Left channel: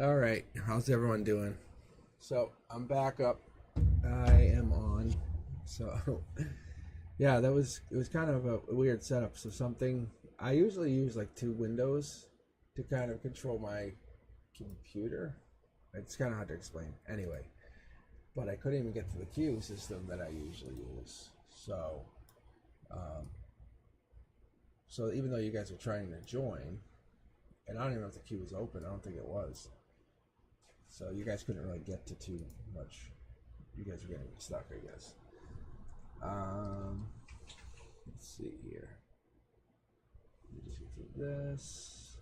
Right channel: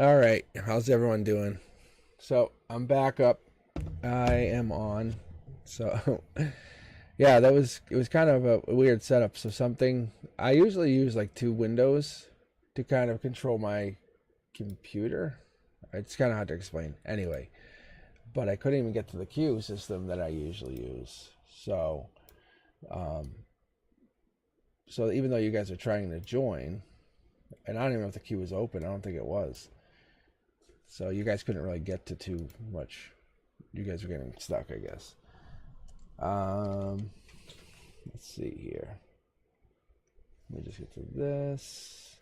All right, how's everyone doing? So I'm back up. I am on. So yeah, it was kind of a weird setup. So something I usually use like two windows to kind of control my computer. It's kind of hard to explain. Anyway, but I couldn't even get to the queue system that I usually use. Um, so even though you guys are trying to join, and I don't even know if the queue was open. I don't think it was. So you guys couldn't really get to too much. You guys were getting stuck, I guess. Um, let's see here. Let me just get to this.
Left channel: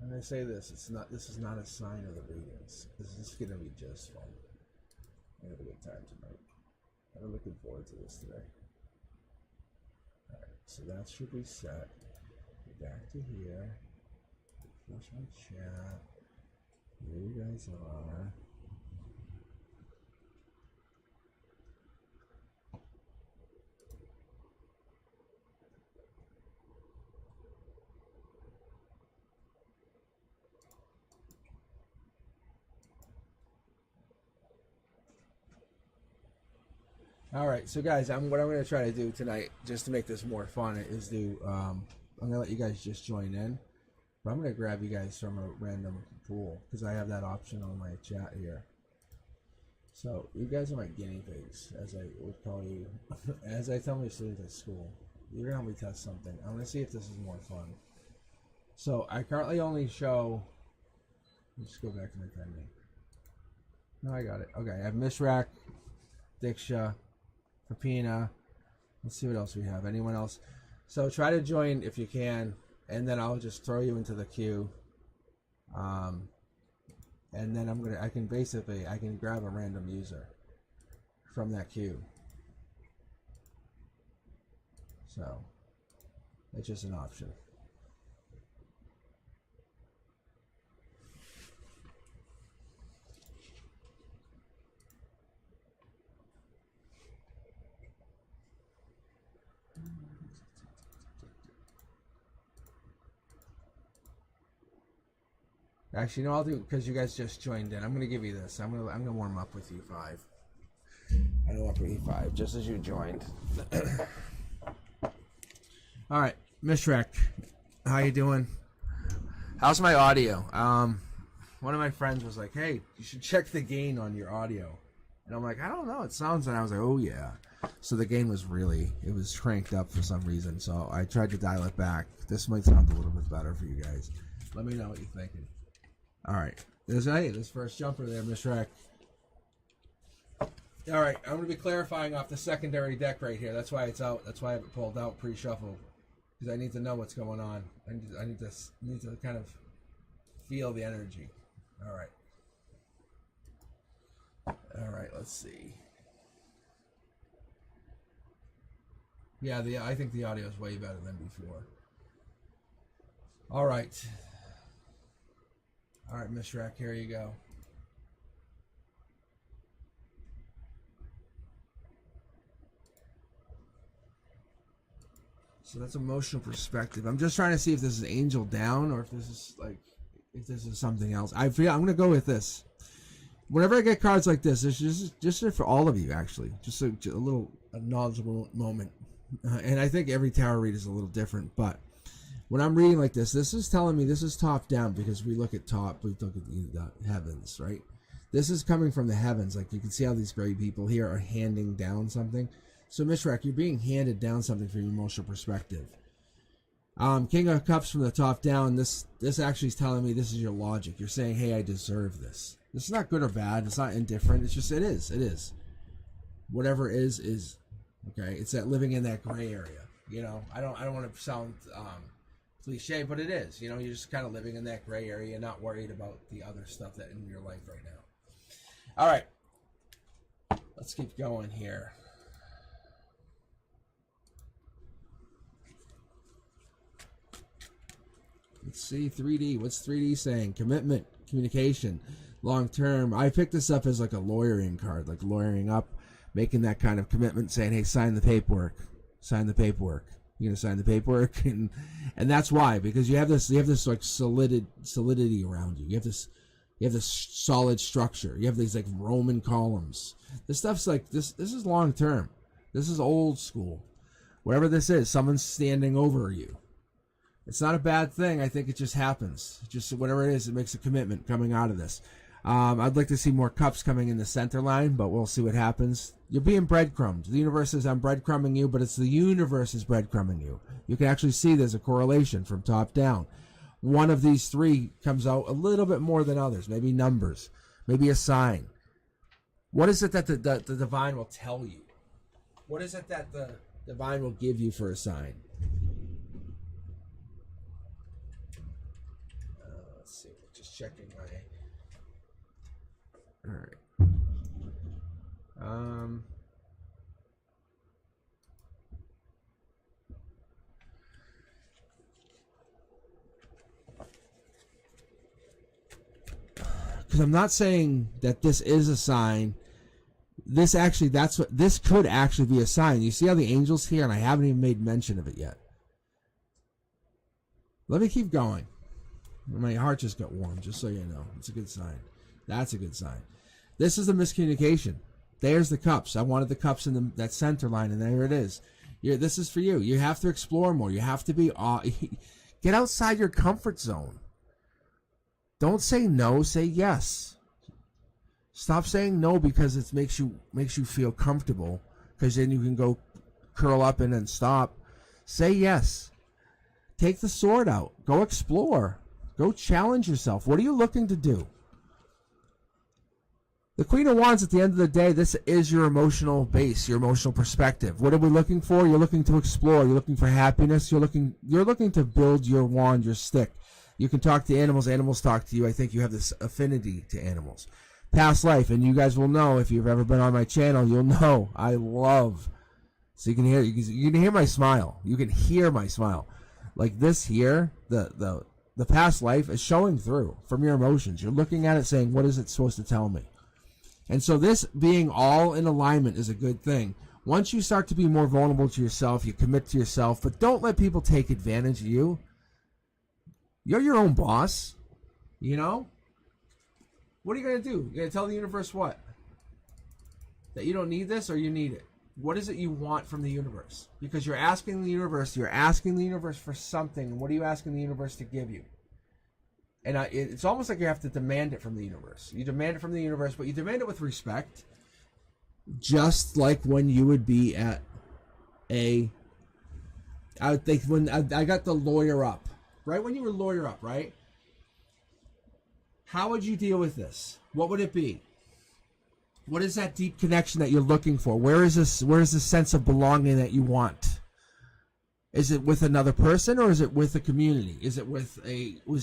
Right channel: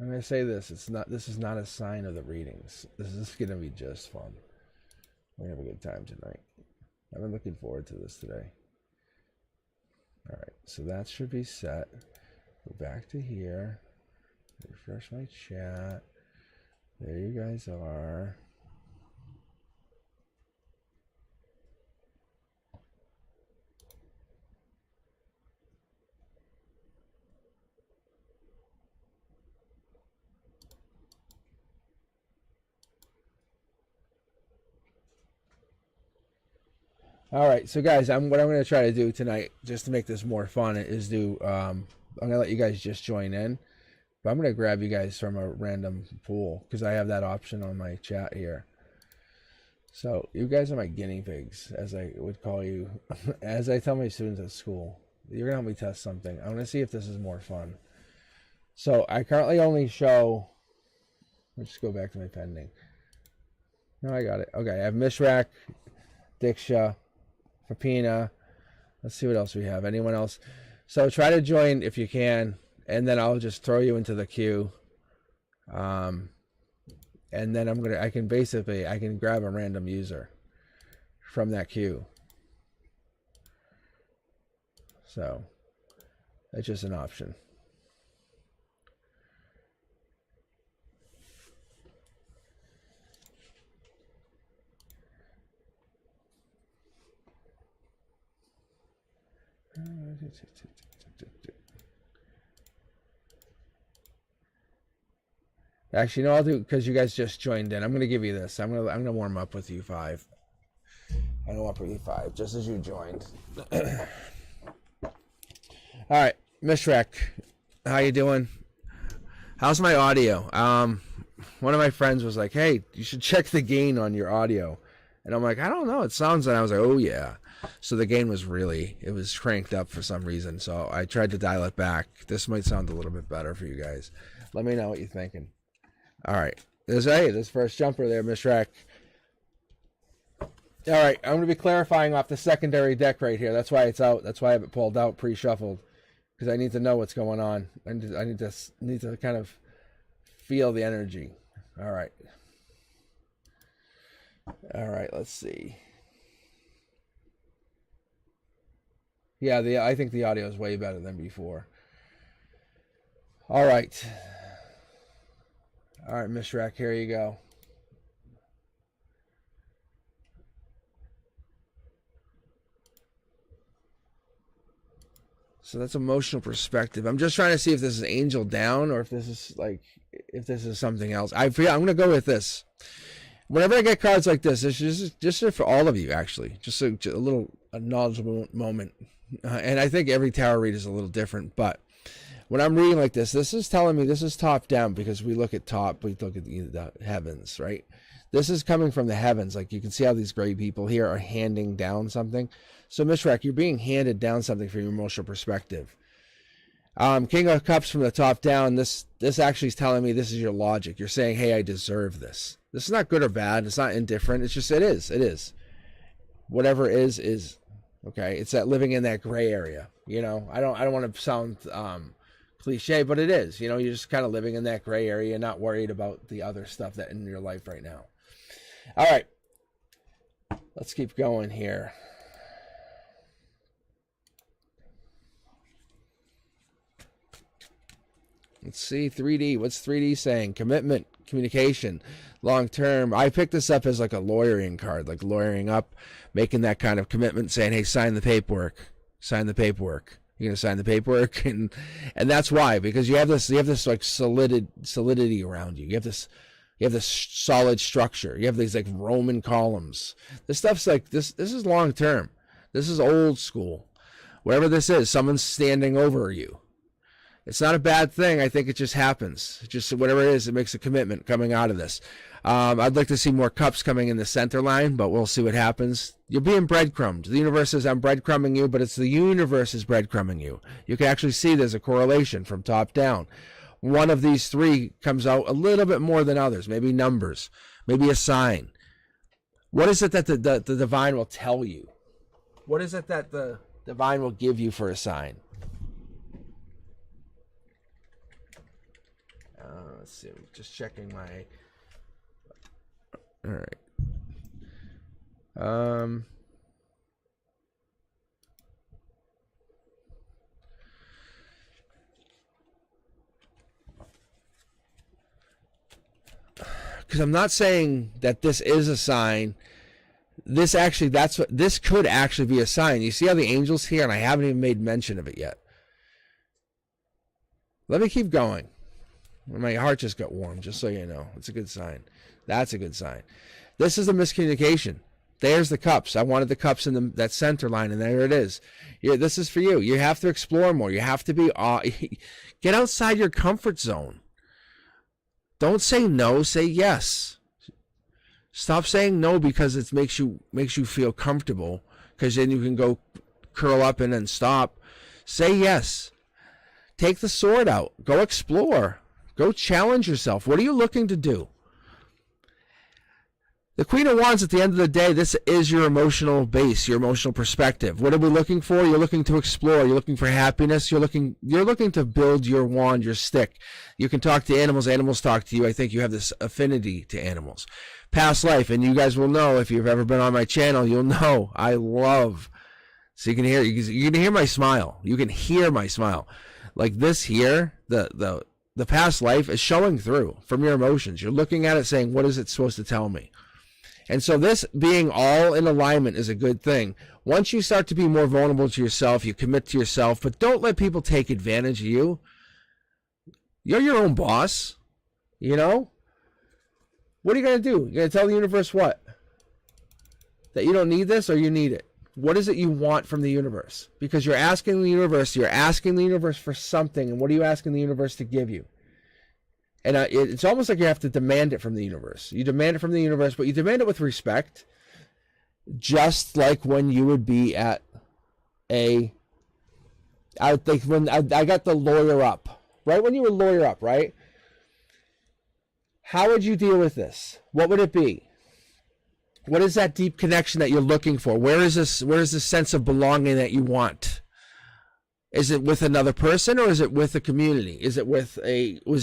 I'm gonna say this. This is not a sign of the readings. This is gonna be just fun. We're gonna have a good time tonight. I've been looking forward to this today. All right, so that should be set. Go back to here. Refresh my chat. There you guys are. All right, so guys, what I'm going to try to do tonight, just to make this more fun, is I'm going to let you guys just join in, but I'm going to grab you guys from a random pool because I have that option on my chat here. So you guys are my guinea pigs, as I would call you, as I tell my students at school. You're going to help me test something. I'm going to see if this is more fun. So I currently only show. Let's just go back to my pending. No, I got it. Okay, I have Mishrak, Diksha, Papina. Let's see what else we have. Anyone else? So try to join if you can, and then I'll just throw you into the queue. And then I can grab a random user from that queue. So that's just an option. Actually, no, I'll do because you guys just joined in. I'm gonna give you this. I'm gonna warm up with you five. I'm gonna warm up with you five just as you joined. All right, Mishrak, how you doing? How's my audio? One of my friends was like, "Hey, you should check the gain on your audio," and I'm like, "I don't know. It sounds," and I was like, "Oh yeah." So the gain was cranked up for some reason. So I tried to dial it back. This might sound a little bit better for you guys. Let me know what you're thinking. All right, this first jumper there, Mishrak. All right, I'm going to be clarifying off the secondary deck right here. That's why it's out. That's why I have it pulled out, pre-shuffled, because I need to know what's going on. I need to kind of feel the energy. All right. All right. Let's see. Yeah, I think the audio is way better than before. All right. All right, Mishrak, here you go. So that's emotional perspective. I'm just trying to see if this is angel down or if this is something else. I'm gonna go with this. Whenever I get cards like this, it's just for all of you actually. Just a little knowledgeable moment. And I think every tarot read is a little different, but when I'm reading like this is telling me this is top down because we look at the heavens, right? This is coming from the heavens. Like you can see how these great people here are handing down something. So Mishrak, you're being handed down something from your emotional perspective. King of Cups from the top down. This actually is telling me this is your logic. You're saying, hey, I deserve this. This is not good or bad. It's not indifferent. It's just it is. It is. Whatever is. Okay. It's that living in that gray area. You know, I don't want to sound cliche, but it is. You know, you're just kind of living in that gray area, not worried about the other stuff that in your life right now. All right, let's keep going here. Let's see, 3D. What's 3D saying? Commitment, communication. long term. I picked this up as like a lawyering card, like lawyering up, making that kind of commitment, saying, hey, sign the paperwork. Sign the paperwork. You're gonna sign the paperwork, and that's why, because you have this like solidity around you. You have this solid structure. You have these like Roman columns. This stuff's like this is long term. This is old school. Whatever this is, someone's standing over you. It's not a bad thing. I think it just happens. Just whatever it is, it makes a commitment coming out of this. I'd like to see more cups coming in the center line, but we'll see what happens. You're being breadcrumbed. The universe says, I'm breadcrumbing you, but it's the universe is breadcrumbing you. You can actually see there's a correlation from top down. One of these three comes out a little bit more than others, maybe numbers, maybe a sign. What is it that the divine will tell you? What is it that the divine will give you for a sign? Let's see, just checking my... All right. Because I'm not saying that this is a sign. This could actually be a sign. You see how the angel's here, and I haven't even made mention of it yet. Let me keep going. My heart just got warm, just so you know. It's a good sign. That's a good sign. This is a miscommunication. There's the cups. I wanted the cups in that center line, and there it is. This is for you. You have to explore more. You have to be... get outside your comfort zone. Don't say no. Say yes. Stop saying no because it makes you feel comfortable, because then you can go curl up and then stop. Say yes. Take the sword out. Go explore. Go challenge yourself. What are you looking to do? The Queen of Wands, at the end of the day, this is your emotional base, your emotional perspective. What are we looking for? You're looking to explore. You're looking for happiness. You're looking to build your wand, your stick. You can talk to animals. Animals talk to you. I think you have this affinity to animals. Past life, and you guys will know, if you've ever been on my channel, you'll know I love. So you can hear my smile. You can hear my smile. Like this here, the past life is showing through from your emotions. You're looking at it saying, what is it supposed to tell me? And so this being all in alignment is a good thing. Once you start to be more vulnerable to yourself, you commit to yourself, but don't let people take advantage of you. You're your own boss, you know? What are you going to do? You're going to tell the universe what? That you don't need this, or you need it? What is it you want from the universe? Because you're asking the universe for something, and what are you asking the universe to give you? And it's almost like you have to demand it from the universe. You demand it from the universe, but you demand it with respect. Just like when you would be at I think when I got the lawyer up. Right when you would lawyer up, right? How would you deal with this? What would it be? What is that deep connection that you're looking for? Where is this sense of belonging that you want? Is it with another person, or is it with a community? Was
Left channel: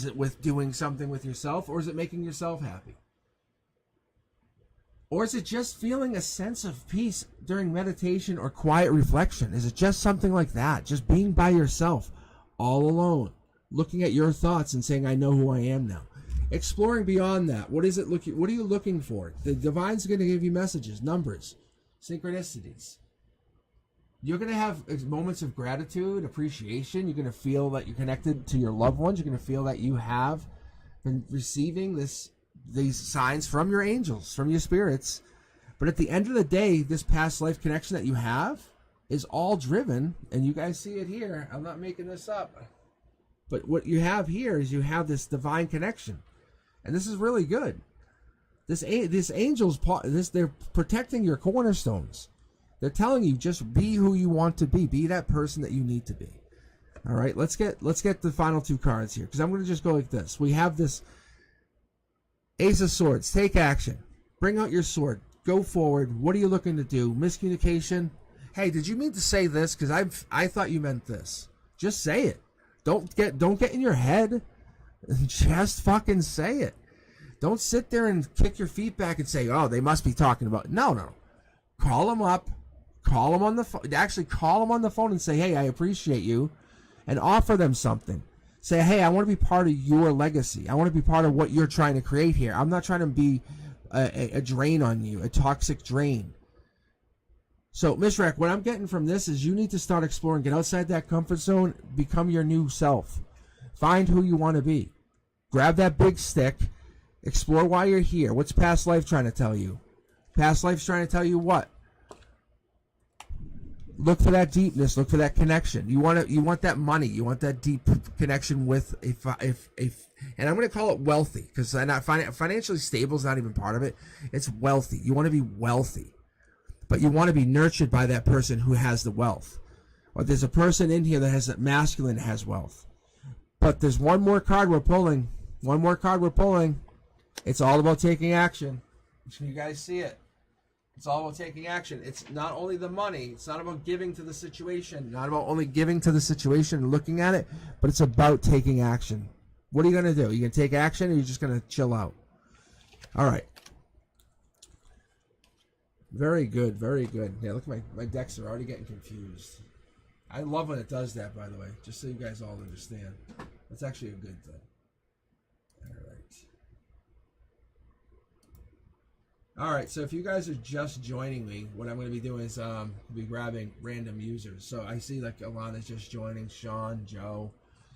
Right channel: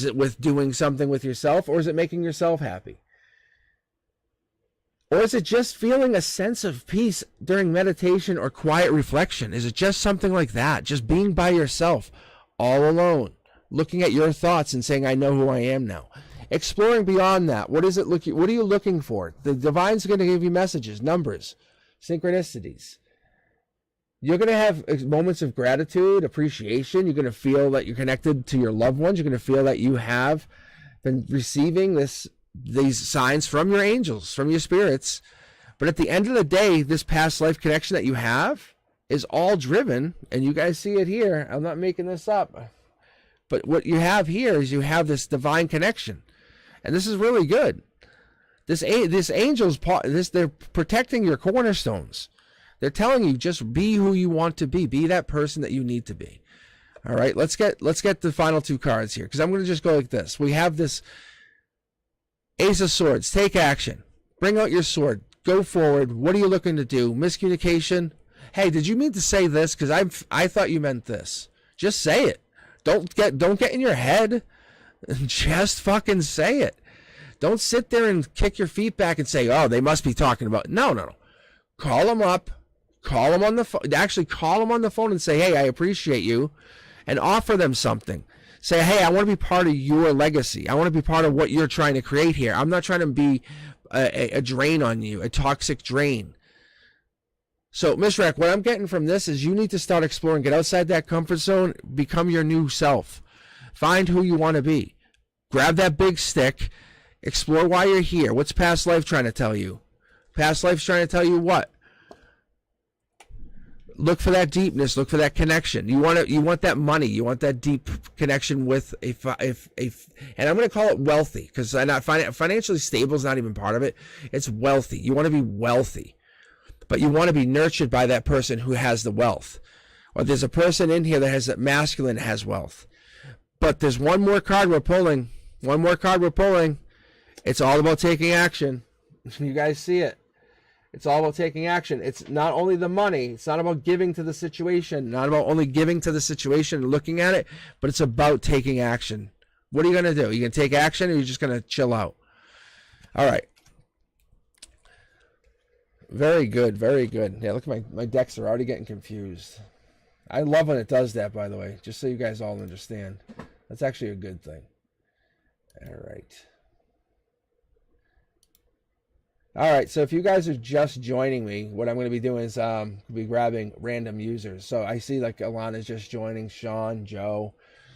it with doing something with yourself, or is it making yourself happy? Or is it just feeling a sense of peace during meditation or quiet reflection? Is it just something like that? Just being by yourself, all alone, looking at your thoughts and saying, I know who I am now. Exploring beyond that. What are you looking for? The divine's going to give you messages, numbers, synchronicities. You're going to have moments of gratitude, appreciation. You're going to feel that you're connected to your loved ones. You're going to feel that you have been receiving these signs from your angels, from your spirits. But at the end of the day, this past life connection that you have is all driven, and you guys see it here. I'm not making this up. But what you have here is you have this divine connection. And this is really good. This angel's they're protecting your cornerstones. They're telling you, just be who you want to be. Be that person that you need to be. All right, let's get the final two cards here, because I'm going to just go like this. We have this Ace of Swords. Take action. Bring out your sword. Go forward. What are you looking to do? Miscommunication. Hey, did you mean to say this? Because I thought you meant this. Just say it. Don't get in your head. Just fucking say it. Don't sit there and kick your feet back and say, oh, they must be talking about. No. Call them up. Call them on the phone. Actually, call them on the phone and say, hey, I appreciate you, and offer them something. Say, hey, I want to be part of your legacy. I want to be part of what you're trying to create here. I'm not trying to be a drain on you, a toxic drain. So, Mishrak, what I'm getting from this is you need to start exploring. Get outside that comfort zone. Become your new self. Find who you want to be. Grab that big stick. Explore why you're here. What's past life trying to tell you? Past life's trying to tell you what? Look for that deepness. Look for that connection. You want that money. You want that deep connection with and I'm going to call it wealthy, because not financially stable is not even part of it. It's wealthy. You want to be wealthy, but you want to be nurtured by that person who has the wealth. Or there's a person in here that has that masculine has wealth. But there's one more card we're pulling. One more card we're pulling. It's all about taking action. You guys see it. It's all about taking action. It's not only the money. It's not about giving to the situation. Not about only giving to the situation and looking at it, but it's about taking action. What are you going to do? Are you going to take action, or are you just going to chill out? All right. Very good. Very good. Yeah, look at my decks are already getting confused. I love when it does that, by the way, just so you guys all understand. That's actually a good thing. All right. All right, so if you guys are just joining me, what I'm going to be doing is be grabbing random users. So I see like Alana's just joining, Sean, Joe.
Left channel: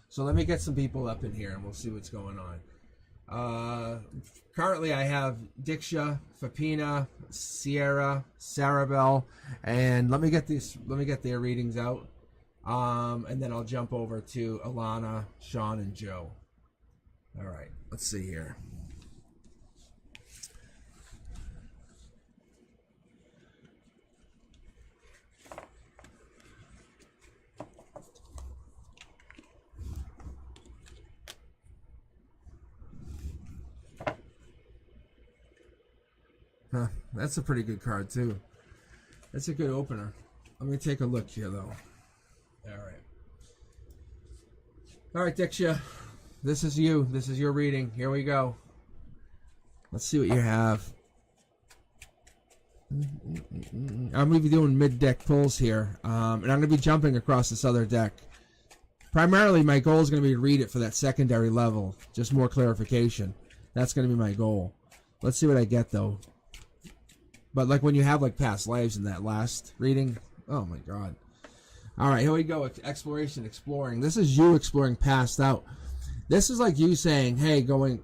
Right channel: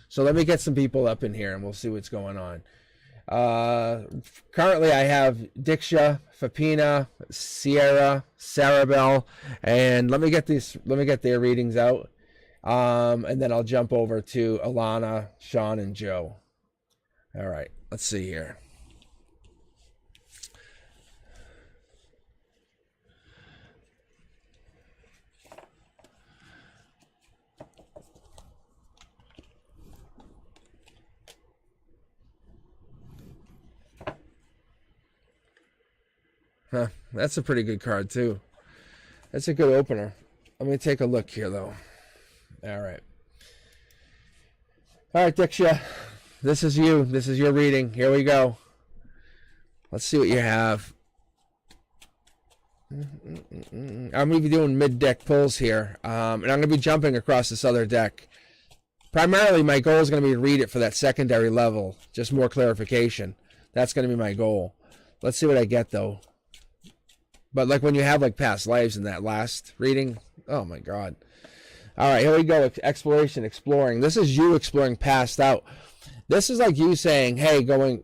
So let me get some people up in here and we'll see what's going on. Currently I have Diksha, Fapina, Sierra, Sarabelle, and let me get their readings out. And then I'll jump over to Alana, Sean, and Joe. All right, let's see here. Huh, that's a pretty good card, too. That's a good opener. Let me take a look here, though. All right. All right, Diksha. This is you. This is your reading. Here we go. Let's see what you have. I'm going to be doing mid-deck pulls here. And I'm going to be jumping across this other deck. Primarily, my goal is going to be to read it for that secondary level. Just more clarification. That's going to be my goal. Let's see what I get, though. But like when you have like past lives in that last reading, oh my God. All right, here we go. Exploration, exploring. This is you exploring past out. This is like you saying, hey, going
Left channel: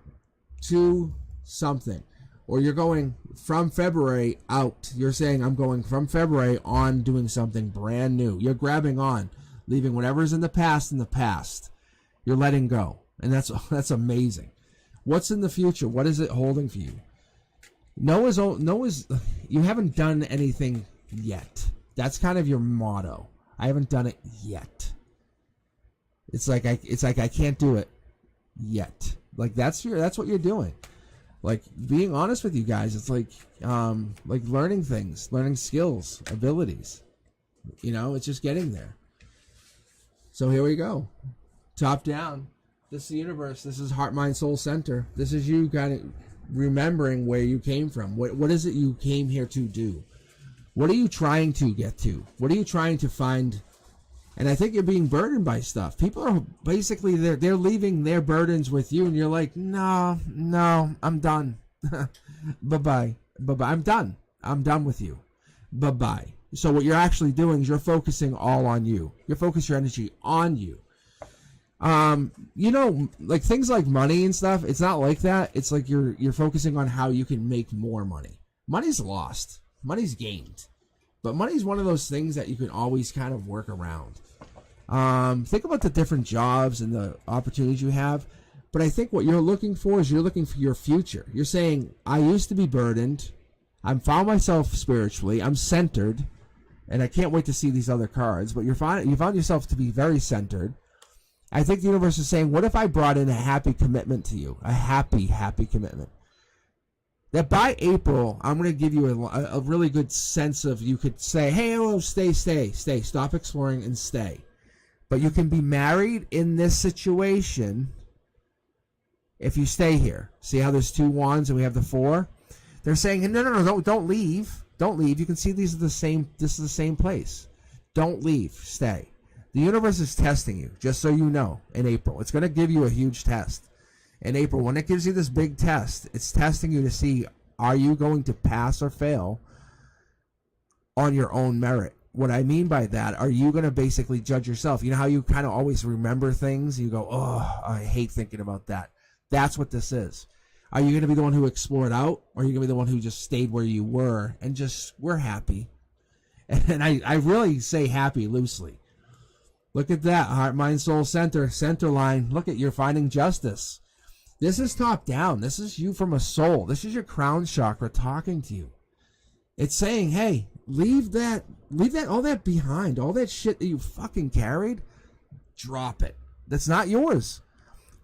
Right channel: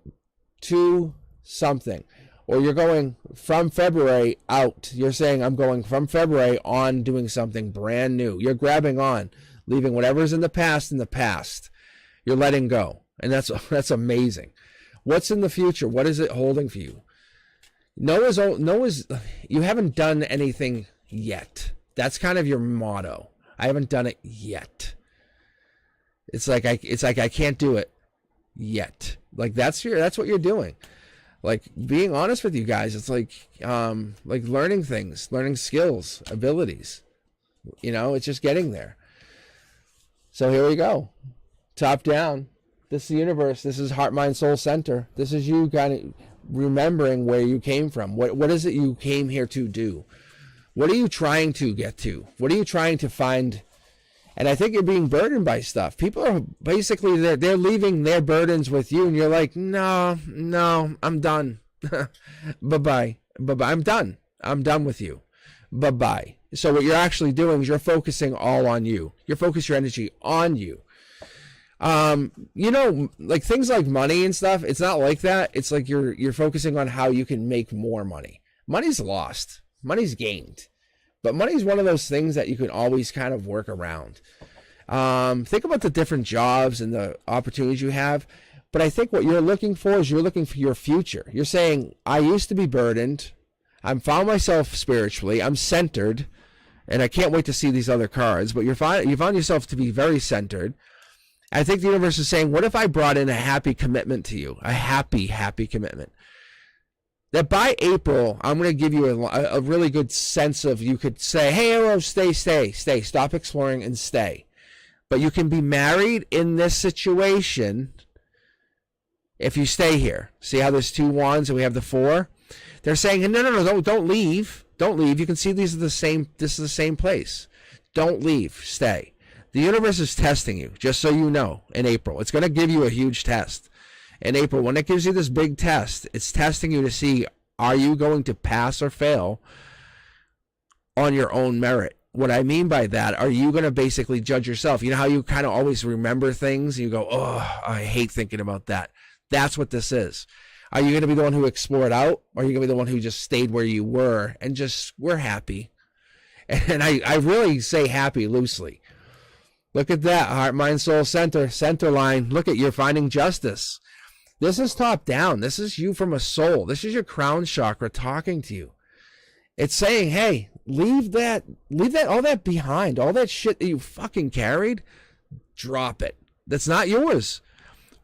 to something. Or you're going from February out. You're saying, I'm going from February on doing something brand new. You're grabbing on, leaving whatever's in the past in the past. You're letting go. And that's amazing. What's in the future? What is it holding for you? Noah's, you haven't done anything yet. That's kind of your motto. I haven't done it yet. It's like I can't do it yet. Like that's what you're doing. Like being honest with you guys, it's like learning things, learning skills, abilities. You know, it's just getting there. So here we go. Top down. This is the universe. This is heart, mind, soul center. This is you kind of remembering where you came from. What is it you came here to do? What are you trying to get to? What are you trying to find? And I think you're being burdened by stuff. People are basically, they're leaving their burdens with you, and you're like, no, I'm done. Bye-bye. I'm done. I'm done with you. Bye-bye. So what you're actually doing is you're focusing all on you. You're focusing your energy on you. You know, like things like money and stuff, it's not like that. It's like you're focusing on how you can make more money. Money's lost. Money's gained. But money's one of those things that you can always kind of work around. Think about the different jobs and the opportunities you have. But I think what you're looking for is you're looking for your future. You're saying, I used to be burdened. I'm found myself spiritually. I'm centered. And I can't wait to see these other cards. But you found yourself to be very centered. I think the universe is saying, what if I brought in a happy commitment to you? A happy commitment. That by April, I'm going to give you a really good sense of, you could say, hey, hello, stay. Stop exploring and stay. But you can be married in this situation if you stay here. See how there's 2 wands and we have the 4? They're saying, no, don't leave. Don't leave. You can see these are the same. This is the same place. Don't leave. Stay. The universe is testing you, just so you know, in April. It's going to give you a huge test. In April, when it gives you this big test, it's testing you to see, are you going to pass or fail on your own merit? What I mean by that, are you going to basically judge yourself? You know how you kind of always remember things? You go, oh, I hate thinking about that. That's what this is. Are you going to be the one who explored out? Or are you going to be the one who just stayed where you were and just, we're happy? And I really say happy loosely. Look at that. Heart, mind, soul, center line. Look at, you're finding justice. This is top down. This is you from a soul. This is your crown chakra talking to you. It's saying, hey, leave that, all that behind. All that shit that you fucking carried, drop it. That's not yours.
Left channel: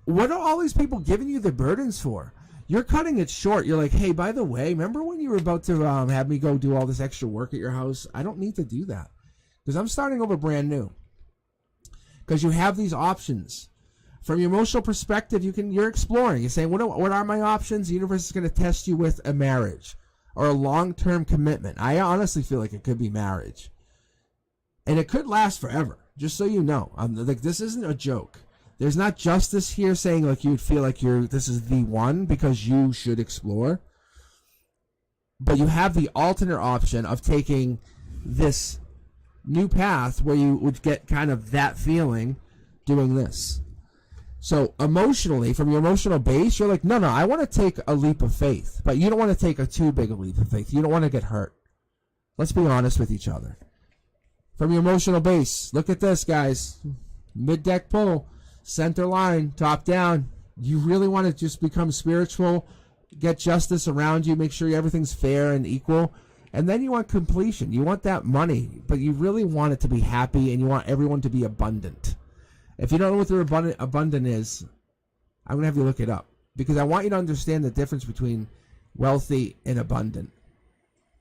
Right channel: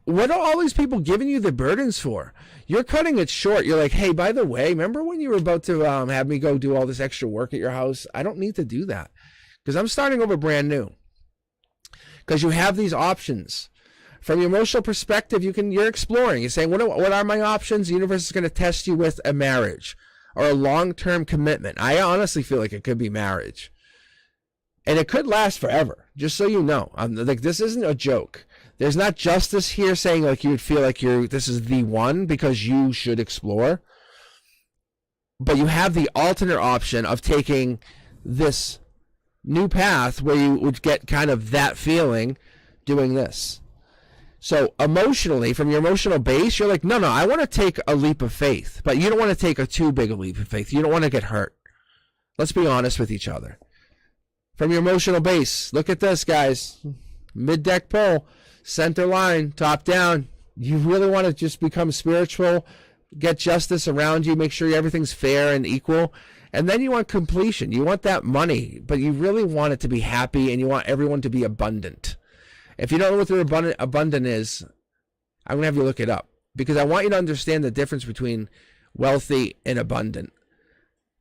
What are all these people giving you the burdens for? You're cutting it short. You're like, hey, by the way, remember when you were about to have me go do all this extra work at your house? I don't need to do that because I'm starting over brand new. Because you have these options. From your emotional perspective, you're exploring. You're saying, what are my options? The universe is going to test you with a marriage or a long-term commitment. I honestly feel like it could be marriage. And it could last forever, just so you know. Like, this isn't a joke. There's not justice here saying like you would feel like this is the one because you should explore. But you have the alternate option of taking this new path where you would get kind of that feeling doing this. So emotionally, from your emotional base, you're like, no, I want to take a leap of faith. But you don't want to take a too big a leap of faith. You don't want to get hurt. Let's be honest with each other. From your emotional base, look at this, guys. Mid-deck pull, center line, top down. You really want to just become spiritual, get justice around you, make sure everything's fair and equal. And then you want completion. You want that money, but you really want it to be happy, and you want everyone to be abundant. If you don't know what the abundant is, I'm going to have you look it up. Because I want you to understand the difference between wealthy and abundant.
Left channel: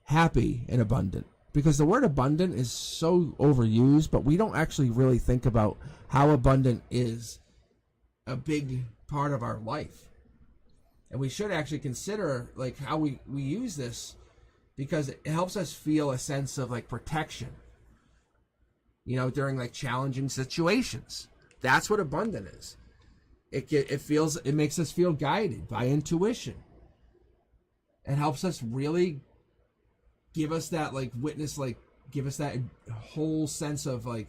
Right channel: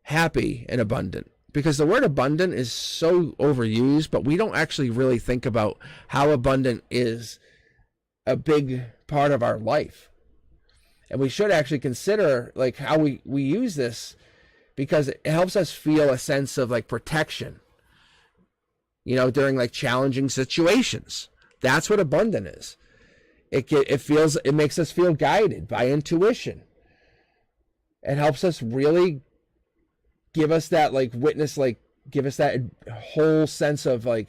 Happy and abundant. Because the word abundant is so overused, but we don't actually really think about how abundant is a big part of our life. And we should actually consider like how we use this, because it helps us feel a sense of like protection, you know, during like challenging situations. That's what abundant is. It makes us feel guided by intuition. It helps us really give us that like witness, like give us that whole sense of like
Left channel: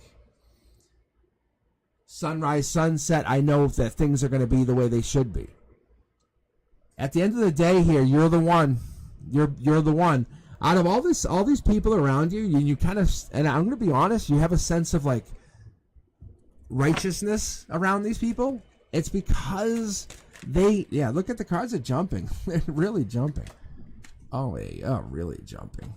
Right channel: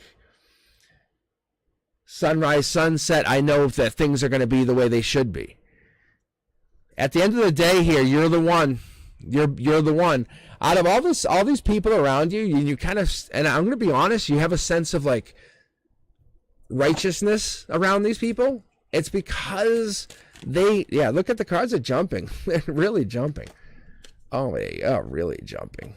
sunrise, sunset. I know that things are going to be the way they should be. At the end of the day here, you're the one. You're the one. Out of all these people around you, you kind of, and I'm going to be honest, you have a sense of like righteousness around these people. It's because look at the cards are jumping. They're really jumping. Oh, they are really jumping.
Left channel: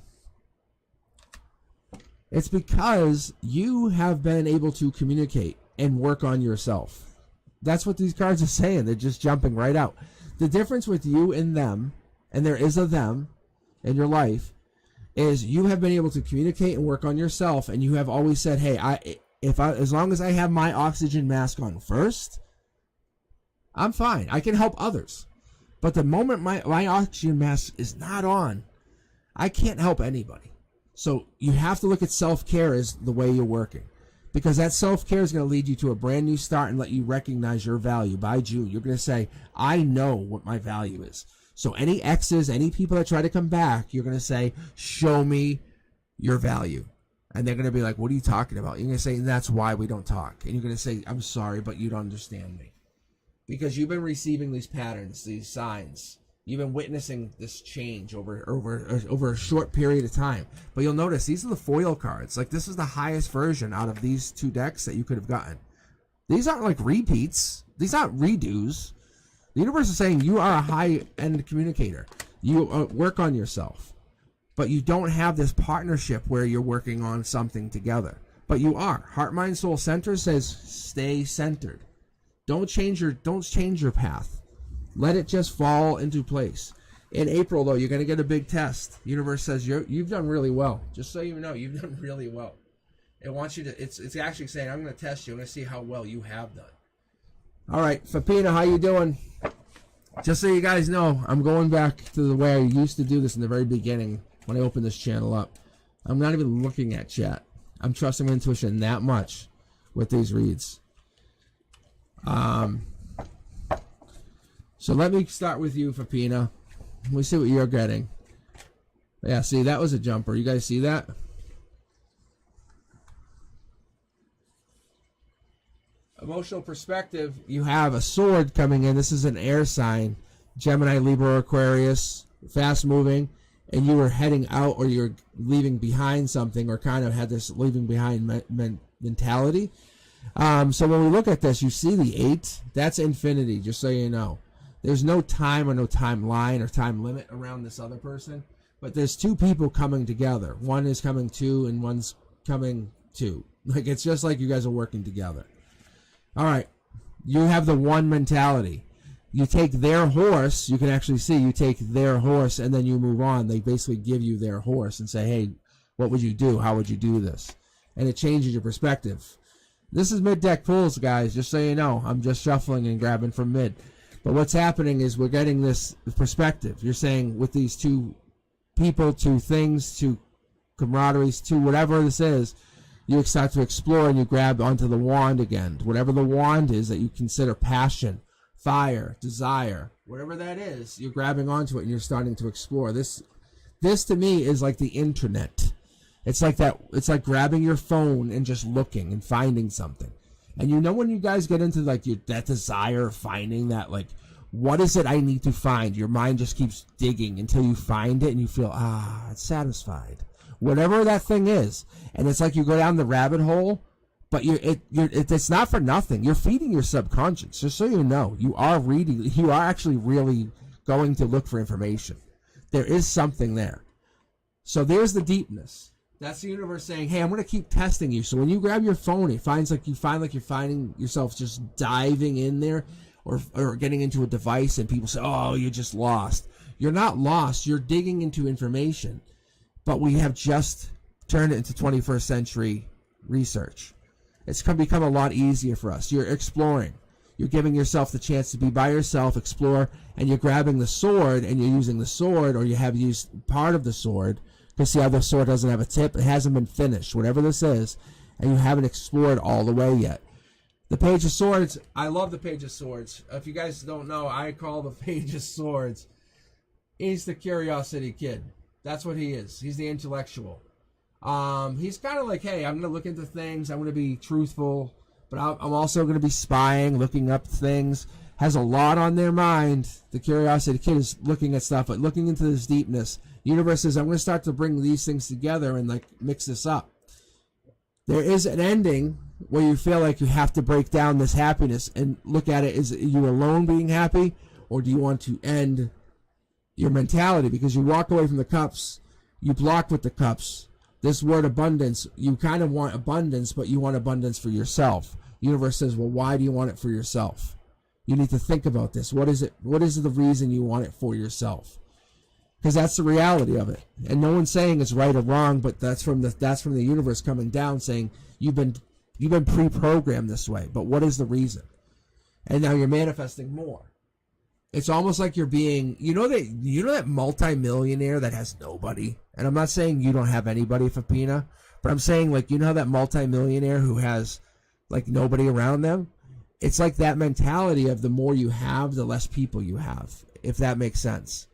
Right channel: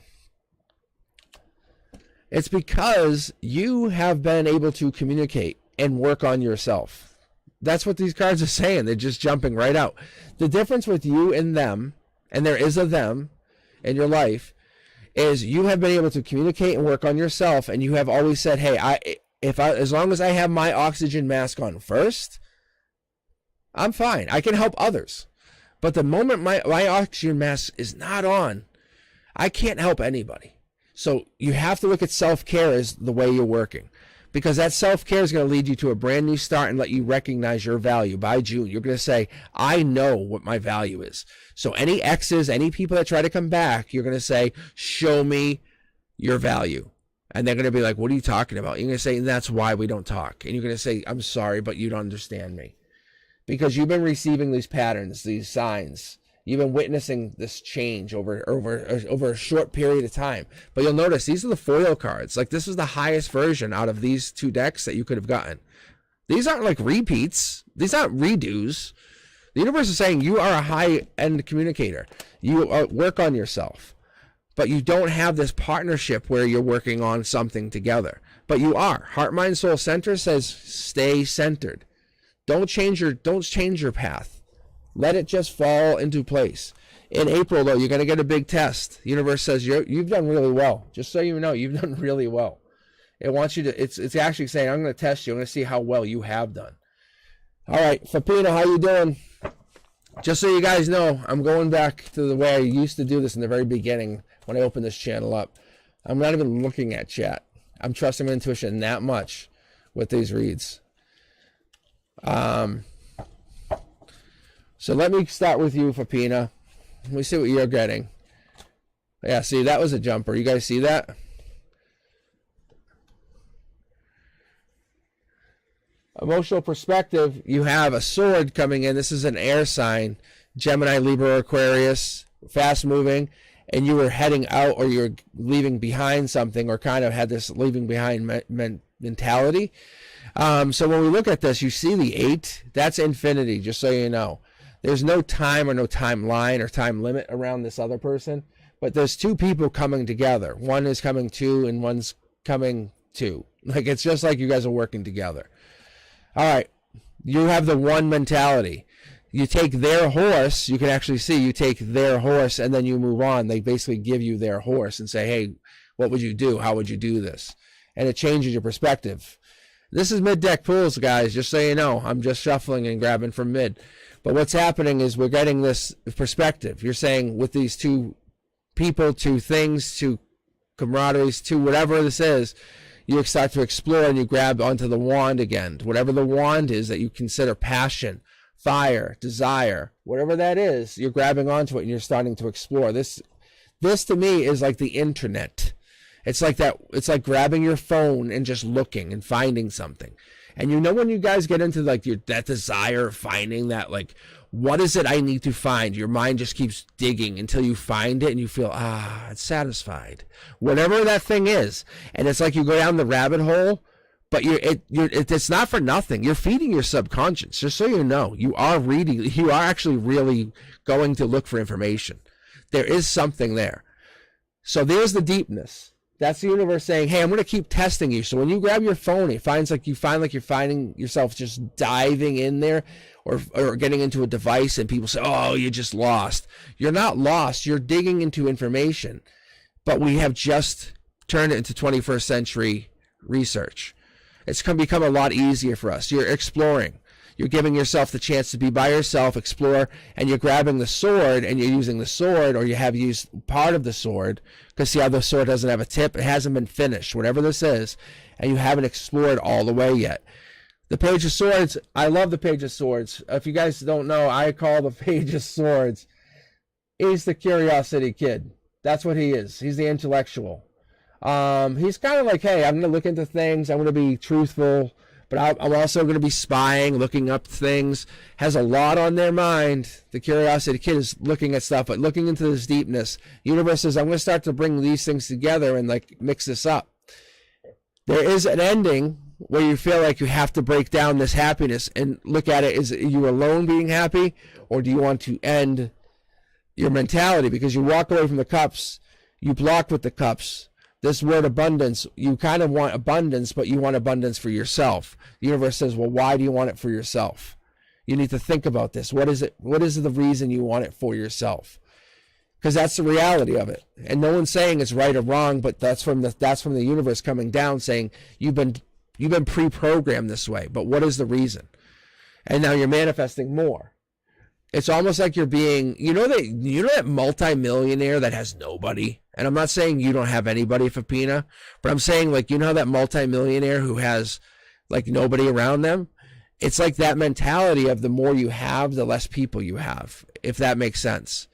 It's because you have been able to communicate and work on yourself. That's what these cards are saying. They're just jumping right out. The difference with you and them, and there is a them in your life, is you have been able to communicate and work on yourself, and you have always said, hey, as long as I have my oxygen mask on first, I'm fine. I can help others. But the moment my oxygen mask is not on, I can't help anybody. So you have to look at self-care as the way you're working. Because that self-care is going to lead you to a brand new start and let you recognize your value. By June, you're going to say, I know what my value is. So any exes, any people that try to come back, you're going to say, show me your value. And they're going to be like, what are you talking about? You're going to say, that's why we don't talk. And you're going to say, I'm sorry, but you don't understand me. Because you've been receiving these patterns, these signs. You've been witnessing this change over a short period of time. But you'll notice these are the foil cards. Like, this is the highest version out of these two decks that you could have gotten. These aren't like repeats. These aren't redos. The universe is saying you are a high-end communicator. You work on yourself. But you don't have this partnership where you're working on something together. But you are. Heart, mind, soul, center says stay centered. Don't change your path. Let it just fall into place. In April, though, you're going to get a big test. The universe says you've done really well. Just so you know, you've done really well. It wants you to. It's actually saying, I'm going to test you. I'm going to see how well you have done. All right, Fapino, how you doing? Just so you guys know, I'm going back to the way I used to do this in the very beginning when I opened this channel up. I'm not even looking at chat. I'm trusting my intuition that much with these reads. So let me start with you, Fapina. Let me see what you're getting. Yeah, see, that was a jumper. You guys see that? Emotional perspective, you have a sword coming in. This is an air sign. Gemini, Libra, Aquarius, fast moving. And you were heading out, or you're leaving behind something, or kind of had this leaving behind mentality. So when we look at this, you see the 8. That's infinity, just so you know. There's no time or no timeline or time limit around this other person. But there's 2 people coming together. One is coming to, and one's coming to. Like, it's just like you guys are working together. All right, you have the 1 mentality. You take their horse, you can actually see, you take their horse and then you move on. They basically give you their horse and say, hey, what would you do? How would you do this? And it changes your perspective. This is mid-deck pools, guys, just so you know. I'm just shuffling and grabbing from mid. But what's happening is we're getting this perspective. You're saying with these 2 people, 2 things, 2 camaraderies, 2 whatever this is, you start to explore and you grab onto the wand again. Whatever the wand is that you consider passion, fire, desire, whatever that is, you're grabbing onto it and you're starting to explore. This to me is like the internet. It's like that. It's like grabbing your phone and just looking and finding something. And you know when you guys get into like that desire of finding that, like, what is it I need to find? Your mind just keeps digging until you find it and you feel, it's satisfied. Whatever that thing is. And it's like you go down the rabbit hole, but it's not for nothing. You're feeding your subconscious, just so you know. You are reading. You are actually really going to look for information. There is something there. So there's the deepness. That's the universe saying, hey, I'm going to keep testing you. So when you grab your phone, you find like you're finding yourself just diving in there or getting into a device, and people say, oh, you just lost. You're not lost. You're digging into information. But we have just turned it into 21st century research. It's going to become a lot easier for us. You're exploring. You're giving yourself the chance to be by yourself, explore, and you're grabbing the sword, and you're using the sword, or you have used part of the sword, because see how the sword doesn't have a tip? It hasn't been finished, whatever this is, and you haven't explored all the way yet. The Page of Swords, I love the Page of Swords. If you guys don't know, I call the Page of Swords, he's the curiosity kid. That's what he is. He's the intellectual. He's kind of like, hey, I'm going to look into things. I'm going to be truthful, but I'm also going to be spying, looking up things. Has a lot on their mind. The curiosity kid is looking at stuff, but looking into this deepness. The universe says, I'm going to start to bring these things together and like mix this up. There is an ending where you feel like you have to break down this happiness and look at it. Is you alone being happy, or do you want to end your mentality? Because you walk away from the cups, you blocked with the cups. This word abundance, you kind of want abundance, but you want abundance for yourself. The universe says, well, why do you want it for yourself? You need to think about this. What is it? What is the reason you want it for yourself? Because that's the reality of it. And no one's saying it's right or wrong, but that's from the universe coming down saying you've been pre-programmed this way. But what is the reason? And now you're manifesting more. It's almost like you're being, you know that multi-millionaire that has nobody? And I'm not saying you don't have anybody, Fapina, but I'm saying, like, you know that multi-millionaire who has like nobody around them? It's like that mentality of the more you have, the less people you have, if that makes sense.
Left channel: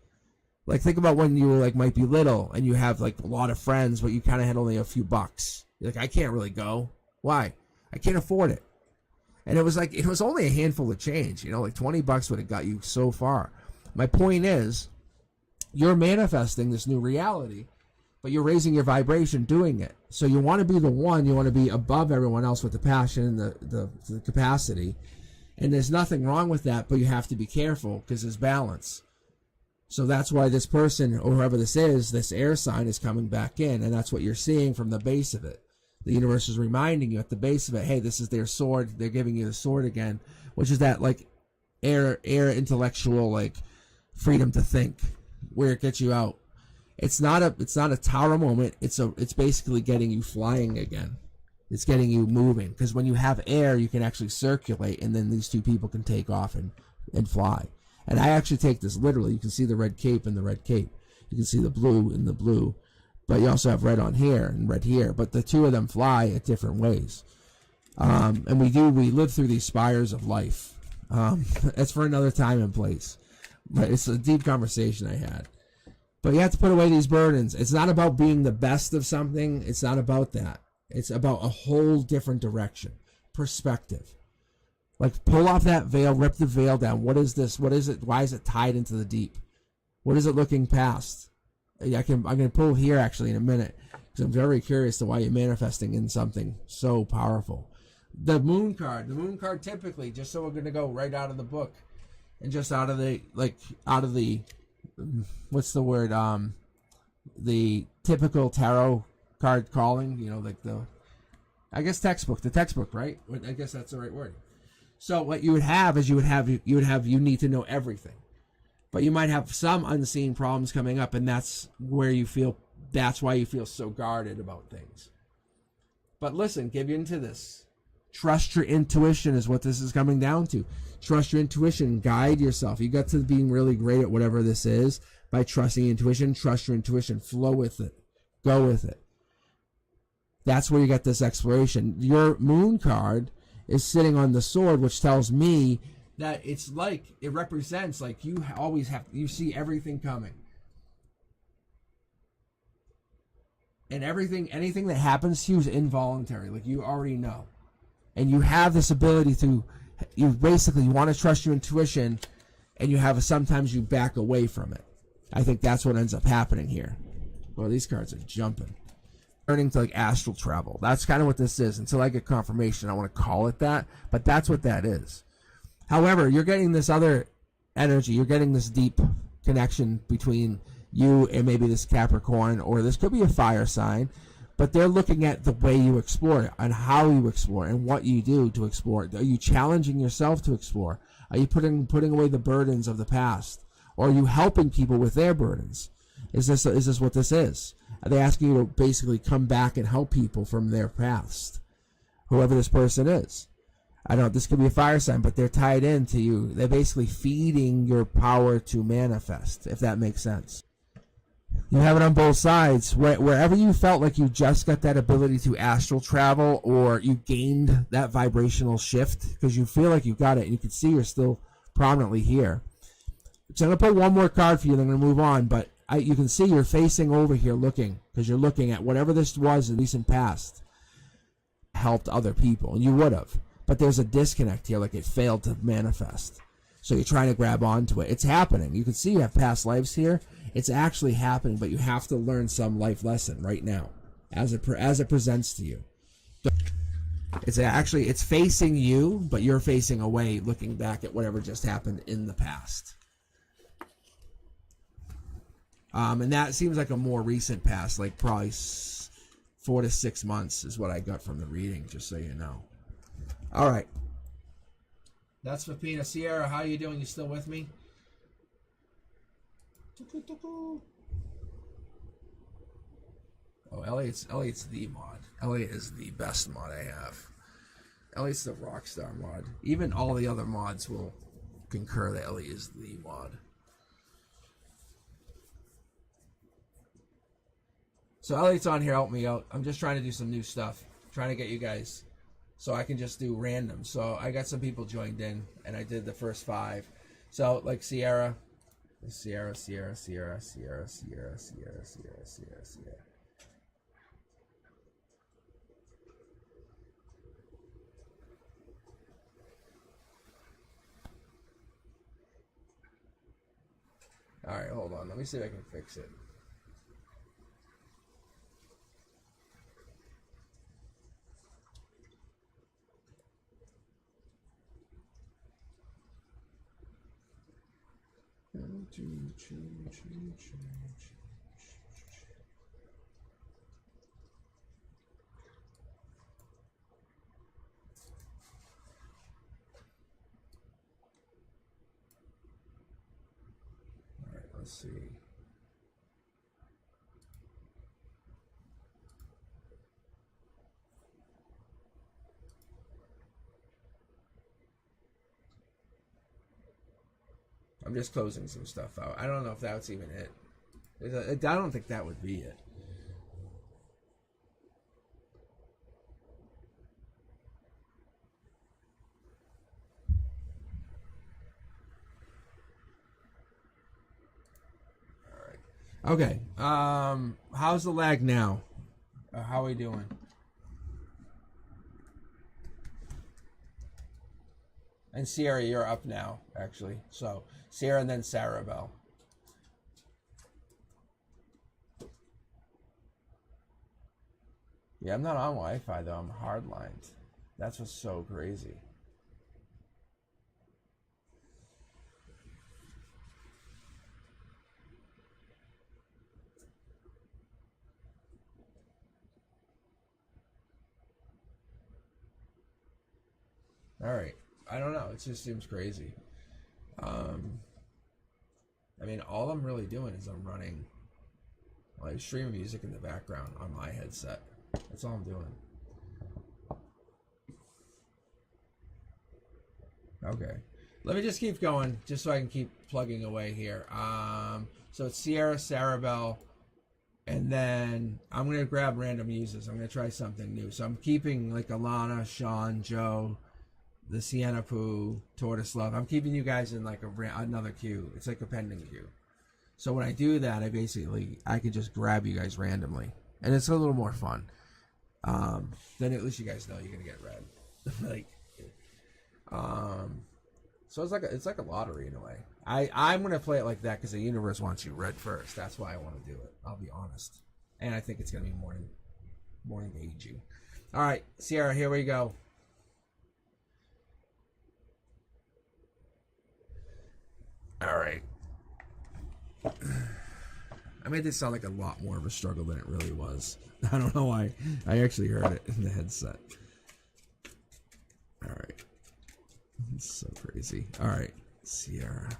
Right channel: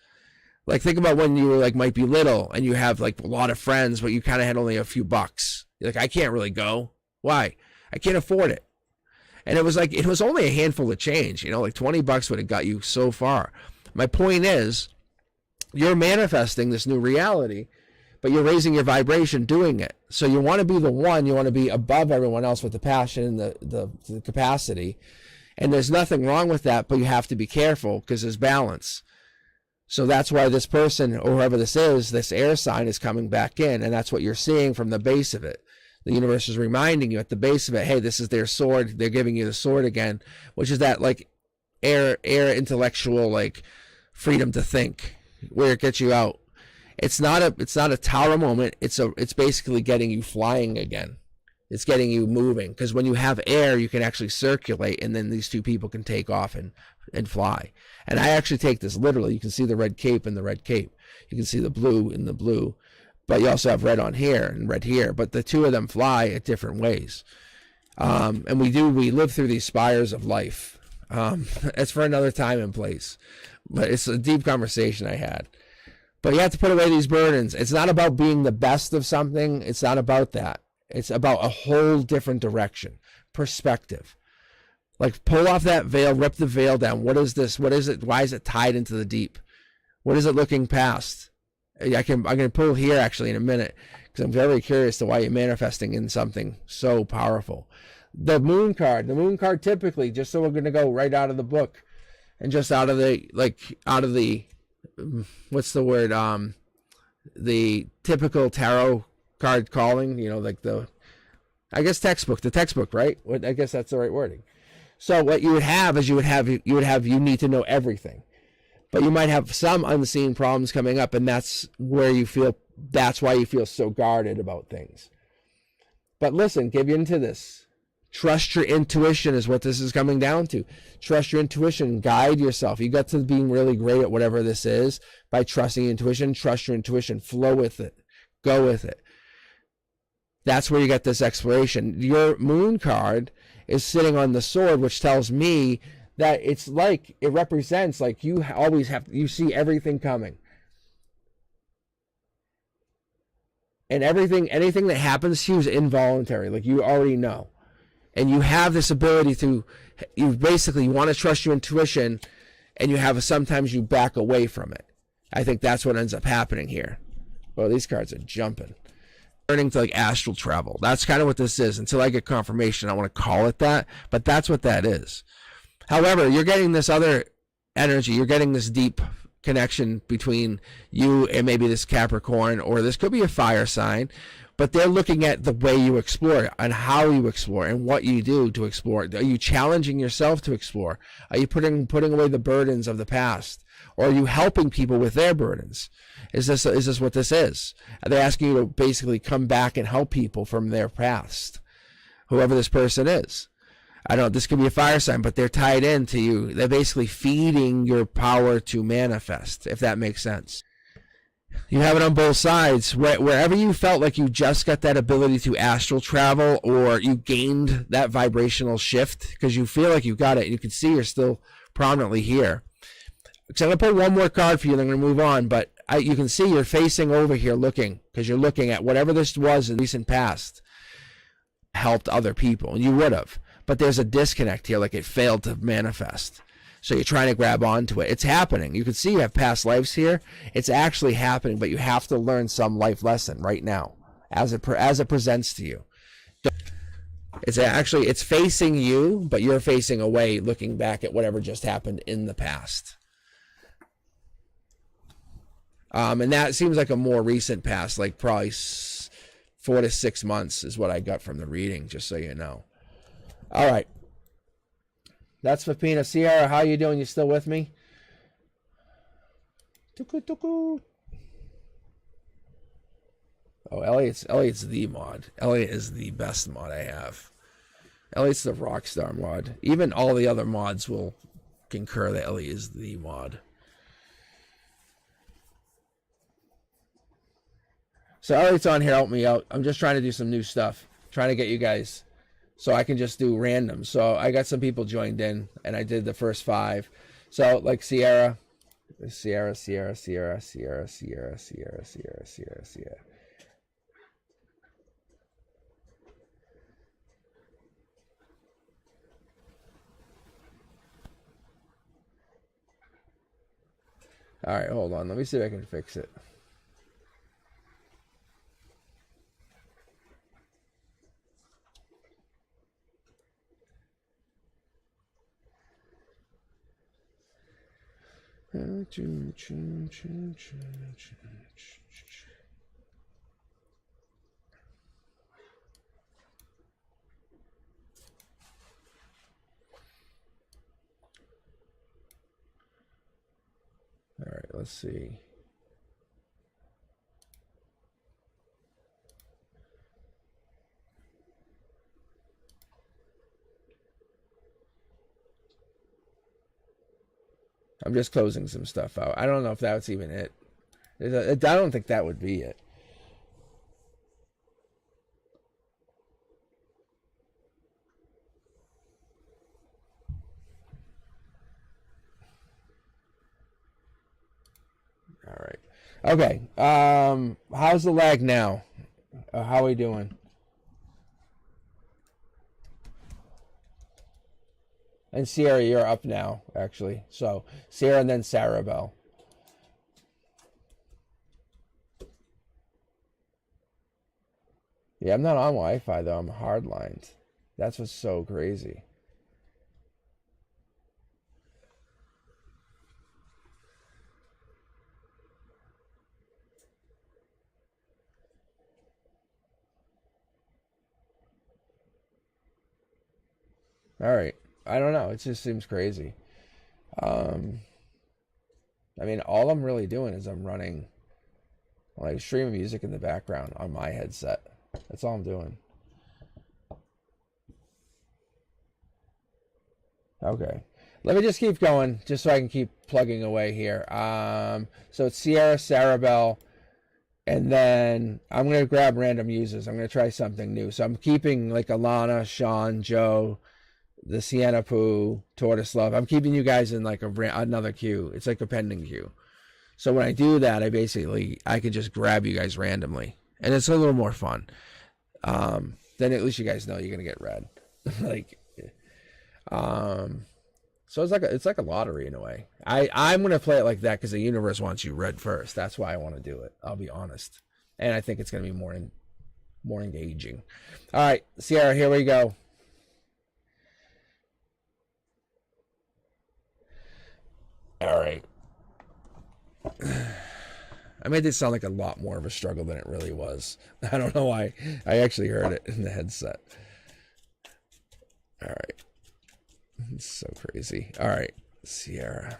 Like, think about when you were like might be little and you have like a lot of friends, but you kind of had only a few bucks. You're like, I can't really go. Why? I can't afford it. And it was like, it was only a handful of change, like $20 would have got you so far. My point is, you're manifesting this new reality, but you're raising your vibration doing it. So you want to be the one, you want to be above everyone else with the passion and the capacity. And there's nothing wrong with that, but you have to be careful because there's balance. So that's why this person, or whoever this is, this air sign is coming back in, and that's what you're seeing from the base of it. The universe is reminding you at the base of it, hey, this is their sword. They're giving you the sword again, which is that like air intellectual like freedom to think, where it gets you out. It's not a tower moment. It's basically getting you flying again. It's getting you moving, because when you have air, you can actually circulate, and then these 2 people can take off and fly. And I actually take this literally. You can see the red cape in the red cape. You can see the blue in the blue. But you also have red on here and red here. But the 2 of them fly at different ways. And we live through these spires of life. It's for another time and place. But it's a deep conversation I had. But you have to put away these burdens. It's not about being the best of something. It's not about that. It's about a whole different direction. Perspective. Like, pull off that veil, rip the veil down. What is this? What is it? Why is it tied into the deep? What is it looking past? I'm going to pull here actually in a minute, because I'm very curious to why you're manifesting in something so powerful. The moon card typically, just so we're going to go right out of the book and just out of the, what's the word? The typical tarot card calling, like the textbook, right? I guess that's the right wording. So what you would have is you need to know everything, but you might have some unseen problems coming up, and that's why you feel so guarded about things. But listen, give into this. Trust your intuition is what this is coming down to. Trust your intuition. Guide yourself. You got to being really great at whatever this is by trusting your intuition. Trust your intuition. Flow with it. Go with it. That's where you get this exploration. Your moon card is sitting on the sword, which tells me that it represents like you you see everything coming. And anything that happens to you is involuntary. Like, you already know. And you have this ability you want to trust your intuition, and sometimes you back away from it. I think that's what ends up happening here. Oh, these cards are jumping. Turning to like astral travel. That's kind of what this is. Until I get confirmation, I want to call it that, but that's what that is. However, you're getting this other energy. You're getting this deep connection between you and maybe this Capricorn, or this could be a fire sign, but they're looking at the way you explore and how you explore and what you do to explore. Are you challenging yourself to explore? Are you putting away the burdens of the past? Or are you helping people with their burdens? Is this what this is? Are they asking you to basically come back and help people from their past? Whoever this person is. I don't know, this could be a fire sign, but they're tied into you. They're basically feeding your power to manifest, if that makes sense. You have it on both sides. Wherever you felt like you just got that ability to astral travel, or you gained that vibrational shift because you feel like you got it, and you can see you're still prominently here. So I'm going to put one more card for you, and I'm going to move on, but you can see you're facing over here looking, because you're looking at whatever this was in the recent past helped other people, and you would have. But there's a disconnect here, like it failed to manifest. So you're trying to grab onto it. It's happening. You can see you have past lives here. It's actually happening, but you have to learn some life lesson right now as it presents to you. It's facing you, but you're facing away, looking back at whatever just happened in the past. And that seems like a more recent past, like probably 4 to 6 months is what I got from the reading, just so you know. All right. That's Fapina. Sierra, how you doing? You still with me? Tuku. Oh, Elliot's the mod. Elliot is the best mod I have. Elliot's the rockstar mod. Even all the other mods will concur that Elliot is the mod. So Elliot's on here, help me out. I'm just trying to do some new stuff. Trying to get you guys so I can just do random. So I got some people joined in, and I did the first 5. So like Sierra. All right, hold on. Let me see if I can fix it. All right, let's see. I'm just closing some stuff out. I don't know if that's even it. I don't think that would be it. Okay. How's the lag now? How are we doing? And Sierra, you're up now, actually. So Sierra and then Sarah Bell. Yeah, I'm not on Wi-Fi though. I'm hardlined. That's what's so crazy. All right. I don't know. It just seems crazy. Um, I mean, all I'm really doing is I'm running like streaming music in the background on my headset. That's all I'm doing. Okay. Let me just keep going, just so I can keep plugging away here. So it's Sierra, Sarabelle, and then I'm going to grab random users. I'm going to try something new. So I'm keeping like Alana, Sean, Joe, the Sienna Poo, Tortoise Love. I'm keeping you guys in like another queue. It's like a pending queue. So when I do that, I could just grab you guys randomly. And it's a little more fun. Then at least you guys know you're going to get read. like, so it's like a lottery in a way. I'm going to play it like that because the universe wants you read first. That's why I want to do it. I'll be honest. And I think it's going to be more engaging. All right, Sierra, here we go. All right. I made this sound like a lot more of a struggle than it really was. I don't know why. I actually heard it in the headset. All right. It's so crazy. All right, Sierra.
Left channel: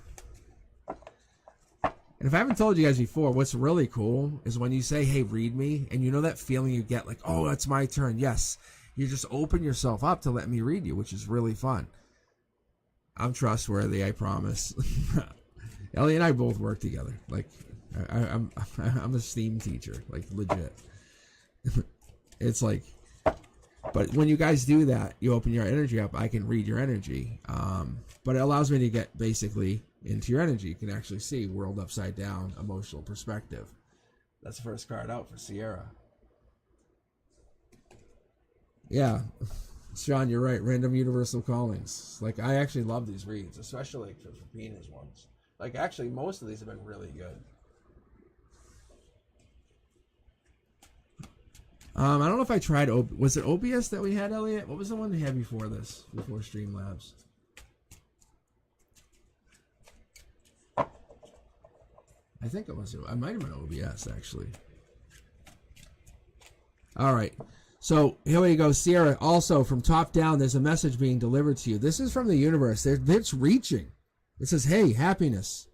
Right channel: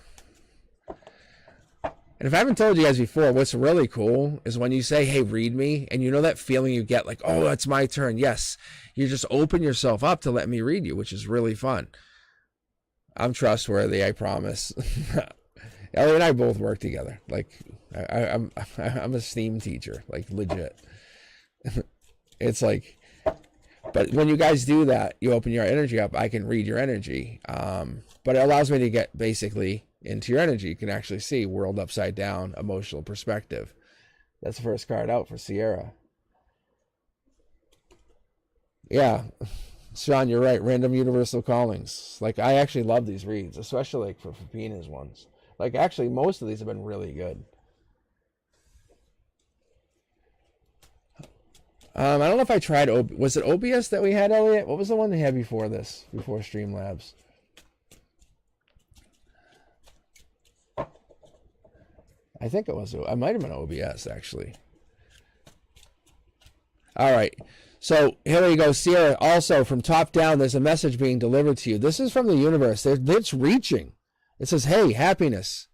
And if I haven't told you guys before, what's really cool is when you say, hey, read me, and you know that feeling you get like, oh, it's my turn. Yes. You just open yourself up to let me read you, which is really fun. I'm trustworthy, I promise. Ellie and I both work together. Like, I'm a STEAM teacher, like legit. It's like, but when you guys do that, you open your energy up. I can read your energy, but it allows me to get basically into your energy. You can actually see world upside down, emotional perspective. That's the first card out for Sierra. Yeah, Sean, you're right. Random universal callings. Like, I actually love these reads, especially like for Pina's ones. Like, actually, most of these have been really good. I don't know if I tried. Was it OBS that we had, Elliot? What was the one they had before this? Before Streamlabs? I think it was. I might have been OBS actually. All right. So here we go, Sierra. Also, from top down, there's a message being delivered to you. This is from the universe. It's reaching. It says, "Hey, happiness.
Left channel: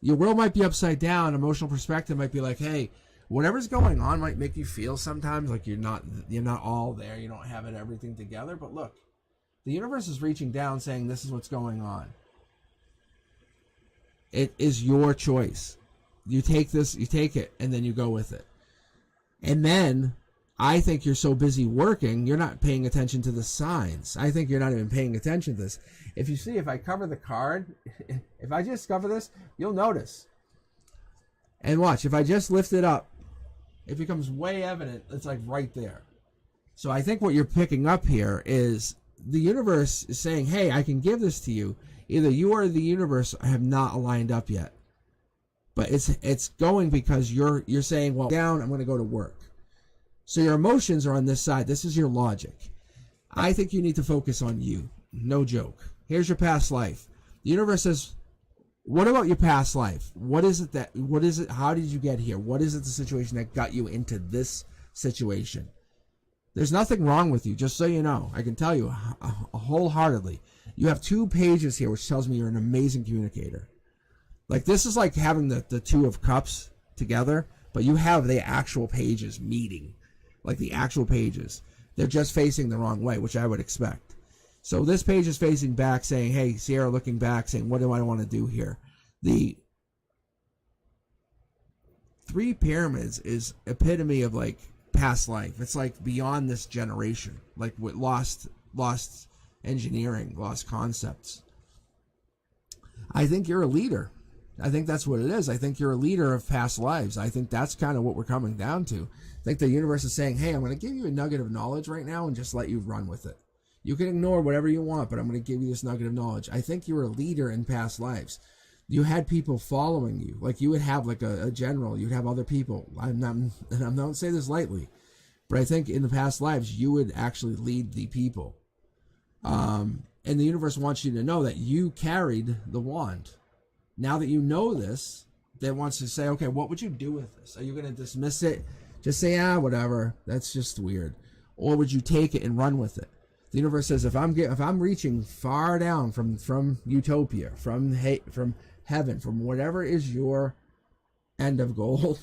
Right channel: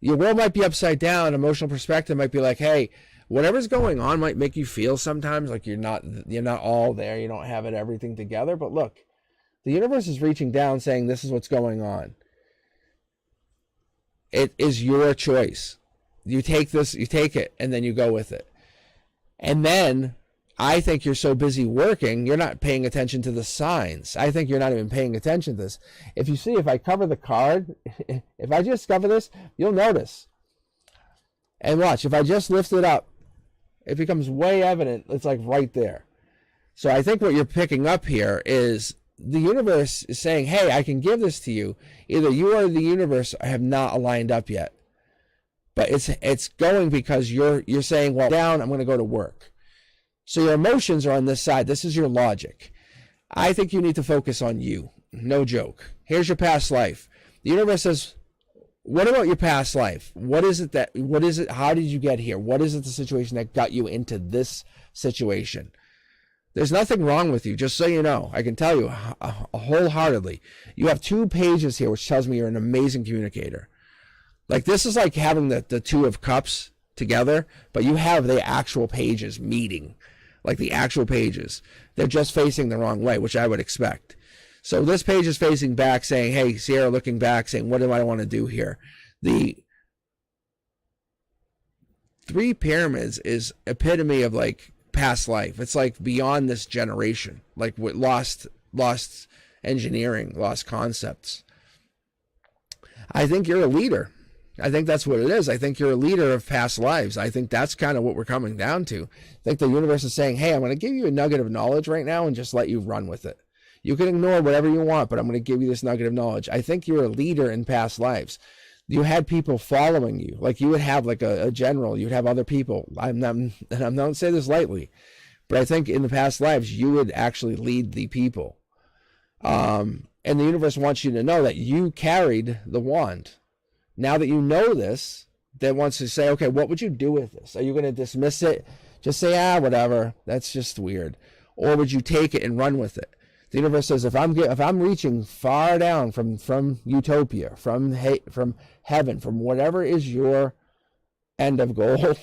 Your world might be upside down. Emotional perspective might be like, hey." Whatever's going on might make you feel sometimes like you're not all there. You don't have everything together. But look, the universe is reaching down saying this is what's going on. It is your choice. You take this, you take it, and then you go with it. And then I think you're so busy working, you're not paying attention to the signs. I think you're not even paying attention to this. If you see, if I cover the card, if I just cover this, you'll notice. And watch, if I just lift it up, it becomes way evident. It's like right there. So I think what you're picking up here is the universe is saying, hey, I can give this to you. Either you or the universe have not aligned up yet. But it's going because you're saying, well, down, I'm going to go to work. So your emotions are on this side. This is your logic. I think you need to focus on you. No joke. Here's your past life. The universe says, what about your past life? What is it? How did you get here? What is it, the situation that got you into this situation? There's nothing wrong with you, just so you know. I can tell you wholeheartedly. You have 2 pages here, which tells me you're an amazing communicator. Like, this is like having the 2 of cups together, but you have the actual pages meeting. Like the actual pages. They're just facing the wrong way, which I would expect. So this page is facing back saying, hey, Sierra looking back saying, what do I want to do here? The 3 pyramids is epitome of like past life. It's like beyond this generation, like with lost engineering, lost concepts. I think you're a leader. I think that's what it is. I think you're a leader of past lives. I think that's kind of what we're coming down to. I think the universe is saying, hey, I'm going to give you a nugget of knowledge right now and just let you run with it. You can ignore whatever you want, but I'm going to give you this nugget of knowledge. I think you're a leader in past lives. You had people following you. Like you would have like a general. You'd have other people. I'm not saying this lightly, but I think in the past lives, you would actually lead the people. And the universe wants you to know that you carried the wand. Now that you know this, that wants to say, okay, what would you do with this? Are you going to dismiss it? Just say, whatever. That's just weird. Or would you take it and run with it? The universe says, if I'm reaching far down from utopia, from heaven, from whatever is your end of goal,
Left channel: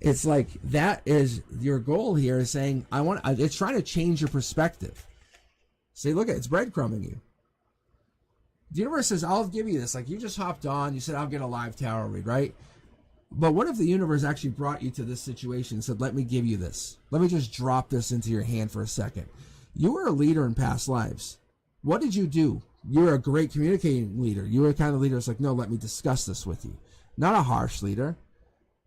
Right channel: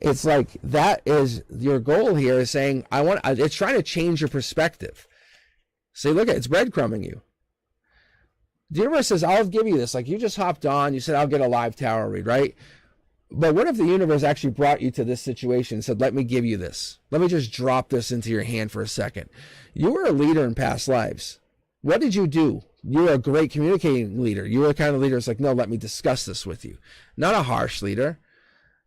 it's like that is your goal here. Is saying it's trying to change your perspective. See, look at it's breadcrumbing you. The universe says, I'll give you this. Like you just hopped on, you said, I'll get a live tarot read, right? But what if the universe actually brought you to this situation and said, let me give you this. Let me just drop this into your hand for a second. You were a leader in past lives. What did you do? You were a great communicating leader. You were the kind of leader that's like, no, let me discuss this with you. Not a harsh leader.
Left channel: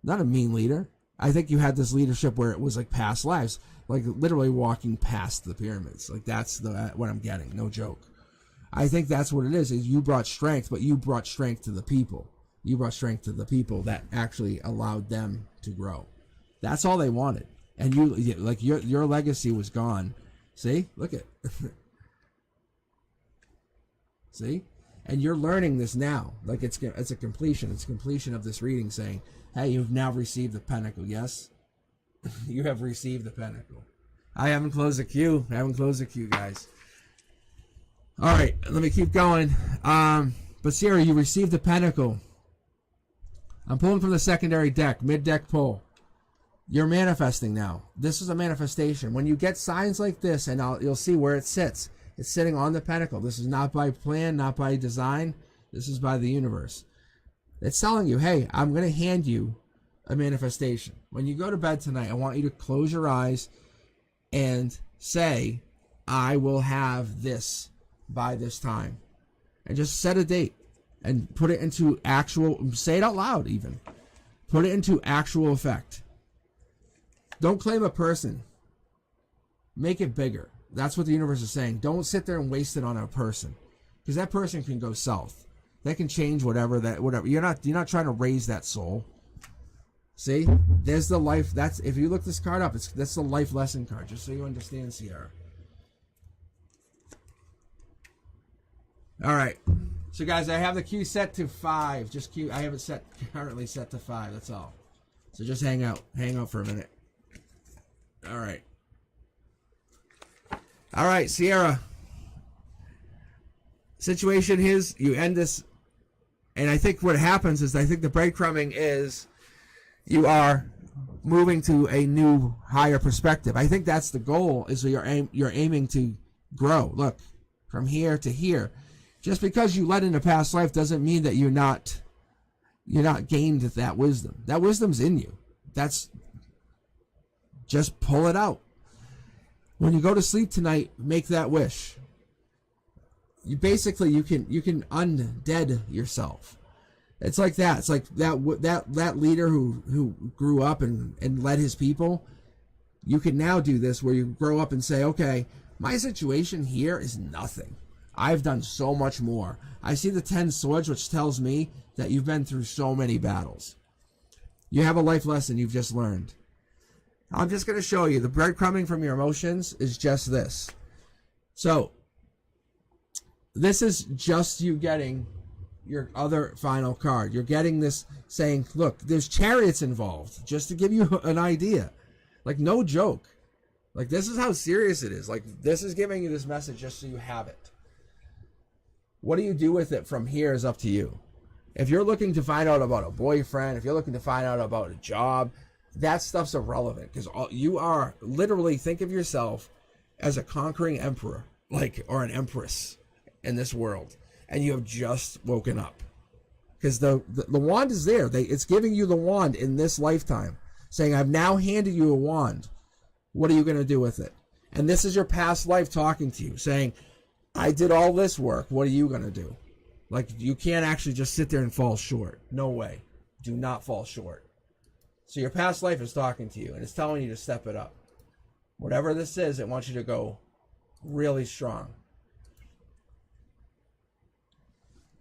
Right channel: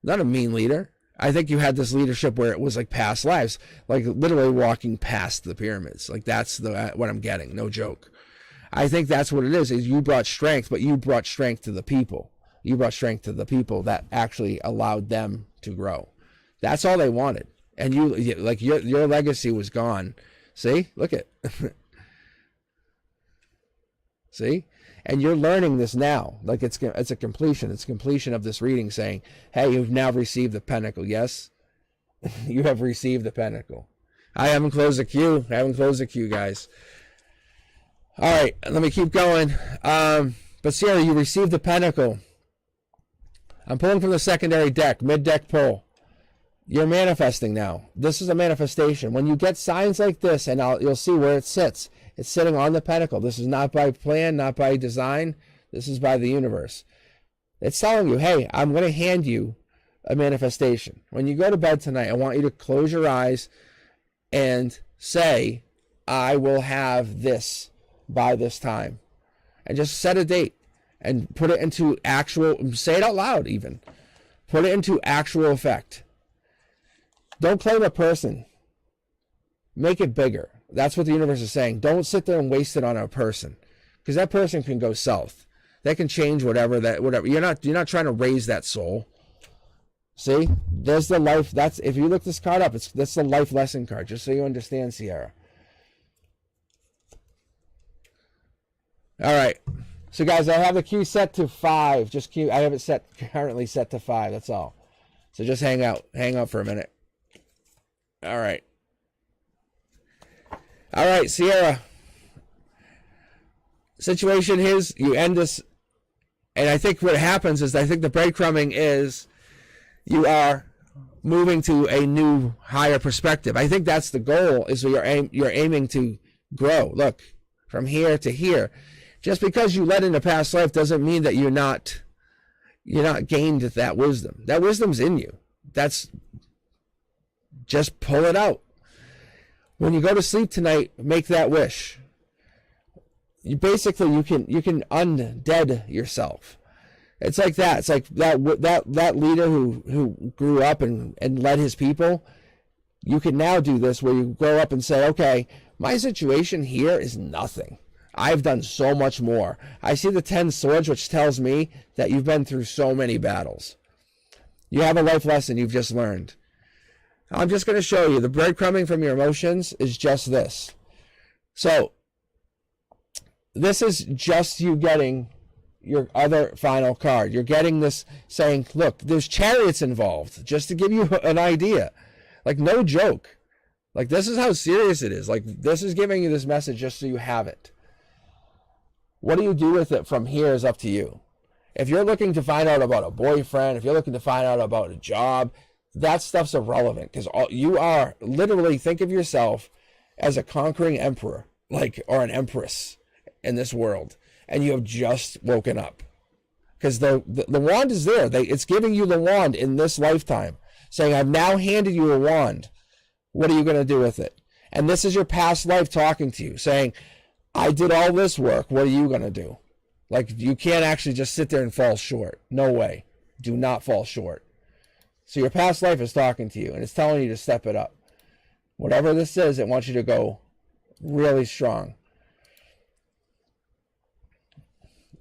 Not a mean leader. I think you had this leadership where it was like past lives. Like literally walking past the pyramids. Like that's what I'm getting. No joke. I think that's what it is you brought strength, but you brought strength to the people. You brought strength to the people that actually allowed them to grow. That's all they wanted. And your legacy was gone. See? Look at See? And you're learning this now. Like it's a completion. It's completion of this reading saying, hey, you've now received the pentacle. Yes? You have received the pentacle. I haven't closed the queue. Guys. All right, let me keep going. But Sierra, you received the pentacle. I'm pulling from the secondary deck, mid-deck pull. You're manifesting now. This is a manifestation. When you get signs like this, and you'll see where it sits. It's sitting on the pentacle. This is not by plan, not by design. This is by the universe. It's telling you, hey, I'm going to hand you a manifestation. When you go to bed tonight, I want you to close your eyes and say, I will have this by this time. And just set a date and put it into actual, say it out loud even. Put it into actual effect. Don't claim a person. Make it bigger. That's what the universe is saying. Don't sit there and waste it on a person, because that person can go south. That can change whatever. You're not trying to raise that soul. See, there's the life. That's if you look this card up. That's the life lesson card. Just so you understand, Sierra. All right. So guys, I have the queue set to 5. I have it currently set to 5. That's all. So just hang out for a minute. All right. All right, Sierra. Situation is you end this, and I think what happens is I think the breadcrumbing is you are moving to a new higher perspective. I think that's the goal. Is you're aiming to grow. Look, from here to here. Just because you led in a past life doesn't mean that you're not gained that wisdom. That wisdom's in you. Just pull it out. When you go to sleep tonight, make that wish. You can undead yourself. It's like that. It's like that leader who grew up and led his people. You can now do this where you grow up and say, okay, my situation here is nothing. I've done so much more. I see the 10 swords, which tells me that you've been through so many battles. You have a life lesson you've just learned. I'm just going to show you the breadcrumbing from your emotions is just this. So this is just you getting your other final card. You're getting this saying, look, there's chariots involved, just to give you an idea. Like, no joke. Like, this is how serious it is. Like, this is giving you this message just so you have it. What do you do with it from here is up to you. If you're looking to find out about a boyfriend, if you're looking to find out about a job, that stuff's irrelevant, because you are literally, think of yourself as a conquering emperor, or an empress in this world, and you have just woken up. Because the wand is there. It's giving you the wand in this lifetime, saying, I've now handed you a wand. What are you going to do with it? And this is your past life talking to you, saying, I did all this work. What are you going to do? Like, you can't actually just sit there and fall short. No way. Do not fall short. So your past life is talking to you, and it's telling you to step it up. Whatever this is, it wants you to go really strong.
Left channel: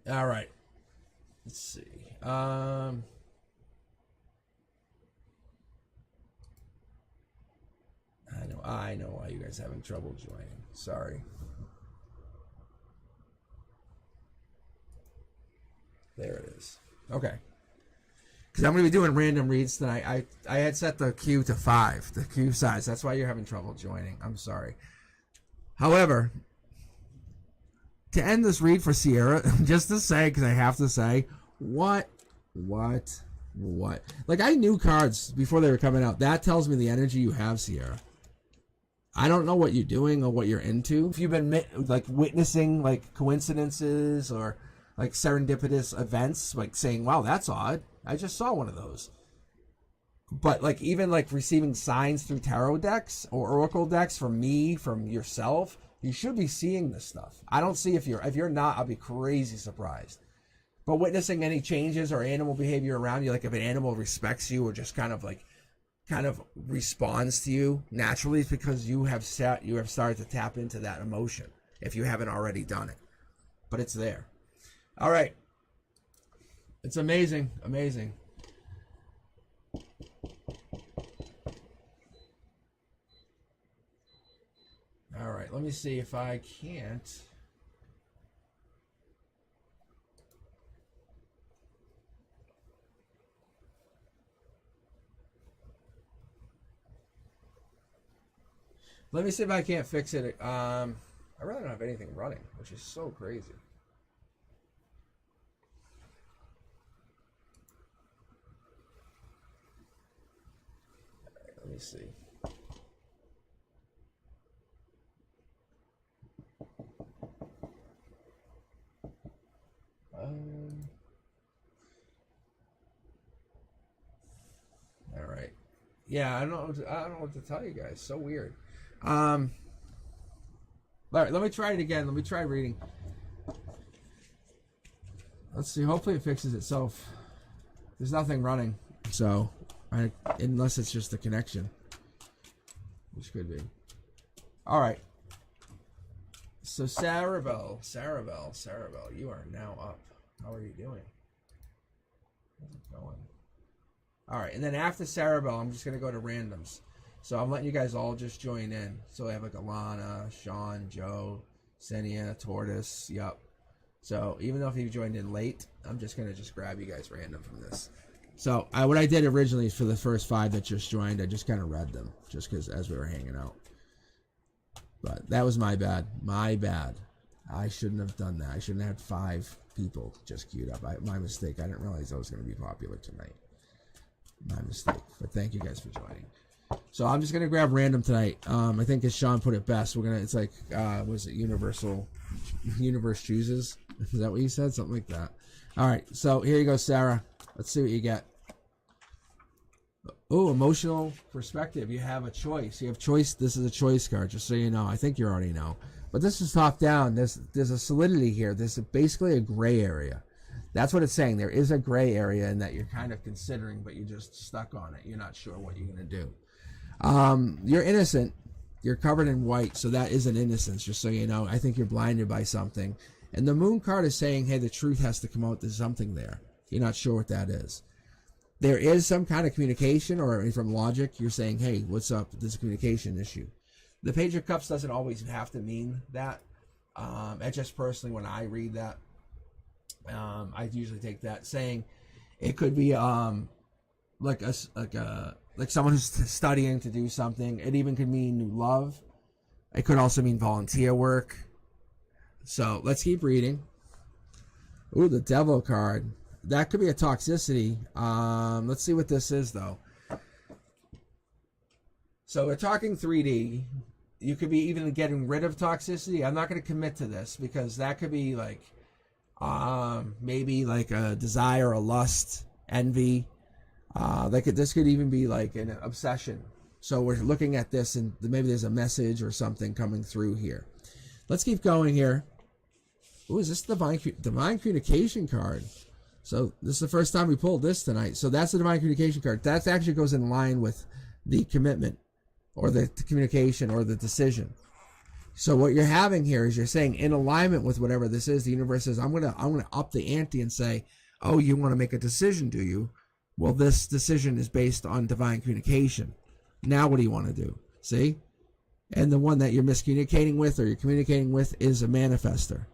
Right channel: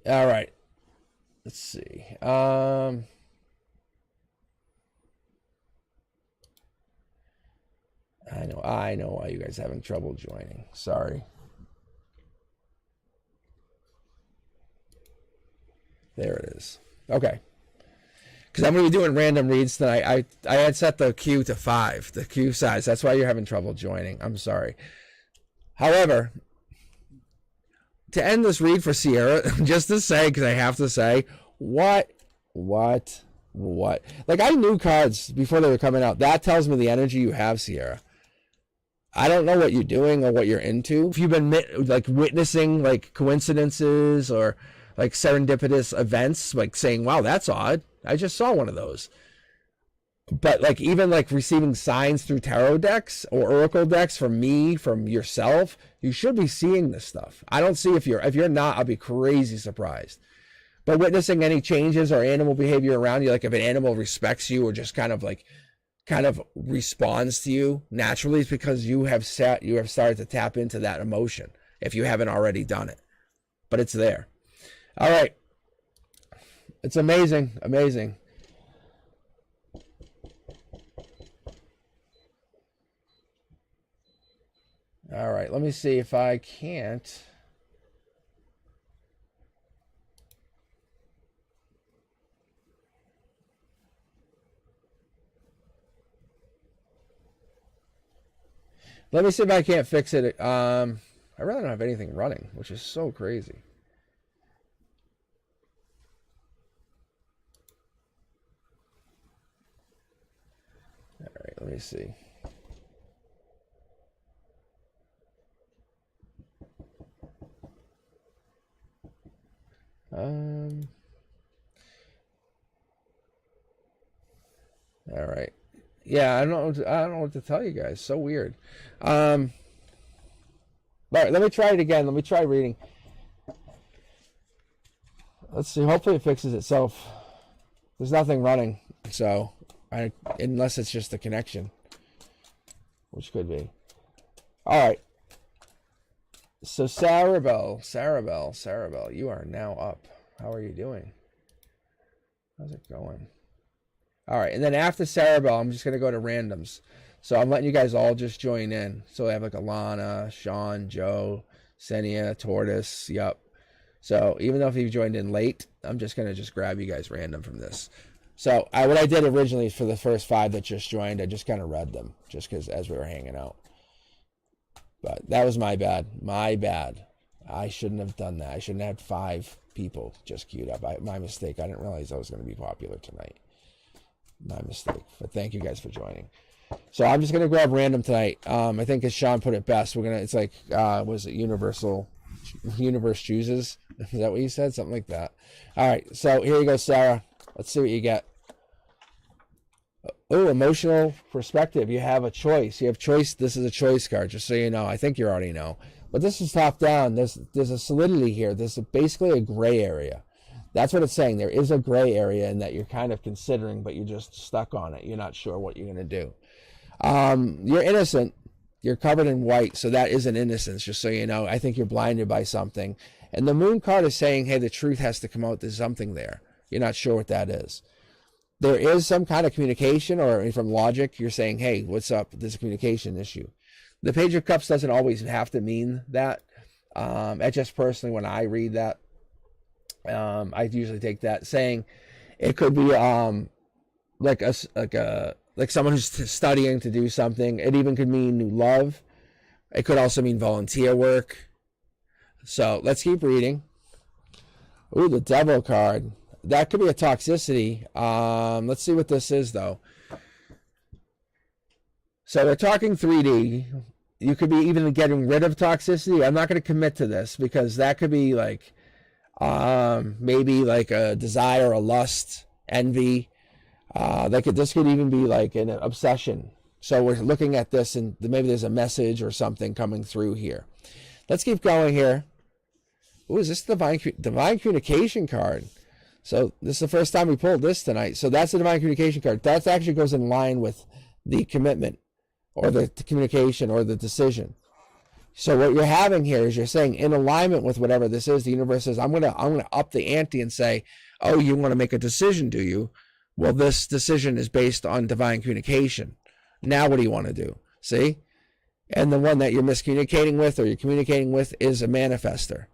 All right. Let's see. I know why you guys are having trouble joining. Sorry. There it is. Okay. Because I'm going to be doing random reads tonight. I had set the queue to 5, the queue size. That's why you're having trouble joining. I'm sorry. However, to end this read for Sierra, just to say, because I have to say, what? Like, I knew cards before they were coming out. That tells me the energy you have, Sierra. I don't know what you're doing or what you're into. If you've been like witnessing like coincidences or like serendipitous events, like saying, wow, that's odd. I just saw one of those. But like even like receiving signs through tarot decks or oracle decks from me, from yourself, you should be seeing this stuff. I don't see if you're not, I'll be crazy surprised. But witnessing any changes or animal behavior around you, like if an animal respects you or just kind of responds to you naturally, it's because you have started to tap into that emotion if you haven't already done it. But it's there. All right. It's amazing. Amazing. All right. Let me see if I can't. Let me see if I can't fix it. I really don't have anything running, which is so crazy. All right, let me see. All right. Yeah, I don't know what to tell you guys. So weird. All right, let me try it again. Let me try reading. Let's see. Hopefully it fixes itself. There's nothing running, so unless it's just the connection, which could be. All right. So Sarabelle, you are now up. How are you doing? How's it going? All right, and then after Sarabelle, I'm just gonna go to randoms. So I'm letting you guys all just join in. So I have like Alana, Sean, Joe, Senia, Tortoise. Yep. So even though if you joined in late, I'm just gonna grab you guys random from this. So what I did originally is for the first 5 that just joined, I just kind of read them just because as we were hanging out. But that was my bad. My bad. I shouldn't have done that. I shouldn't have had 5 people just queued up. My mistake. I didn't realize I was going to be popular tonight. My mistake. But thank you guys for joining. So I'm just going to grab random tonight. I think as Sean put it best, it's like, was it universe chooses? Is that what you said? Something like that. All right. So here you go, Sarah. Let's see what you get. Oh, emotional perspective. You have a choice. You have choice. This is a choice card, just so you know. I think you already know. But this is top down. There's a solidity here. There's basically a gray area. That's what it's saying. There is a gray area in that you're kind of considering, but you're just stuck on it. You're not sure what you're going to do. You're innocent. You're covered in white, so that is an innocence, just so you know. I think you're blinded by something. And the moon card is saying, hey, the truth has to come out. There's something there. You're not sure what that is. There is some kind of communication, or from logic, you're saying, hey, what's up? There's a communication issue. The Page of Cups doesn't always have to mean that. I just personally, when I read that, I usually take that saying it could be like someone who's studying to do something. It even could mean new love. It could also mean volunteer work. So let's keep reading. Ooh, the Devil card. That could be a toxicity. Let's see what this is, though. So we're talking 3D. You could be even getting rid of toxicity. I'm not going to commit to this because that could be like maybe like a desire, a lust, envy. This could even be like an obsession. So we're looking at this, and maybe there's a message or something coming through here. Let's keep going here. Ooh, is this divine communication card? So this is the first time we pulled this tonight. So that's the divine communication card. That actually goes in line with the commitment or the communication or the decision. So what you're having here is you're saying in alignment with whatever this is, the universe says, I'm gonna up the ante and say, oh, you want to make a decision, do you? Well, this decision is based on divine communication. Now what do you want to do? See? And the one that you're miscommunicating with or you're communicating with is a manifester.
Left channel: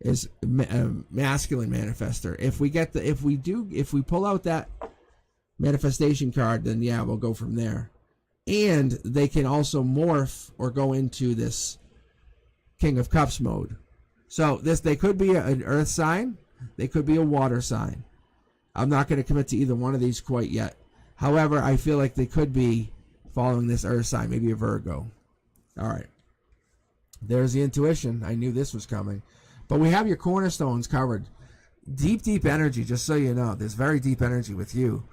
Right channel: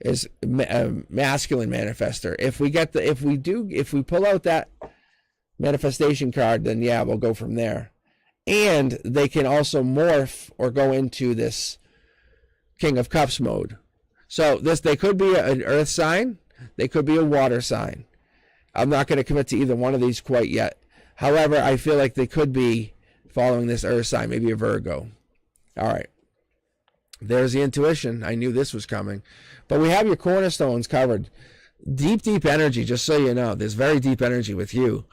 Is a masculine manifester. If we pull out that manifestation card, then yeah, we'll go from there. And they can also morph or go into this King of Cups mode. So they could be an earth sign, they could be a water sign. I'm not going to commit to either one of these quite yet. However, I feel like they could be following this earth sign, maybe a Virgo. All right. There's the intuition. I knew this was coming. But we have your cornerstones covered. Deep, deep energy, just so you know. There's very deep energy with you.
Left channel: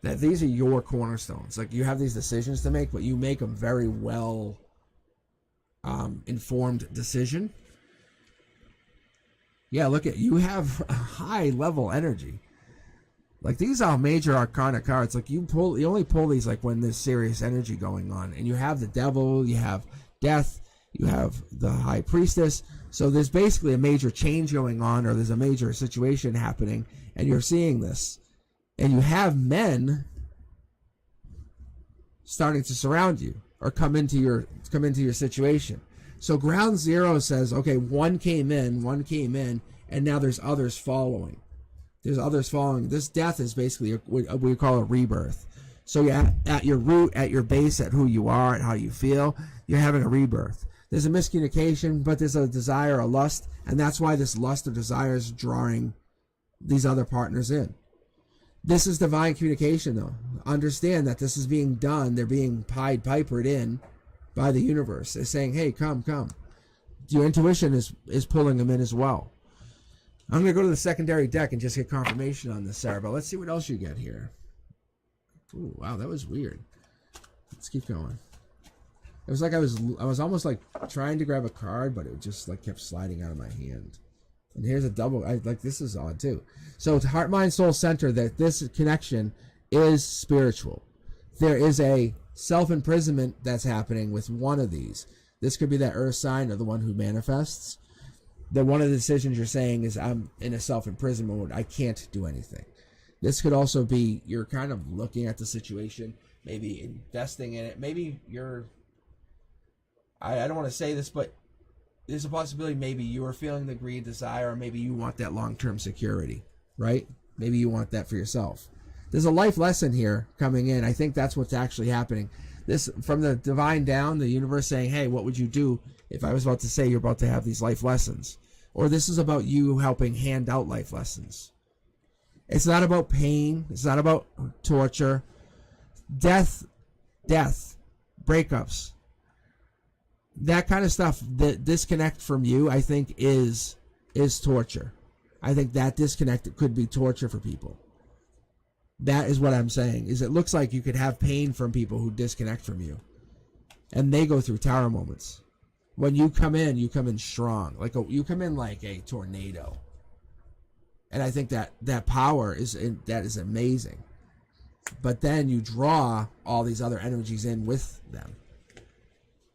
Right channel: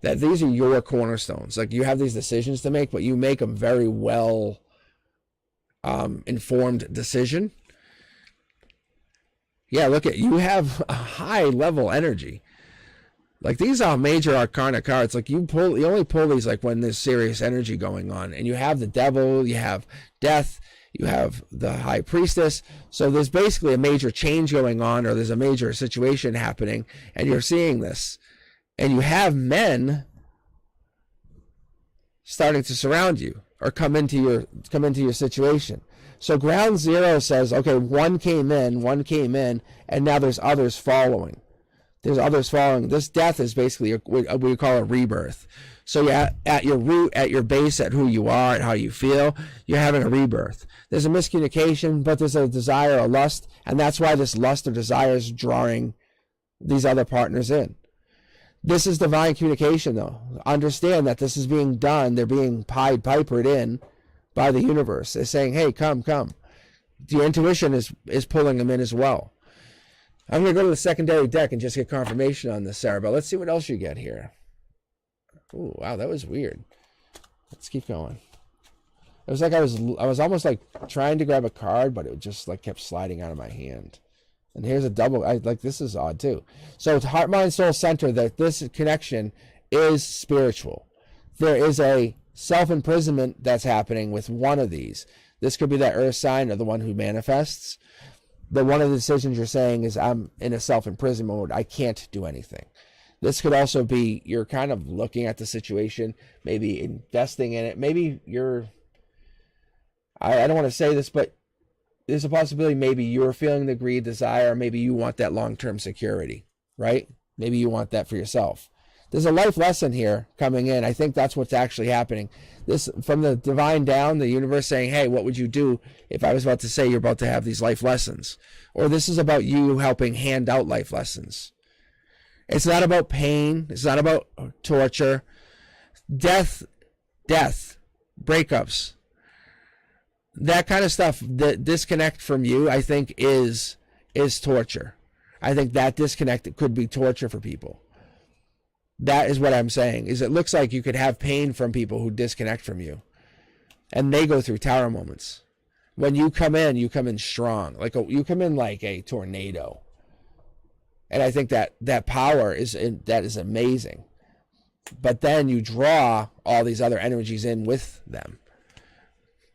That these are your cornerstones. Like, you have these decisions to make, but you make them very well informed decision. Yeah, look at, you have a high level energy. Like, these are major arcana cards. Like, you only pull these like when there's serious energy going on. And you have the devil, you have death, you have the high priestess. So there's basically a major change going on, or there's a major situation happening, and you're seeing this. And you have men starting to surround you or come into your situation. So ground zero says, okay, one came in, and now there's others following. There's others following. This death is basically what we call a rebirth. So yeah, at your root, at your base, at who you are, at how you feel, you're having a rebirth. There's a miscommunication, but there's a desire, a lust, and that's why this lust or desire is drawing these other partners in. This is divine communication, though. Understand that this is being done. They're being Pied Pipered in by the universe. They're saying, hey, come. Your intuition is pulling them in as well. I'm going to go to the secondary deck and just get confirmation on this, Sarah. But let's see what else you get here. Ooh, wow, that was weird. Let's keep going. It was like I was almost like trying to grab a card, but it just like kept sliding out of my hand. And here's a double. This is odd too. So it's heart, mind, soul center. That this connection is spiritual. There is a self-imprisonment that's happening with one of these. This could be that earth sign or the one who manifests. But one of the decisions you're saying is, I'm in a self-imprisonment mode. I can't do anything. This could also be you're kind of looking at the situation, maybe investing in it. Maybe you're, I don't want to say this, but there's a possibility maybe you're feeling the greed, desire, maybe you want that long-term security, right? Maybe you want that for yourself. There's a life lesson here coming in. I think that's what's actually happening. This, from the divine down, the universe saying, hey, what would you do if I was about to say you're about to have these life lessons? Or this is about you helping hand out life lessons. It's not about pain. It's not about torture. Death, breakups, that kind of stuff. The disconnect from you, I think, is torture. I think that disconnect could be torture for people. That is what I'm saying, is it looks like you could have pain from people who disconnect from you. And they go through tower moments. When you come in strong. You come in like a tornado. And I think that power is amazing. But then you draw all these other energies in with them.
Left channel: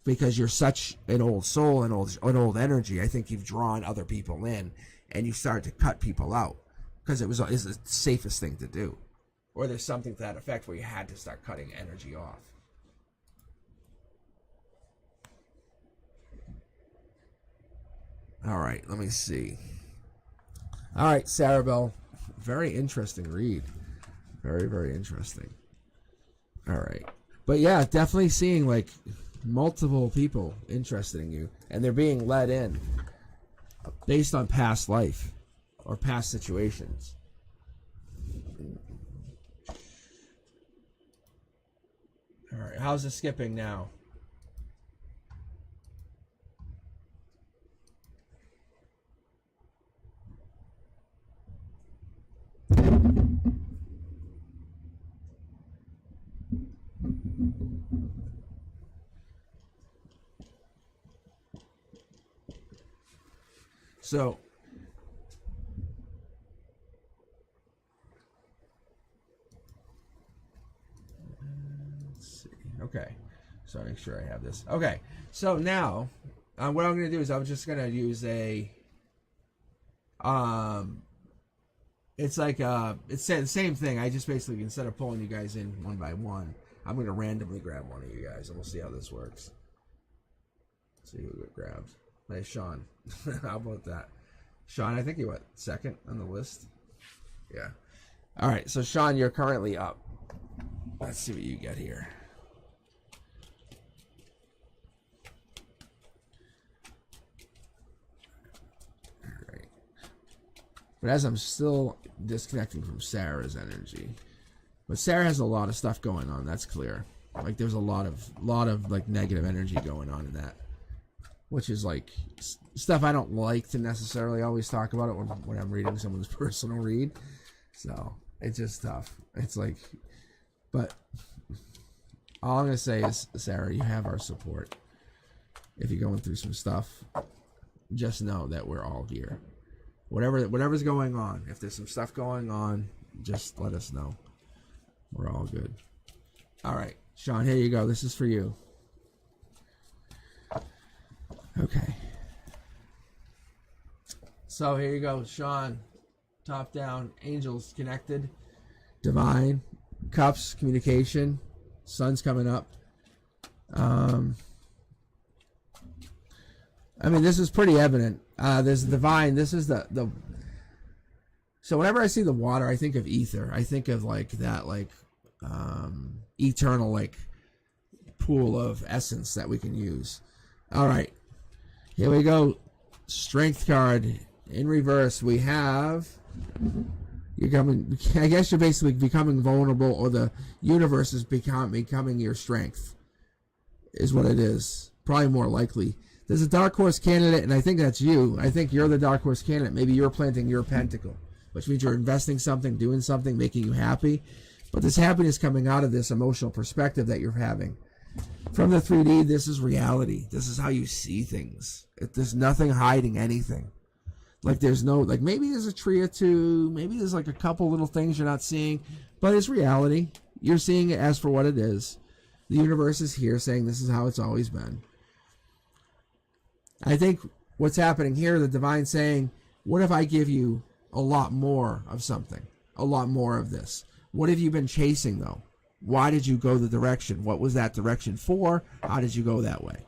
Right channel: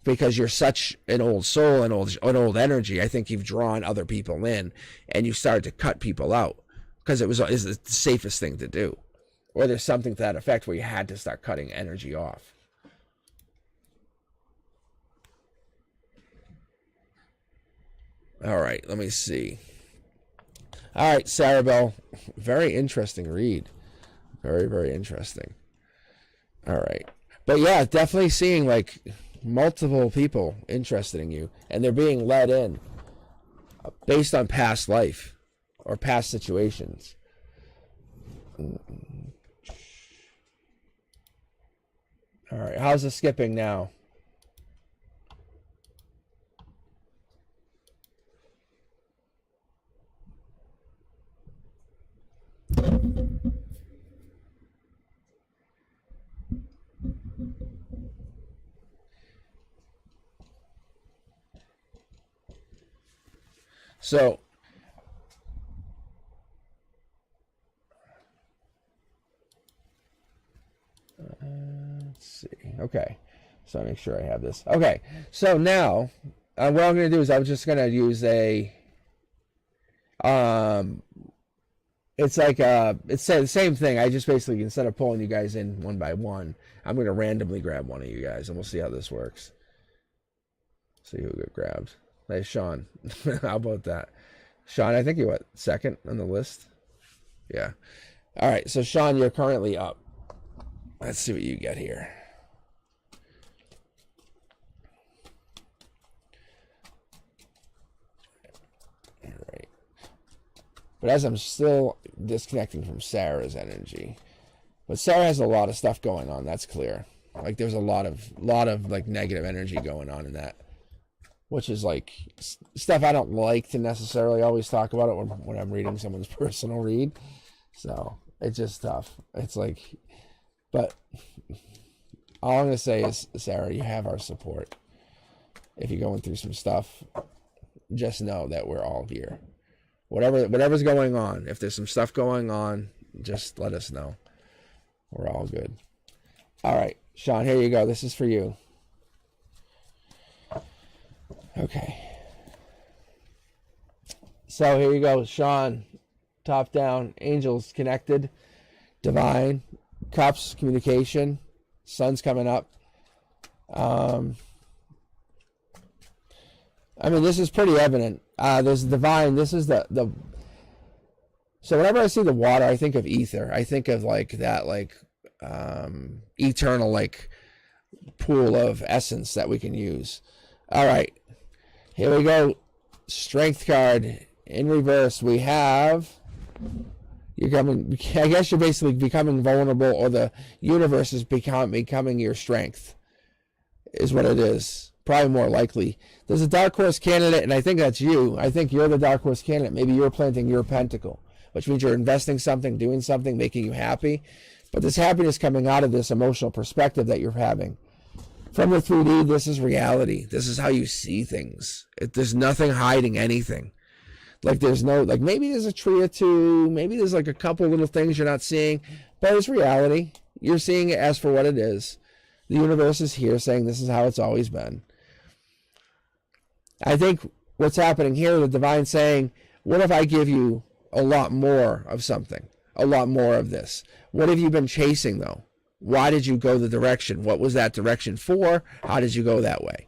Because you're such an old soul, an old energy. I think you've drawn other people in, and you started to cut people out because it's the safest thing to do. Or there's something to that effect where you had to start cutting energy off. All right, let me see. All right, Sarah Bell, very interesting read. Very, very interesting. All right. But yeah, definitely seeing like multiple people interested in you, and they're being led in based on past life or past situations. All right, how's the skipping now? So Okay. So I make sure I have this. Okay. So now, what I'm going to do is I'm just going to use a, it's like, it's the same thing. I just basically, instead of pulling you guys in one by one, I'm going to randomly grab one of you guys, and we'll see how this works. See who got grabbed. Hey, Sean. How about that? Sean, I think you're what, second on the list? Yeah. All right, so Sean, you're currently up. Let's see what you get here. All right. But as I'm still disconnecting from Sarah's energy, but Sarah has a lot of stuff going on. That's clear. Like there's a lot of like negative energy going on in that, which is like stuff I don't like to necessarily always talk about it when I'm reading someone's personal read. So it's just tough. It's like, but all I'm gonna say is, Sarah, you have our support. If you're going through some stuff, just know that we're all here. Whatever's going on, if there's some stuff going on, just let us know. We're all good. All right, Sean, here you go. This is for you. Okay. So here you go, Sean. Top down, angels connected, divine, cups, communication, sun's coming up. I mean, this is pretty evident. There's the divine. This is the. So whenever I see the water, I think of ether. I think of like that, like eternal, like pool of essence that we can use. All right, here we go. Strength card in reverse. We have. You're coming. I guess you're basically becoming vulnerable, or the universe is becoming your strength. Is what it is. Probably more likely. There's a dark horse candidate, and I think that's you. I think you're the dark horse candidate. Maybe you're planting your pentacle, which means you're investing something, doing something, making you happy. But this happiness coming out of this emotional perspective that you're having. From the 3D, this is reality. This is how you see things. There's nothing hiding anything. Like there's no, like maybe there's a tree or two, maybe there's like a couple little things you're not seeing, but it's reality. You're seeing it as for what it is. The universe is here saying this is how it's always been. I think what's happening here, the divine saying, what if I give you a lot more of something? A lot more of this. What have you been chasing, though? Why did you go the direction? What was that direction for? How did you go that way?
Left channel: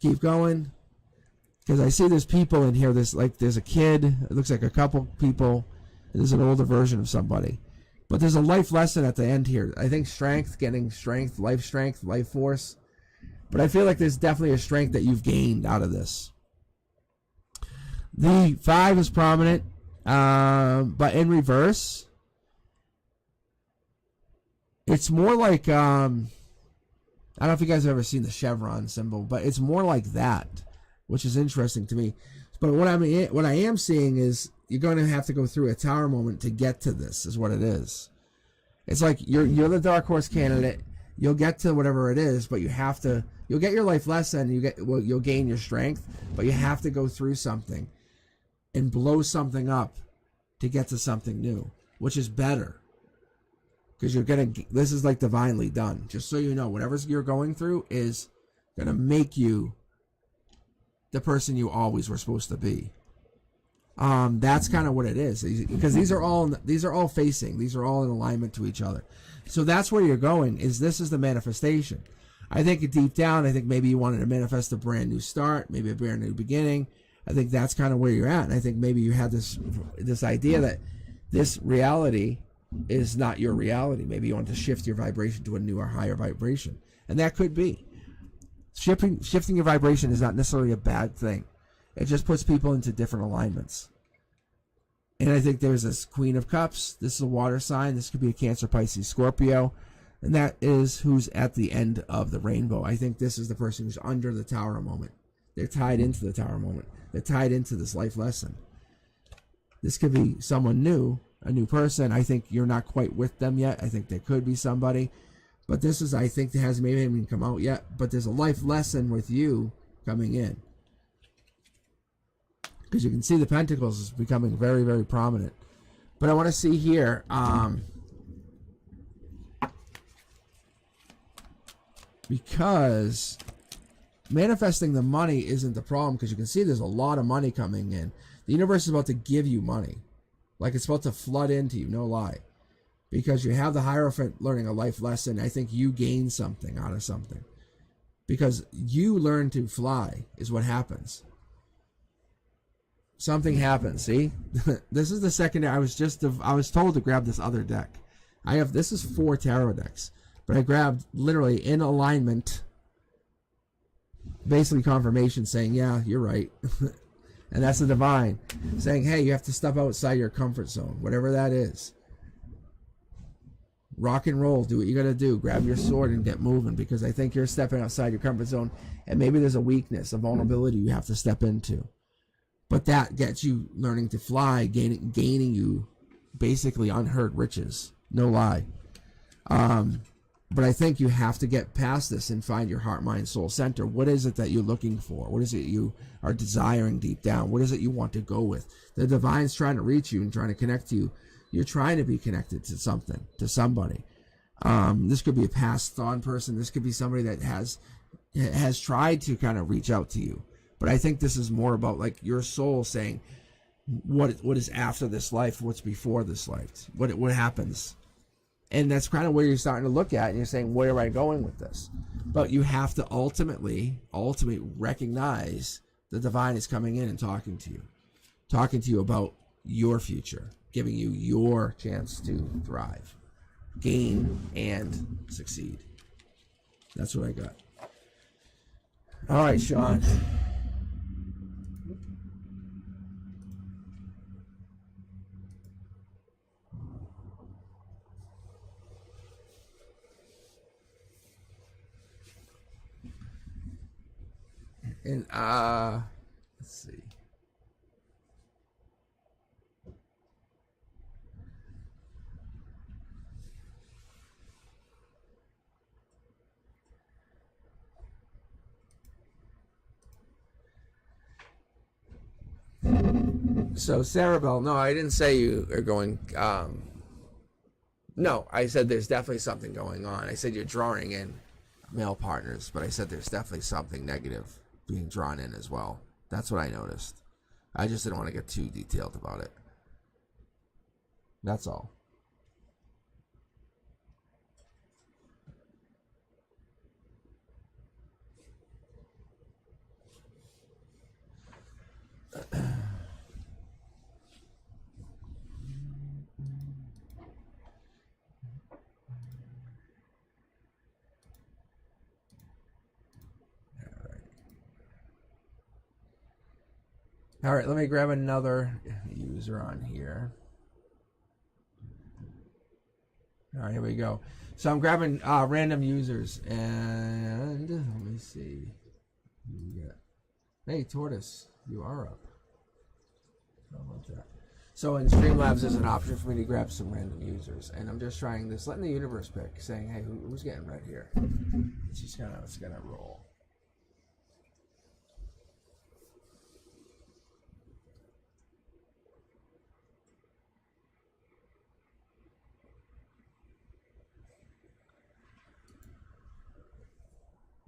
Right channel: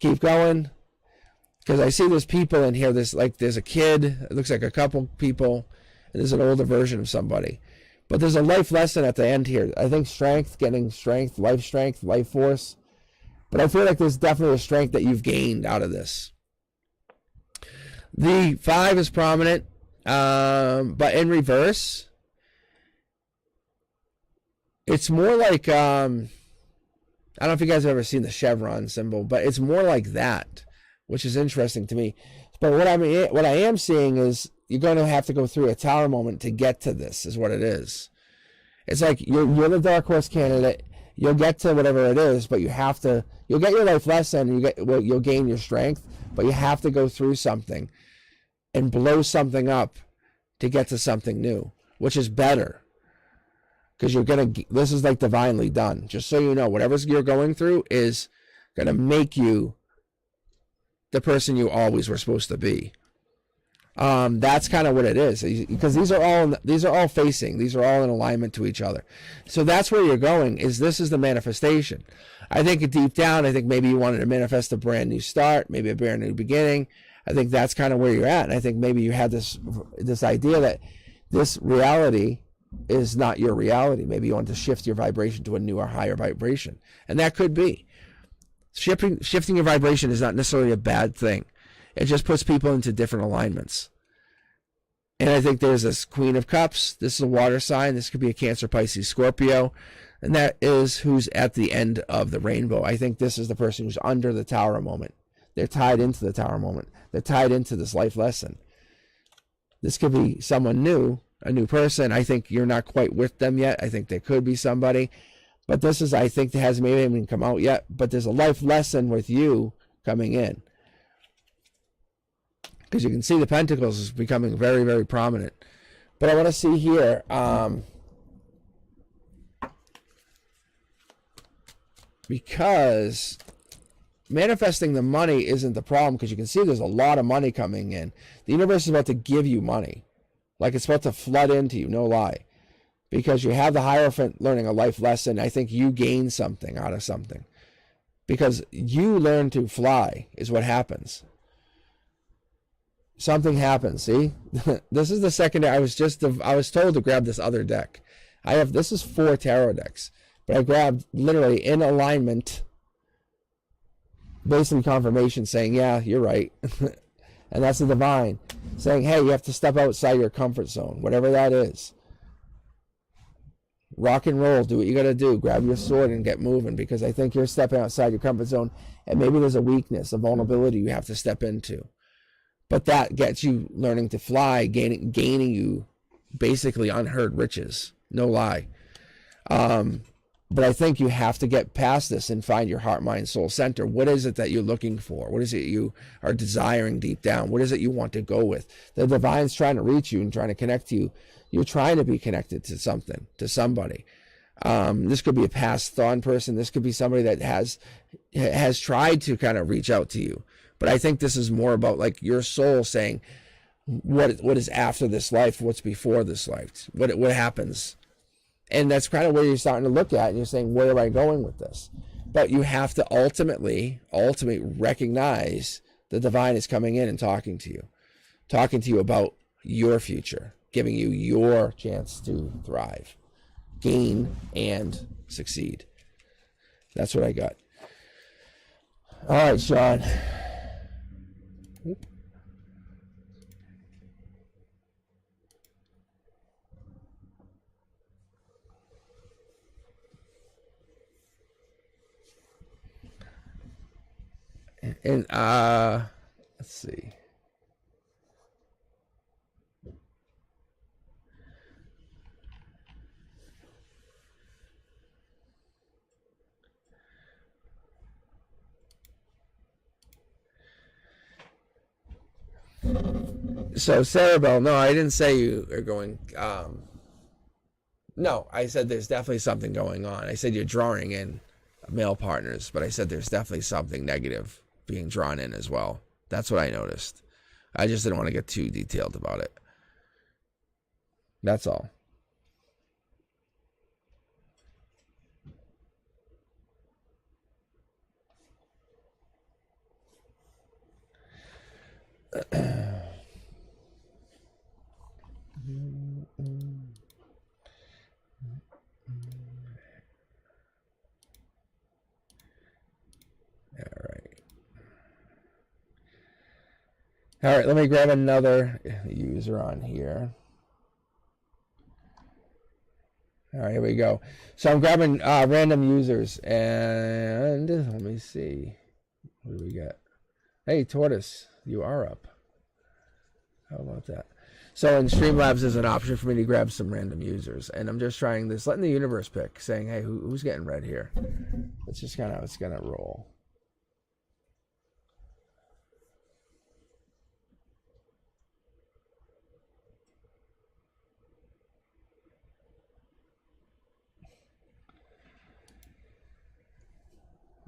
Keep going. Because I see there's people in here. There's a kid. It looks like a couple people. And there's an older version of somebody. But there's a life lesson at the end here. I think strength, getting strength, life force. But I feel like there's definitely a strength that you've gained out of this. The 5 is prominent, but in reverse, it's more like, I don't know if you guys have ever seen the chevron symbol, but it's more like that, which is interesting to me. But what I am seeing is you're going to have to go through a tower moment to get to this, is what it is. It's like you're the dark horse candidate. You'll get to whatever it is, but you'll get your life lesson, you'll gain your strength, but you have to go through something and blow something up to get to something new, which is better. Because this is like divinely done. Just so you know, whatever you're going through is going to make you the person you always were supposed to be. That's kind of what it is, because these are all facing, these are all in alignment to each other. So that's where you're going. This is the manifestation. I think deep down, I think maybe you wanted to manifest a brand new start, maybe a brand new beginning. I think that's kind of where you're at. And I think maybe you had this idea that this reality is not your reality. Maybe you want to shift your vibration to a newer, higher vibration, and that could be. Shifting your vibration is not necessarily a bad thing. It just puts people into different alignments. And I think there's this Queen of Cups. This is a water sign. This could be a Cancer, Pisces, Scorpio. And that is who's at the end of the rainbow. I think this is the person who's under the tower moment. They're tied into the tower moment. They're tied into this life lesson. This could be someone new, a new person. I think you're not quite with them yet. I think there could be somebody. But this is, I think, that hasn't maybe even come out yet. But there's a life lesson with you coming in. Because you can see the pentacles is becoming very, very prominent. But I want to see here. because manifesting the money isn't the problem, because you can see there's a lot of money coming in. The universe is about to give you money. Like, it's about to flood into you, no lie. Because you have the Hierophant learning a life lesson. I think you gain something out of something. Because you learn to fly is what happens. Something happens, see? This is the secondary. I was told to grab this other deck. This is 4 tarot decks. But I grabbed literally in alignment, basically confirmation saying, yeah, you're right. And that's the divine saying, hey, you have to step outside your comfort zone, whatever that is. Rock and roll, do what you got to do. Grab your sword and get moving, because I think you're stepping outside your comfort zone, and maybe there's a weakness, a vulnerability you have to step into. But that gets you learning to fly, gaining you basically unheard riches. No lie. But I think you have to get past this and find your heart, mind, soul center. What is it that you're looking for? What is it you are desiring deep down? What is it you want to go with? The divine's trying to reach you and trying to connect to you. You're trying to be connected to something, to somebody. This could be a passed on person. This could be somebody that has tried to kind of reach out to you. But I think this is more about like your soul saying, what is after this life? What's before this life? What happens? And that's kind of where you're starting to look at, and you're saying, where am I going with this? But you have to ultimately recognize the divine is coming in and talking to you about your future, giving you your chance to thrive, gain, and succeed. That's what I got. All right, Sean. And let's see. So Sarah Bell, no, I didn't say you are going. No, I said there's definitely something going on. I said you're drawing in male partners, but I said there's definitely something negative being drawn in as well. That's what I noticed. I just didn't want to get too detailed about it. That's all. All right, let me grab another user on here. All right, here we go. So I'm grabbing random users, and let me see. What do we got? Hey, Tortoise, you are up. How about that? So in Streamlabs, there's an option for me to grab some random users, and I'm just trying this, letting the universe pick, saying, hey, who's getting read here? It's just kind of, it's gonna roll.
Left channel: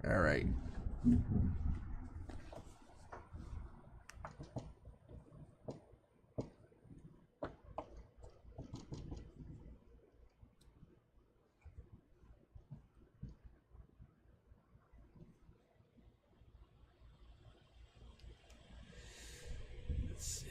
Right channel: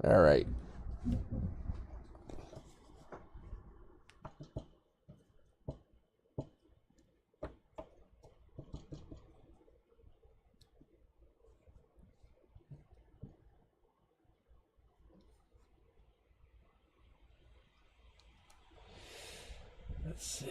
All right. Let's see.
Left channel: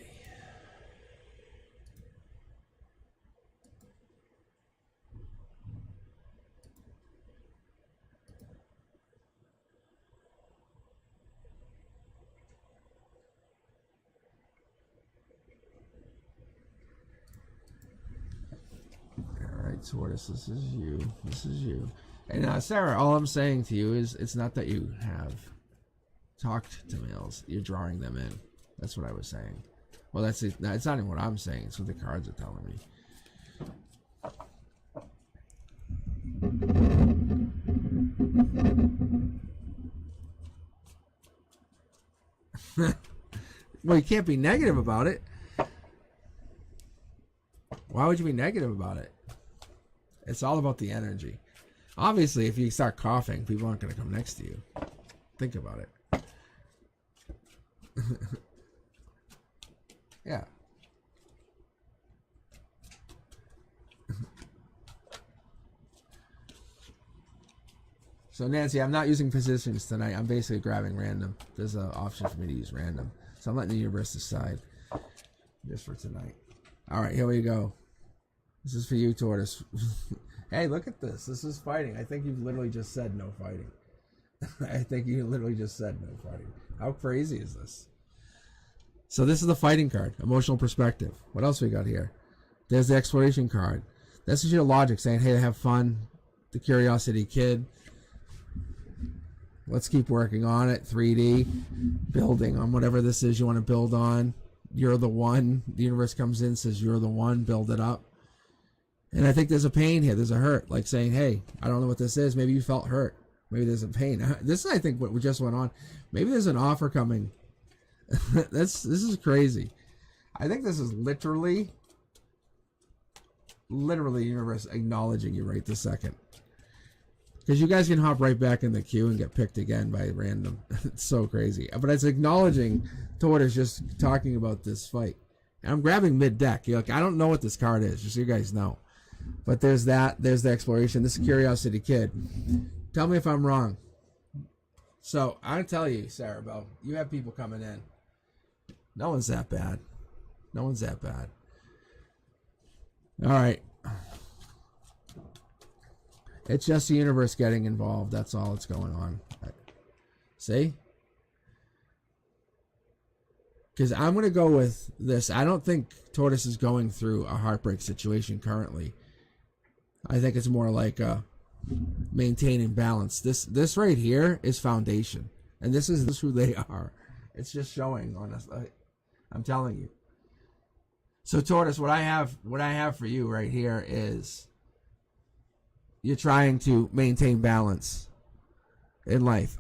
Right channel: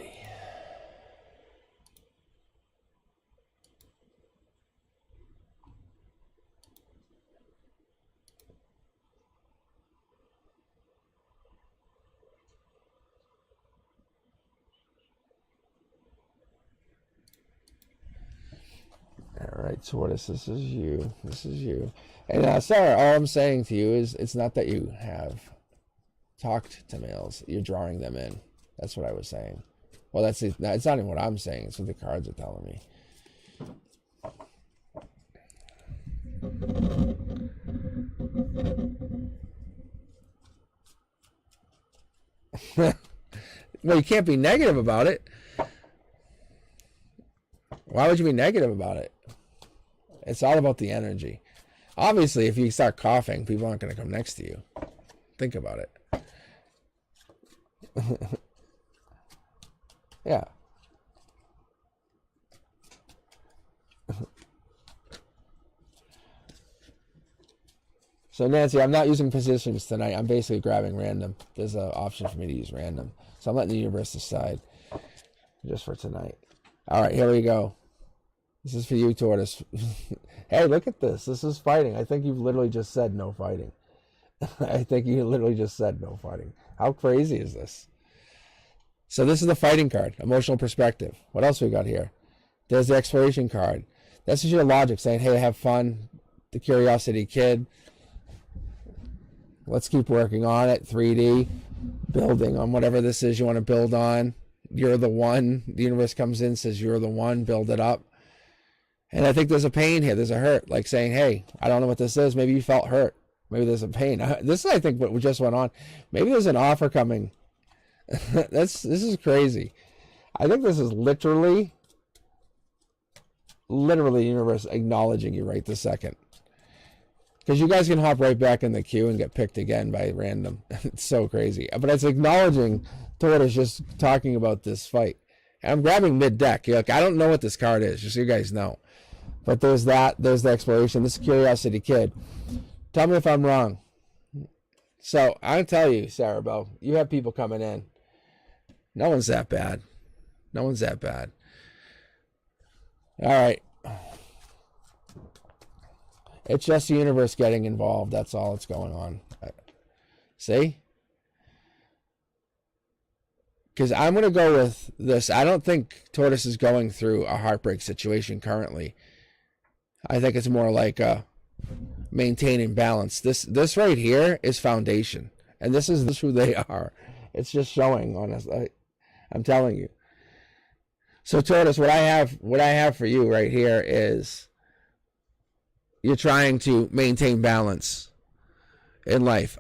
All right, Tortoise, this is you. This is you. And Sarah, all I'm saying to you is it's not that you have talked to males. You're drawing them in. That's what I was saying. Well, that's not even what I'm saying. It's what the cards are telling me. Well, you can't be negative about it. Why would you be negative about it? It's all about the energy. Obviously, if you start coughing, people aren't going to come next to you. Think about it. Yeah. So Nancy, I'm not using positions tonight. I'm basically grabbing random. There's an option for me to use random. So I'm letting the universe decide just for tonight. All right, here we go. This is for you, Tortoise. Hey, look at this. This is fighting. I think you've literally just said no fighting. I think you literally just said no fighting. How crazy is this? So this is the fighting card, emotional perspective. What else we got here? There's the exploration card. This is your logic saying, hey, have fun. The curiosity kid. Let's keep working on it. 3D. Building on whatever this is you want to build on. You're the one. The universe comes in, says you're the one. Build it up. And I think there's a pain here. There's a hurt. Like saying, hey, I don't know what this is. Maybe you felt hurt. Maybe there's a pain. This is, I think, what just went on. Maybe there's an offer coming. This is crazy. I think this is literally the universe acknowledging you right this second. Because you guys can hop right back in the queue and get picked again by random. It's so crazy. But it's acknowledging Tortoise just talking about this fight. And I'm grabbing mid-deck. Like, I don't know what this card is, just so you guys know. But there's that. There's the exploration. This is Curiosity Kid. Tell me if I'm wrong. So, I'll tell you, Sarah Bell, you have people coming in. No one's that bad. No one's that bad. All right. It's just the universe getting involved. That's all that's going on. See? Because I'm going to go with this. I don't think Tortoise is going through a heartbreak situation currently. I think it's more like maintaining balance. This right here is foundation. And this is who they are. It's just showing on us. I'm telling you. So Tortoise, what I have for you right here is you're trying to maintain balance in life.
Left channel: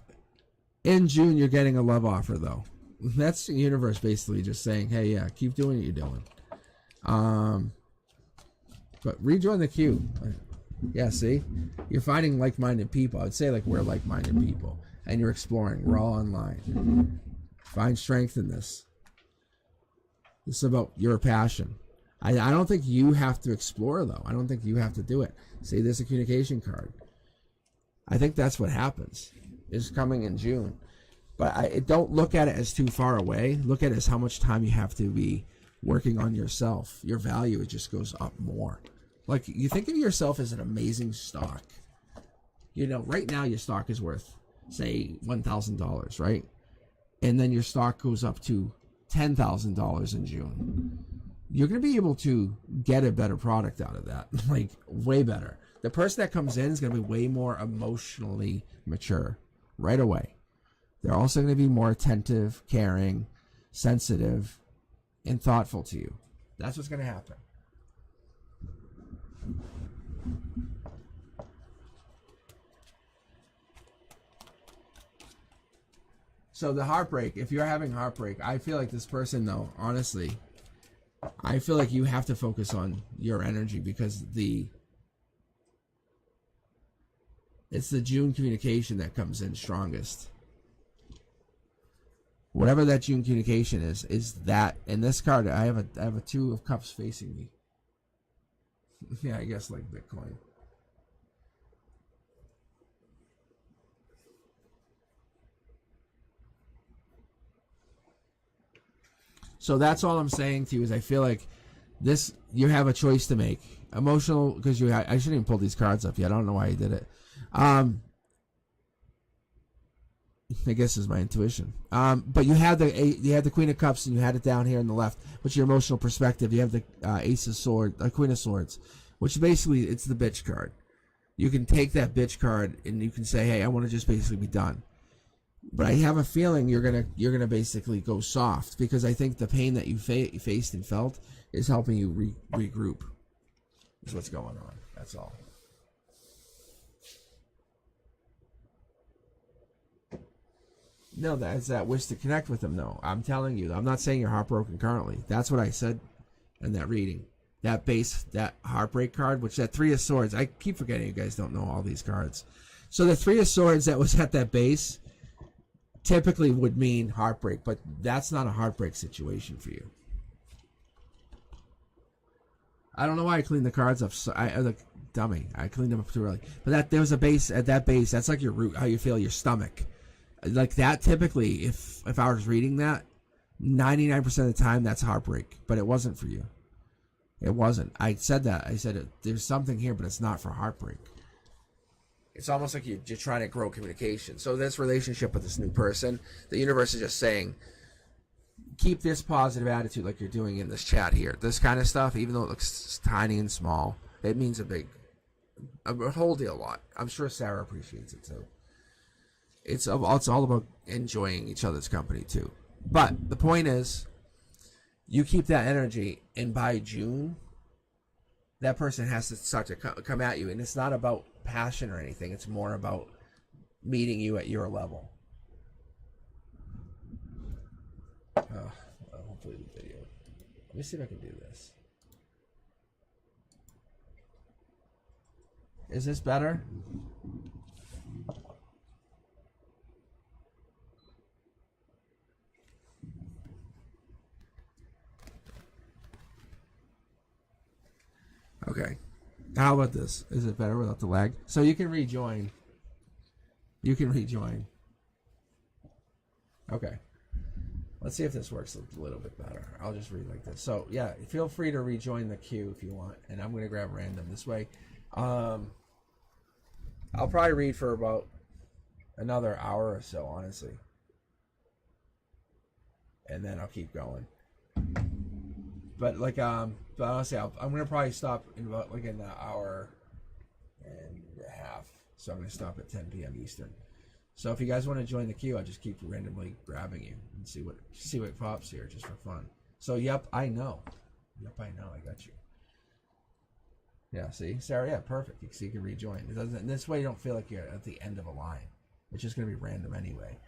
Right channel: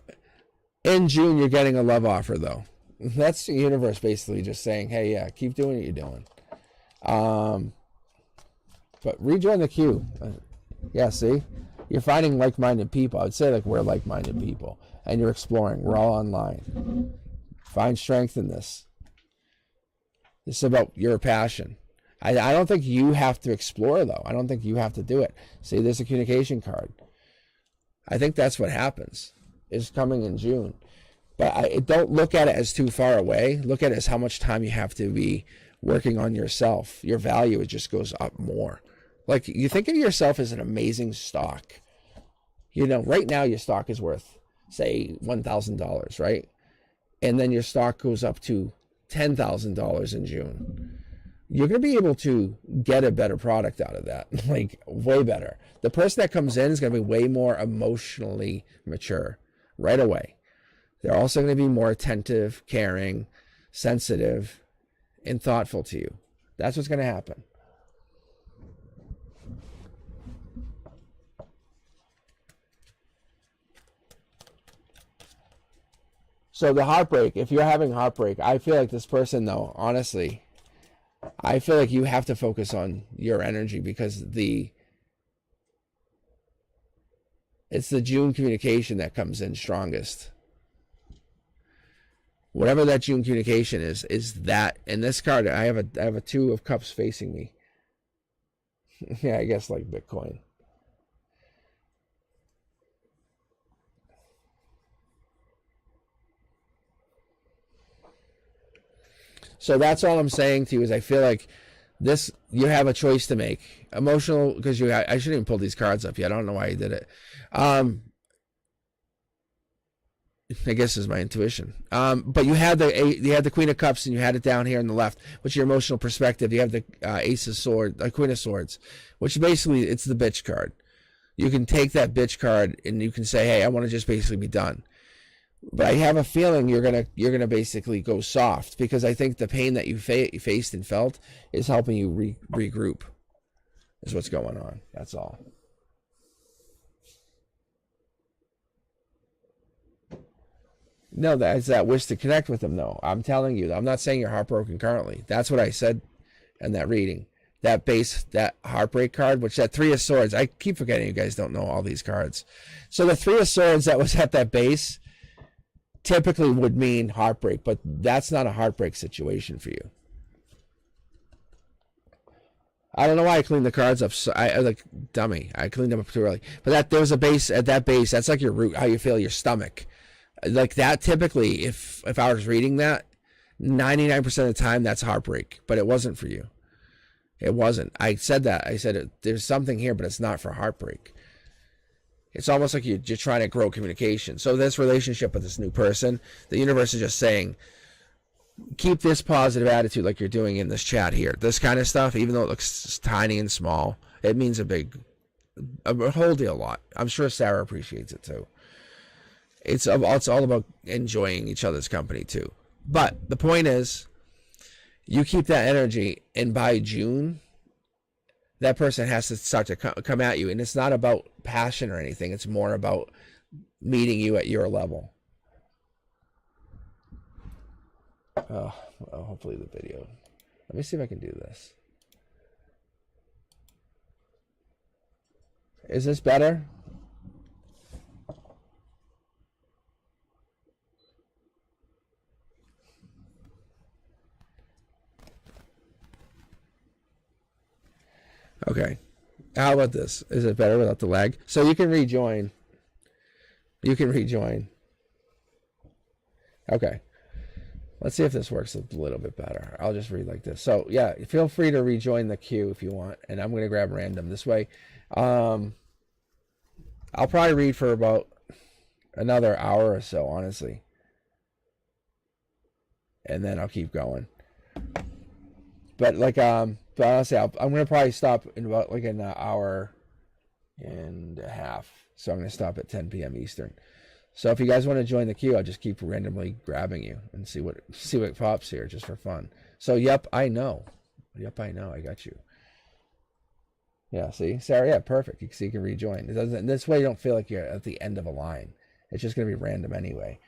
In June, you're getting a love offer, though. That's the universe basically just saying, hey, yeah, keep doing what you're doing. But rejoin the queue. Yeah, see? You're finding like-minded people. I would say like we're like-minded people. And you're exploring. We're all online. Find strength in this. This is about your passion. I don't think you have to explore, though. I don't think you have to do it. See, there's a communication card. I think that's what happens. It's coming in June. But don't look at it as too far away. Look at it as how much time you have to be working on yourself. Your value, it just goes up more. Like, you think of yourself as an amazing stock. You know, right now your stock is worth, say, $1,000, right? And then your stock goes up to $10,000 in June. You're going to be able to get a better product out of that, like way better. The person that comes in is going to be way more emotionally mature right away. They're also going to be more attentive, caring, sensitive, and thoughtful to you. That's what's going to happen. So the heartbreak, if you're having heartbreak, I feel like this person, though, honestly, I feel like you have to focus on your energy because it's the June communication that comes in strongest. Whatever that June communication is that. In this card, I have a Two of Cups facing me. Yeah, I guess like Bitcoin. So that's all I'm saying to you is I feel like this, you have a choice to make. Emotional, because I shouldn't even pull these cards up yet. I don't know why I did it. I guess is my intuition. But you had the Queen of Cups and you had it down here on the left, which is your emotional perspective. You have the Ace of Swords, Queen of Swords, which basically it's the bitch card. You can take that bitch card and you can say, hey, I want to just basically be done. But I have a feeling you're gonna basically go soft because I think the pain that you faced and felt is helping you regroup. Is what's going on. That's all. No, that's that wish to connect with them, though. I'm telling you, I'm not saying you're heartbroken currently. That's what I said in that reading. that base, that heartbreak card, which that 3 of Swords, I keep forgetting you guys don't know all these cards. So the 3 of Swords that was at that base typically would mean heartbreak, but that's not a heartbreak situation for you. I don't know why I cleaned the cards up. So I like dummy. I cleaned them up too early. But there's a base at that base. That's like your root, how you feel your stomach. Like that typically, if I was reading that, 99% of the time that's heartbreak. But it wasn't for you. It wasn't. I said that. I said there's something here, but it's not for heartbreak. It's almost like you're trying to grow communication. So this relationship with this new person, the universe is just saying, keep this positive attitude like you're doing in this chat here. This kind of stuff, even though it looks tiny and small, it means a whole deal a lot. I'm sure Sarah appreciates it too. It's all about enjoying each other's company too. But the point is, you keep that energy, and by June, that person has to start to come at you. And it's not about passion or anything. It's more about meeting you at your level. Oh, hopefully the video. Let me see if I can do this. Is this better? Okay. How about this? Is it better without the lag? So you can rejoin. You can rejoin. Okay. Let's see if this works a little bit better. I'll just read like this. So yeah, feel free to rejoin the queue if you want. And I'm going to grab random this way. I'll probably read for about another hour or so, honestly. And then I'll keep going. But like, but honestly, I'm going to probably stop in about like an hour and a half. So I'm going to stop at 10 p.m. Eastern. So if you guys want to join the queue, I'll just keep randomly grabbing you and see what pops here just for fun. So yep, I know. Yep, I know. I got you. Yeah, see? Sarah, yeah, perfect. So you can rejoin. It doesn't, this way you don't feel like you're at the end of a line. It's just going to be random anyway.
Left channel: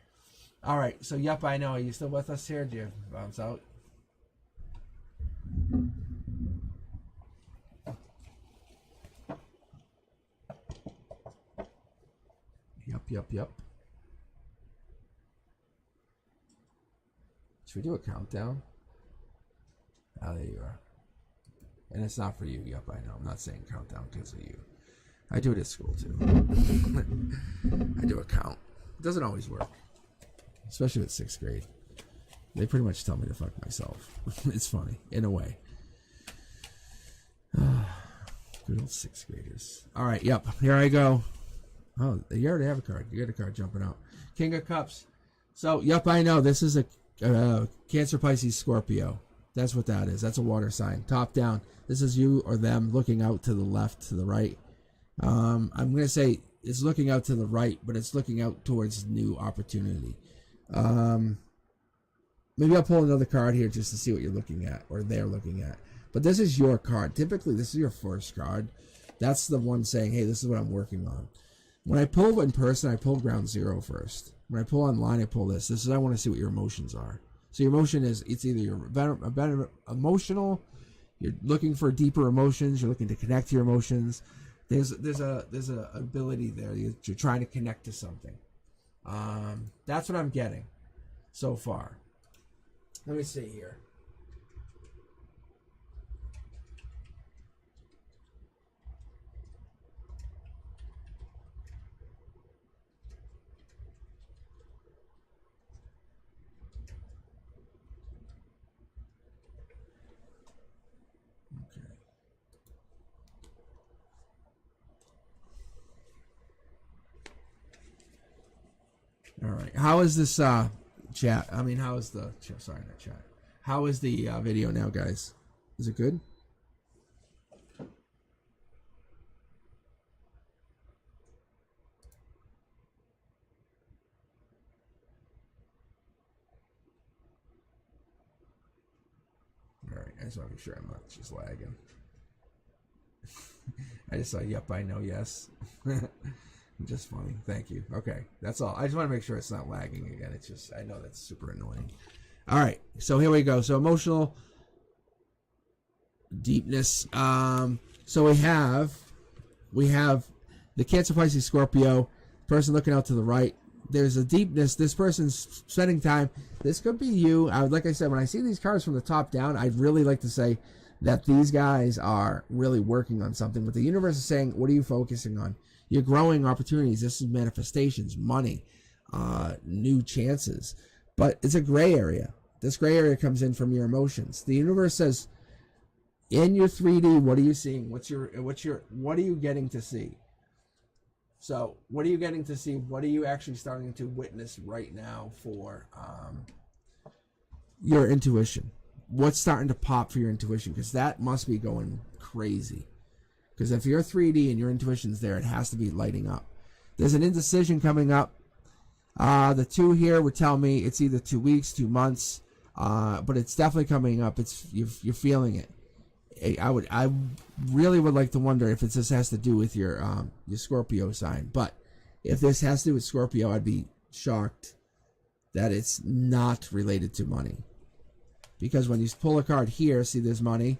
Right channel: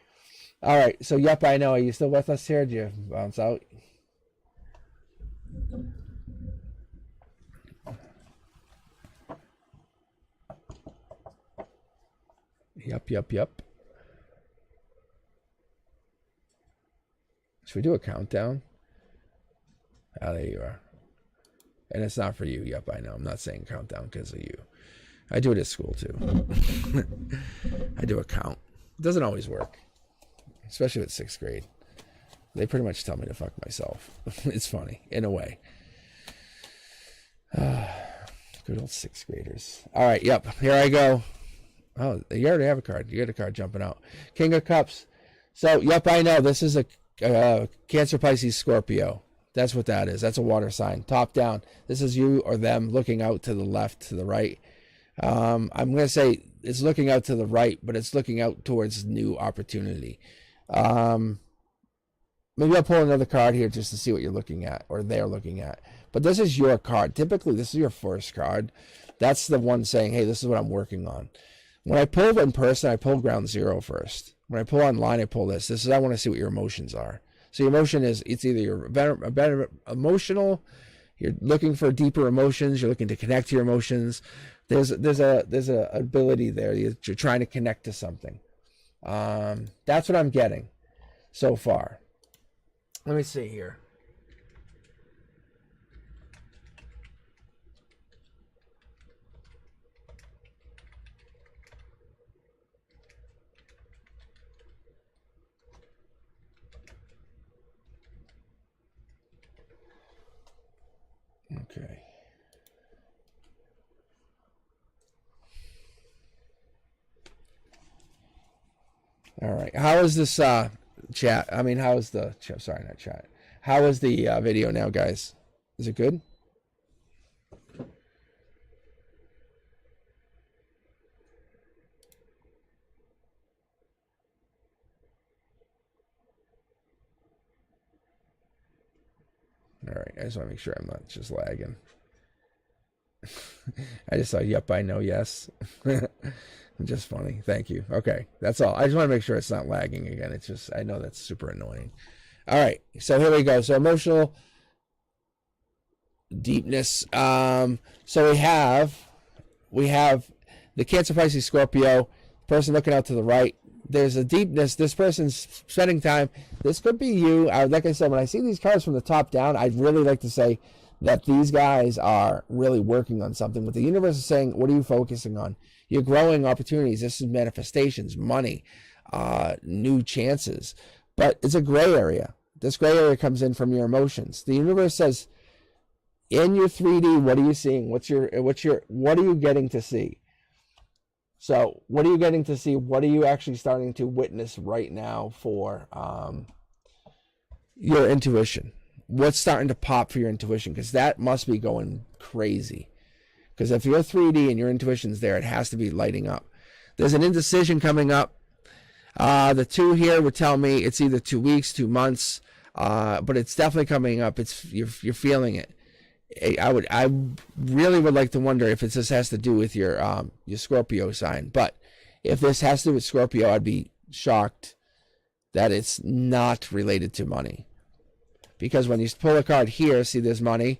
All right, so yep, I know. Are you still with us here? Do you bounce out? Yep. Should we do a countdown? Ah, there you are. And it's not for you. Yep, I know. I'm not saying countdown because of you. I do it at school too. I do a count. It doesn't always work. Especially with 6th grade. They pretty much tell me to fuck myself. It's funny, in a way. Good old 6th graders. All right, yep. Here I go. Oh, you already have a card. You got a card jumping out. King of Cups. So, yep, I know. This is a Cancer, Pisces, Scorpio. That's what that is. That's a water sign. Top down. This is you or them looking out to the left, to the right. I'm going to say it's looking out to the right, but it's looking out towards new opportunity. Maybe I'll pull another card here just to see what you're looking at or they're looking at. But this is your card. Typically, this is your first card. That's the one saying, hey, this is what I'm working on. When I pull in person, I pull ground zero first. When I pull online, I pull this. This is I want to see what your emotions are. So your emotion is, it's either you're better emotional, you're looking for deeper emotions, you're looking to connect to your emotions. There's a ability there. You're trying to connect to something. That's what I'm getting so far. Let me see here. Okay. All right. How is this chat? I mean, how is the sorry, not chat. How is the video now, guys? Is it good? All right. I just want to make sure I'm not just lagging. I just saw, yep, I know, yes. Just funny. Thank you. Okay, that's all. I just want to make sure it's not lagging again. It's just, I know that's super annoying. All right, so here we go. So emotional, deepness. So we have the Cancer, Pisces, Scorpio person looking out to the right. There's a deepness. This person's spending time. This could be you. Like I said, when I see these cards from the top down, I'd really like to say that these guys are really working on something. But the universe is saying, what are you focusing on? You're growing opportunities. This is manifestations, money, new chances. But it's a gray area. This gray area comes in from your emotions. The universe says, in your 3D, what are you seeing? What are you getting to see? So what are you getting to see? What are you actually starting to witness right now for your intuition? What's starting to pop for your intuition? Because that must be going crazy. Because if you're 3D and your intuition's there, it has to be lighting up. There's an indecision coming up. The 2 here would tell me it's either 2 weeks, 2 months, but it's definitely coming up. You're feeling it. I really would like to wonder if this has to do with your Scorpio sign. But if this has to do with Scorpio, I'd be shocked that it's not related to money. Because when you pull a card here, see there's money,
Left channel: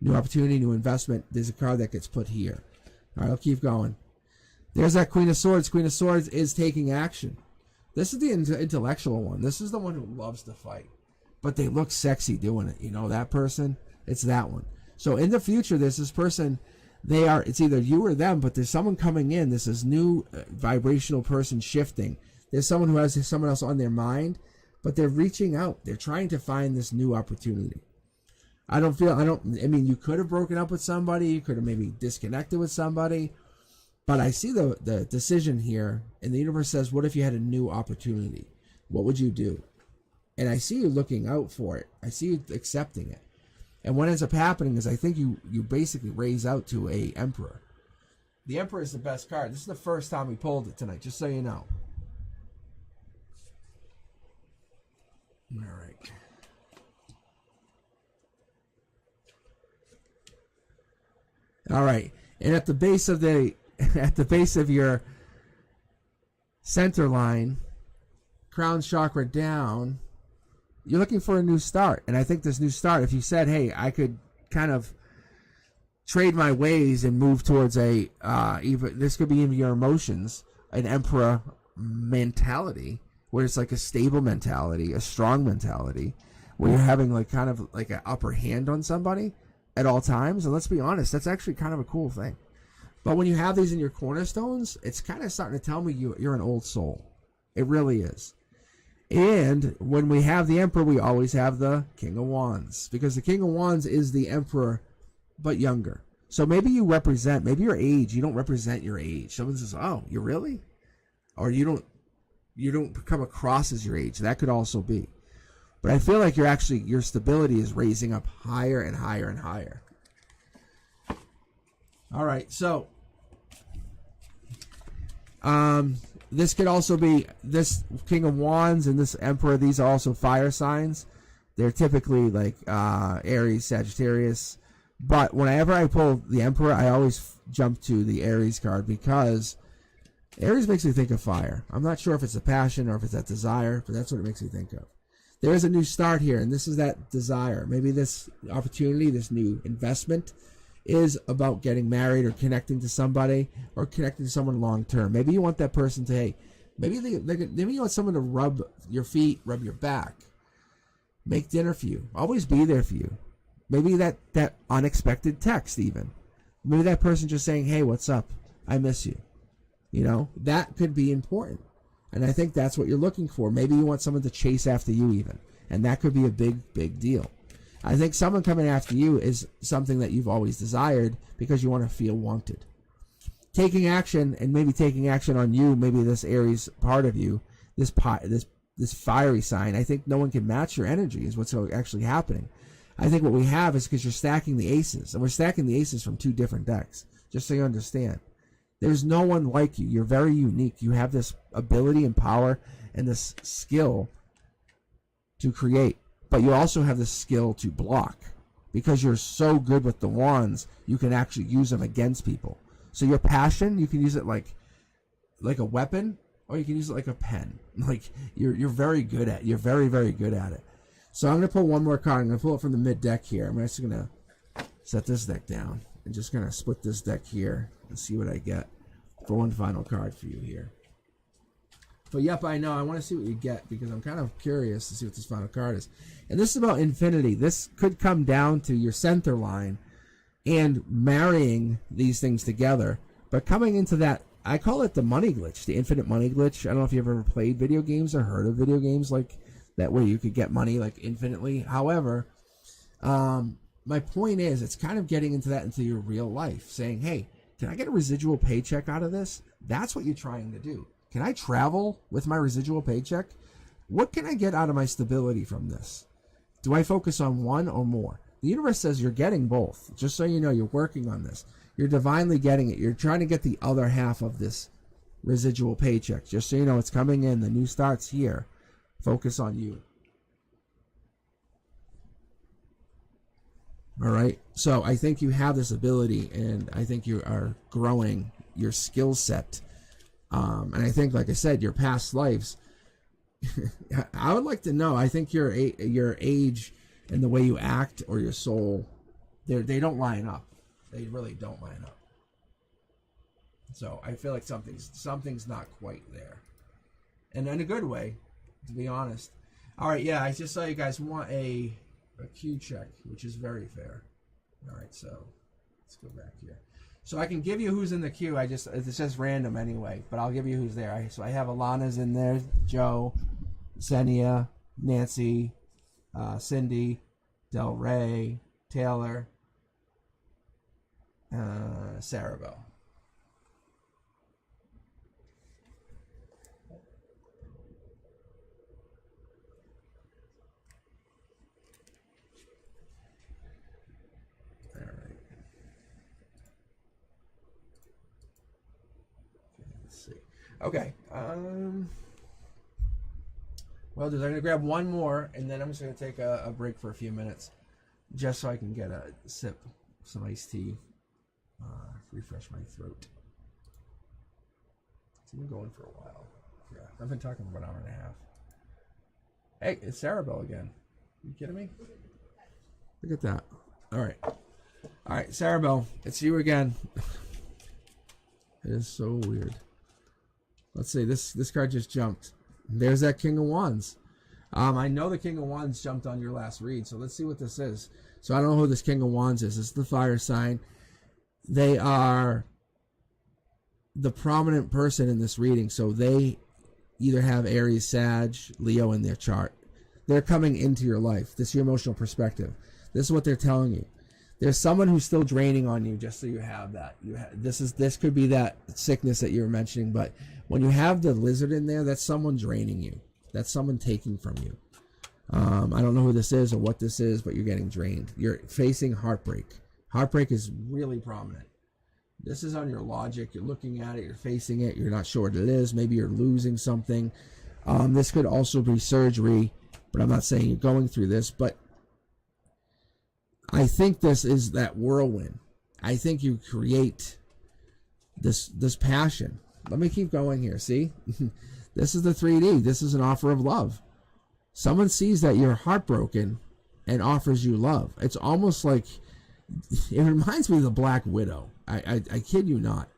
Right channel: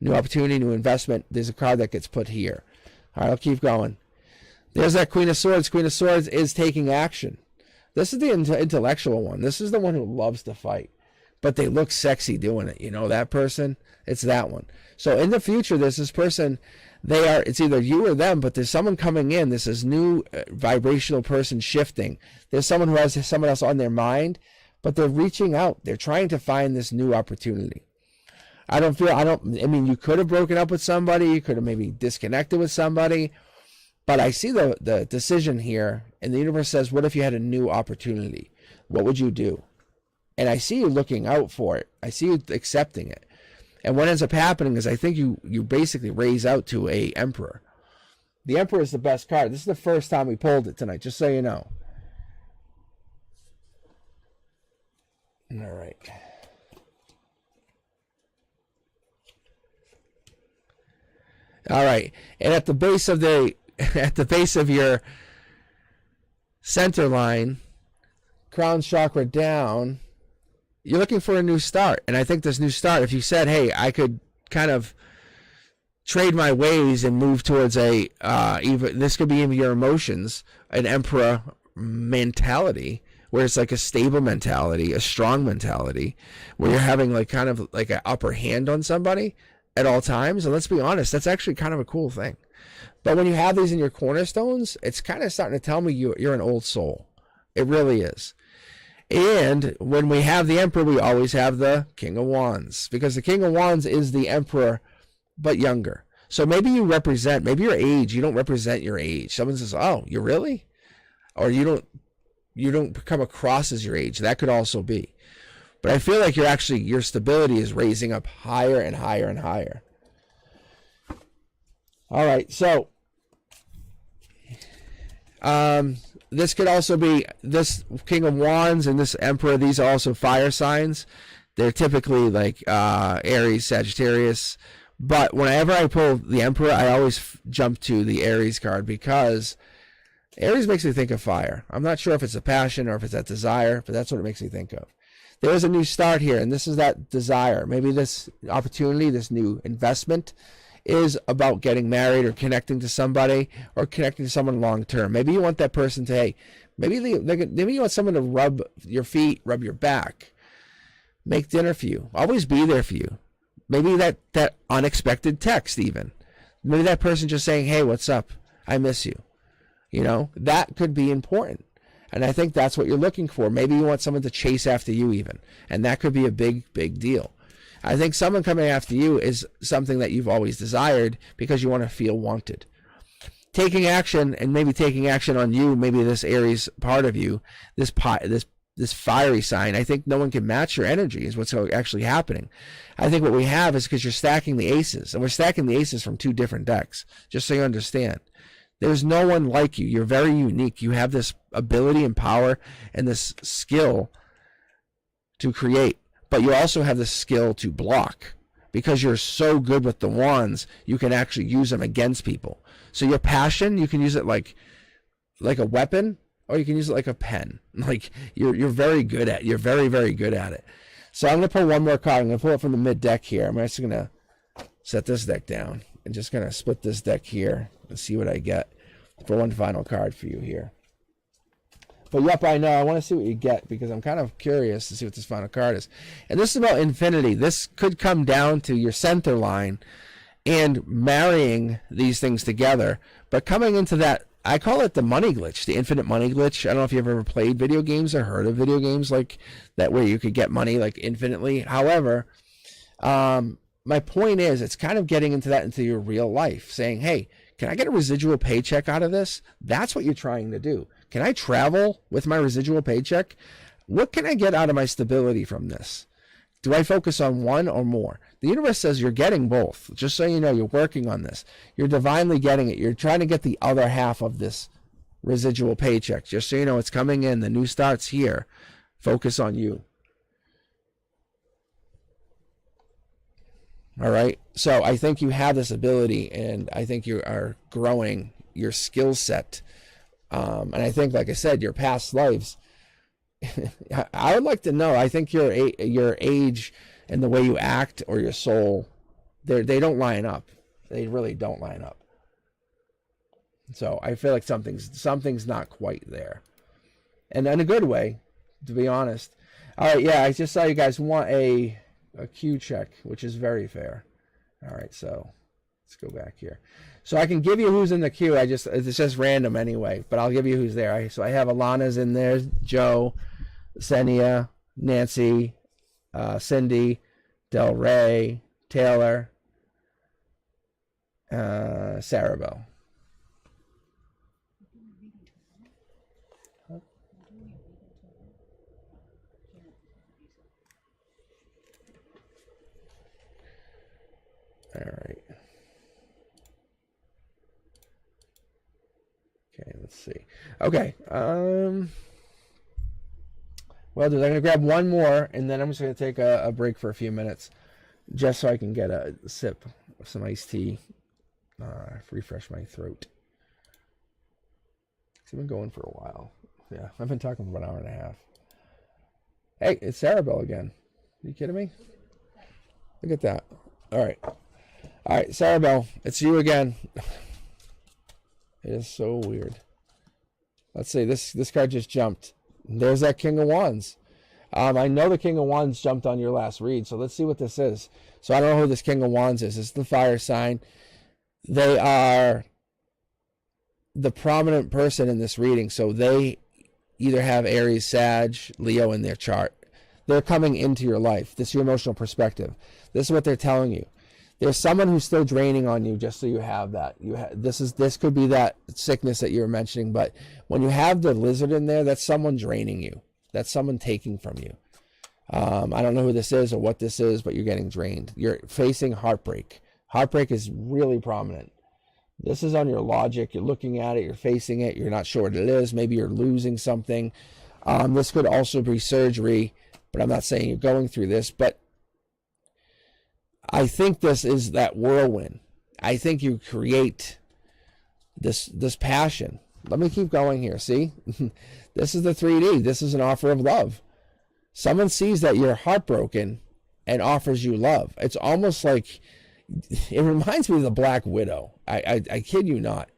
new opportunity, new investment. There's a card that gets put here. All right, I'll keep going. There's that Queen of Swords. Queen of Swords is taking action. This is the intellectual one. This is the one who loves to fight. But they look sexy doing it. You know, that person, it's that one. So in the future, there's this person, it's either you or them, but there's someone coming in. This is new vibrational person shifting. There's someone who has someone else on their mind, but they're reaching out. They're trying to find this new opportunity. I mean, you could have broken up with somebody. You could have maybe disconnected with somebody. But I see the decision here, and the universe says, what if you had a new opportunity? What would you do? And I see you looking out for it. I see you accepting it. And what ends up happening is I think you basically raise out to a Emperor. The Emperor is the best card. This is the first time we pulled it tonight, just so you know. All right. All right. And at the base of your center line, crown chakra down, you're looking for a new start. And I think this new start, if you said, hey, I could kind of trade my ways and move towards this could be even your emotions, an Emperor mentality, where it's like a stable mentality, a strong mentality, where you're having like kind of like an upper hand on somebody at all times. And let's be honest, that's actually kind of a cool thing. But when you have these in your cornerstones, it's kind of starting to tell me you're an old soul. It really is. And when we have the Emperor, we always have the King of Wands, because the King of Wands is the Emperor, but younger. So maybe maybe your age, you don't represent your age. Someone says, oh, you really? Or you don't come across as your age. That could also be. But I feel like your stability is raising up higher and higher and higher. All right, so this could also be this King of Wands and this Emperor. These are also fire signs. They're typically like Aries, Sagittarius. But whenever I pull the Emperor, I always jump to the Aries card, because Aries makes me think of fire. I'm not sure if it's a passion or if it's that desire, but that's what it makes me think of. There is a new start here, and this is that desire. Maybe this opportunity, this new investment, is about getting married or connecting to somebody or connecting to someone long term. Maybe you want that person to, hey, maybe you want someone to rub your feet, rub your back, make dinner for you, always be there for you. Maybe that unexpected text even. Maybe that person just saying, hey, what's up? I miss you. You know, that could be important. And I think that's what you're looking for. Maybe you want someone to chase after you even. And that could be a big, big deal. I think someone coming after you is something that you've always desired because you want to feel wanted. Taking action, and maybe taking action on you, maybe this Aries part of you, this fiery sign, I think no one can match your energy is what's actually happening. I think what we have is because you're stacking the aces, and we're stacking the aces from 2 different decks, just so you understand. There's no one like you. You're very unique. You have this ability and power and this skill to create. But you also have the skill to block. Because you're so good with the wands, you can actually use them against people. So your passion, you can use it like a weapon, or you can use it like a pen. Like you're very good at it. You're very, very good at it. So I'm going to pull one more card. I'm going to pull it from the mid deck here. I'm just going to set this deck down. I'm just going to split this deck here and see what I get for one final card for you here. But yep, I know. I want to see what you get because I'm kind of curious to see what this final card is. And this is about infinity. This could come down to your center line and marrying these things together. But coming into that, I call it the money glitch, the infinite money glitch. I don't know if you've ever played video games or heard of video games like that where you could get money like infinitely. However, my point is it's kind of getting into that into your real life, saying, hey, can I get a residual paycheck out of this? That's what you're trying to do. Can I travel with my residual paycheck? What can I get out of my stability from this? Do I focus on one or more? The universe says you're getting both. Just so you know, you're working on this. You're divinely getting it. You're trying to get the other half of this residual paycheck. Just so you know, it's coming in. The new start's here. Focus on you. All right? So I think you have this ability, and I think you are growing your skill set. And I think, like I said, your past lives, I would like to know. I think your age and the way you act or your soul, they don't line up. They really don't line up. So I feel like something's not quite there, and in a good way, to be honest. All right, yeah, I just saw you guys want a Q check, which is very fair. All right, so let's go back here. So I can give you who's in the queue. It's just random anyway, but I'll give you who's there. So I have Alana's in there, Joe, Senia, Nancy, Cindy, Del Rey, Taylor, Sarah Bell. All right. Okay, let's see. Okay. Well, dude, I'm going to grab one more, and then I'm just going to take a break for a few minutes, just so I can get a sip of some iced tea, refresh my throat. It's been going for a while. Yeah, I've been talking for about an hour and a half. Hey, it's Sarah Bell again. Are you kidding me? Look at that. All right, Sarah Bell, it's you again. It is so weird. Let's see, this card just jumped. There's that King of Wands. I know the King of Wands jumped on your last read, so let's see what this is. So I don't know who this King of Wands is. It's the fire sign. They are the prominent person in this reading, so they either have Aries, Sag, Leo in their chart. They're coming into your life. This is your emotional perspective. This is what they're telling you. There's someone who's still draining on you, just so you have that. This could be that sickness that you were mentioning, but when you have the lizard in there, that's someone draining you. That's someone taking from you. I don't know who this is or what this is, but you're getting drained. You're facing heartbreak. Heartbreak is really prominent. This is on your logic. You're looking at it. You're facing it. You're not sure what it is. Maybe you're losing something. This could also be surgery, but I'm not saying you're going through this. But I think this is that whirlwind. I think you create this passion. Let me keep going here. See? This is the 3D. This is an offer of love. Someone sees that you're heartbroken and offers you love. It's almost like, it reminds me of the Black Widow. I kid you not.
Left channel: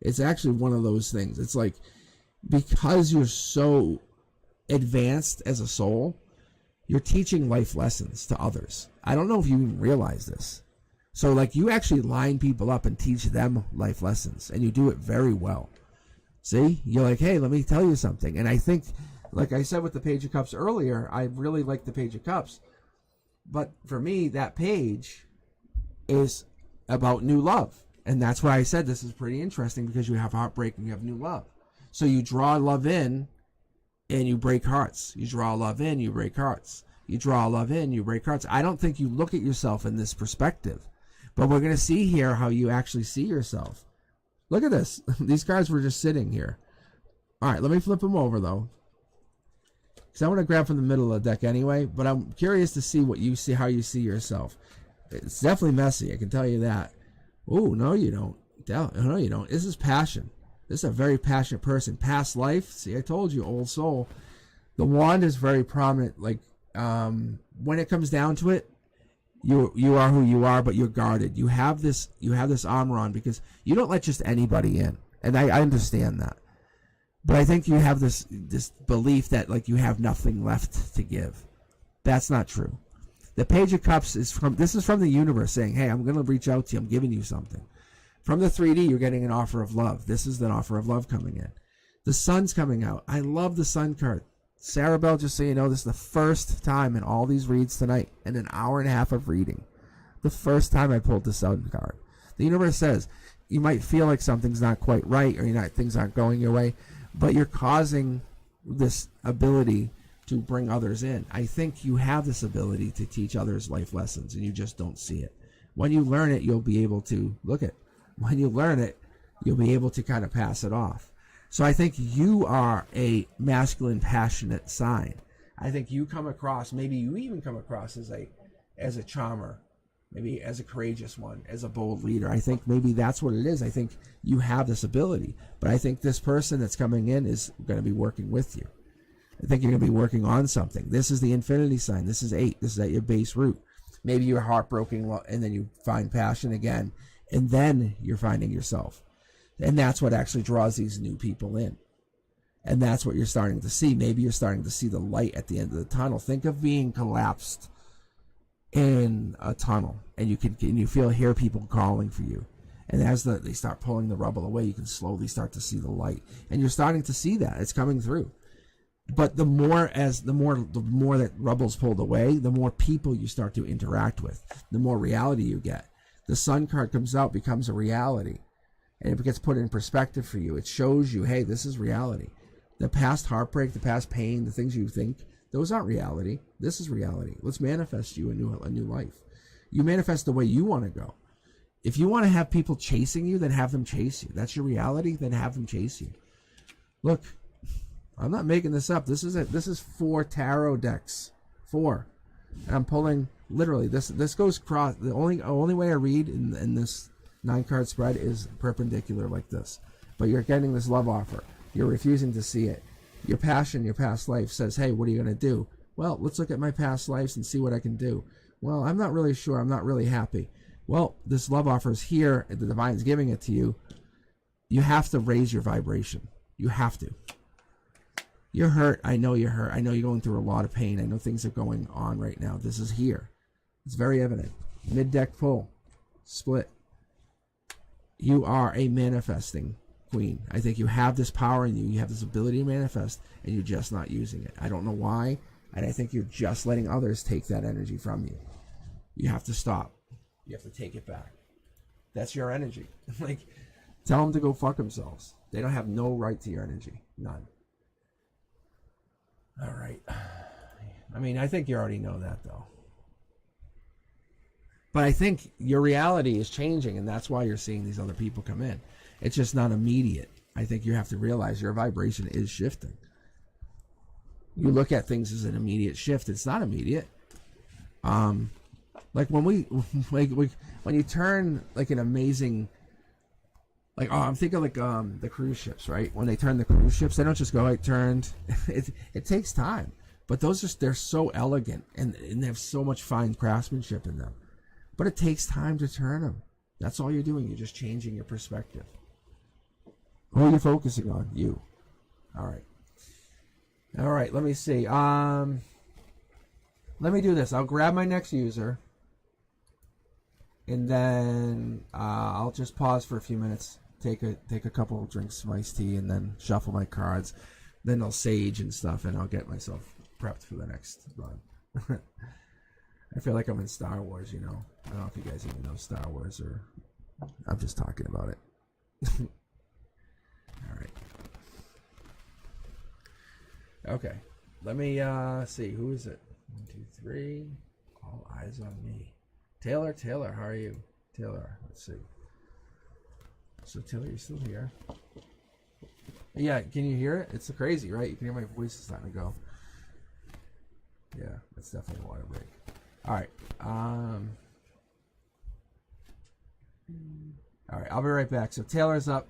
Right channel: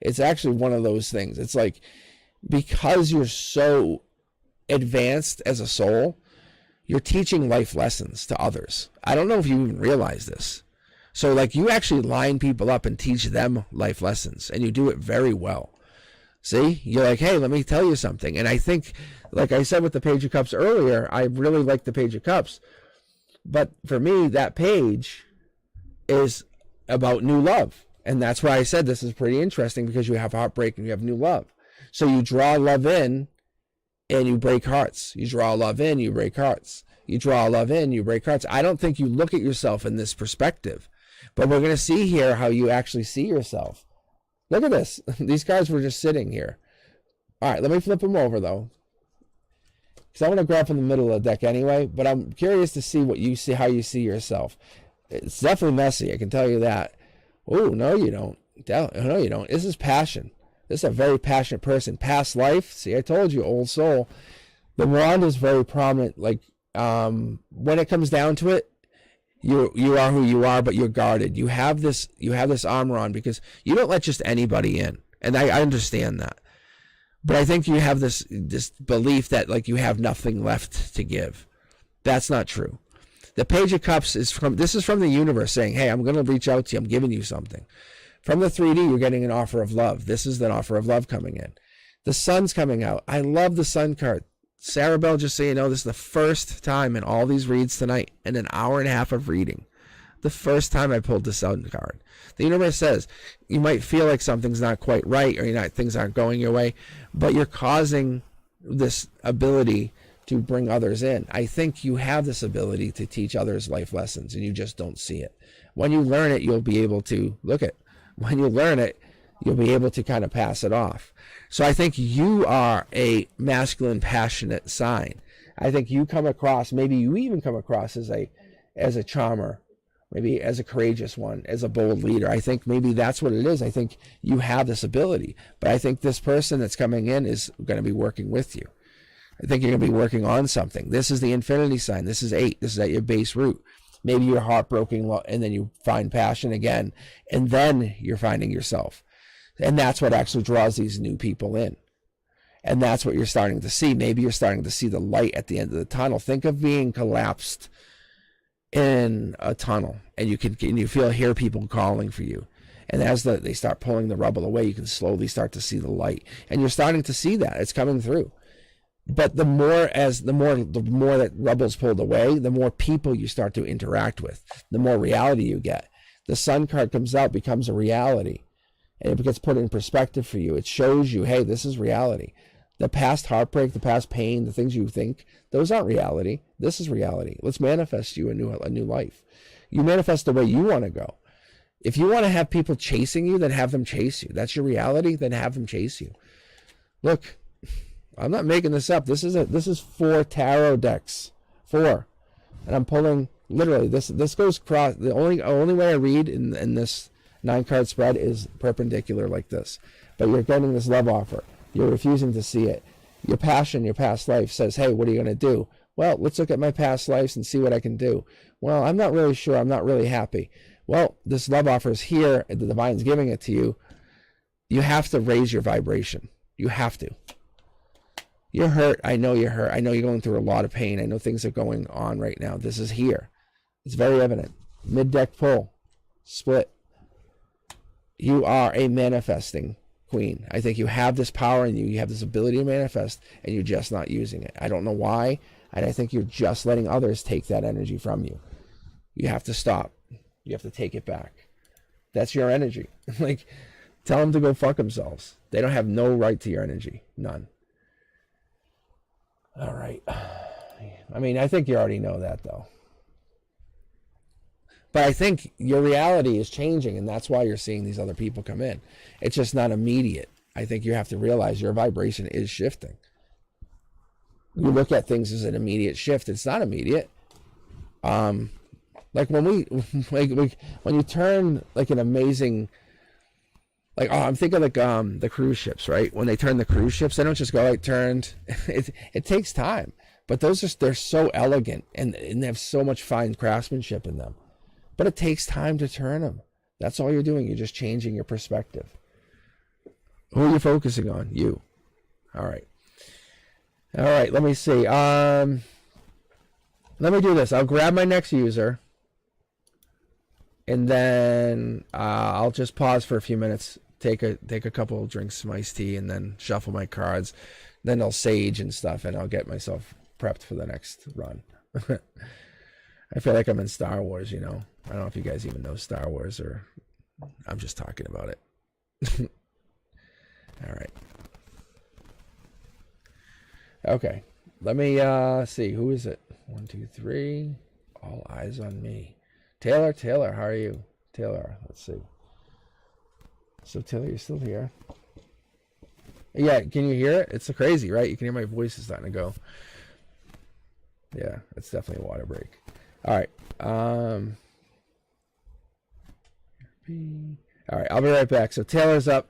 It's actually one of those things. It's like, because you're so advanced as a soul, you're teaching life lessons to others. I don't know if you even realize this. So like, you actually line people up and teach them life lessons, and you do it very well. See, you're like, hey, let me tell you something. And I think, like I said with the Page of Cups earlier, I really like the Page of Cups. But for me, that page is about new love. And that's why I said this is pretty interesting, because you have heartbreak and you have new love. So you draw love in and you break hearts. You draw love in, you break hearts. You draw love in, you break hearts. I don't think you look at yourself in this perspective. But we're going to see here how you actually see yourself. Look at this. These cards were just sitting here. All right, let me flip them over, though, because I want to grab from the middle of the deck anyway, but I'm curious to see what you see, how you see yourself. It's definitely messy, I can tell you that. Oh, no, you don't. No, you don't. This is passion. This is a very passionate person. Past life. See, I told you, old soul. The wand is very prominent. Like, when it comes down to it, You are who you are, but you're guarded. You have this armor on because you don't let just anybody in. And I understand that. But I think you have this belief that like you have nothing left to give. That's not true. The Page of Cups is from the universe saying, hey, I'm going to reach out to you. I'm giving you something. From the 3D, you're getting an offer of love. This is an offer of love coming in. The Sun's coming out. I love the Sun card. Sarah Bell, just so you know, this is the first time in all these reads tonight, in an hour and a half of reading, the first time I pulled the Sun card. The universe says you might feel like something's not quite right or things aren't going your way, but you're causing this ability to bring others in. I think you have this ability to teach others life lessons, and you just don't see it. When you learn it, you'll be able to when you learn it, you'll be able to kind of pass it off. So I think you are a masculine, passionate sign. I think you come across, maybe you even come across as a charmer, maybe as a courageous one, as a bold leader. I think maybe that's what it is. I think you have this ability, but I think this person that's coming in is going to be working with you. I think you're going to be working on something. This is the infinity sign. This is 8. This is at your base root. Maybe you're heartbroken, and then you find passion again, and then you're finding yourself. And that's what actually draws these new people in. And that's what you're starting to see. Maybe you're starting to see the light at the end of the tunnel. Think of being collapsed in a tunnel, and you hear people calling for you. And as they start pulling the rubble away, you can slowly start to see the light. And you're starting to see that. It's coming through. But the more that rubble's pulled away, the more people you start to interact with, the more reality you get. The Sun card comes out, becomes a reality, and it gets put in perspective for you. It shows you, hey, this is reality. The past heartbreak, the past pain, the things you think, those aren't reality. This is reality. Let's manifest you a new life. You manifest the way you want to go. If you want to have people chasing you, then have them chase you. That's your reality, then have them chase you. Look, I'm not making this up. This is 4 tarot decks. 4. And I'm pulling, literally, this goes across. The only way I read in this 9-card spread is perpendicular like this. But you're getting this love offer. You're refusing to see it. Your passion, your past life says, hey, what are you going to do? Well, let's look at my past lives and see what I can do. Well, I'm not really sure. I'm not really happy. Well, this love offer is here. The divine's giving it to you. You have to raise your vibration. You have to. You're hurt. I know you're hurt. I know you're going through a lot of pain. I know things are going on right now. This is here. It's very evident. Mid-deck pull. Split. You are a manifesting queen. I think you have this power in you. You have this ability to manifest, and you're just not using it. I don't know why, and I think you're just letting others take that energy from you. You have to stop. You have to take it back. That's your energy. Like, tell them to go fuck themselves. They don't have no right to your energy. None. All right. I mean, I think you already know that, though. But I think your reality is changing, and that's why you're seeing these other people come in. It's just not immediate. I think you have to realize your vibration is shifting. You look at things as an immediate shift. It's not immediate. Like when when you turn like an amazing, like, oh, I'm thinking like the cruise ships, right? When they turn the cruise ships, they don't just go like turned. It takes time, but they're so elegant and they have so much fine craftsmanship in them. But it takes time to turn them. That's all you're doing. You're just changing your perspective. Who are you focusing on? You. All right. All right. Let me see. Let me do this. I'll grab my next user, and then I'll just pause for a few minutes, take a couple of drinks, some iced tea, and then shuffle my cards. Then I'll sage and stuff, and I'll get myself prepped for the next run. I feel like I'm in Star Wars, you know. I don't know if you guys even know Star Wars, or I'm just talking about it. All right. Okay. Let me see. Who is it? 1, 2, 3. All eyes on me. Taylor, how are you? Taylor, let's see. So, Taylor, you're still here? Yeah, can you hear it? It's so crazy, right? You can hear my voice is starting to go. Yeah, it's definitely a water break. All right. All right, I'll be right back. So Taylor's up.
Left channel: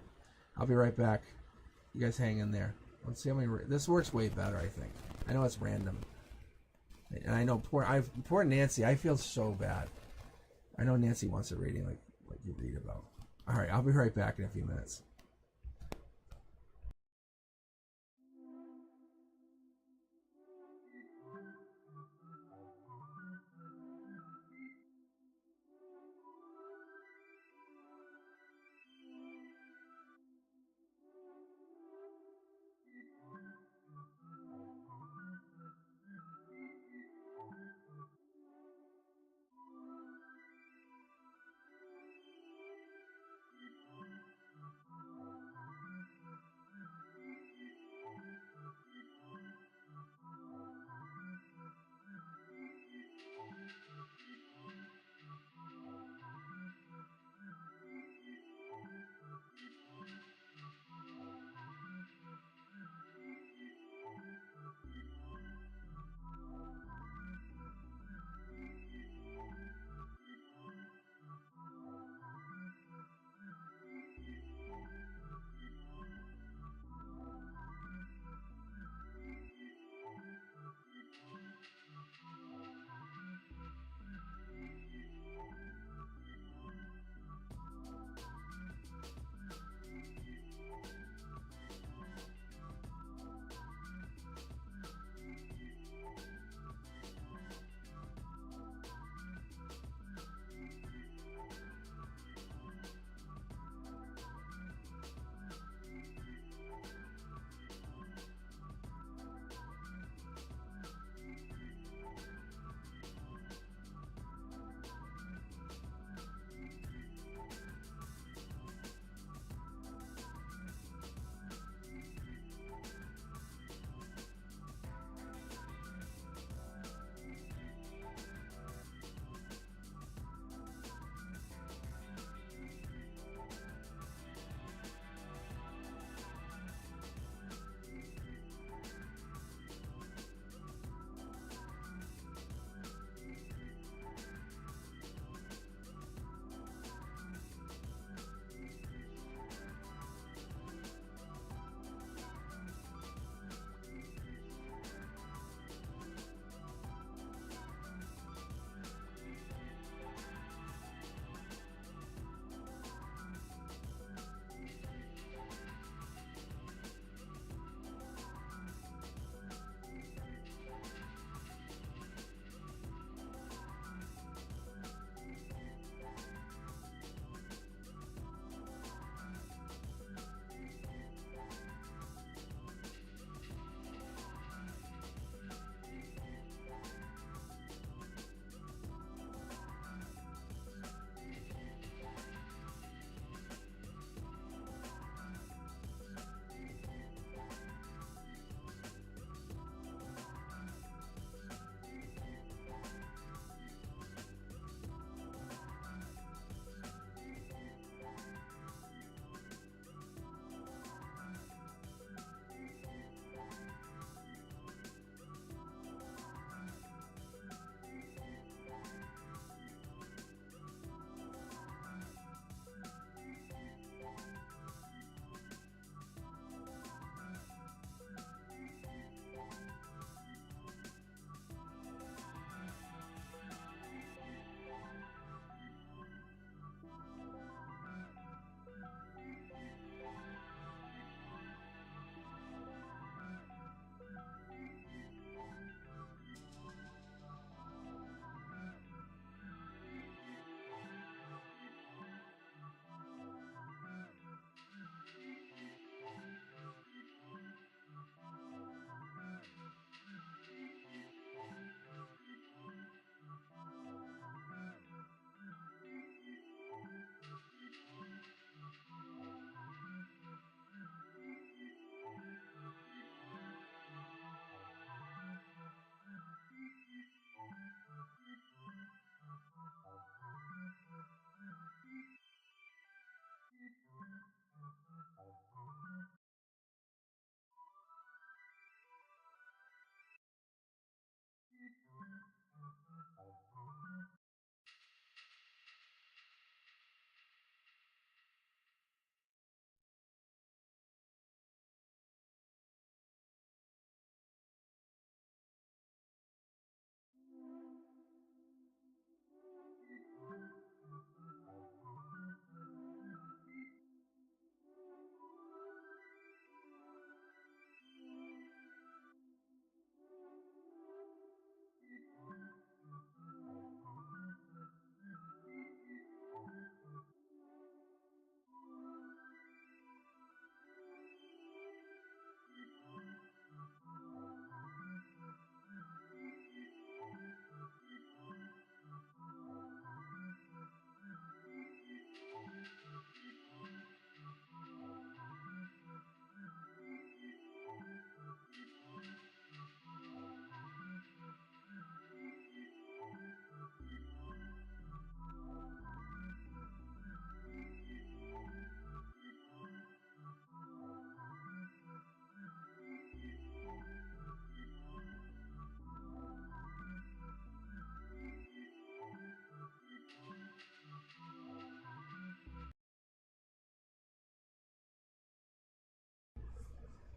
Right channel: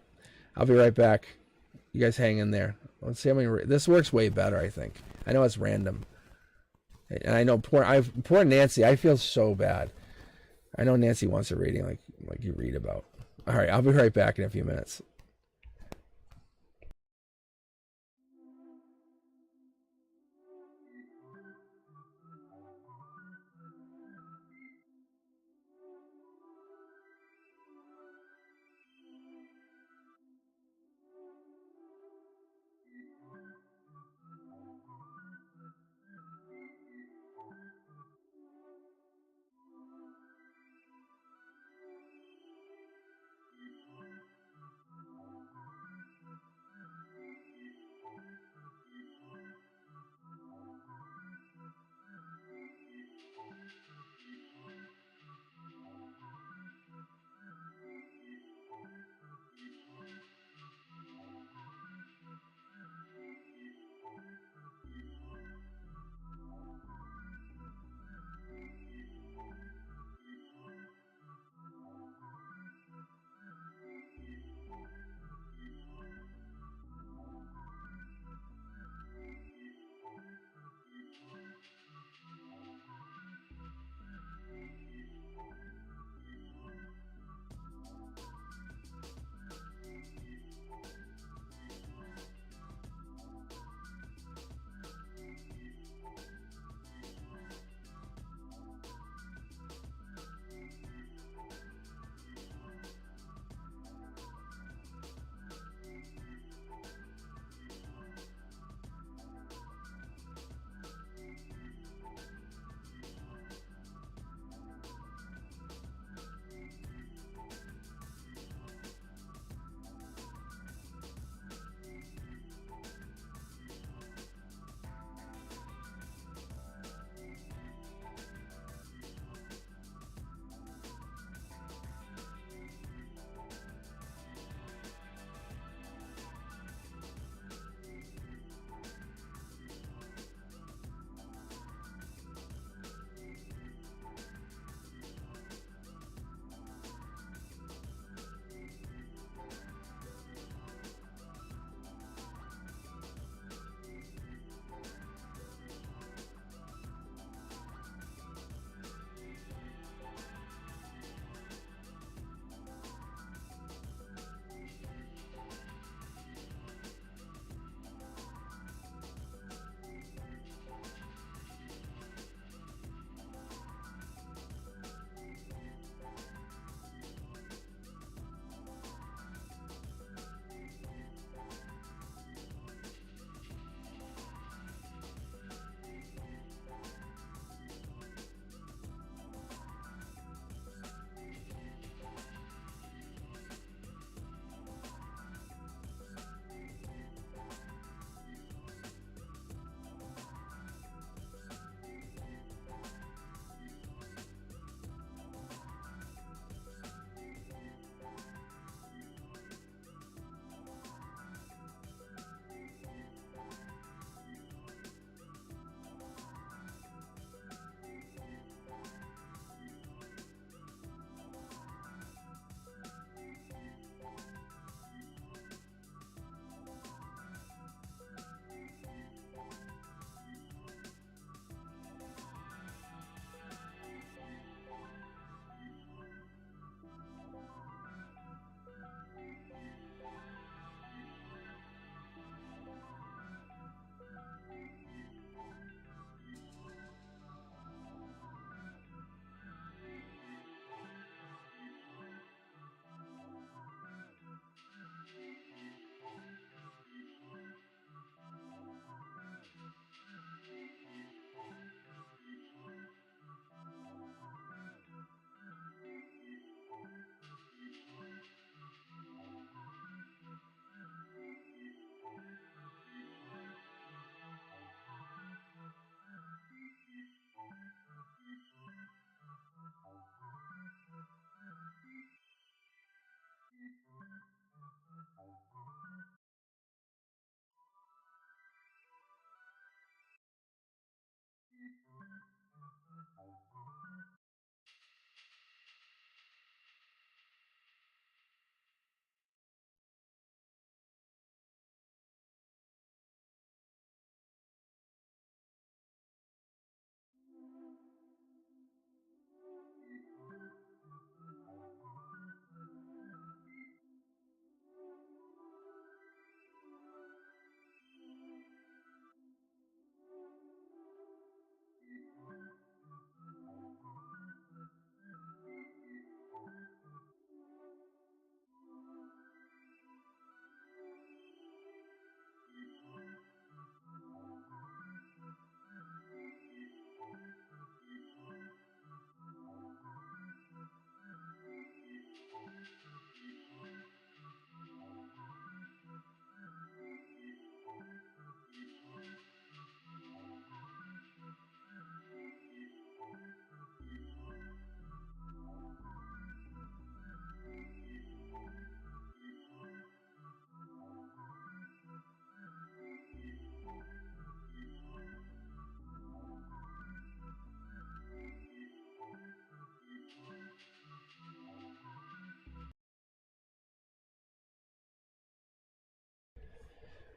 I'll be right back. You guys hang in there. Let's see how many. This works way better, I think. I know it's random, and I know poor Nancy. I feel so bad. I know Nancy wants a rating like you read about. All right, I'll be right back in a few minutes.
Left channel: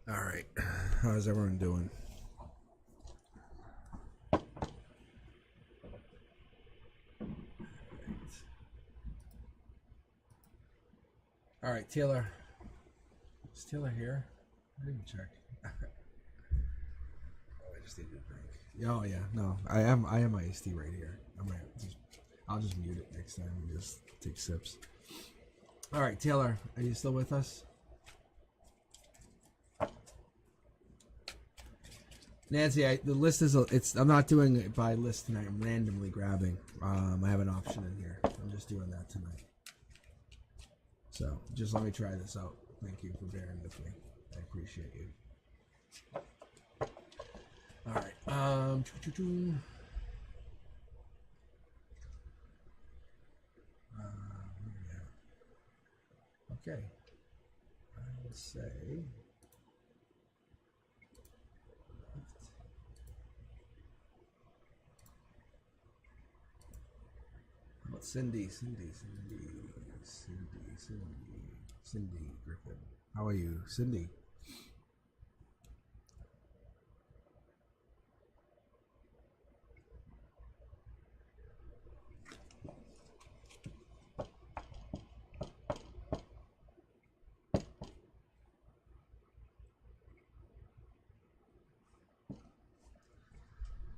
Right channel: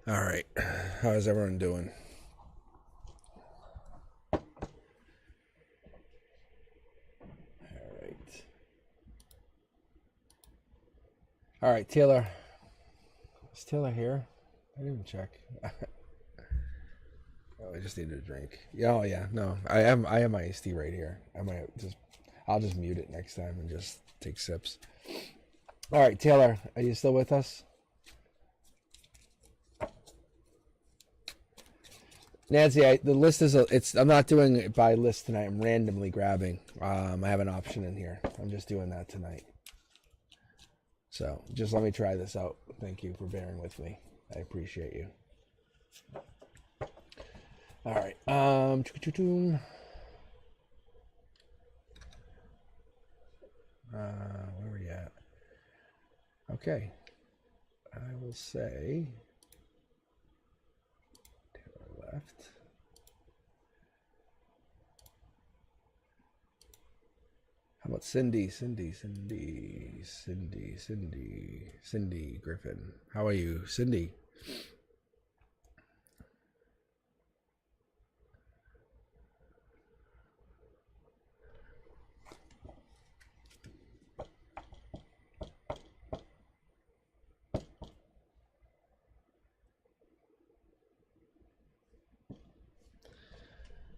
All right. How's everyone doing? All right. All right, Taylor. Is Taylor here? I didn't even check. Oh, I just need a drink. Yeah, oh yeah, no, I have my iced tea right here. I'll just mute it next time and just take sips. All right, Taylor, are you still with us? Nancy, the list is I'm not doing it by list tonight. I'm randomly grabbing. I have an option in here. I'm just doing that tonight. So just let me try this out. Thank you for bearing with me. I appreciate you. All right. Where are we at? Okay. I will say Taylor left. How about Cindy Griffin? How are you, Cindy?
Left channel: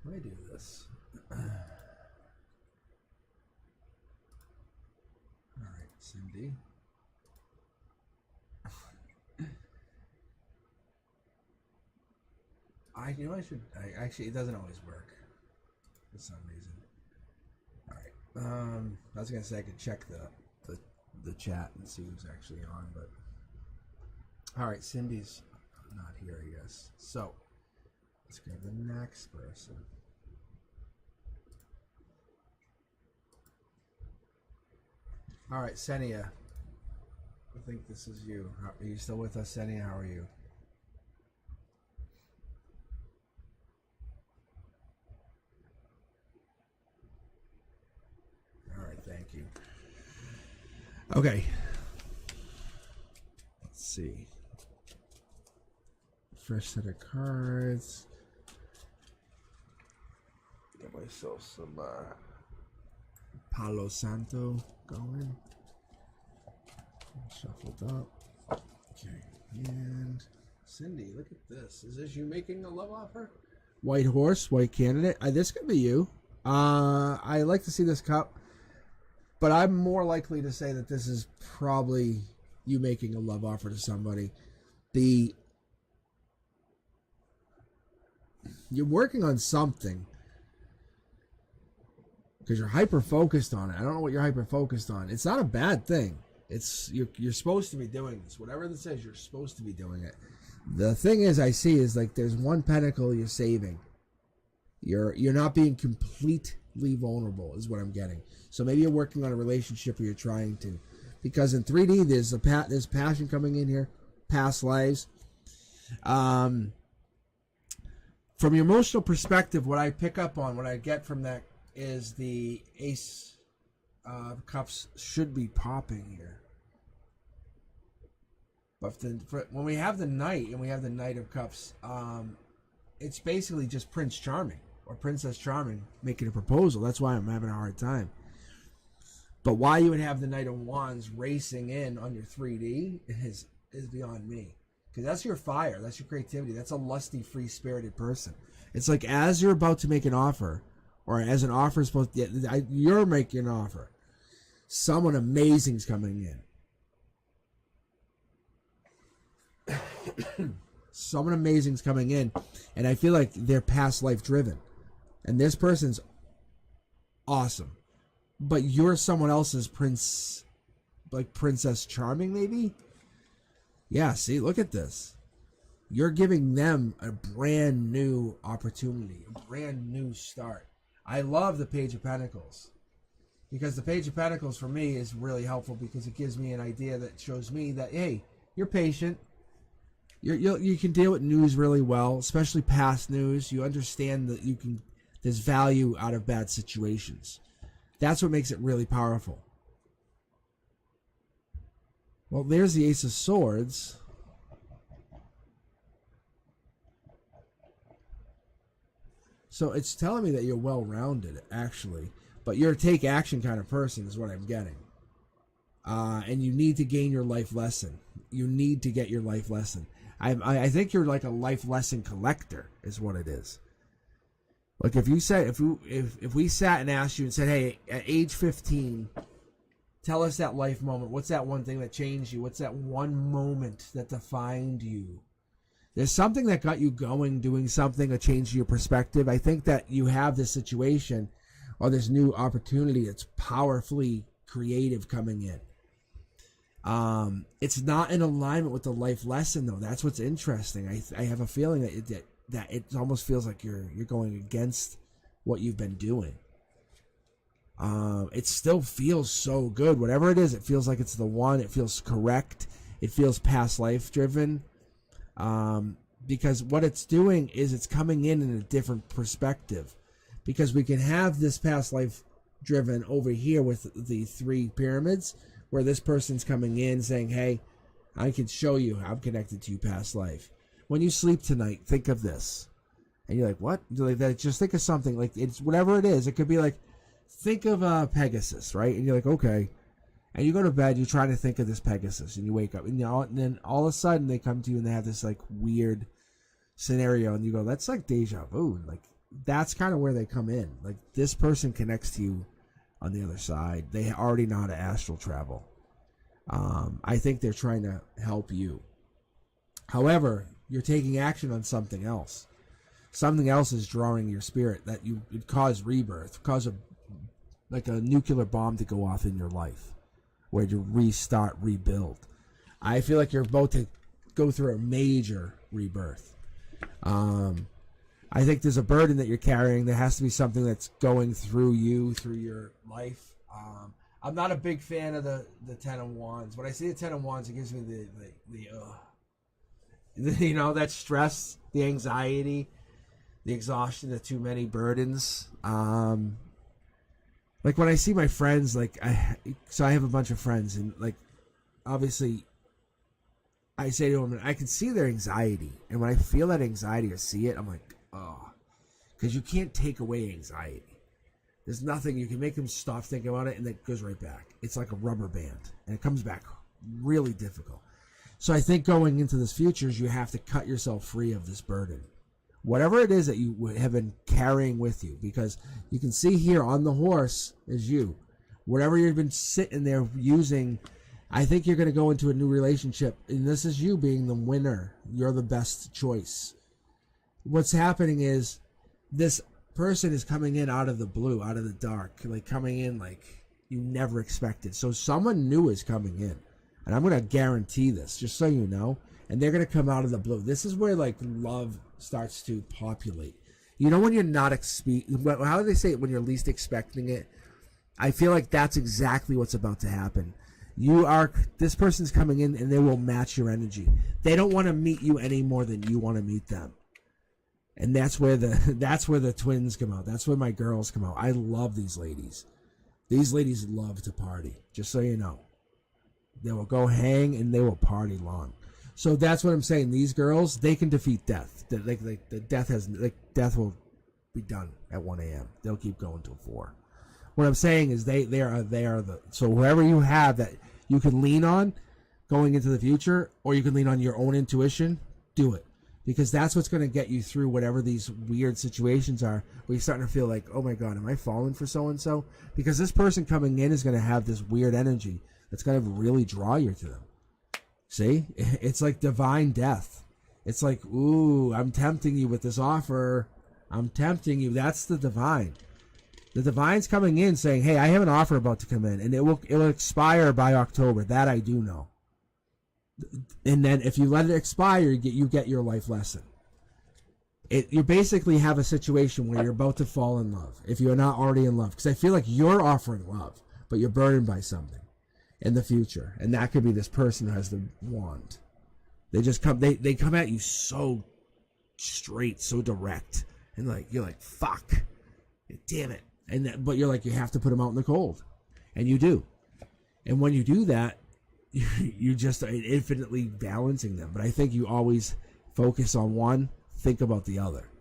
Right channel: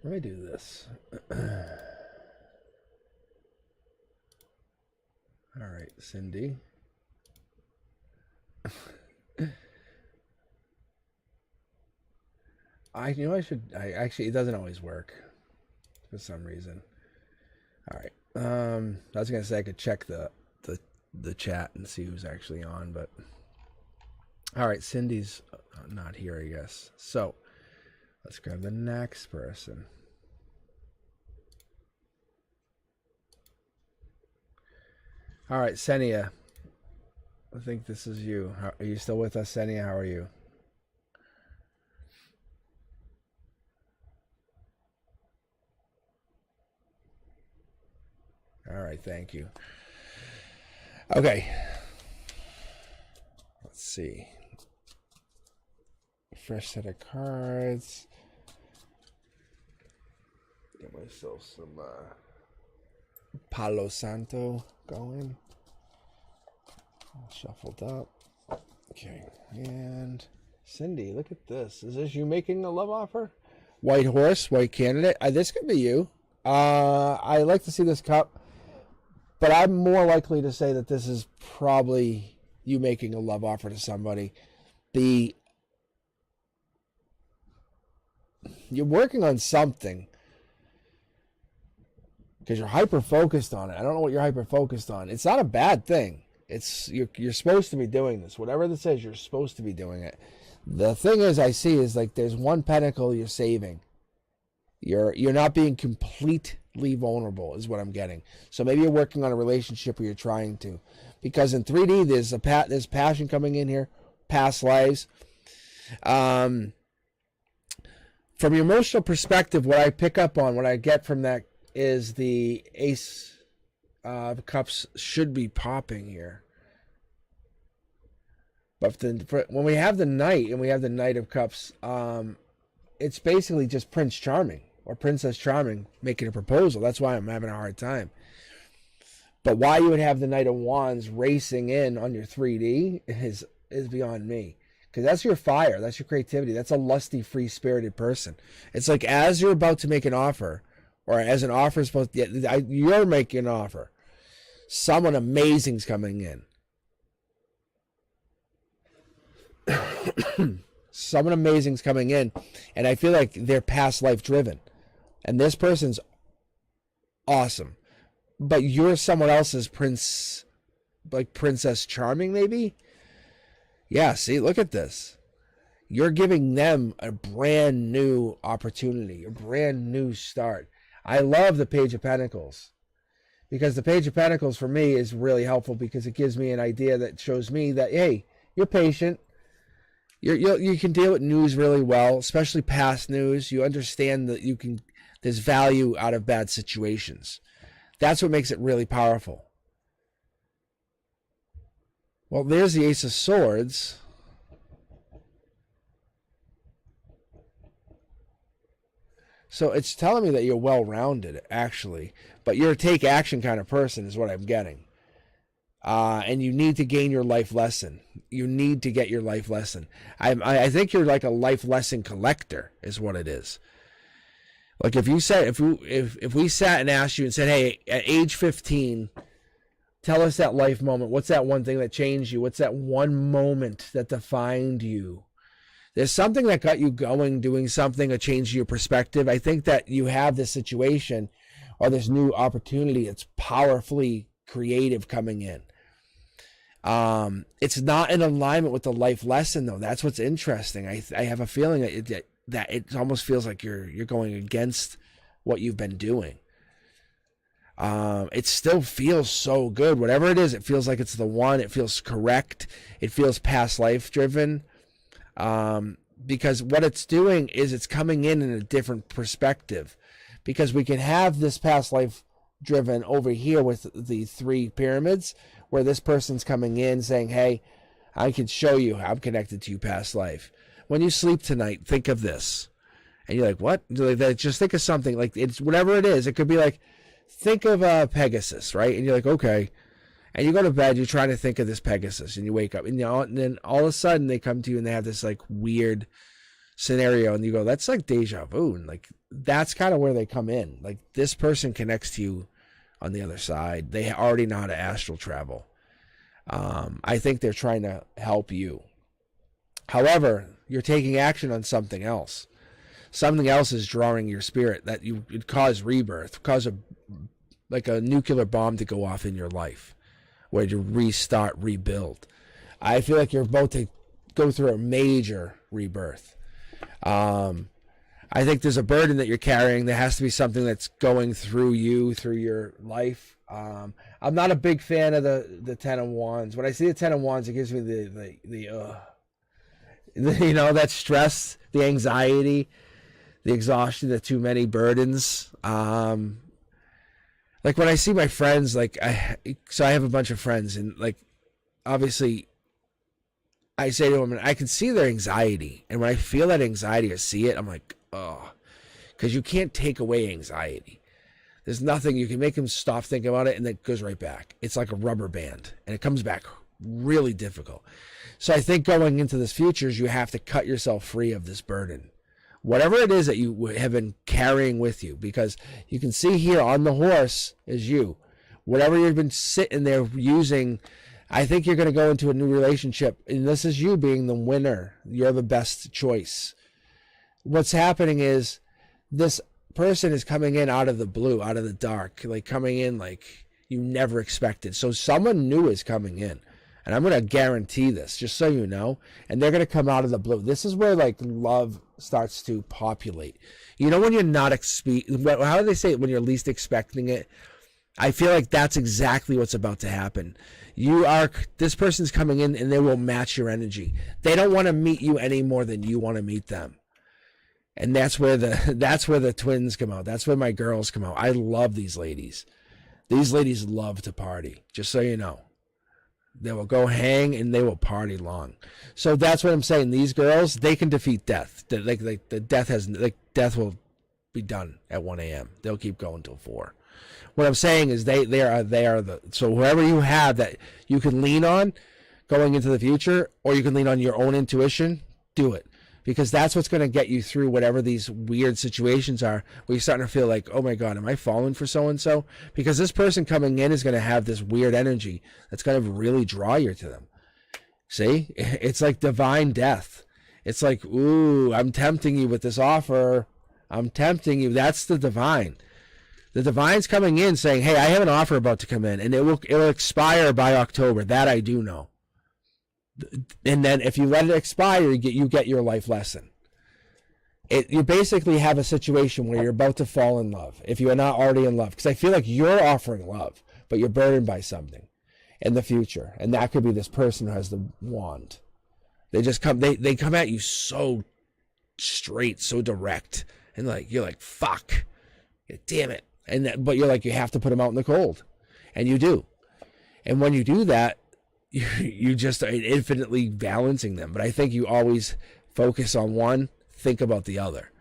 Let me do this. All right, Cindy. I actually, it doesn't always work for some reason. All right. I was gonna say I could check the chat and see who's actually on, but all right, Cindy's not here, I guess. So let's grab the next person. All right, Senia. I think this is you. Are you still with us, Senia? How are you? All right, thank you. Okay. Let's see. Fresh set of cards. Get myself some Palo Santo going. All shuffled up. Okay. And Cindy, look at this. Is this you making a love offer? White horse, white candidate. This could be you. I like to see this cup, but I'm more likely to say that this is probably you making a love offer to somebody. You're working on something because you're hyper focused on it. I don't know what you're hyper focused on. It's not a bad thing. You're supposed to be doing this. Whatever this is, you're supposed to be doing it. The thing is, I see is like there's one pentacle you're saving. You're not being completely vulnerable is what I'm getting. So maybe you're working on a relationship or you're trying to, because in 3D there's passion coming in here, past lives. From your emotional perspective, what I pick up on, what I get from that is the Ace of Cups should be popping here. But when we have the Knight and we have the Knight of Cups, it's basically just Prince Charming or Princess Charming making a proposal. That's why I'm having a hard time. But why you would have the Knight of Wands racing in on your 3D is beyond me. Because that's your fire. That's your creativity. That's a lusty, free-spirited person. It's like as you're about to make an offer, or as an offer is supposed to, you're making an offer. Someone amazing's coming in. Someone amazing's coming in, and I feel like they're past life driven. And this person's awesome. But you're someone else's prince, like Princess Charming, maybe? Yeah, see, look at this. You're giving them a brand new opportunity, a brand new start. I love the Page of Pentacles. Because the Page of Pentacles, for me, is really helpful because it gives me an idea that shows me that, hey, you're patient. You can deal with news really well, especially past news. You understand that there's value out of bad situations. That's what makes it really powerful. Well, there's the Ace of Swords. So it's telling me that you're well-rounded, actually, but you're a take action kind of person is what I'm getting. And you need to gain your life lesson. You need to get your life lesson. I think you're like a life lesson collector is what it is. Like if you said, if we sat and asked you and said, hey, at age 15, tell us that life moment. What's that one thing that changed you? What's that one moment that defined you? There's something that got you going, doing something, a change in your perspective. I think that you have this situation or this new opportunity that's powerfully creative coming in. It's not in alignment with the life lesson, though. That's what's interesting. I have a feeling that it almost feels like you're going against what you've been doing. It still feels so good. Whatever it is, it feels like it's the one. It feels correct. It feels past life driven. Because what it's doing is it's coming in a different perspective. Because we can have this past life driven over here with the 3 pyramids, where this person's coming in saying, hey, I can show you how I'm connected to you past life. When you sleep tonight, think of this. And you're like, what? Just think of something. Like, it's whatever it is. It could be like, think of Pegasus, right? And you're like, okay. And you go to bed, you're trying to think of this Pegasus, and you wake up, and then all of a sudden they come to you and they have this like weird scenario, and you go, that's like deja vu. And like, that's kind of where they come in. Like, this person connects to you on the other side. They already know how to astral travel. I think they're trying to help you. However, you're taking action on something else. Something else is drawing your spirit that it cause rebirth, cause a nuclear bomb to go off in your life, where you restart, rebuild. I feel like you're about to go through a major rebirth. I think there's a burden that you're carrying. There has to be something that's going through you, through your life. I'm not a big fan of the Ten of Wands. When I see the Ten of Wands, it gives me the that stress, the anxiety, the exhaustion, the too many burdens. Like when I see my friends, so I have a bunch of friends, and like, obviously, I say to them, and I can see their anxiety, and when I feel that anxiety or see it, I'm like, oh, because you can't take away anxiety. There's nothing you can make them stop thinking about it, and then it goes right back. It's like a rubber band, and it comes back really difficult. So I think going into this future, you have to cut yourself free of this burden. Whatever it is that you have been carrying with you, because you can see here on the horse is you. Whatever you've been sitting there using, I think you're going to go into a new relationship, and this is you being the winner. You're the best choice. What's happening is this person is coming in out of the blue, out of the dark, like coming in like you never expected. So someone new is coming in. And I'm going to guarantee this, just so you know. And they're going to come out of the blue. This is where, like, love starts to populate. You know when you're not how do they say it? When you're least expecting it? I feel like that's exactly what's about to happen. This person's coming in, and they will match your energy. They don't want to meet you any more than you want to meet them. And that's where the twins come out. That's where my girls come out. I love these ladies. These ladies love to party, just so you know. They will go hang and they will party long. So that's what I'm saying. These girls, they can defeat death. Death will be done at 1 a.m. They'll keep going till 4. What I'm saying is they are so whoever you have that you can lean on going into the future, or you can lean on your own intuition, do it. Because that's what's going to get you through whatever these weird situations are, where you're starting to feel like, oh my God, am I falling for so-and-so? Because this person coming in is going to have this weird energy that's going to really draw you to them. See? It's like divine death. It's like, ooh, I'm tempting you with this offer. I'm tempting you. That's the divine. The divine's coming in saying, hey, I have an offer about to come in, and it will expire by October. That I do know. And then if you let it expire, you get your life lesson. You basically have a situation where you're about to fall in love, if you are not already in love. Because I feel like you're offering love, but you're burdened by something in the future. And that could be this person who has the wand. They just come, they come at you so straight, so direct. And you're like, fuck, damn it. But you're like, you have to put them out in the cold. And you do. And when you do that, you just are infinitely balancing them. But I think you always focus on one, think about the other.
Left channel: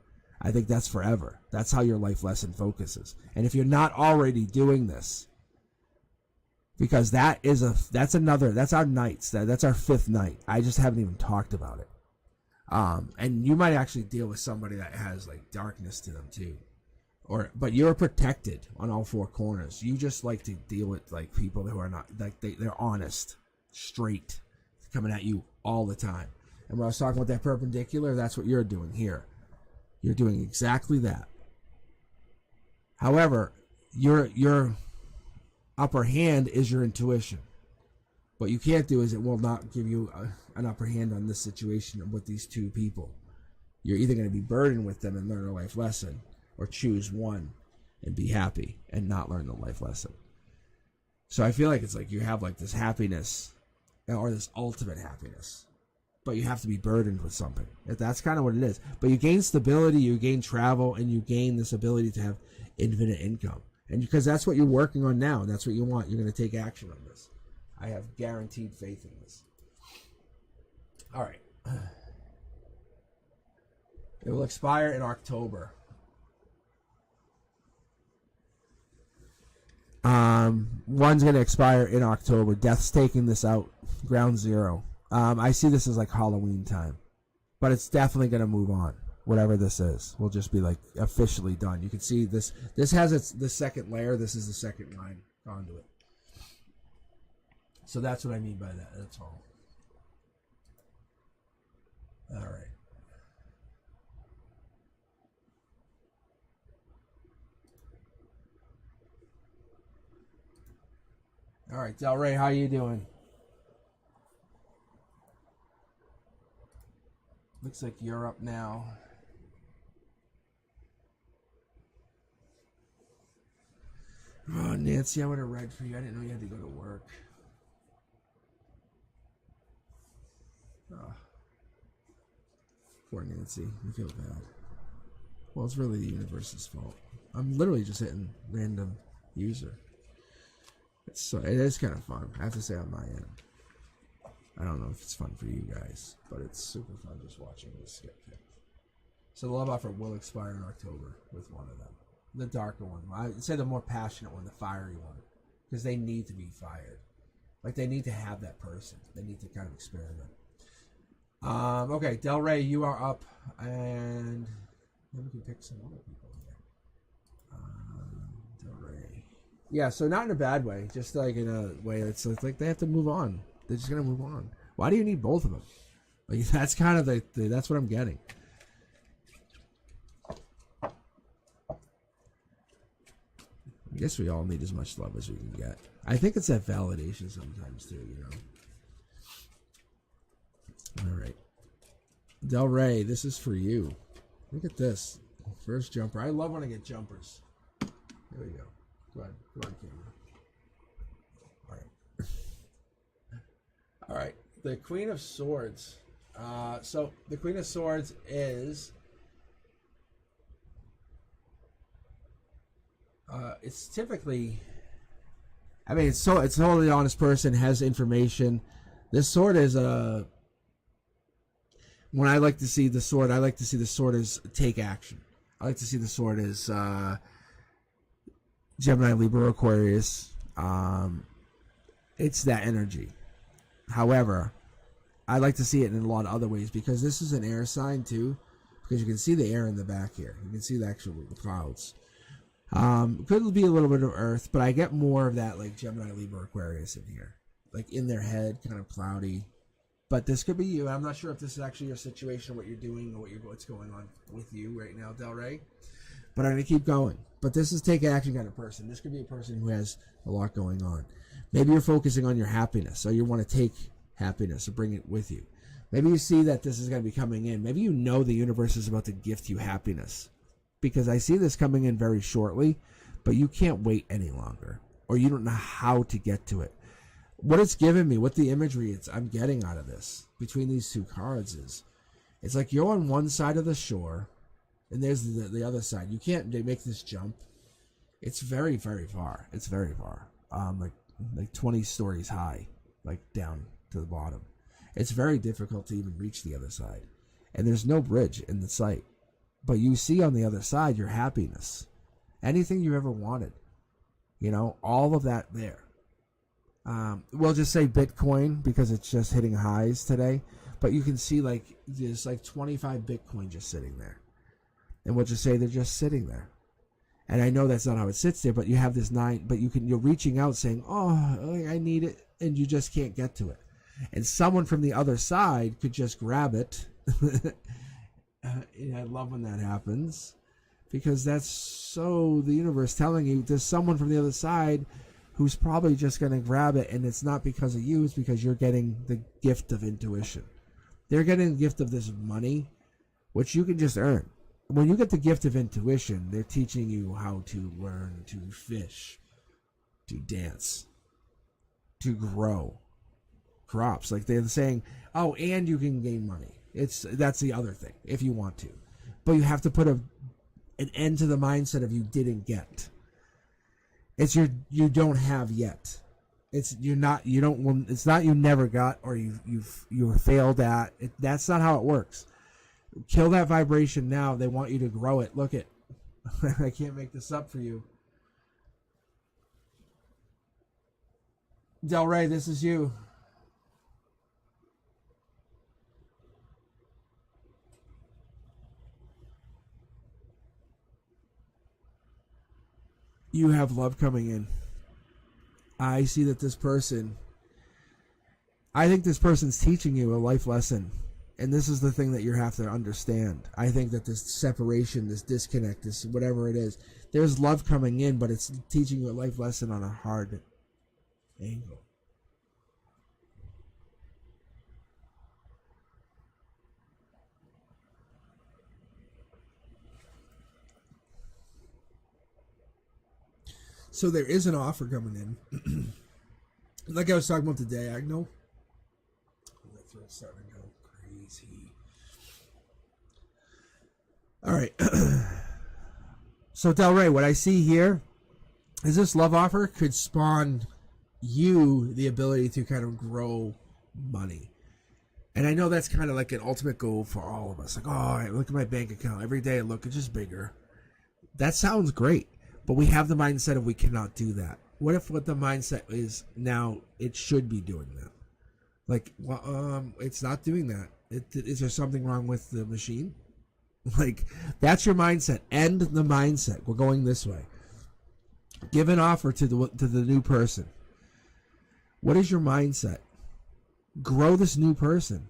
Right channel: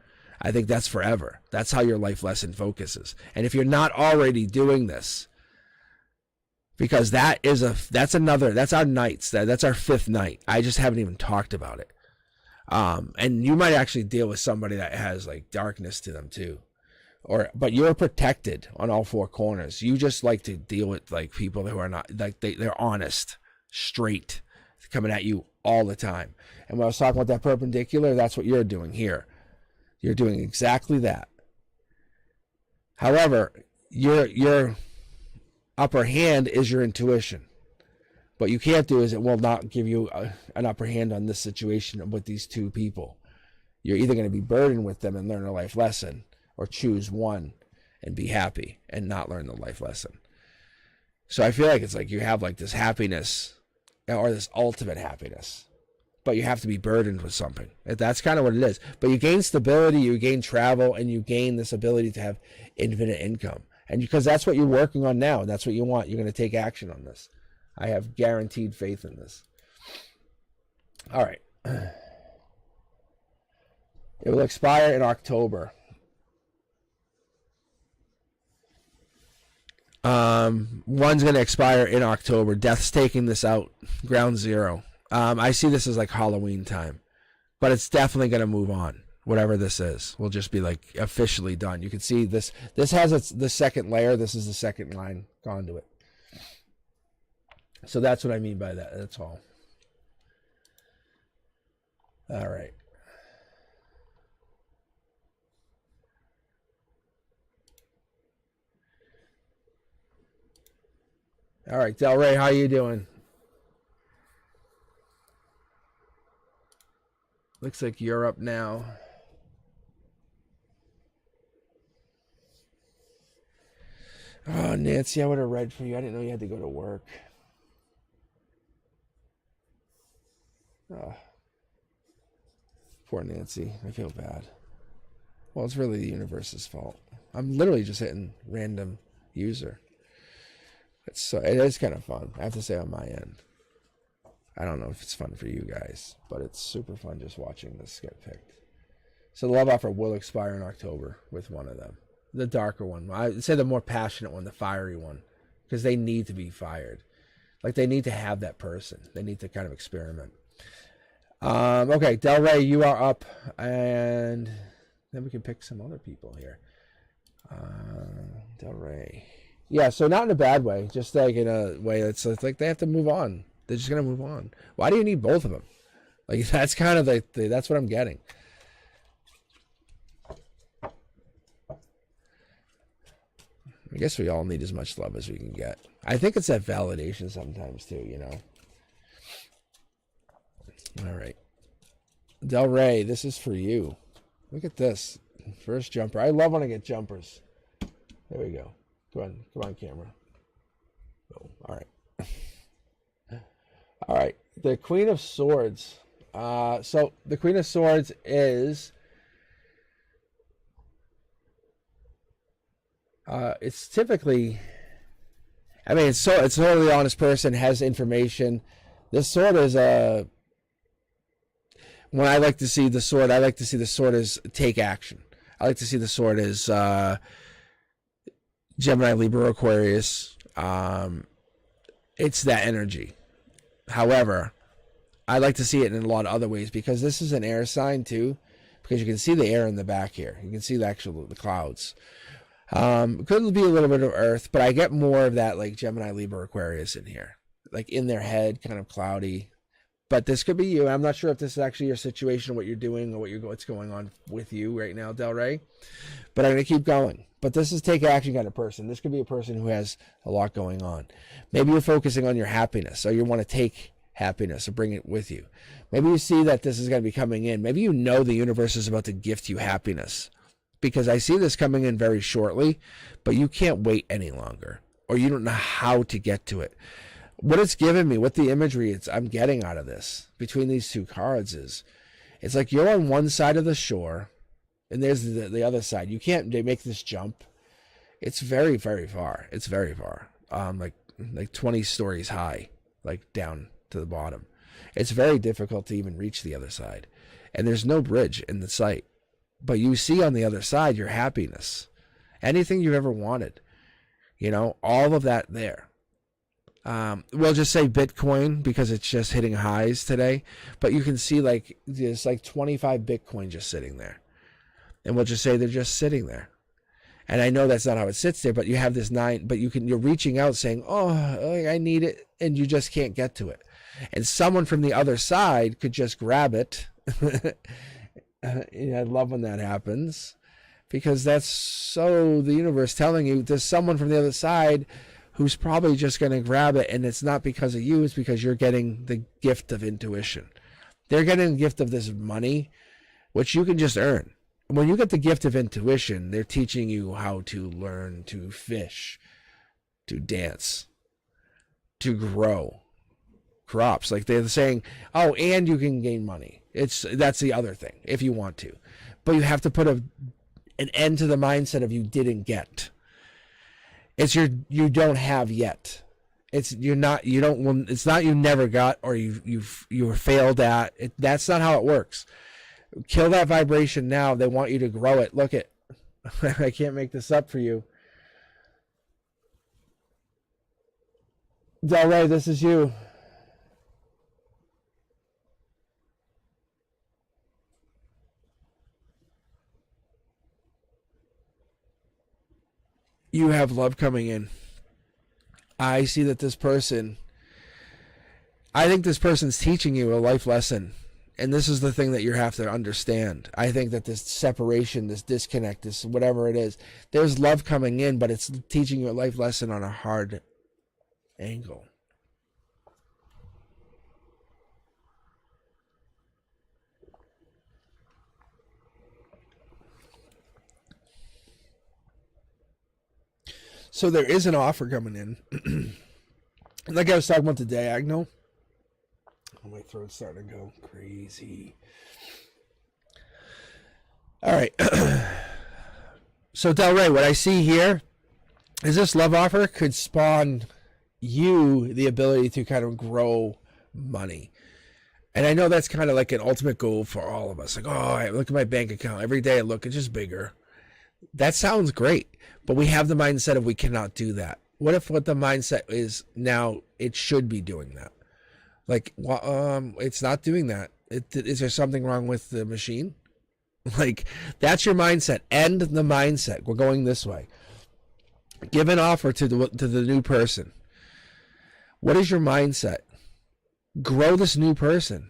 I think that's forever. That's how your life lesson focuses. And if you're not already doing this, because that's our nights. That's our fifth night. I just haven't even talked about it. And you might actually deal with somebody that has like darkness to them too. But you're protected on all four corners. You just like to deal with like people who are not like they're honest, straight, coming at you all the time. And when I was talking about that perpendicular, that's what you're doing here. You're doing exactly that. However, your upper hand is your intuition. What you can't do is it will not give you an upper hand on this situation with these two people. You're either going to be burdened with them and learn a life lesson, or choose one and be happy and not learn the life lesson. So I feel like it's like you have like this happiness or this ultimate happiness, but you have to be burdened with something. That's kind of what it is. But you gain stability, you gain travel, and you gain this ability to have infinite income. And because that's what you're working on now, that's what you want, you're going to take action on this. I have guaranteed faith in this. All right. It will expire in October. One's going to expire in October. Death's taking this out. Ground zero. I see this as like Halloween time. But it's definitely going to move on. Whatever this is. Will just be like officially done. You can see this. This has the second layer. This is the second line conduit. So that's what I mean by that. That's all. All right. All right, Del Rey, how you doing? Looks like you're up now. Oh, Nancy, I would have read for you. I didn't know you had to go to work. Oh, poor Nancy. I feel bad. Well, it's really the universe's fault. I'm literally just hitting random user. It is kind of fun, I have to say, on my end. I don't know if it's fun for you guys, but it's super fun just watching this get picked. So the love offer will expire in October with one of them. The darker one. I'd say the more passionate one, the fiery one. Because they need to be fired. Like, they need to have that person. They need to kind of experiment. Okay, Del Rey, you are up. And then we can pick some other people here. Del Rey. Yeah, so not in a bad way, just like in a way that's like they have to move on. They're just gonna move on. Why do you need both of them? Like, that's kind of like that's what I'm getting. I guess we all need as much love as we can get. I think it's that validation sometimes too, you know. All right, Del Rey, this is for you. Look at this first jumper. I love when I get jumpers. There we go. Come on, camera. Oh, all right. All right, the Queen of Swords. So the Queen of Swords is... it's typically... I mean, it's a really honest person, has information. This sword is a... When I like to see the sword, I like to see the sword as take action. I like to see the sword as... Gemini, Libra, Aquarius, it's that energy. However, I like to see it in a lot of other ways because this is an air sign too, because you can see the air in the back here. You can see the clouds. Could be a little bit of earth, but I get more of that like Gemini, Libra, Aquarius in here. Like in their head, kind of cloudy. But this could be you. I'm not sure if this is actually your situation, what you're doing, or what's going on with you right now, Del Rey. But I'm going to keep going. But this is take action kind of person. This could be a person who has a lot going on. Maybe you're focusing on your happiness, so you want to take happiness or bring it with you. Maybe you see that this is going to be coming in. Maybe you know the universe is about to gift you happiness. Because I see this coming in very shortly, but you can't wait any longer. Or you don't know how to get to it. What it's given me, what the imagery I'm getting out of this, between these two cards is, it's like you're on one side of the shore, and there's the other side. You can't make this jump. It's very, very far. It's very far. Like 20 stories high, like down to the bottom. It's very difficult to even reach the other side. And there's no bridge in the sight. But you see on the other side your happiness. Anything you've ever wanted. You know, all of that there. We'll just say Bitcoin because it's just hitting highs today. But you can see like there's like 25 Bitcoin just sitting there. And we'll just say they're just sitting there. And I know that's not how it sits there, but you have this 9, but you're reaching out saying, oh, I need it, and you just can't get to it. And someone from the other side could just grab it. I love when that happens, because that's so the universe telling you there's someone from the other side who's probably just going to grab it, and it's not because of you, it's because you're getting the gift of intuition. They're getting the gift of this money, which you can just earn. When you get the gift of intuition, they're teaching you how to learn to fish, to dance, to grow crops. Like they're saying, oh, and you can gain money. That's the other thing, if you want to. But you have to put an end to the mindset of you didn't get. It's you don't have yet. It's you never got or you were failed at. That's not how it works. Kill that vibration now. They want you to grow it. Look it. I can't make this up for you. Del Rey, this is you. You have love coming in. I see that I think this person's teaching you a life lesson. And this is the thing that you have to understand. I think that this separation, this disconnect, this whatever it is, there's love coming in, but it's teaching you a life lesson on a hard angle. So there is an offer coming in. Like I was talking about the diagonal. My throat's starting to go crazy. All right. So Del Rey, what I see here is this love offer could spawn you the ability to kind of grow money. And I know that's kind of like an ultimate goal for all of us. Like, oh, I look at my bank account. Every day I look, it's just bigger. That sounds great. But we have the mindset of we cannot do that. What if what the mindset is now it should be doing that? Like, it's not doing that. Is there something wrong with the machine? Like, that's your mindset. End the mindset. We're going this way. Give an offer to the new person. What is your mindset? Grow this new person.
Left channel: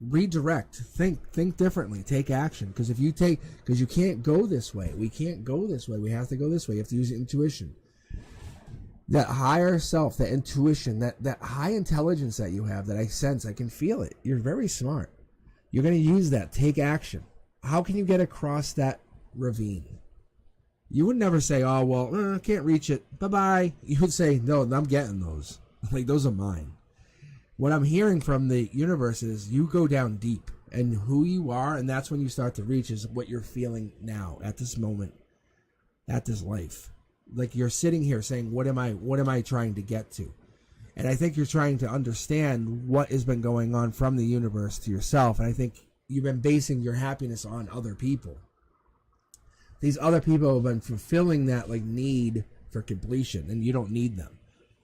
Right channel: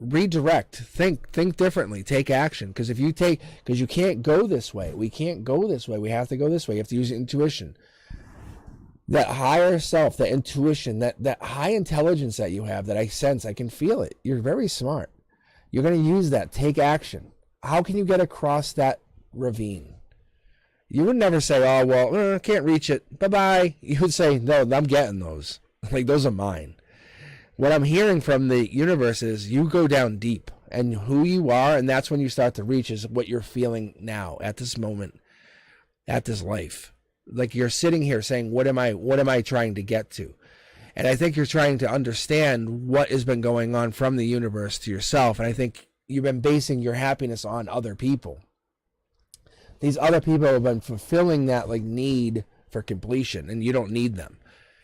Redirect. Think differently. Take action. Because you can't go this way. We can't go this way. We have to go this way. You have to use intuition. That higher self, that intuition, that high intelligence that you have, that I sense, I can feel it. You're very smart. You're going to use that. Take action. How can you get across that ravine? You would never say, oh, well, I can't reach it. Bye-bye. You would say, no, I'm getting those. Like, those are mine. What I'm hearing from the universe is you go down deep, and who you are, and that's when you start to reach is what you're feeling now, at this moment, at this life. Like you're sitting here saying, what am I trying to get to? And I think you're trying to understand what has been going on from the universe to yourself. And I think you've been basing your happiness on other people. These other people have been fulfilling that like need for completion, and you don't need them.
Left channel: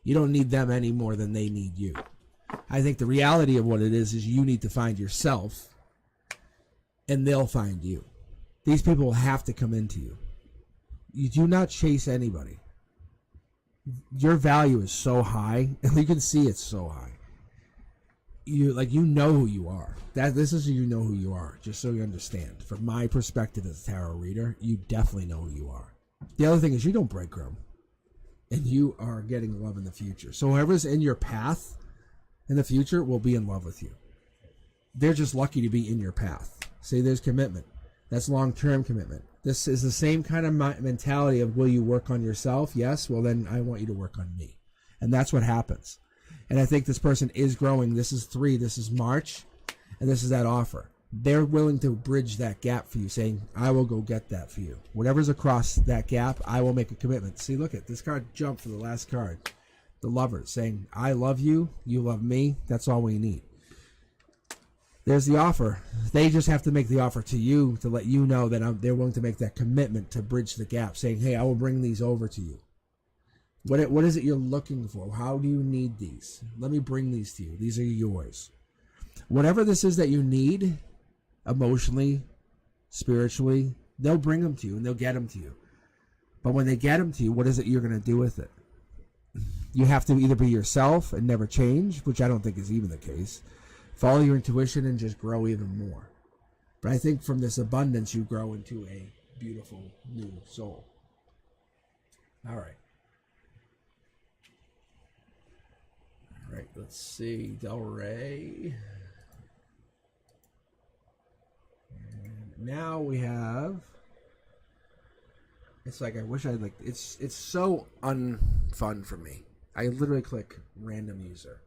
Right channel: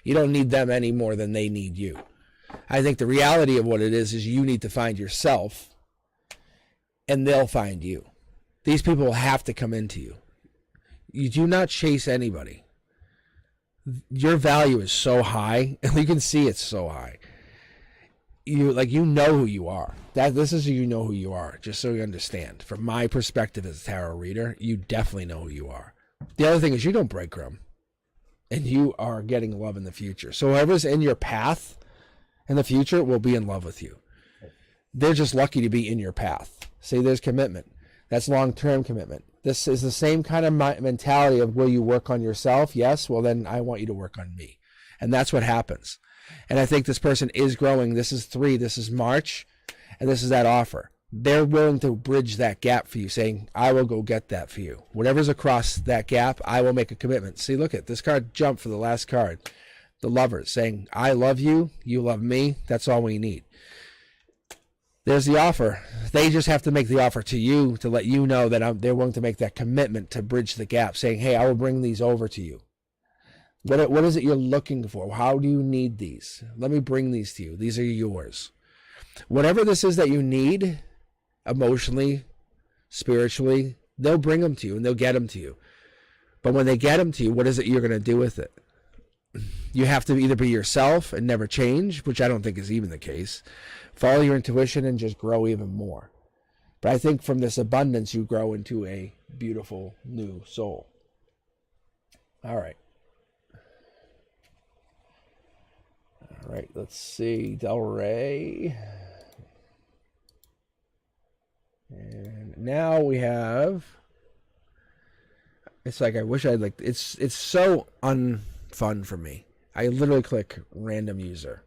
You don't need them any more than they need you. I think the reality of what it is you need to find yourself, and they'll find you. These people will have to come into you. You do not chase anybody. Your value is so high, and you can see it's so high. You know who you are. This is you know who you are, just so you understand. From my perspective as a tarot reader, you definitely know who you are. The other thing is you don't breadcrumb, and you are getting love in the future. So whoever's in your path in the future will be in love with you. They're just lucky to be in your path. See, there's commitment. That's long-term commitment. This is the same kind of mentality of where you work on yourself. Yes, well then I want you to work on me. And that's what happens. And I think this person is growing. This is 3. This is March. And this is that offer. They're willing to bridge that gap for you, saying, I will go get that for you. Whatever's across that gap, I will make a commitment. See, look at this card jumped for the last card. The Lovers saying, I love you. You love me. That's all we need. there's the offer. They just have to make the offer to you to let you know that they're willing to make that commitment to bridge the gap, saying, hey, I will bring these over to you. What is it you're looking for? How do you need these? Let me bring these to you. These are yours. Whatever this is that you need, emotionally, spiritually, they'll bring them to you and they'll get them to you. But when they get them to you, what is it you're going to do with it? You have to either be yourself and never change, which I don't think is even the case. Follow your intuition and just grow even more. But I think from this abundance, you grow into a beautiful new soul. All right. All right, let's see. Del Rey. And now we have... It's like I wish I'd like... It's so unfun for me. I literally click random user.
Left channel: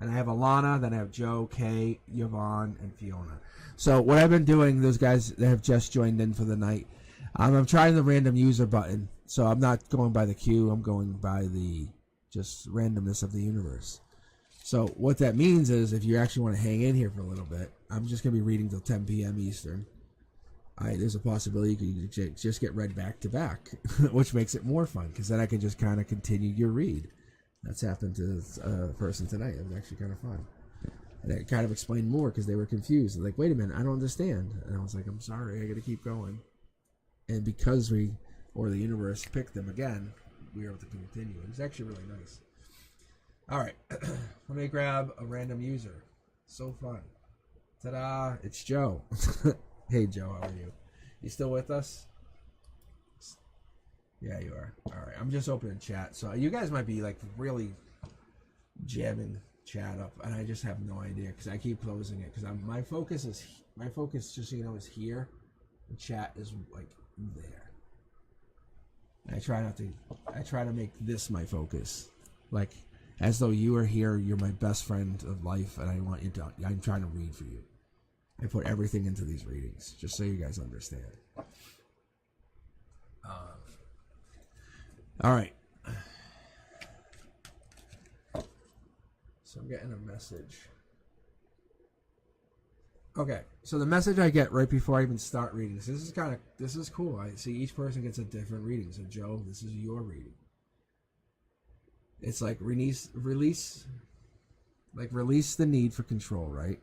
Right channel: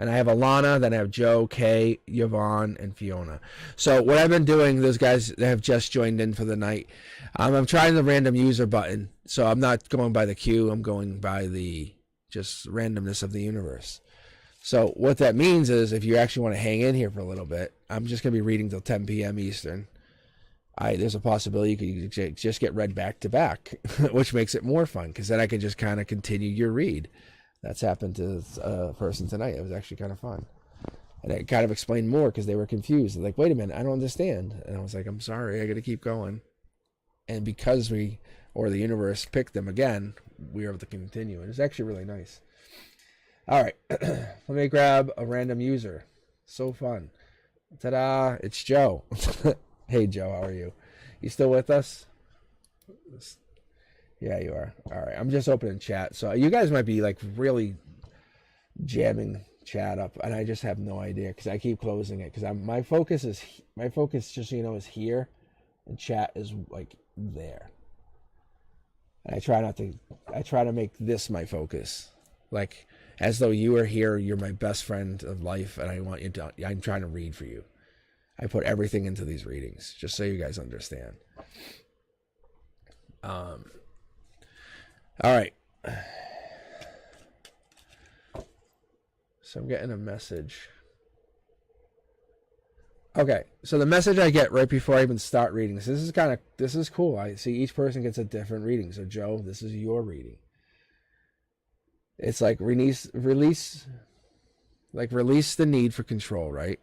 And I have Alana, then I have Joe, Kay, Yvonne, and Fiona. So what I've been doing, those guys that have just joined in for the night, I'm trying the random user button. So I'm not going by the queue, I'm going by the just randomness of the universe. So what that means is if you actually want to hang in here for a little bit, I'm just going to be reading till 10 p.m. Eastern. There's a possibility you could just get read back to back, which makes it more fun because then I can just kind of continue your read. That's happened to a person tonight. It was actually kind of fun. And I kind of explained more because they were confused. Like, wait a minute, I don't understand. And I was like, I'm sorry, I got to keep going. And because the universe picked them again, we were able to continue. And it's actually really nice. All right, let me grab a random user. So fun. Ta-da, it's Joe. Hey, Joe, how are you? You still with us? Yeah, you are. All right, I'm just opening chat. So you guys might be like really jamming chat up, and I just have no idea because I keep closing it because my focus, just so you know, is here, and chat is like there. And I try to make this my focus, like as though you are here. You're my best friend of life, and I want you to. I'm trying to read for you. I put everything into these readings, just so you guys understand. All right. So I'm getting a message. Okay, so the message I get right before I even start reading this is cool. I see each person gets a different reading. So Joe, this is your reading. It's like release the need for control, right?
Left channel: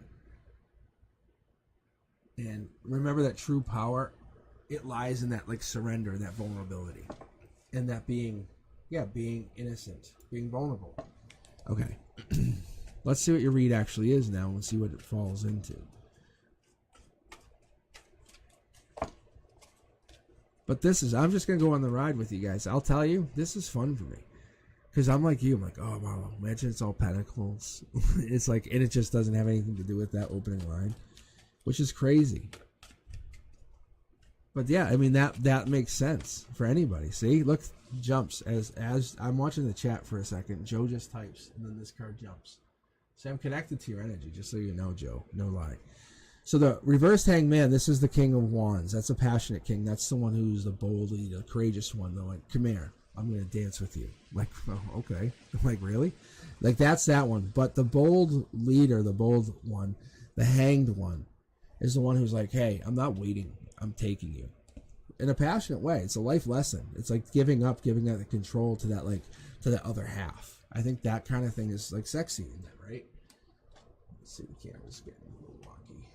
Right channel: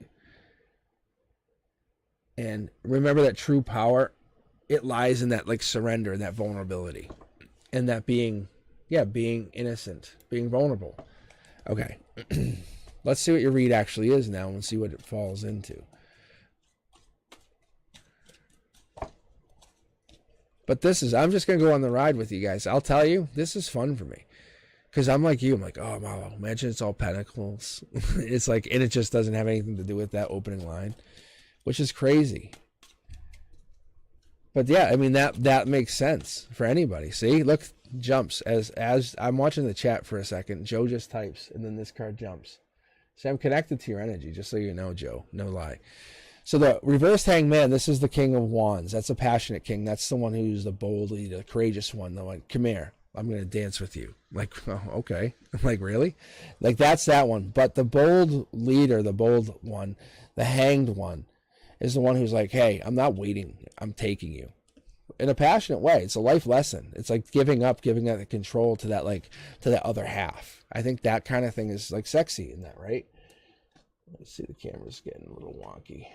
And remember that true power, it lies in that like surrender, that vulnerability, and that being innocent, being vulnerable. Okay, let's see what your read actually is now and see what it falls into. But I'm just going to go on the ride with you guys. I'll tell you, this is fun for me. Because I'm like you. I'm like, oh, wow, imagine it's all pentacles. It's like, and it just doesn't have anything to do with that opening line, which is crazy. But yeah, I mean, that makes sense for anybody. See, look, jumps. As I'm watching the chat for a second, Joe just types, and then this card jumps. So I'm connected to your energy, just so you know, Joe. No lie. So the reversed hangman, this is the King of Wands. That's a passionate king. That's the one who's the boldly, the courageous one. The one, come here, I'm going to dance with you. Like, oh, okay. Like, really? Like, that's that one. But the bold leader, the bold one, the hanged one, is the one who's like, hey, I'm not waiting. I'm taking you. In a passionate way. It's a life lesson. It's like giving that control to that other half. I think that kind of thing is like sexy in that, right? Let's see, the camera's getting a little wonky.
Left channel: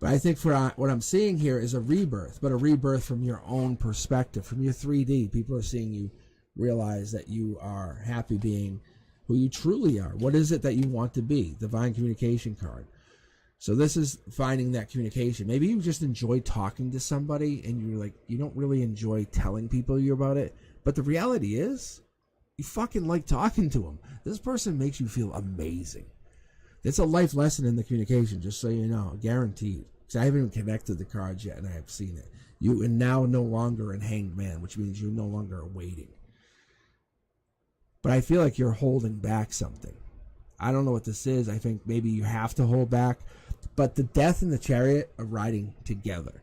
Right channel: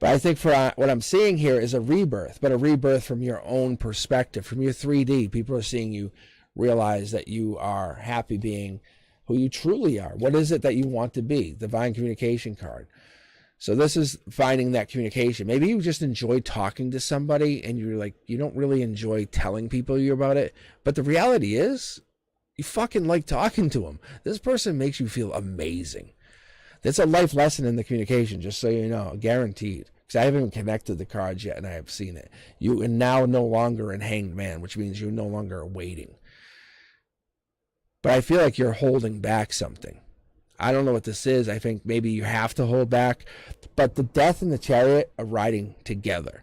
But I think for what I'm seeing here is a rebirth, but a rebirth from your own perspective, from your 3D. People are seeing you realize that you are happy being who you truly are. What is it that you want to be? Divine communication card. So this is finding that communication. Maybe you just enjoy talking to somebody and you're like, you don't really enjoy telling people you about it. But the reality is you fucking like talking to them. This person makes you feel amazing. That's a life lesson in the communication, just so you know, guaranteed. Because I haven't connected the cards yet and I have seen it. You are now no longer in hanged man, which means you're no longer waiting. But I feel like you're holding back something. I don't know what this is. I think maybe you have to hold back. But the death and the chariot are riding together,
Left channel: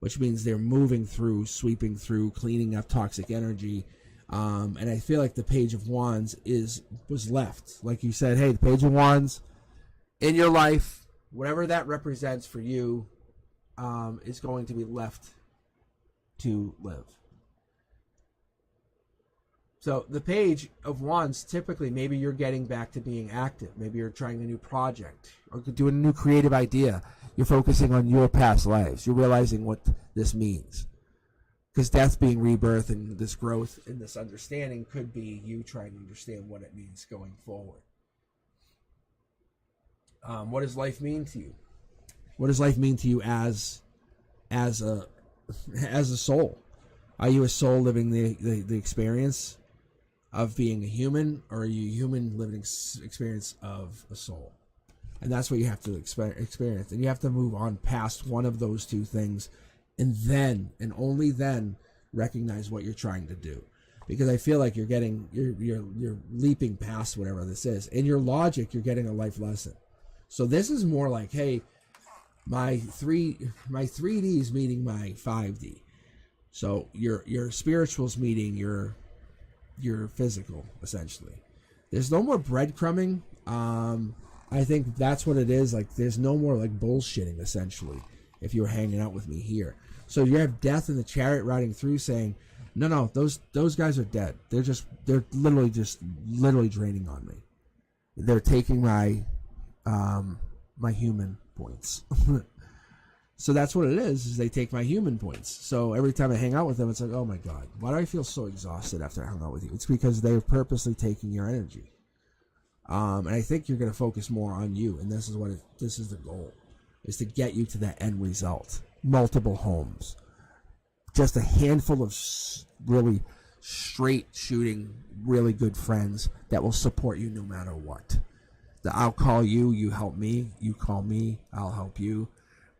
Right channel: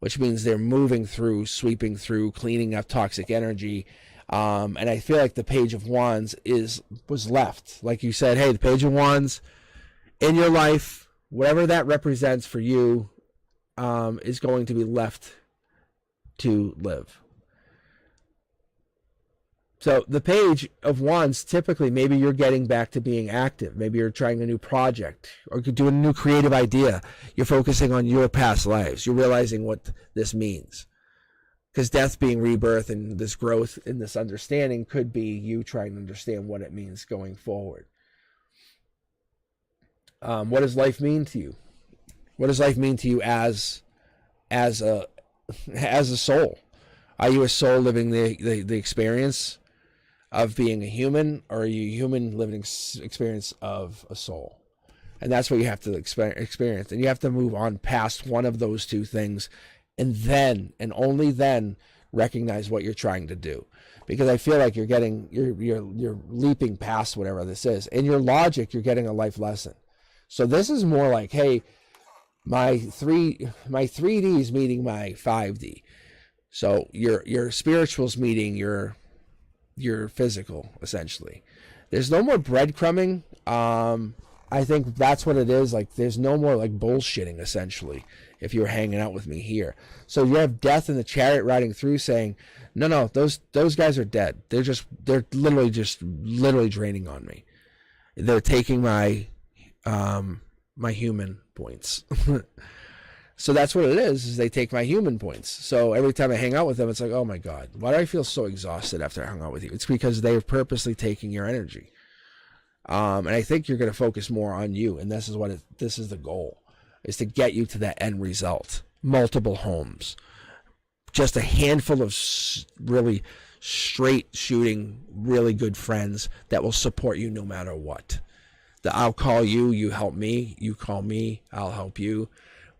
which means they're moving through, sweeping through, cleaning up toxic energy. And I feel like the Page of Wands was left. Like you said, hey, the Page of Wands in your life, whatever that represents for you, is going to be left to live. So the Page of Wands, typically, maybe you're getting back to being active. Maybe you're trying a new project or doing a new creative idea. You're focusing on your past lives. You're realizing what this means. Because death being rebirth and this growth and this understanding could be you trying to understand what it means going forward. What does life mean to you? What does life mean to you as a soul? Are you a soul living the experience of being a human, or are you a human living experience of a soul? And that's what you have to experience. And you have to move on past one of those two things, and then, and only then, recognize what you're trying to do. Because I feel like you're leaping past whatever this is. In your logic, you're getting a life lesson. So this is more like, hey, my 3D is meeting my 5D. So your spiritual's meeting your physical, essentially. There's no more breadcrumbing. I think that's what it is. Like, there's no more like bullshitting, essentially, if you were hanging out with me here. So you have Death in the Chariot riding through saying, no, those guys are dead. They're literally draining on me. They're taking my my human points. So that's what it is they take my human points. So every time I hang out with them, it's like, oh my God, why do I feel so exhausted after I hung out with you? It's because they're purposely taking your energy. And I think you're going to focus more on you. And this is the goal, is to get you to that end result. Multiple homes. Just a handful of really straight shooting, really good friends that will support you no matter what. I'll call you, you help me, you call me, I'll help you.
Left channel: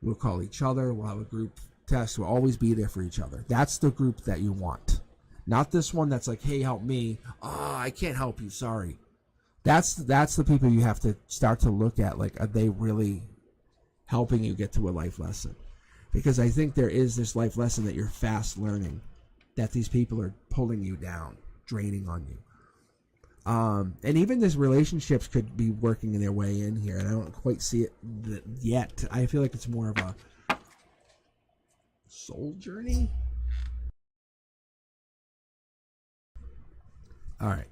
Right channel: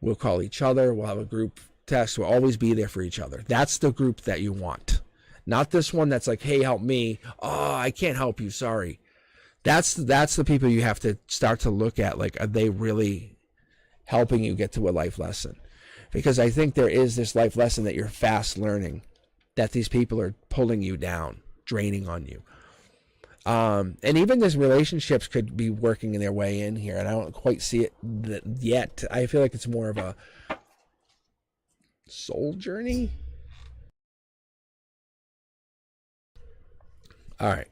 We'll call each other, we'll have a group text, we'll always be there for each other. That's the group that you want. Not this one that's like, hey, help me. Oh, I can't help you, sorry. That's the people you have to start to look at, like, are they really helping you get to a life lesson? Because I think there is this life lesson that you're fast learning, that these people are pulling you down, draining on you. And even this relationships could be working in their way in here, and I don't quite see it yet. I feel like it's more of a soul journey. All right,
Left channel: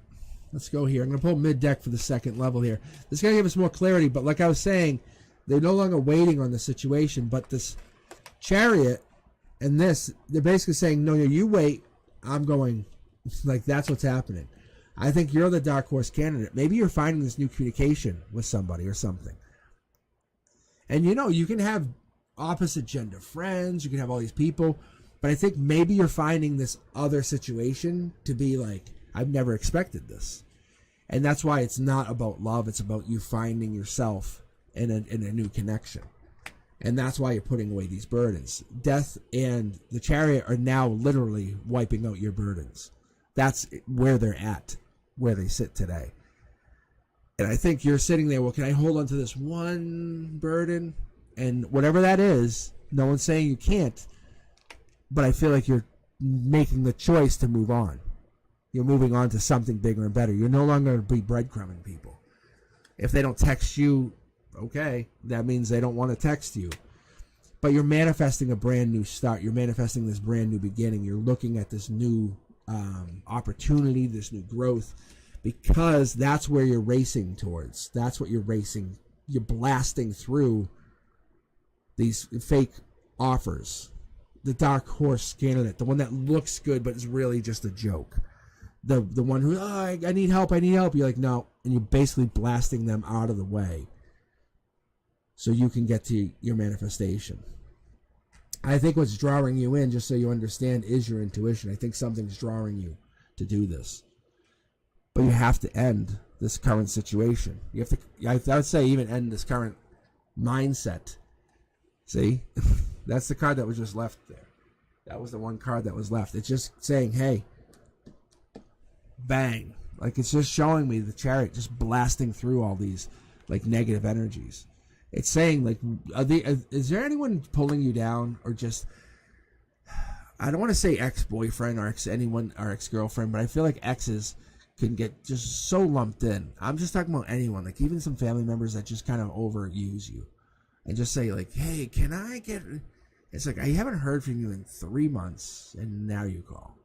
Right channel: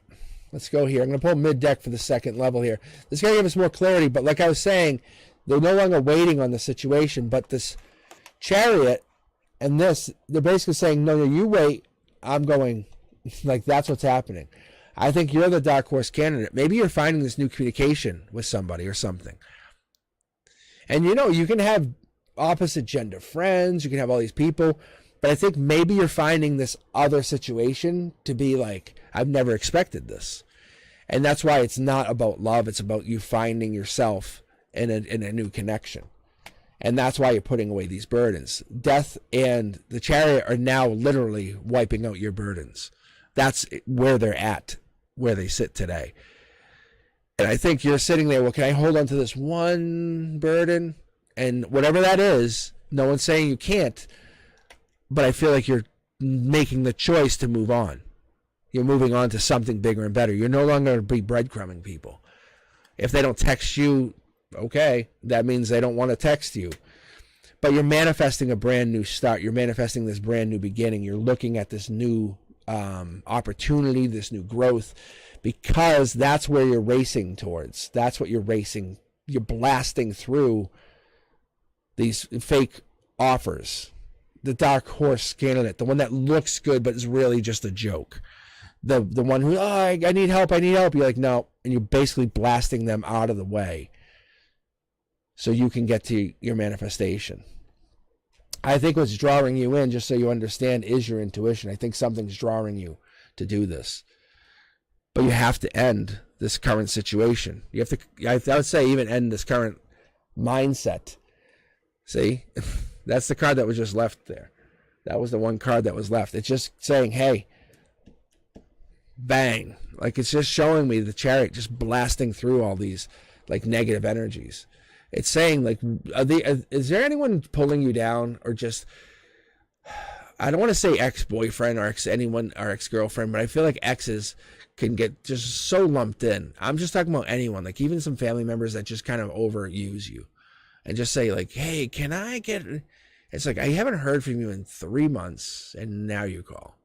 let's go here. I'm going to pull mid-deck for the second level here. This is going to give us more clarity, but like I was saying, they're no longer waiting on the situation, but this Chariot and this, they're basically saying, no, you wait, I'm going. Like, that's what's happening. I think you're the dark horse candidate. Maybe you're finding this new communication with somebody or something. And you can have opposite gender friends, you can have all these people, but I think maybe you're finding this other situation to be like, I've never expected this. And that's why it's not about love, it's about you finding yourself in a new connection. And that's why you're putting away these burdens. Death and the Chariot are now literally wiping out your burdens. That's where they're at, where they sit today. And I think you're sitting there, well, can I hold on to this one burden? And whatever that is, no one's saying you can't, but I feel like you're making the choice to move on. You're moving on to something bigger and better. You're no longer going to be breadcrumbing people. If they don't text you, okay, that means they don't want to text you. But you're manifesting a brand new start. You're manifesting this brand new beginning. You're looking at this new opportunity, this new growth, because that's where you're racing towards. That's what you're racing. You're blasting through these fake offers. The dark horse candidate, the one that looks good but is really just a joke. The one who, I need help, You're like, no, and you're basically blasting them out of the way so you can get to your manifestation. I think what's drawing you in, just so you understand, is your intuition. I think something's drawing you to do this. But you have to end this current situation. You have to, I would say, even end this current mindset. See? That's the card that was just left there. That was the one card that was left. It's just saying, hey, bang. Like, it's just showing me the Chariot just blasting through all these, like, negative energies. It's saying, like, is there anyone pulling you down, or just, I don't want to say ex-boyfriend or ex-girlfriend, but I feel like exes can get just so lumped in. I'm just talking about anyone, like even some family members that just kind of overuse you and just say like, hey, can I get, it's like, I haven't heard from you in 3 months and now you call,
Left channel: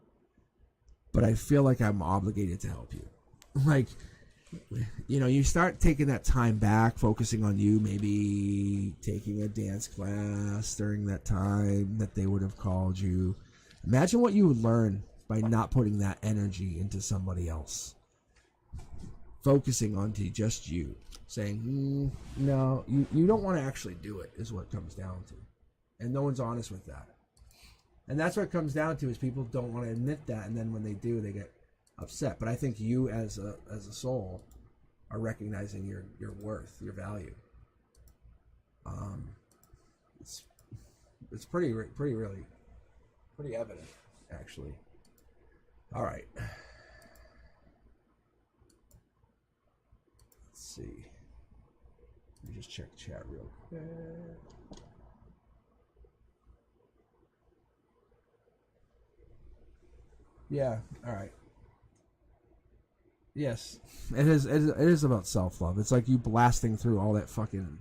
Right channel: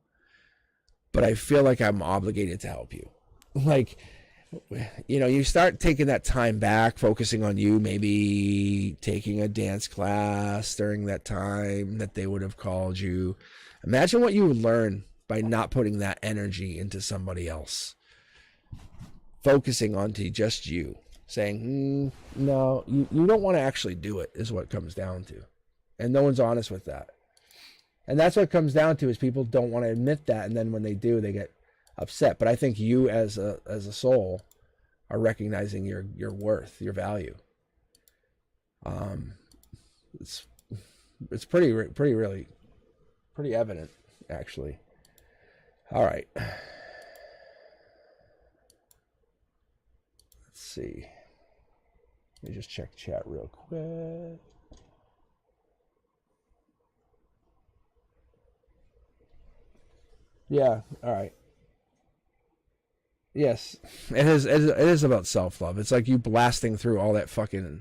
but I feel like I'm obligated to help you. Like, you know, you start taking that time back, focusing on you, maybe taking a dance class during that time that they would have called you. Imagine what you would learn by not putting that energy into somebody else. Focusing onto just you. Saying, no, you don't want to actually do it, is what it comes down to. And no one's honest with that. And that's what it comes down to, is people don't want to admit that, and then when they do, they get upset. But I think you as a soul are recognizing your worth, your value. It's pretty evident, actually. All right. Let's see. Let me just check chat real quick. Yeah. All right. Yes, it is about self-love. It's like you blasting through all that fucking,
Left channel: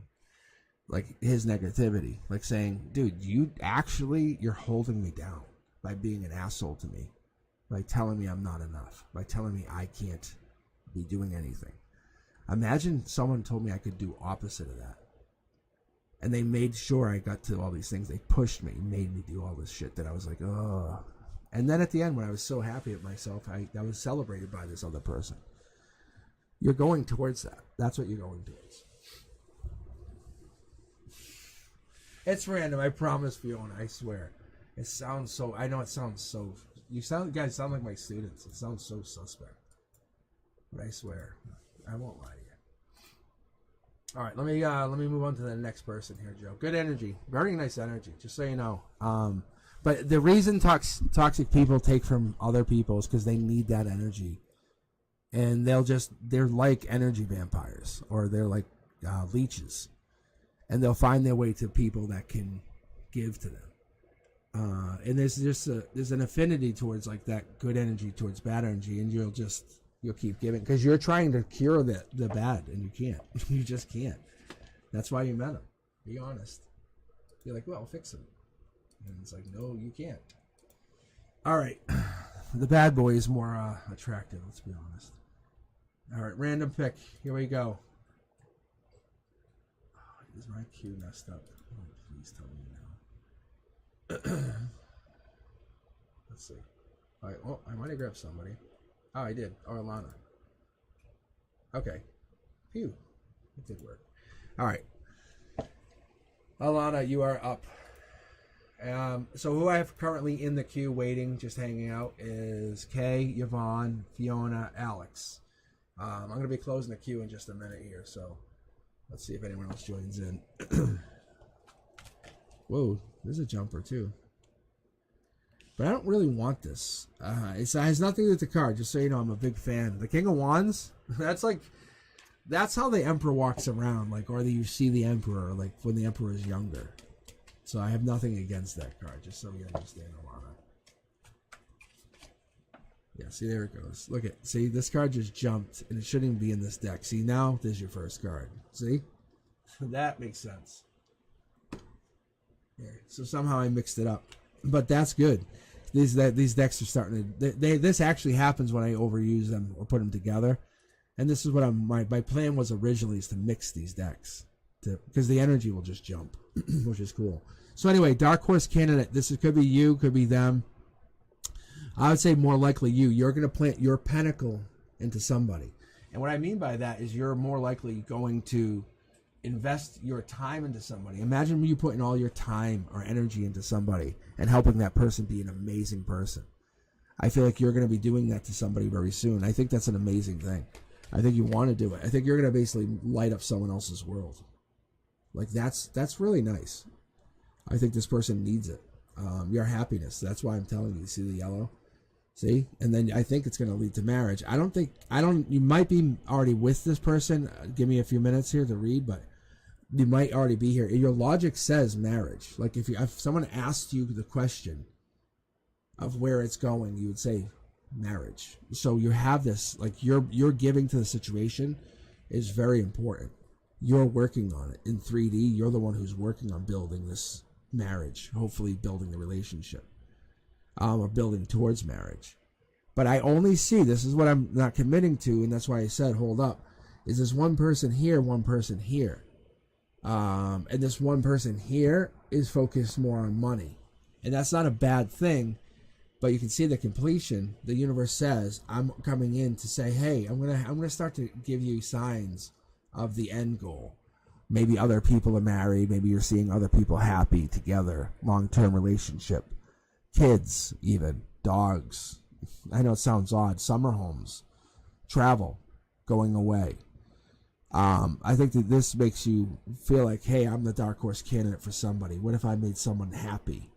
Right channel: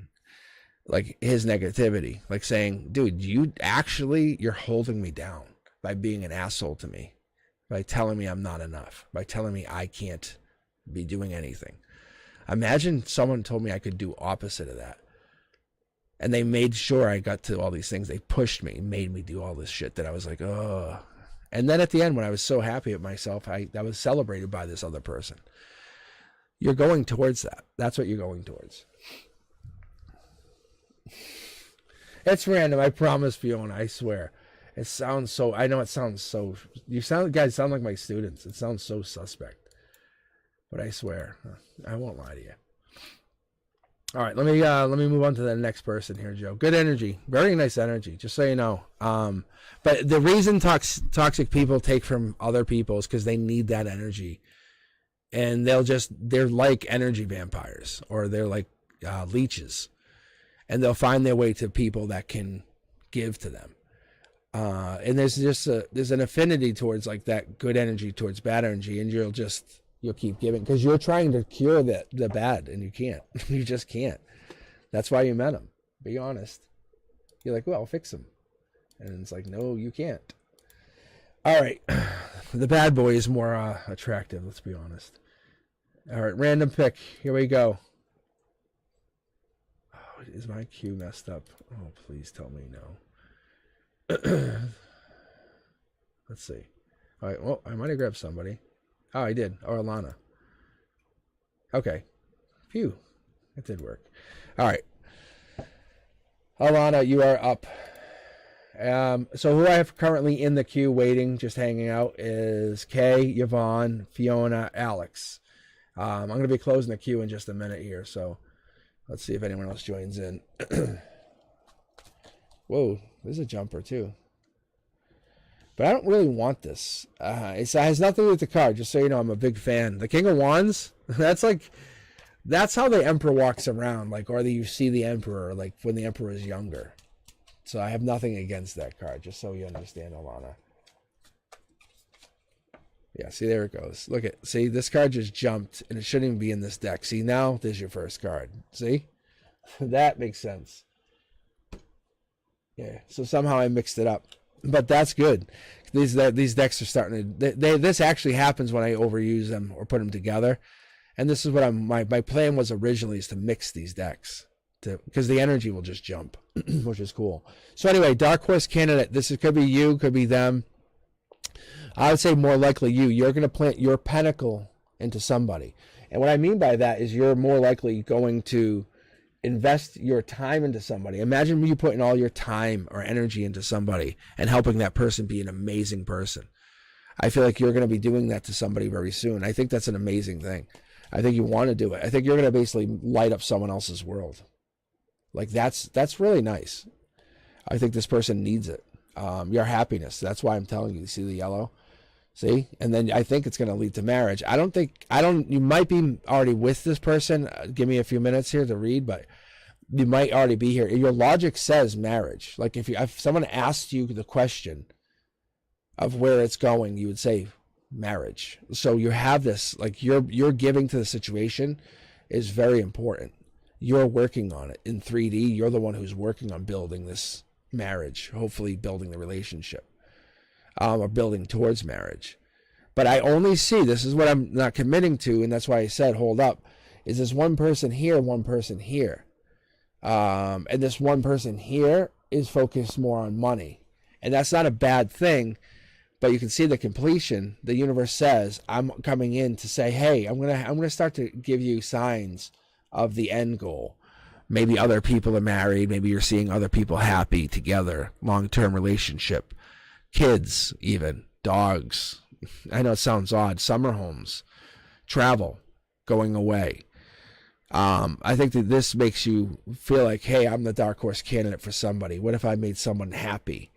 like, his negativity. Like saying, dude, you're holding me down by being an asshole to me. By telling me I'm not enough. By telling me I can't be doing anything. Imagine someone told me I could do opposite of that. And they made sure I got to all these things. They pushed me, made me do all this shit that I was like, oh. And then at the end, when I was so happy with myself, I was celebrated by this other person. You're going towards that. That's what you're going towards. It's random, I promise, Fiona, I swear. It sounds so, I know it sounds so, guys sound like my students. It sounds so suspect. But I swear, I won't lie to you. All right, let me move on to the next person here, Joe. Good energy, very nice energy, just so you know. But the reason toxic people take from other people is because they need that energy. And they're like energy vampires, or they're like leeches. And they'll find their way to people that can give to them. And there's an affinity towards like that good energy towards bad energy, and you'll keep giving because you're trying to cure the bad, and you can't. You just can't. That's why you met him. Be honest. You're like, well, I'll fix him, and it's like, no, you can't. All right, the bad boy is more attractive. Let's be honest. All right, random pick. Here we go. Oh, is my cue messed up? Oh, please tell me no. Let's see. All right, well, I might have grabbed somebody. Oh, I did. Oh, Alana. Okay. Phew. It did work. All right. Alana, you are up. So who I have currently in the queue waiting, just hanging out, is Kay, Yvonne, Fiona, Alex. I'm going to be closing the queue in just a minute here, so let's see if anyone else joins in. Whoa, there's a jumper too. But I don't really want this. It has nothing to do with the card, just so you know. I'm a big fan. The King of Wands, that's how the Emperor walks around, like, or you see the Emperor, like, when the Emperor is younger. So I have nothing against that card, just so you understand, Alana. Yeah, see, there it goes. Look at, see, this card just jumped, and it shouldn't even be in this deck. See, now there's your first card. See? That makes sense. Yeah, so somehow I mixed it up. But that's good. These decks are starting to... this actually happens when I overuse them or put them together. And this is what my plan was originally, is to mix these decks. Because the energy will just jump, which is cool. So anyway, Dark Horse candidate. Could be you, could be them. I would say more likely you. You're going to plant your pentacle into somebody. And what I mean by that is you're more likely going to invest your time into somebody. Imagine you putting all your time or energy into somebody and helping that person be an amazing person. I feel like you're going to be doing that to somebody very soon. I think that's an amazing thing. I think you want to do it. I think you're going to basically light up someone else's world. Like, that's really nice. I think this person needs it. Your happiness. That's why I'm telling you. See the yellow? See? And then I think it's going to lead to marriage. You might be already with this person. Give me a few minutes here to read, but you might already be here. Your logic says marriage. Like, if someone asked you the question of where it's going, you would say marriage. So you have this, like, you're giving to the situation is very important. You're working on it in 3D. You're the one who's working on building this marriage, hopefully building the relationship, or building towards marriage. But I only see, this is what I'm not committing to, and that's why I said hold up, is this one person here, one person here. And this one person here is focused more on money. And that's not a bad thing, but you can see the completion. The universe says, I'm coming in to say, hey, I'm gonna start to give you signs of the end goal. Maybe other people are married, maybe you're seeing other people happy together, long-term relationship, kids even, dogs. I know it sounds odd, summer homes, travel, going away. I think that this makes you feel like, hey, I'm the dark horse candidate for somebody. What if I made someone happy?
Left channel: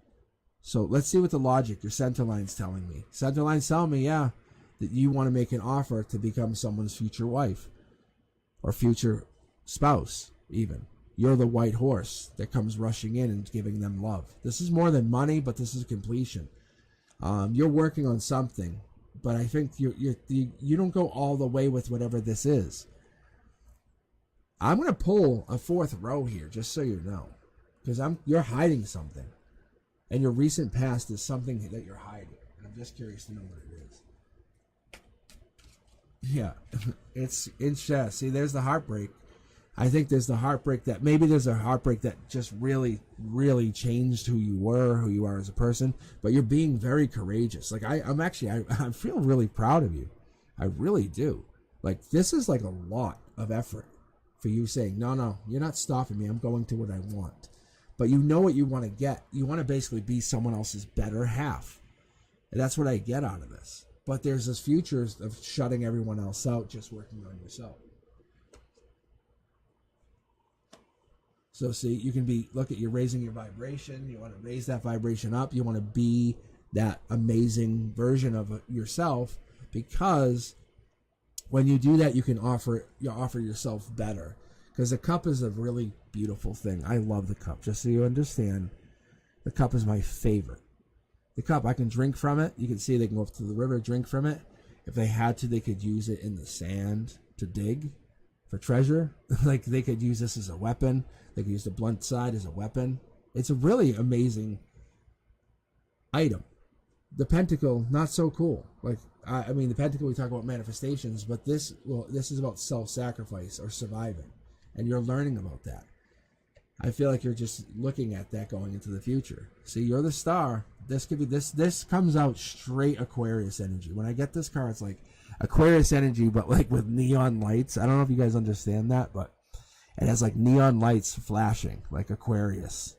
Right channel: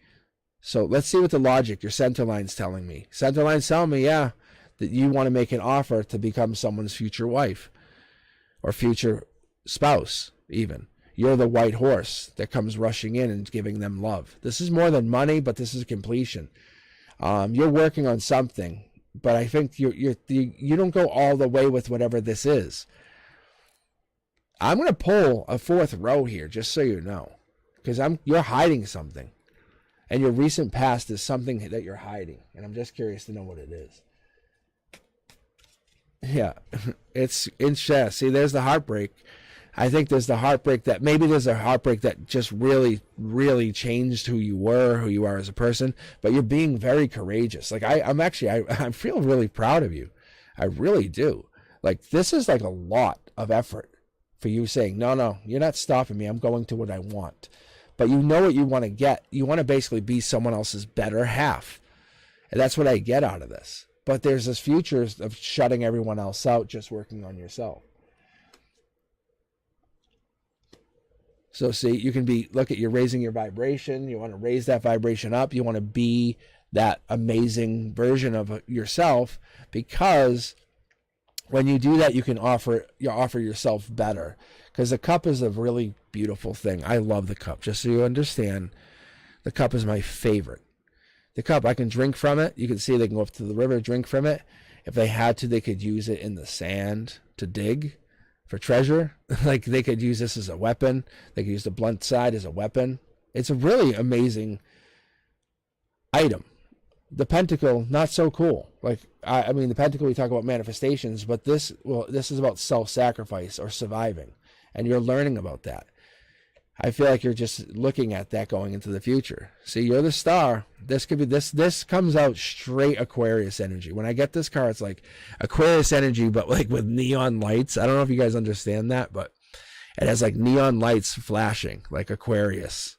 So let's see what the logic, your center line's telling me. Center line's telling me, yeah, that you want to make an offer to become someone's future wife or future spouse even. You're the white horse that comes rushing in and giving them love. This is more than money, but this is completion. You're working on something, but I think you don't go all the way with whatever this is. I'm going to pull a fourth row here, just so you know, because you're hiding something. And your recent past is something that you're hiding. And I'm just curious to know what it is. Yeah, it's see, there's the heartbreak. I think there's the heartbreak that maybe there's a heartbreak that just really, really changed who you are as a person. But you're being very courageous. Like I feel really proud of you. I really do. Like this is like a lot of effort for you saying, no, you're not stopping me. I'm going to what I want. But you know what you want to get. You want to basically be someone else's better half. And that's what I get out of this. But there's this future of shutting everyone else out, just working on yourself. So see, you can you're raising your vibration. You want to raise that vibration up. You want to be that amazing version of yourself, because when you do that, you can offer yourself better. Because the cup is a really beautiful thing. I love the cup. Just so you understand, the cup is my favorite. The cup, I can drink from it. You can see they can go up to the river, drink from it. If they had to, they could use it in the sand to dig for treasure. Like they could use this as a weapon. They could use the blunt side as a weapon. It's a really amazing item. The pentacle, not so cool. Like I mean, the pentacle, we talk about manifestations, but this is about self-sacrifice or surviving. And you're learning about that. I feel like you're just looking at that going into the future. See, you're the star. This could be this comes out straight Aquarius energy. When I get this card, it's like Aquarius energy, but like with neon lights. I don't know if you guys understand that, but it has like neon lights flashing like Aquarius.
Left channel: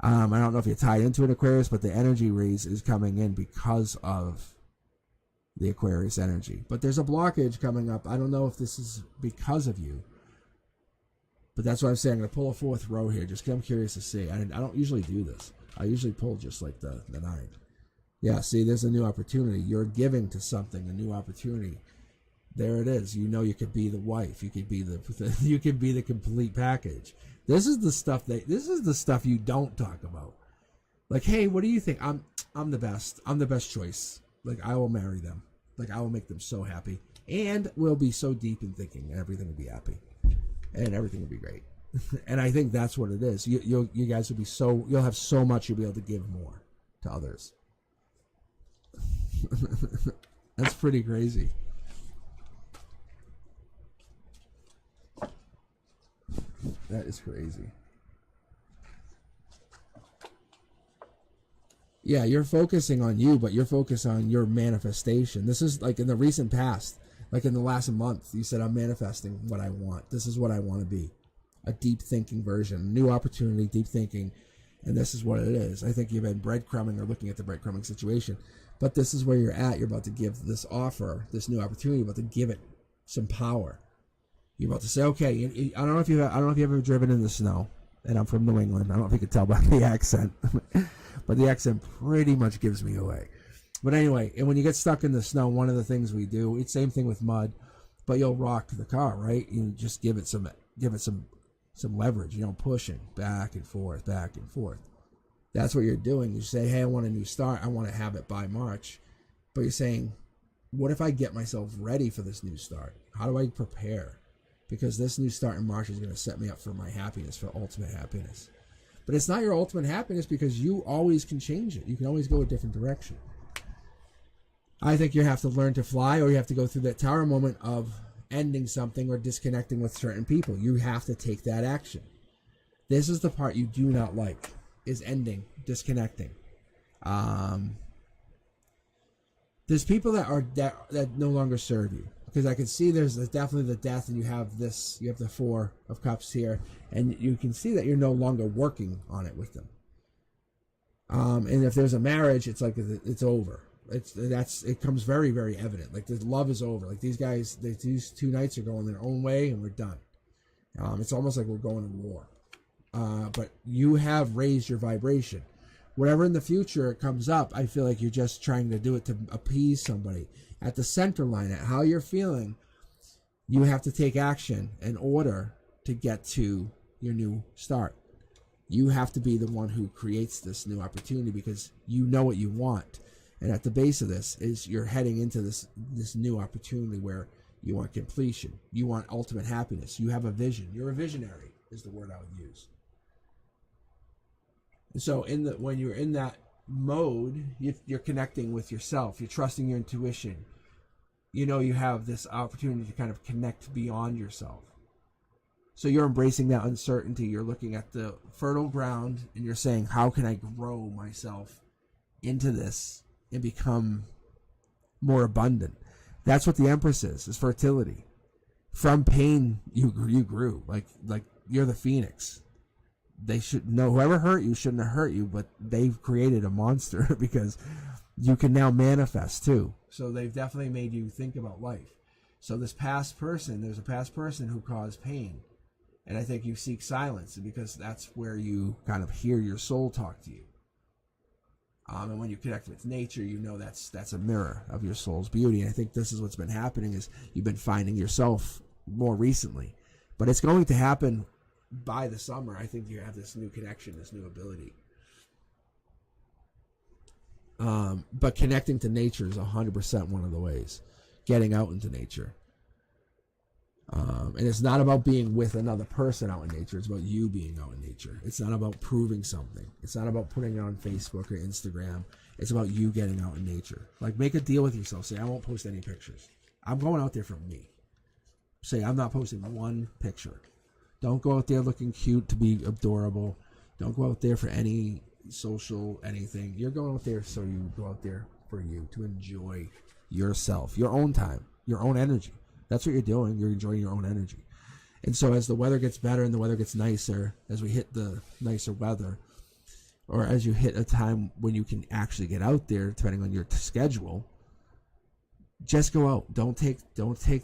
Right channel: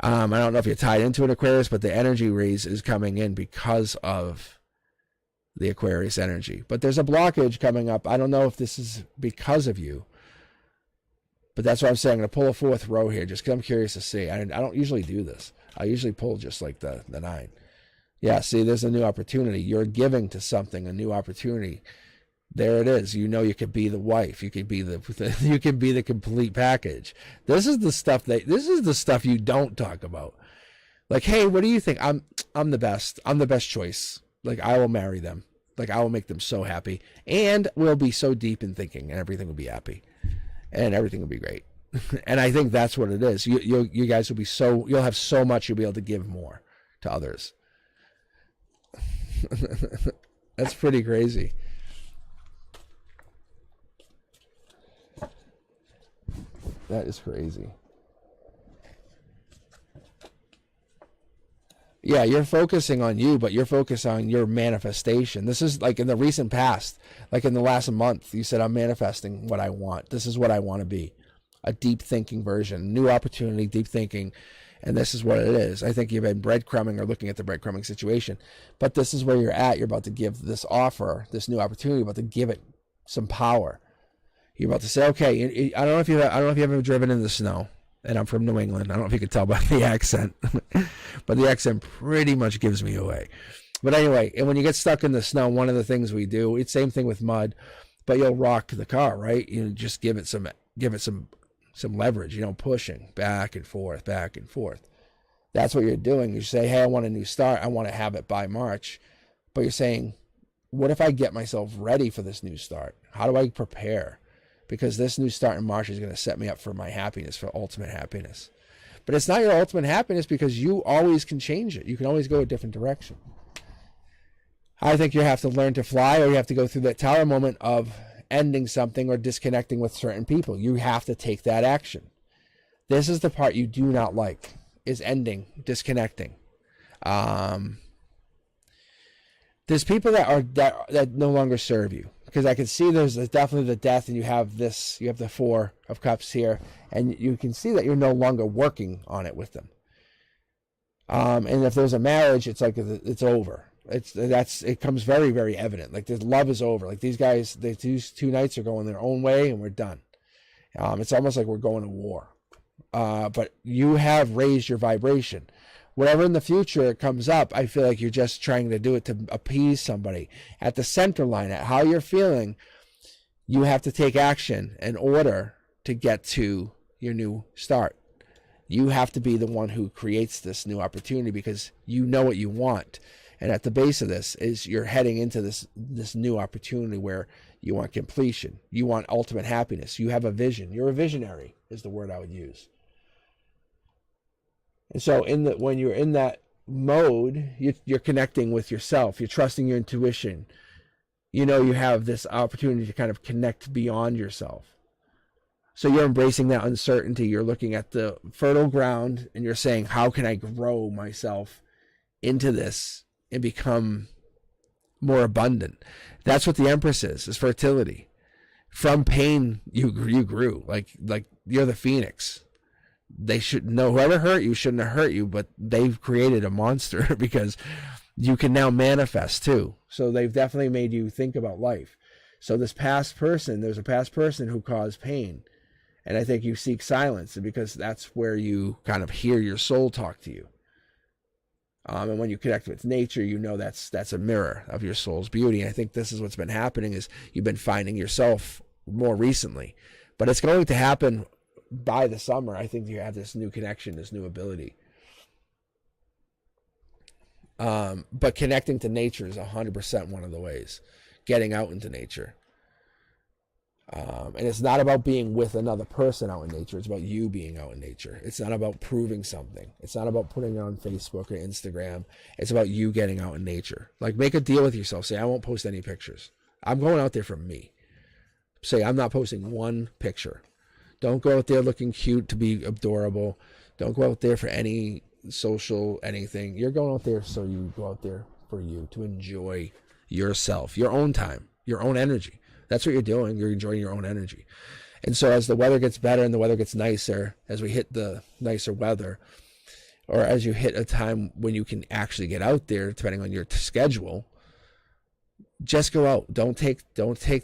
I don't know if you're tied into an Aquarius, but the energy rays is coming in because of the Aquarius energy. But there's a blockage coming up. I don't know if this is because of you. But that's what I'm saying. I'm going to pull a fourth row here just because I'm curious to see. I don't usually do this. I usually pull just like the 9. Yeah, see, there's a new opportunity. You're giving to something, a new opportunity. There it is. You know, you could be the wife. You could be you could be the complete package. This is the stuff you don't talk about. Like, hey, what do you think? I'm the best. I'm the best choice. Like, I will marry them. Like, I will make them so happy. And we'll be so deep in thinking and everything will be happy. And everything will be great. And I think that's what it is. You guys will be you'll have so much, you'll be able to give more to others. That's pretty crazy. That is crazy. Yeah, you're focusing on you, but you're focused on your manifestation. This is like in the recent past, like in the last month, you said, I'm manifesting what I want. This is what I want to be. A deep thinking version, new opportunity, deep thinking. And this is what it is. I think you've been breadcrumbing or looking at the breadcrumbing situation. But this is where you're at. You're about to give this offer, this new opportunity, you're about to give it some power. You're about to say, okay, I don't know if you've ever driven in the snow. And I'm from New England. I don't know if you can tell by the accent. But the accent pretty much gives me away. But anyway, and when you get stuck in the snow, one of the things we do, it's same thing with mud, but you'll rock the car, right? You just give it some leverage, pushing back and forth, back and forth. That's what you're doing. You say, hey, I want a new start. I want to have it by March. But you're saying, what if I get myself ready for this new start? How do I prepare? Because this new start in March is going to set me up for my happiness, for ultimate happiness. But it's not your ultimate happiness because you always can change it. You can always go a different direction. I think you have to learn to fly, or you have to go through that tower moment of ending something or disconnecting with certain people. You have to take that action. This is the part you do not like, is ending, disconnecting. There's people that no longer serve you, because I can see there's definitely the death, and you have the Four of Cups here, and you can see that you're no longer working on it with them. And if there's a marriage, it's like it's over. It comes very, very evident. Like, the love is over. Like, these guys, these two knights are going their own way, and we're done. It's almost like we're going to war. But you have raised your vibration. Whatever in the future comes up, I feel like you're just trying to do it to appease somebody. At the center line, at how you're feeling, you have to take action in order to get to your new start. You have to be the one who creates this new opportunity, because you know what you want. And at the base of this is you're heading into this new opportunity where you want completion. You want ultimate happiness. You have a vision. You're a visionary is the word I would use. And so when you're in that mode, you're connecting with yourself. You're trusting your intuition. You know you have this opportunity to kind of connect beyond yourself. So you're embracing that uncertainty. You're looking at the fertile ground, and you're saying, how can I grow myself into this and become more abundant? That's what the Empress is fertility. From pain, you grew. Like you're the phoenix. They should know, whoever hurt you shouldn't have hurt you, but they've created a monster because you can now manifest too. So they've definitely made you think about life. So there's a past person who caused pain. And I think you seek silence, because that's where you kind of hear your soul talk to you. And when you connect with nature, you know that's a mirror of your soul's beauty. And I think this is what's been happening, is you've been finding yourself more recently. But it's going to happen by the summer. I think you have this new connection, this new ability. But connecting to nature is 100% one of the ways. Getting out into nature. And it's not about being with another person out in nature. It's about you being out in nature. It's not about proving something. It's not about putting it on Facebook or Instagram. It's about you getting out in nature. Like, make a deal with yourself. Say, I won't post any pictures. I'm going out there for me. Say, I'm not posting one picture. Don't go out there looking cute to be adorable. Don't go out there for any social anything. You're going out there so you go out there for you, to enjoy yourself, your own time, your own energy. That's what you're doing. You're enjoying your own energy. And so as the weather gets better and the weather gets nicer, as we hit the nicer weather, or as you hit a time when you can actually get out there, depending on your schedule, just go out. Don't take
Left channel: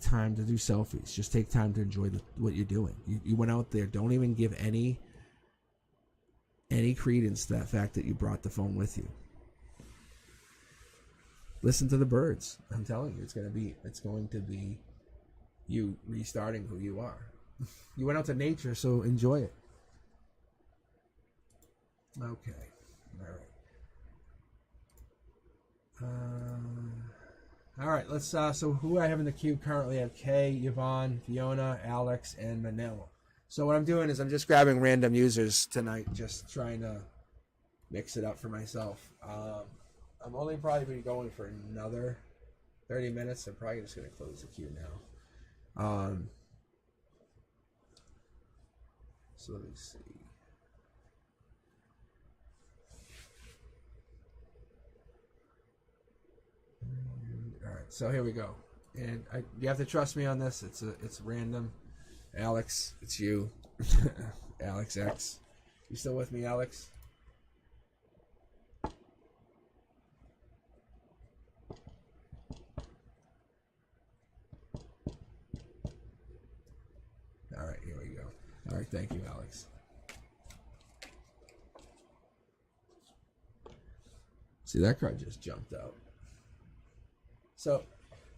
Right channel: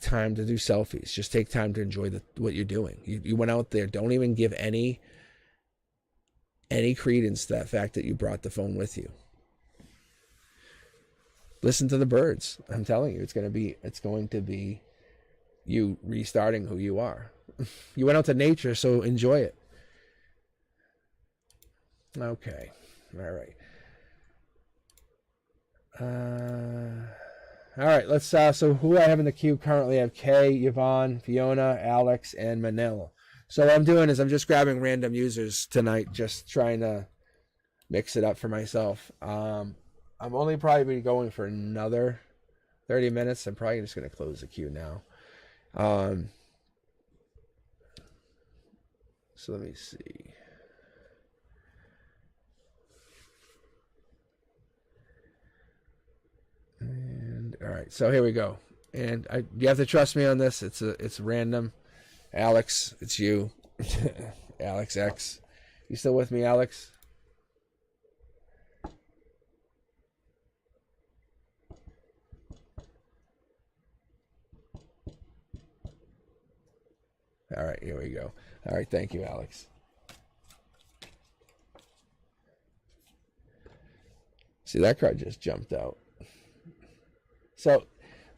time to do selfies. Just take time to enjoy what you're doing. You went out there. Don't even give any credence to that fact that you brought the phone with you. Listen to the birds. I'm telling you, it's going to be you restarting who you are. You went out to nature, so enjoy it. Okay. All right. Let's so who I have in the queue currently, I have Kay, Yvonne, Fiona, Alex, and Manila. So what I'm doing is I'm just grabbing random users tonight, just trying to mix it up for myself. I'm only probably going for another 30 minutes. I'm probably just going to close the queue now. So let me see. And all right, so here we go. And you have to trust me on this. It's random. Alex, it's you. Alex X. You still with me, Alex? All right, here we go. All right, thank you, Alex. See, that card just jumped out. So,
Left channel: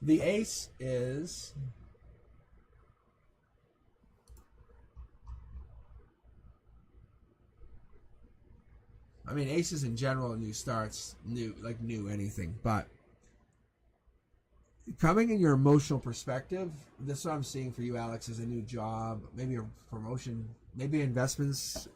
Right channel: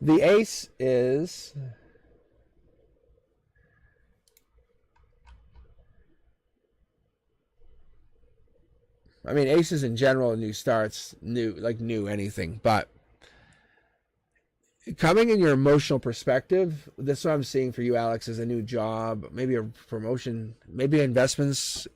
the ace is... I mean, aces in general, new starts, new anything, but coming in your emotional perspective, this is what I'm seeing for you, Alex, is a new job, maybe a promotion, maybe investments.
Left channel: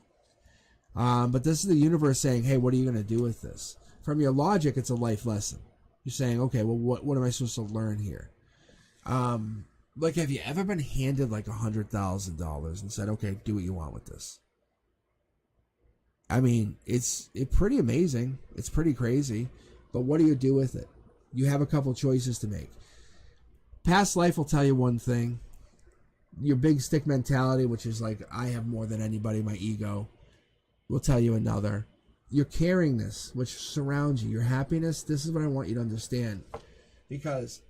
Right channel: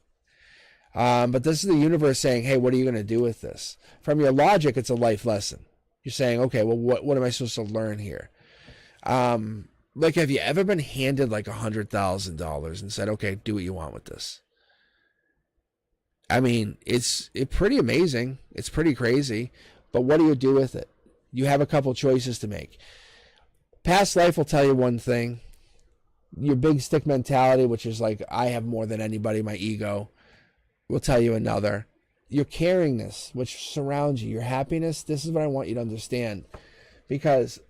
But this is the universe saying, hey, what are you going to do with this? From your logic, it's a life lesson. You're saying, okay, well, what am I supposed to learn here? Like, have you ever been handed like $100,000 and said, okay, do what you want with this? I mean, it's pretty amazing. It's pretty crazy. But what do you do with it? You have a couple choices to make. Past life will tell you one thing. Your big stick mentality, which is like, I have more than anybody, my ego, will tell you another. Your caringness, which surrounds you, your happiness, this is what I want you to understand. Because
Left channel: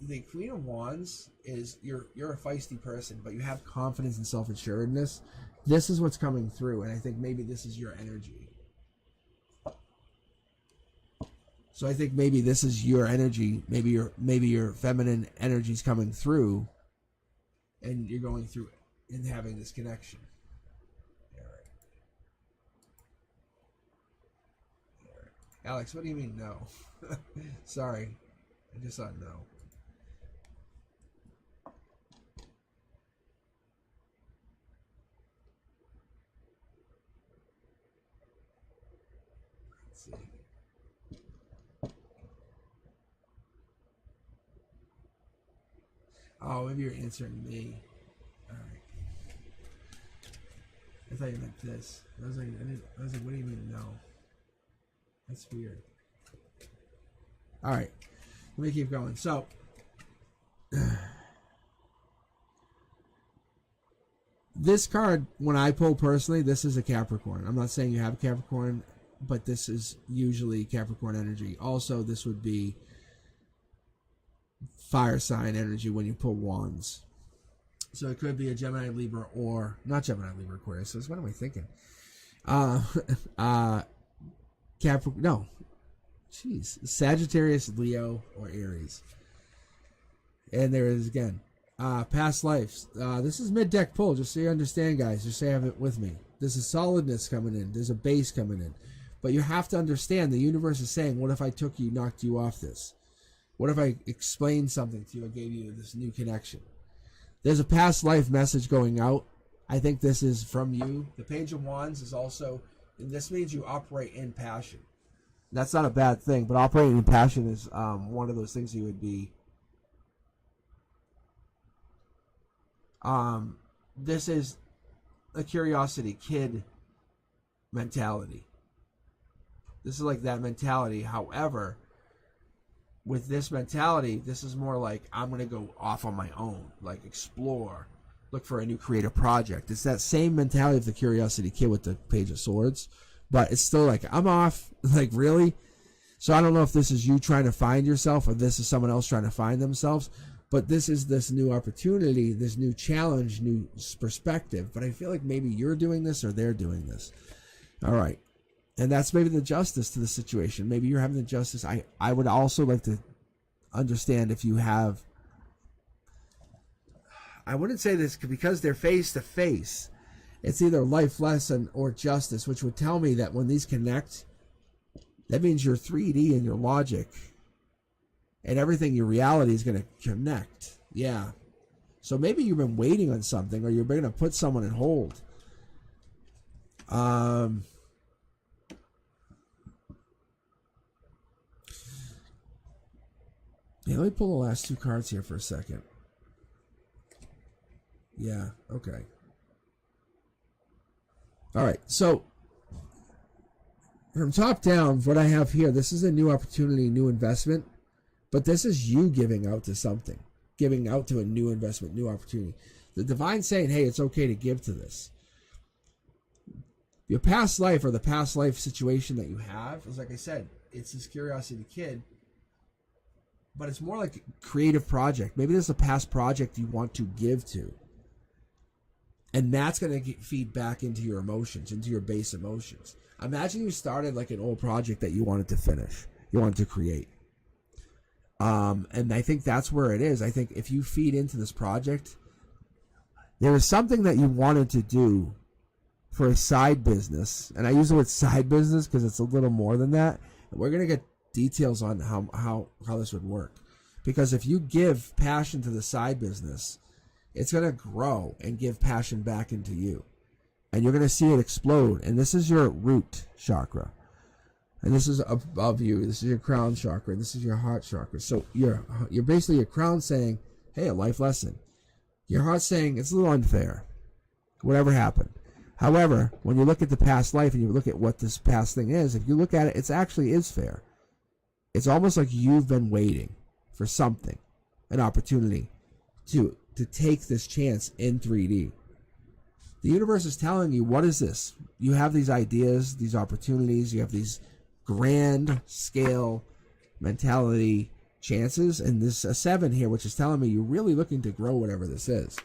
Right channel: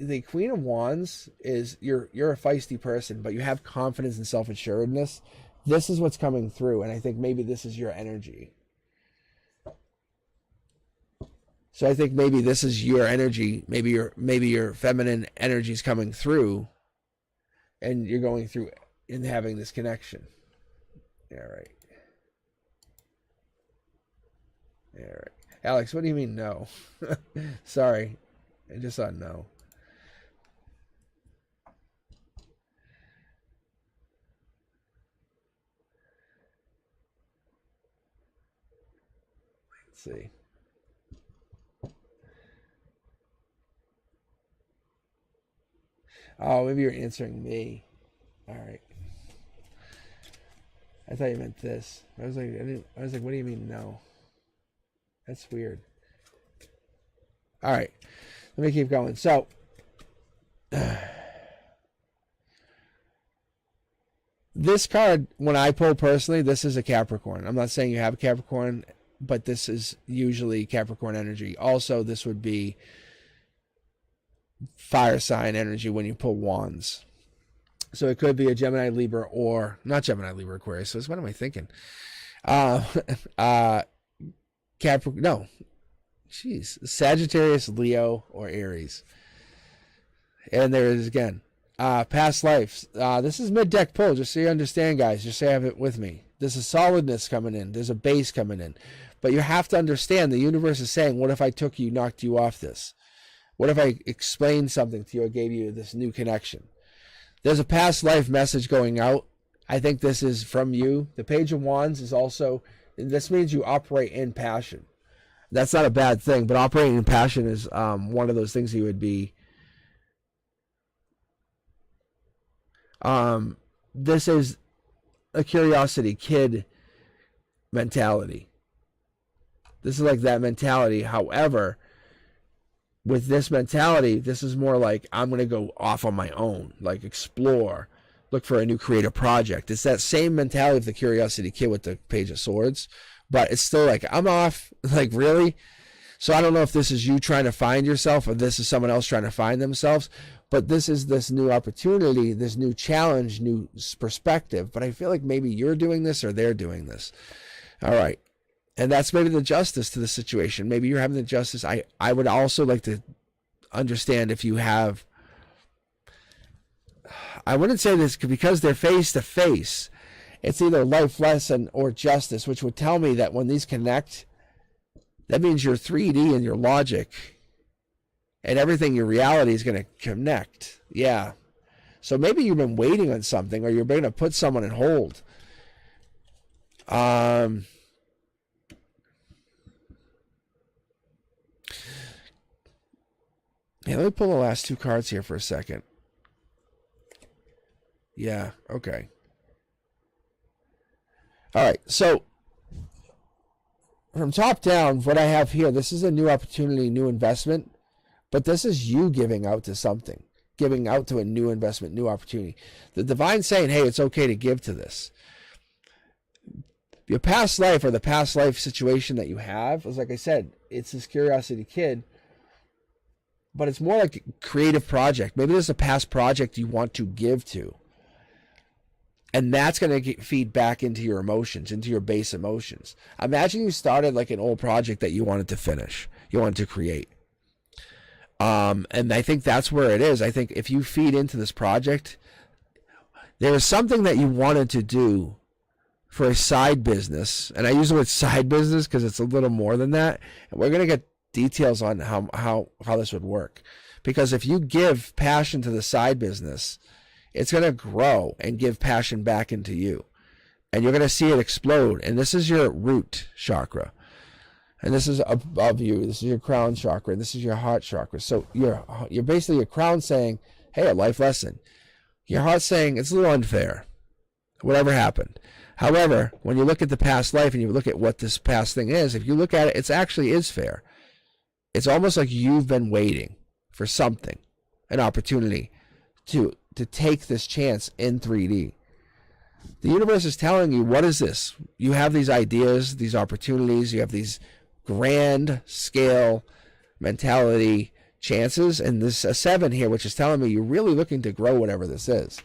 the Queen of Wands is, you're a feisty person, but you have confidence and self-assuredness. This is what's coming through, and I think maybe this is your energy. So I think maybe this is your energy. Maybe your feminine energy is coming through, and you're going through and having this connection. Yeah, right. Yeah, right. Alex, what do you mean no? Sorry, I just thought no. Let's see. Oh, maybe you're answering me. All right. I thought you meant this. I was like, what do you mean no? That's weird. All right. Let me keep going. So, this card, when I pull personally, this is a Capricorn. I'm not saying you have a Capricorn, but this is usually Capricorn energy. Also, this would be fire sign energy when you pull wands. So it could be a Gemini, Libra, or not Gemini, Libra, Aquarius. So what am I thinking? Capricorn, no, jeez, Sagittarius, Leo, or Aries. And there it is again. Past lives. This is mid-deck pull, just so you understand, guys. Just so you have it with me. There's a solidness coming in. There's a base coming in. But you have to understand, the universe is saying, what if I took you, knocked you off this? What if I explained something to you or gave you this new connection? There's a past life message going out. I think this is from you. The Page of Wands is also, this means you operate in passion. That's not a bad thing, but operating in passion is one of those things you would be. This is a curiosity kid mentality. This is like that mentality. However, with this mentality, this is more like, I'm going to go off on my own, like explore, look for a new creative project. It's that same mentality of the curiosity kid with the Page of Swords, but it's still like, I'm off, like, really? So I don't know if this is you trying to find yourself or this is someone else trying to find themselves, but this is this new opportunity, this new challenge, new perspective. But I feel like maybe you're doing this or they're doing this. All right. And that's maybe the justice to the situation. Maybe you're having the justice. I would also like to understand if you have, I wouldn't say this because they're face to face. It's either life lesson or justice, which would tell me that when these connect, that means your 3D and your logic and everything, your reality is going to connect. Yeah. So maybe you've been waiting on something, or you're going to put someone in hold. Yeah, let me pull the last two cards here for a second. Yeah, okay. All right, so from top down, what I have here, this is a new opportunity, new investment, but this is you giving out to something, giving out to a new investment, new opportunity. The divine saying, hey, it's okay to give to this. Your past life or the past life situation that you have is, like I said, it's this curiosity kid, but it's more like a creative project. Maybe there's a past project you want to give to. And that's going to feed back into your emotions, into your base emotions. Imagine you started like an old project that you wanted to finish, you wanted to create. And I think that's where it is. I think if you feed into this project, there is something that you wanted to do for a side business. And I use the word side business because it's a little more than that. And we're going to get details on how this would work. Because if you give passion to the side business, it's going to grow and give passion back into you. And you're going to see it explode. And this is your root chakra. And this is above you. This is your crown chakra. And this is your heart chakra. So you're basically your crown saying, hey, a life lesson. Your heart saying, it's a little unfair. Whatever happened. However, when you look at the past life and you look at what this past thing is, if you look at it, it actually is fair. It's almost like you've been waiting for something, an opportunity to take this chance in 3D. The universe is telling you, what is this? You have these ideas, these opportunities, you have these grand scale mentality chances, and this a 7 here, which is telling me you're really looking to grow whatever this is.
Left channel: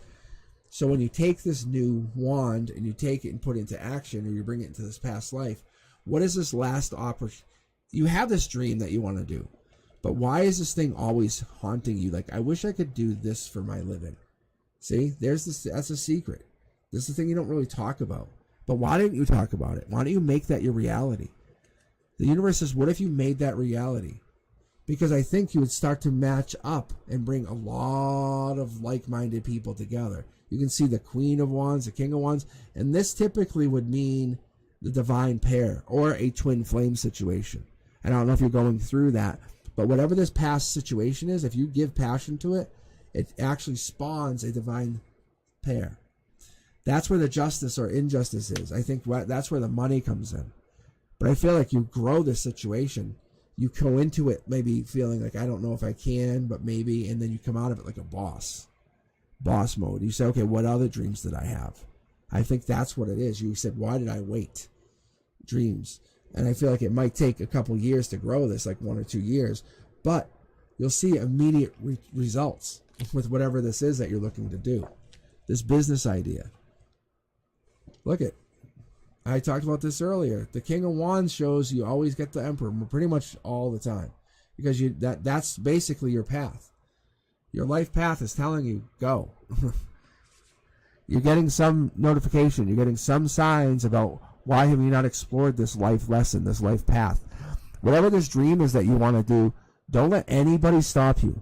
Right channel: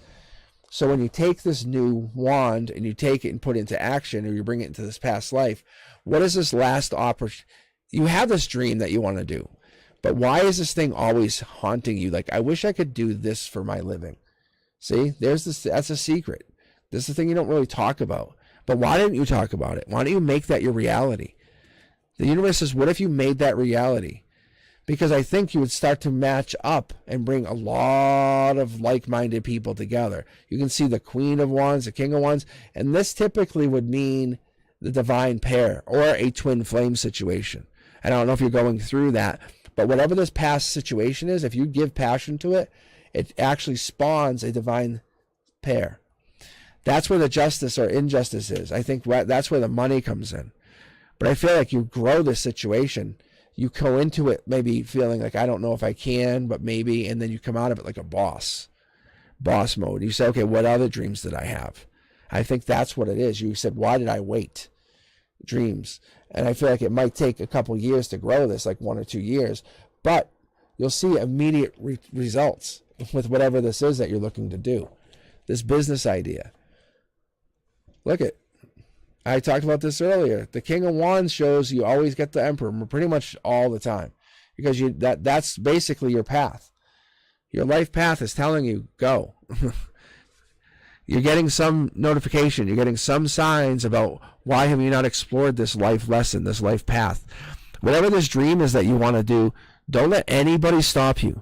So when you take this new wand and you take it and put it into action, or you bring it into this past life, what is this last opportunity? You have this dream that you want to do, but why is this thing always haunting you? Like, I wish I could do this for my living. See, there's this. That's a secret. This is the thing you don't really talk about. But why didn't you talk about it? Why don't you make that your reality? The universe says, what if you made that reality? Because I think you would start to match up and bring a lot of like-minded people together. You can see the Queen of Wands, the King of Wands, and this typically would mean the divine pair or a twin flame situation. And I don't know if you're going through that, but whatever this past situation is, if you give passion to it, it actually spawns a divine pair. That's where the justice or injustice is. I think that's where the money comes in. But I feel like you grow this situation. You go into it maybe feeling like, I don't know if I can, but maybe, and then you come out of it like a boss mode. You say, okay, what other dreams did I have? I think that's what it is. You said, why did I wait? Dreams. And I feel like it might take a couple years to grow this, like 1 or 2 years, but you'll see immediate results with whatever this is that you're looking to do. This business idea. Look at, I talked about this earlier. The King of Wands shows you always get the Emperor pretty much all the time, because that's basically your path. Your life path is telling you, go. You're getting some notification. You're getting some signs about why have you not explored this life lesson, this life path. Whatever this dream is that you want to do, don't let anybody stop you.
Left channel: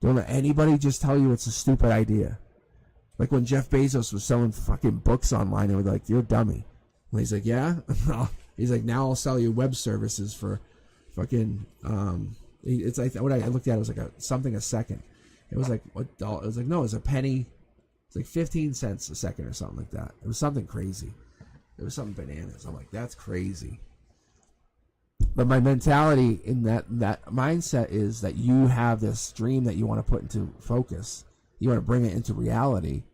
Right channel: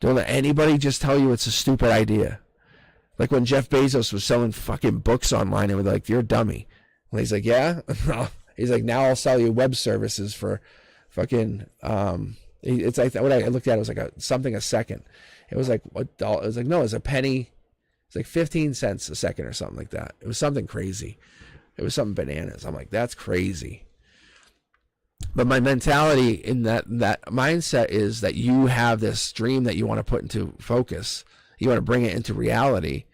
Don't let anybody just tell you it's a stupid idea. Like when Jeff Bezos was selling fucking books online, and we're like, you're a dummy. And he's like, yeah? He's like, now I'll sell you web services for fucking, it's like, what I looked at, it was like something a second. It was like, it was like, no, it's a penny. It's like 15 cents a second or something like that. It was something crazy. It was something bananas. I'm like, that's crazy. But my mentality in that mindset is that you have this dream that you want to put into focus. You want to bring it into reality,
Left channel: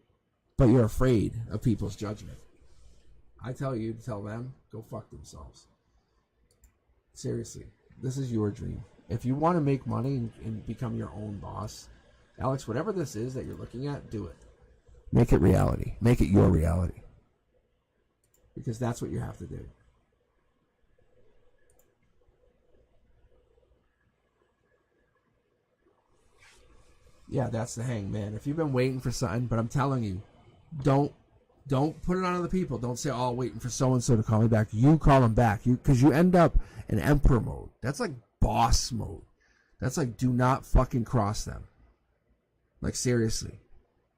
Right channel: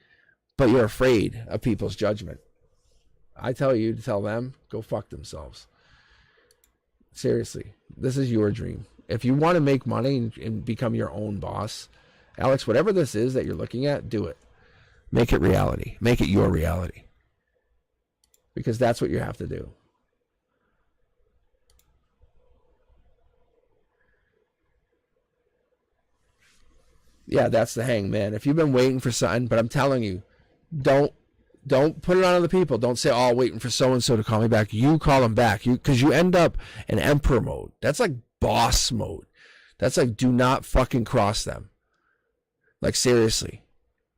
but you're afraid of people's judgment. I tell you to tell them, go fuck themselves. Seriously, this is your dream. If you want to make money and become your own boss, Alex, whatever this is that you're looking at, do it. Make it reality. Make it your reality. Because that's what you have to do. Yeah, that's the Hangman. If you've been waiting for something, but I'm telling you, don't put it on other people. Don't say, oh, waiting for so-and-so to call me back. You call them back. Because you end up in Emperor mode. That's like boss mode. That's like, do not fucking cross them. Like, seriously.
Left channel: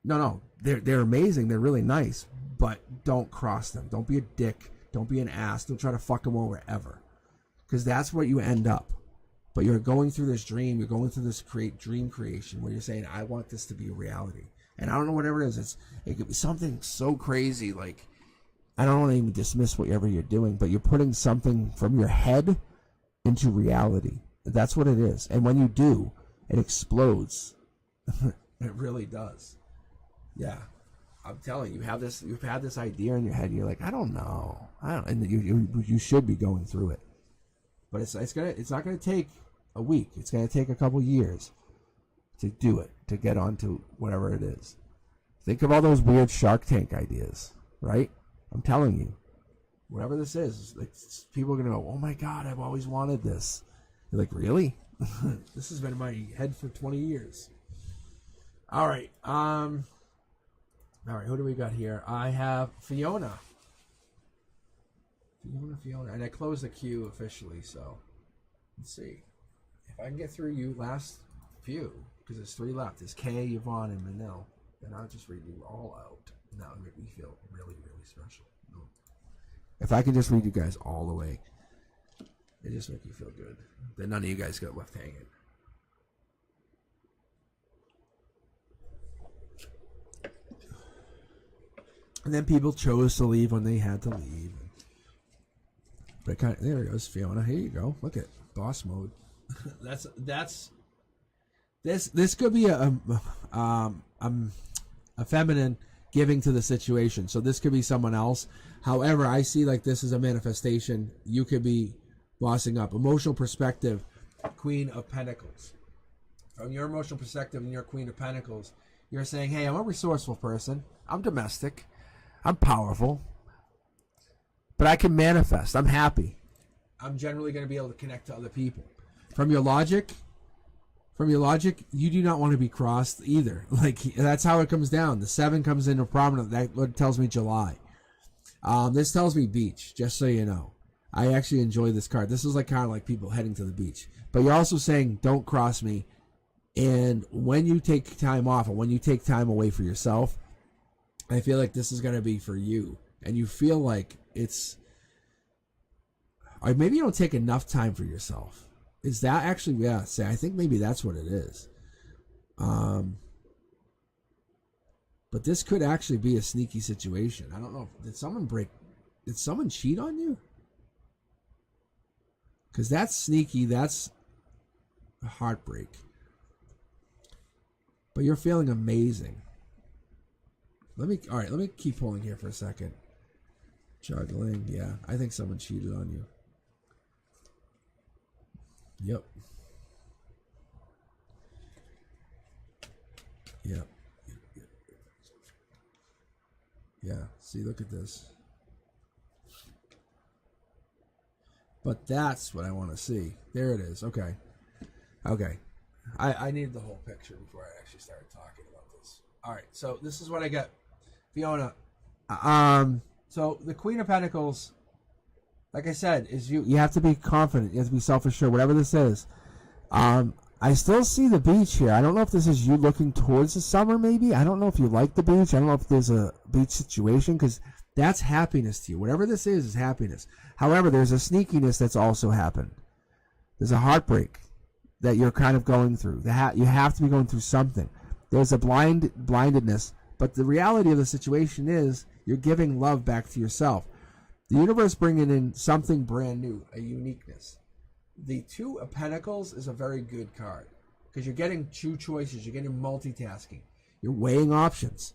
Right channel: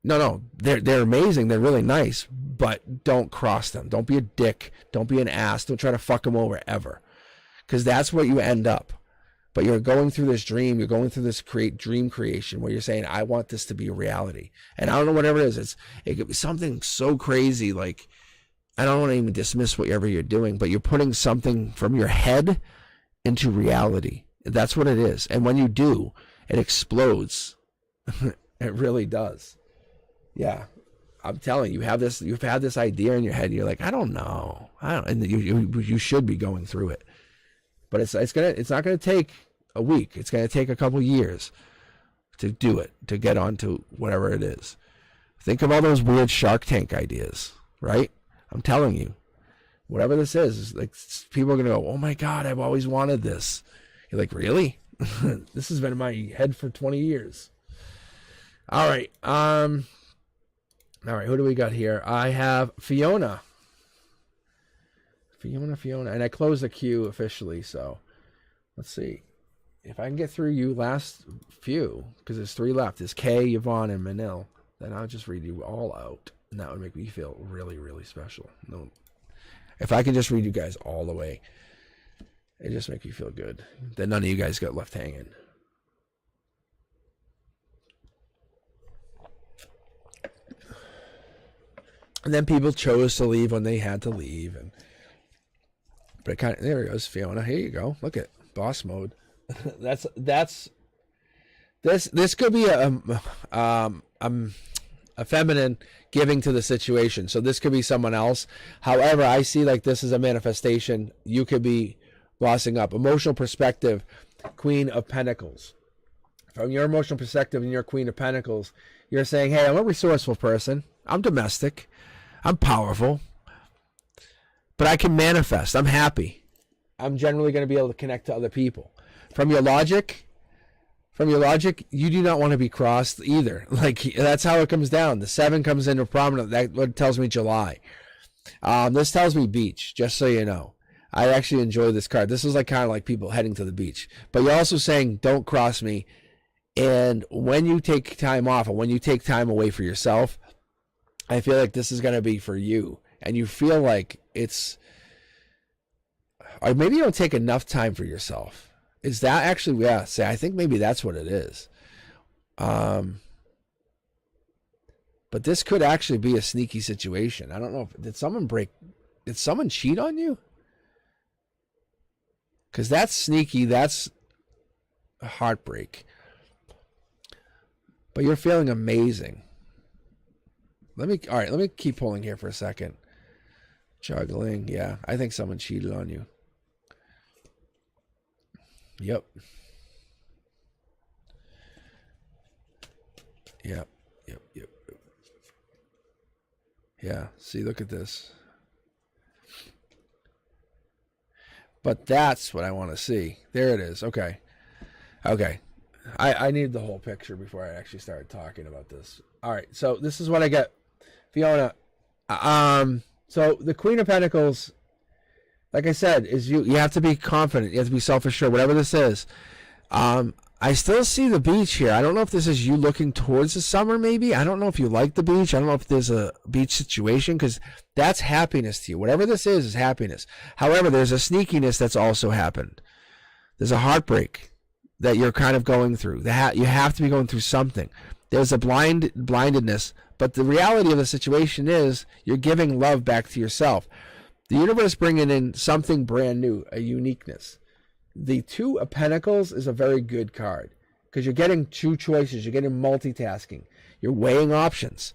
No, they're amazing. They're really nice. But don't cross them. Don't be a dick. Don't be an ass. Don't try to fuck them over ever. Because that's what you end up. But you're going through this dream. You're going through this dream creation where you're saying, I want this to be a reality. And I don't know whatever it is. It could be something so crazy. Like, I don't want to even dismiss whatever you're doing, but you're putting something from your head into reality. That's what it is. And when you do, it explodes. It really does. Yeah. I'm telling you, you've had this idea in your head. And you're like, I don't know. And you should be going through it. But it's not gonna take a week. It's gonna take a couple years to do it, to get onto whatever it is. Think of all those weird Shark Tank ideas, right? I'm telling you, whatever this is like, people are gonna go, oh my God, I've always wanted this. You're like, really? This has been in my head for 20 years. All right, who do we got here? I have Fiona, and I closed the queue officially, so let's see. if I can get through you last few, because there's 3 left, there's Kay, Yvonne, and Manil, then I'll just read you all out, and that would make me feel really, really special. No, if I can just read you guys all the way, it just makes me feel good that none of you guys got left hanging. And then people chose to leave when they had to leave, but it kind of, there it goes, Fiona. Here you go. Look at boss mode. This could be a feminine giving to the situation. So this could be someone else. However, I see like this is a manifestation. You could be bossing up. Emotional perspective, Queen of Pentacles. From your emotional perspective and your Queen of Pentacles, you're saying, hey, I'm a resourceful person. I'm domestic. I'm powerful. But I can manifest. I'm happy. I'm generally going to be able to connect to other people. From your logic, you do not want to be crossed either. Like, that's how it comes down. The 7 comes into prominent. That tells me July. This tells me beach, just so you know. I actually enjoy this card. This is like kind of like people heading to the beach. But you're also saying, don't cross me. And when you take time off, or when you take time away for yourself, I feel like this is going to be for you. And you feel like it's, or maybe you don't take enough time for yourself. Is that actually, yeah, say, I think maybe that's what it is. But this could actually be a sneaky situation. I don't know. Did someone cheat on you? Because that's sneaky. That's a heartbreak. But you're feeling amazing. All right, let me keep pulling here for a second. Juggling, yeah. I think someone cheated on you. Yep. Yeah, see, look at this. But that's what I want to see. There it is. Okay. I need the whole picture before I actually start talking about this. All right, so this is what I get. Fiona, so the Queen of Pentacles, like I said, is you have to be confident. You have to be self-assured, whatever this is. I still see the beach here. I don't know if this is you looking towards the summer, maybe. I don't know if you like the beach. I don't know if there's a beach situation, because that's happiness to you. Whatever this is happiness. However, there's a sneakiness that's also happened. There's a heartbreak that you're kind of going through. You have to be going through something. There's a blindedness. But the reality of the situation is you're giving love back to yourself. The universe bringing in something brand new, a uniqueness. The 2 of Pentacles is a very good card because you're getting 2 choices. You're getting multitasking. You're weighing options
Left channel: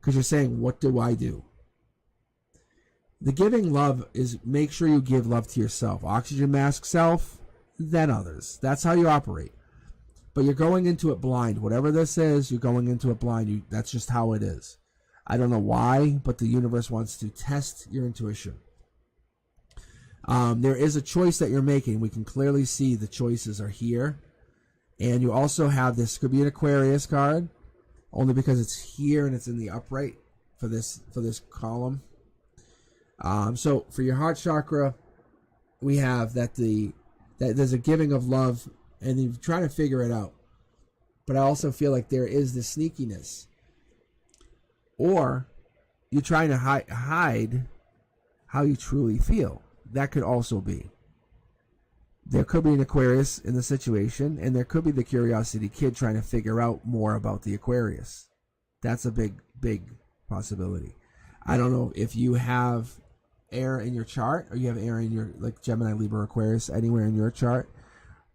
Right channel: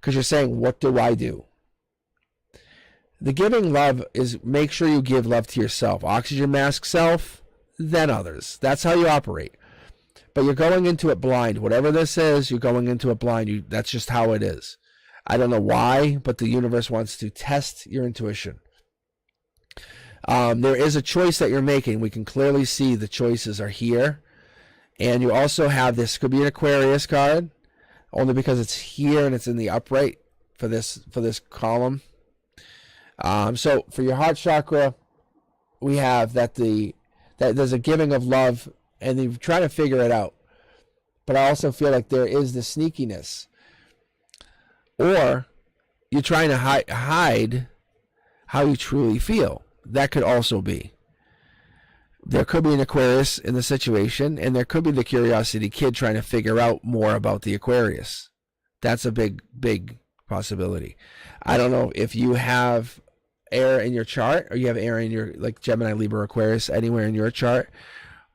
because you're saying, what do I do? The giving love is make sure you give love to yourself. Oxygen mask self, then others. That's how you operate. But you're going into it blind. Whatever this is, you're going into it blind. That's just how it is. I don't know why, but the universe wants to test your intuition. There is a choice that you're making. We can clearly see the choices are here. And you also have this, could be an Aquarius card, only because it's here and it's in the upright for this column. So for your heart chakra, we have that there's a giving of love, and you're trying to figure it out. But I also feel like there is the sneakiness. Or you're trying to hide how you truly feel. That could also be. There could be an Aquarius in the situation, and there could be the curiosity kid trying to figure out more about the Aquarius. That's a big, big possibility. I don't know if you have air in your chart, or you have air in your, like Gemini, Libra, Aquarius, anywhere in your chart.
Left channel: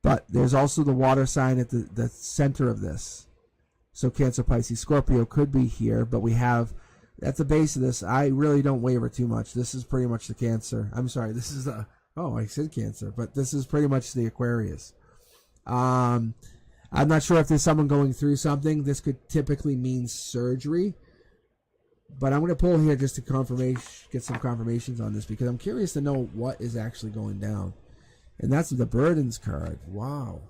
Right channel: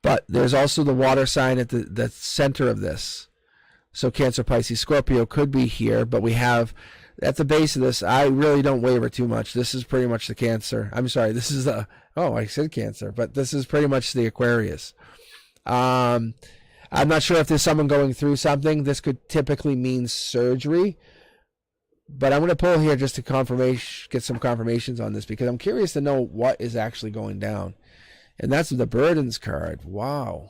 But there's also the water sign at the center of this. So Cancer, Pisces, Scorpio could be here, but we have, at the base of this, I really don't waver too much. This is pretty much the Cancer. I'm sorry, this is the, I said Cancer, but this is pretty much the Aquarius. I'm not sure if there's someone going through something. This could typically mean surgery. But I'm going to pull here just to get some confirmations on this, because I'm curious to know what is actually going down. And that's the Burdens card. Wow.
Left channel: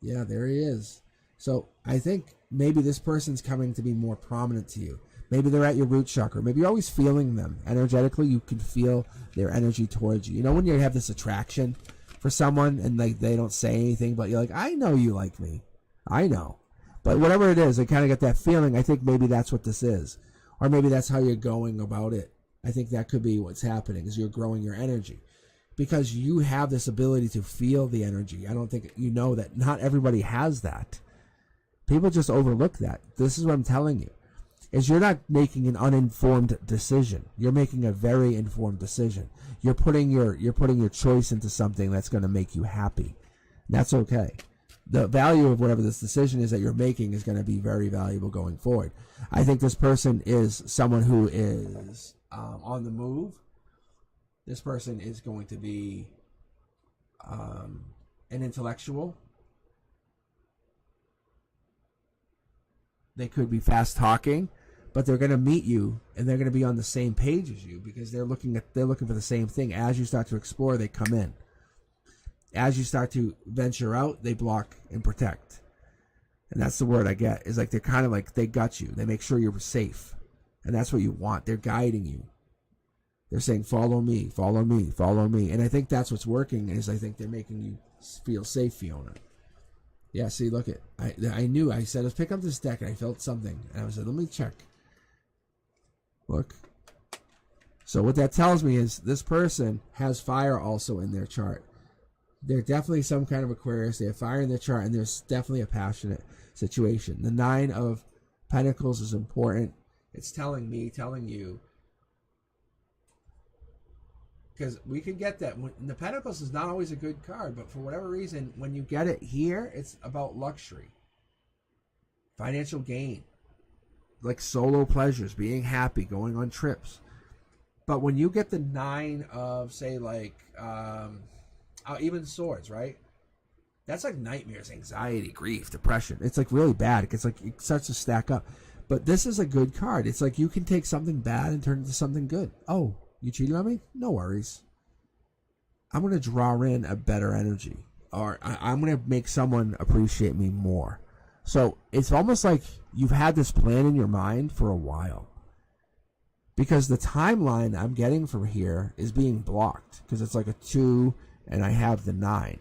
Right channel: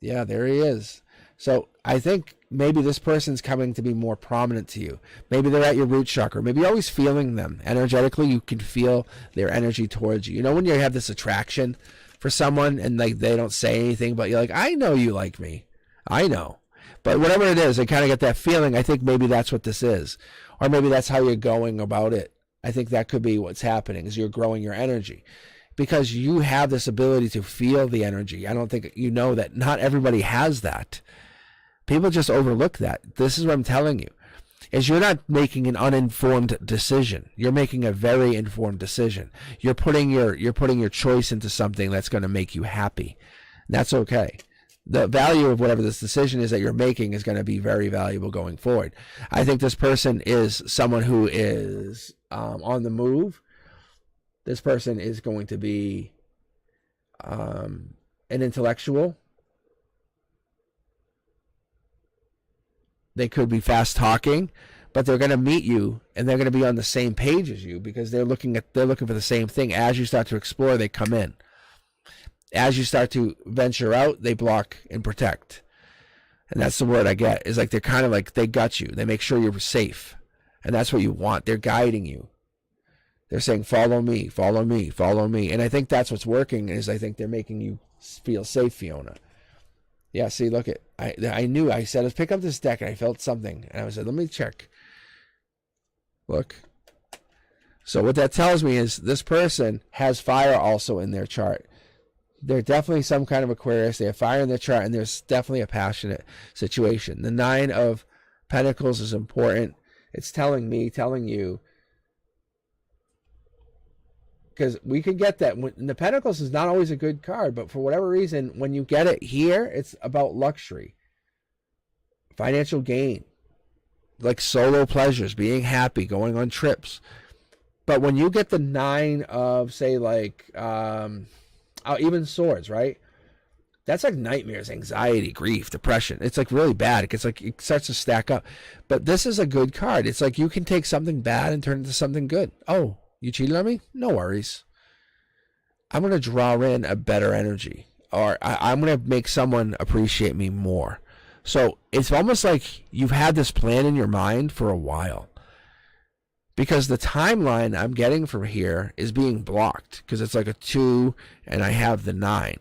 Yeah, there he is. So I think maybe this person's coming to be more prominent to you. Maybe they're at your root chakra. Maybe you're always feeling them. Energetically, you can feel their energy towards you. You know when you have this attraction for someone and like they don't say anything, but you're like, I know you like me. I know. But whatever it is, I kind of get that feeling. I think maybe that's what this is. Or maybe that's how you're going about it. I think that could be what's happening, is you're growing your energy. Because you have this ability to feel the energy. I don't think you know that not everybody has that. People just overlook that. This is what I'm telling you. Is you're not making an uninformed decision. You're making a very informed decision. You're putting your choice into something that's going to make you happy. That's okay. The value of whatever this decision is that you're making is going to be very valuable going forward. I think this person is someone who is on the move. This person is going to be an intellectual. They could be fast talking, but they're going to meet you and they're going to be on the same page as you because they're looking for the same thing. As you start to explore, they come in. As you start to venture out, they block and protect. And that's the word I get, is like they're kind of like they got you. They make sure you're safe. And that's what you want. They're guiding you. They're saying, follow me, follow me, follow me. And I think that's what's working, is I think they're making you feel safe, Fiona. Yeah, see, look it. I knew. I said, let's pick up this deck, and I felt something. And I said, let me check. Look. So what that tells me is this person has fire also in their chart. They're definitely some kind of Aquarius. They have fire in their chart, and there's definitely a passionate situation. The 9 of Pentacles is important. It's telling me, telling you, because we could get that. And the Pentacles is not always a good card, but for whatever reason, when you get it here, it's about luxury, financial gain, like solo pleasures, being happy, going on trips. But when you get the 9 of, say, like, even swords, right? That's like nightmares, anxiety, grief, depression. It's like really bad. It starts to stack up. But this is a good card. It's like you can take something bad and turn it into something good. Oh, you cheated on me? No worries. I'm going to draw in a better energy. Or I'm going to make someone appreciate me more. So it's almost like you've had this plan in your mind for a while. Because the timeline I'm getting from here is being blocked. Because it's like a 2 and I have the 9.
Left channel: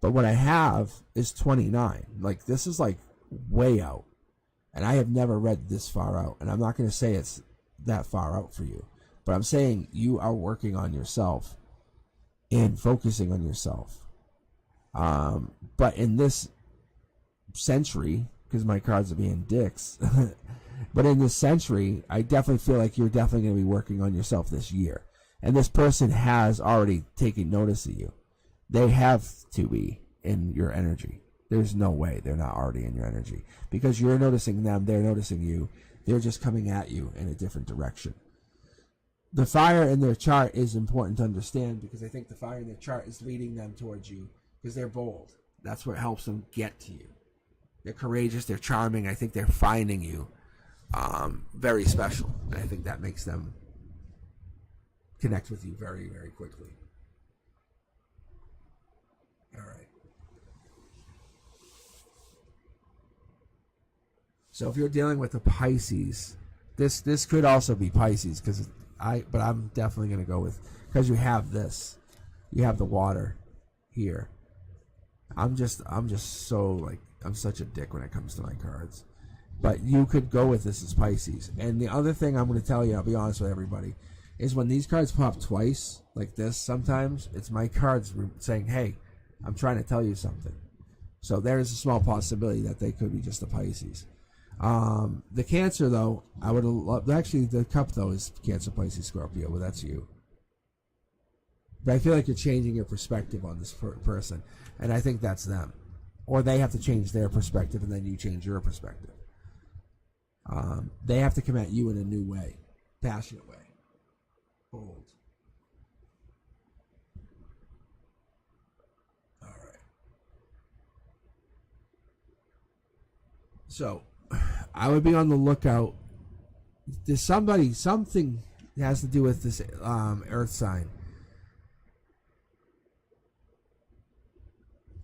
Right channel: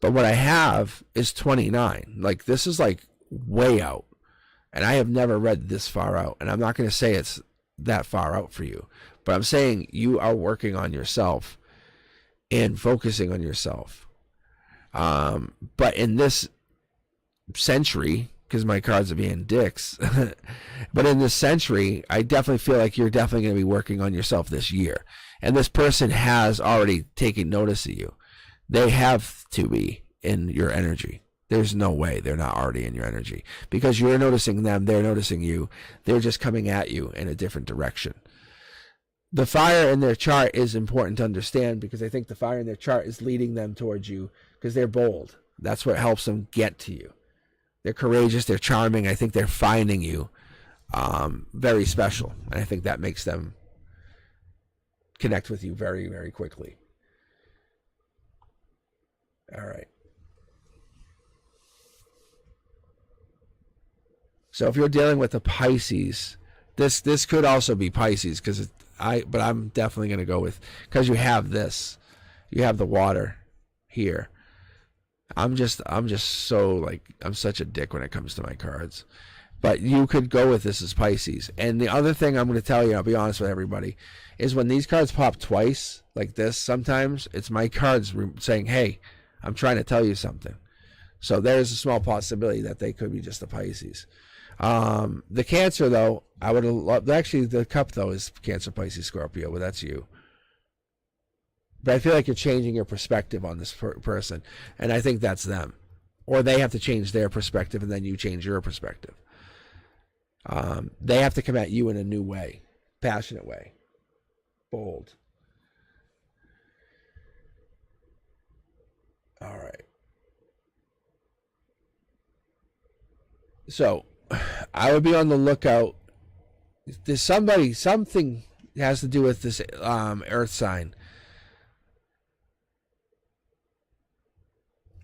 But what I have is 29. Like, this is like way out. And I have never read this far out. And I'm not going to say it's that far out for you. But I'm saying you are working on yourself and focusing on yourself. But in this century, because my cards are being dicks, but in this century, I definitely feel like you're definitely going to be working on yourself this year. And this person has already taken notice of you. They have to be in your energy. There's no way they're not already in your energy. Because you're noticing them, they're noticing you. They're just coming at you in a different direction. The fire in their chart is important to understand, because I think the fire in their chart is leading them towards you because they're bold. That's what helps them get to you. They're courageous, they're charming. I think they're finding you very special. And I think that makes them connect with you very, very quickly. All right. So if you're dealing with a Pisces, this could also be Pisces, but I'm definitely going to go with, because you have this, you have the water here. I'm just so, like, I'm such a dick when it comes to my cards. But you could go with this as Pisces. And the other thing I'm going to tell you, I'll be honest with everybody, is when these cards pop twice, like this, sometimes it's my cards saying, hey, I'm trying to tell you something. So there's a small possibility that they could be just a Pisces. The Cancer, though, I would have loved, actually the Cup, though, is Cancer, Pisces, Scorpio, but that's you. But I feel like you're changing your perspective on this person, and I think that's them. Or they have to change their perspective, and then you change your perspective. They have to come at you in a new way, passionate way, bold. All right. So I would be on the lookout. There's something has to do with this earth sign.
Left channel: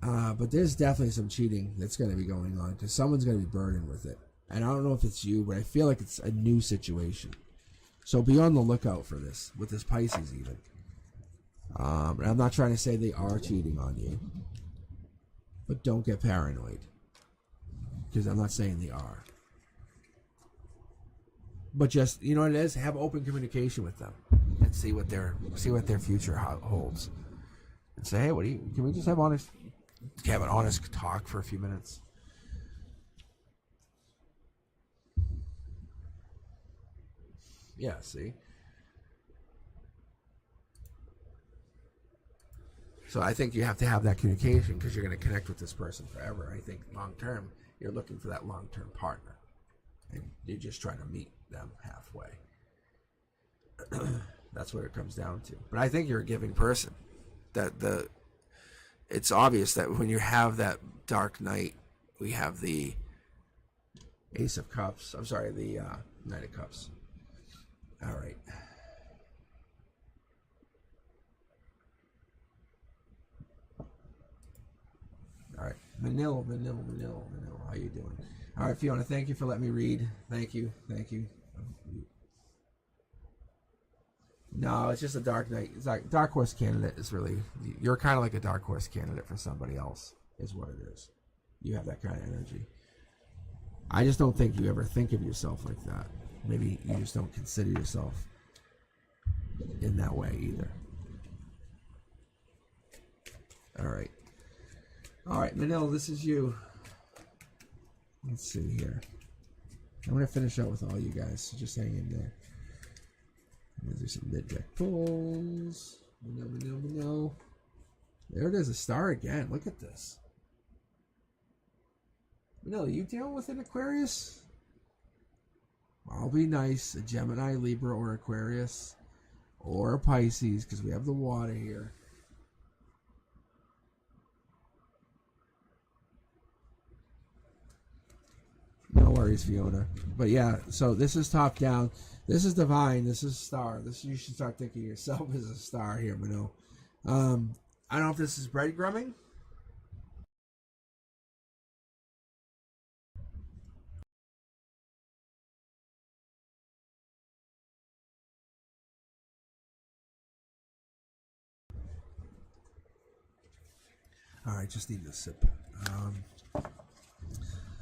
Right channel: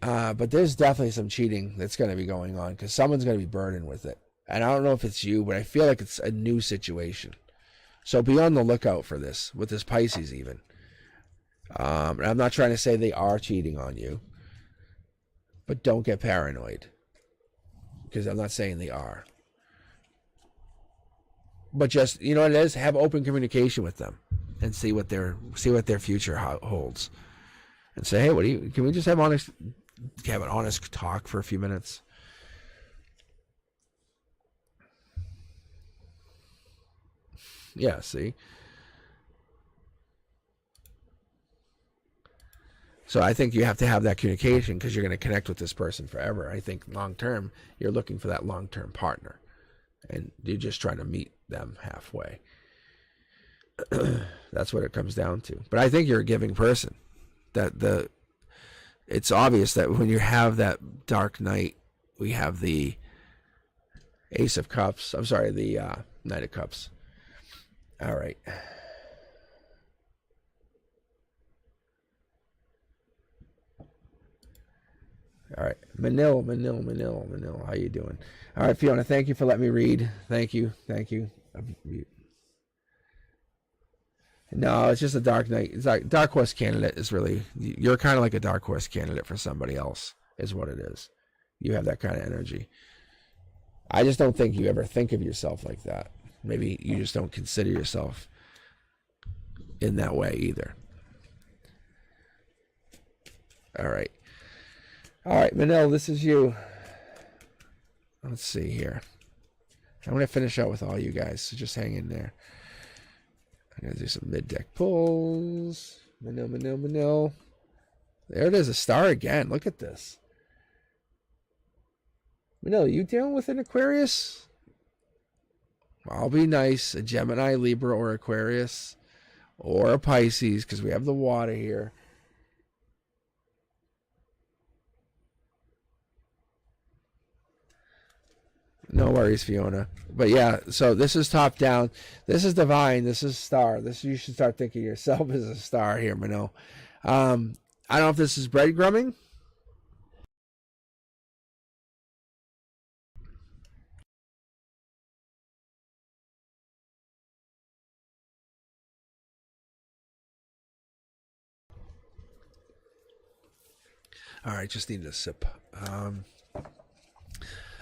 But there's definitely some cheating that's going to be going on, because someone's going to be burdened with it. And I don't know if it's you, but I feel like it's a new situation. So be on the lookout for this, with this Pisces even. And I'm not trying to say they are cheating on you, but don't get paranoid, because I'm not saying they are. But just, you know what it is, have open communication with them and see what their future holds, and say, hey, can we just have an honest talk for a few minutes? Yeah, see. So I think you have to have that communication, because you're going to connect with this person forever. I think long term, you're looking for that long term partner, and you're just trying to meet them halfway. That's what it comes down to. But I think you're a giving person. It's obvious that when you have that dark night, we have the Ace of Cups. I'm sorry, the Knight of Cups. All right. All right, Manil, how you doing? All right, Fiona, thank you for letting me read. Thank you. No, it's just a dark night. It's like dark horse candidate is really, you're kind of like a dark horse candidate for somebody else, is what it is. You have that kind of energy. I just don't think you ever think of yourself like that. Maybe you just don't consider yourself in that way either. All right, Manil, this is you. Let's see here. I'm going to finish out with all you guys, so just hang in there. I'm going to do some mid-deck pulls. Manil. There it is, a star again. Look at this. Manil, you dealing with an Aquarius? I'll be nice. A Gemini, Libra, or Aquarius. Or a Pisces, because we have the water here. No worries, Fiona. But yeah, so this is top down. This is divine. This is star. You should start thinking of yourself as a star here, Manil. I don't know if this is breadcrumbing. All right, just needed a sip.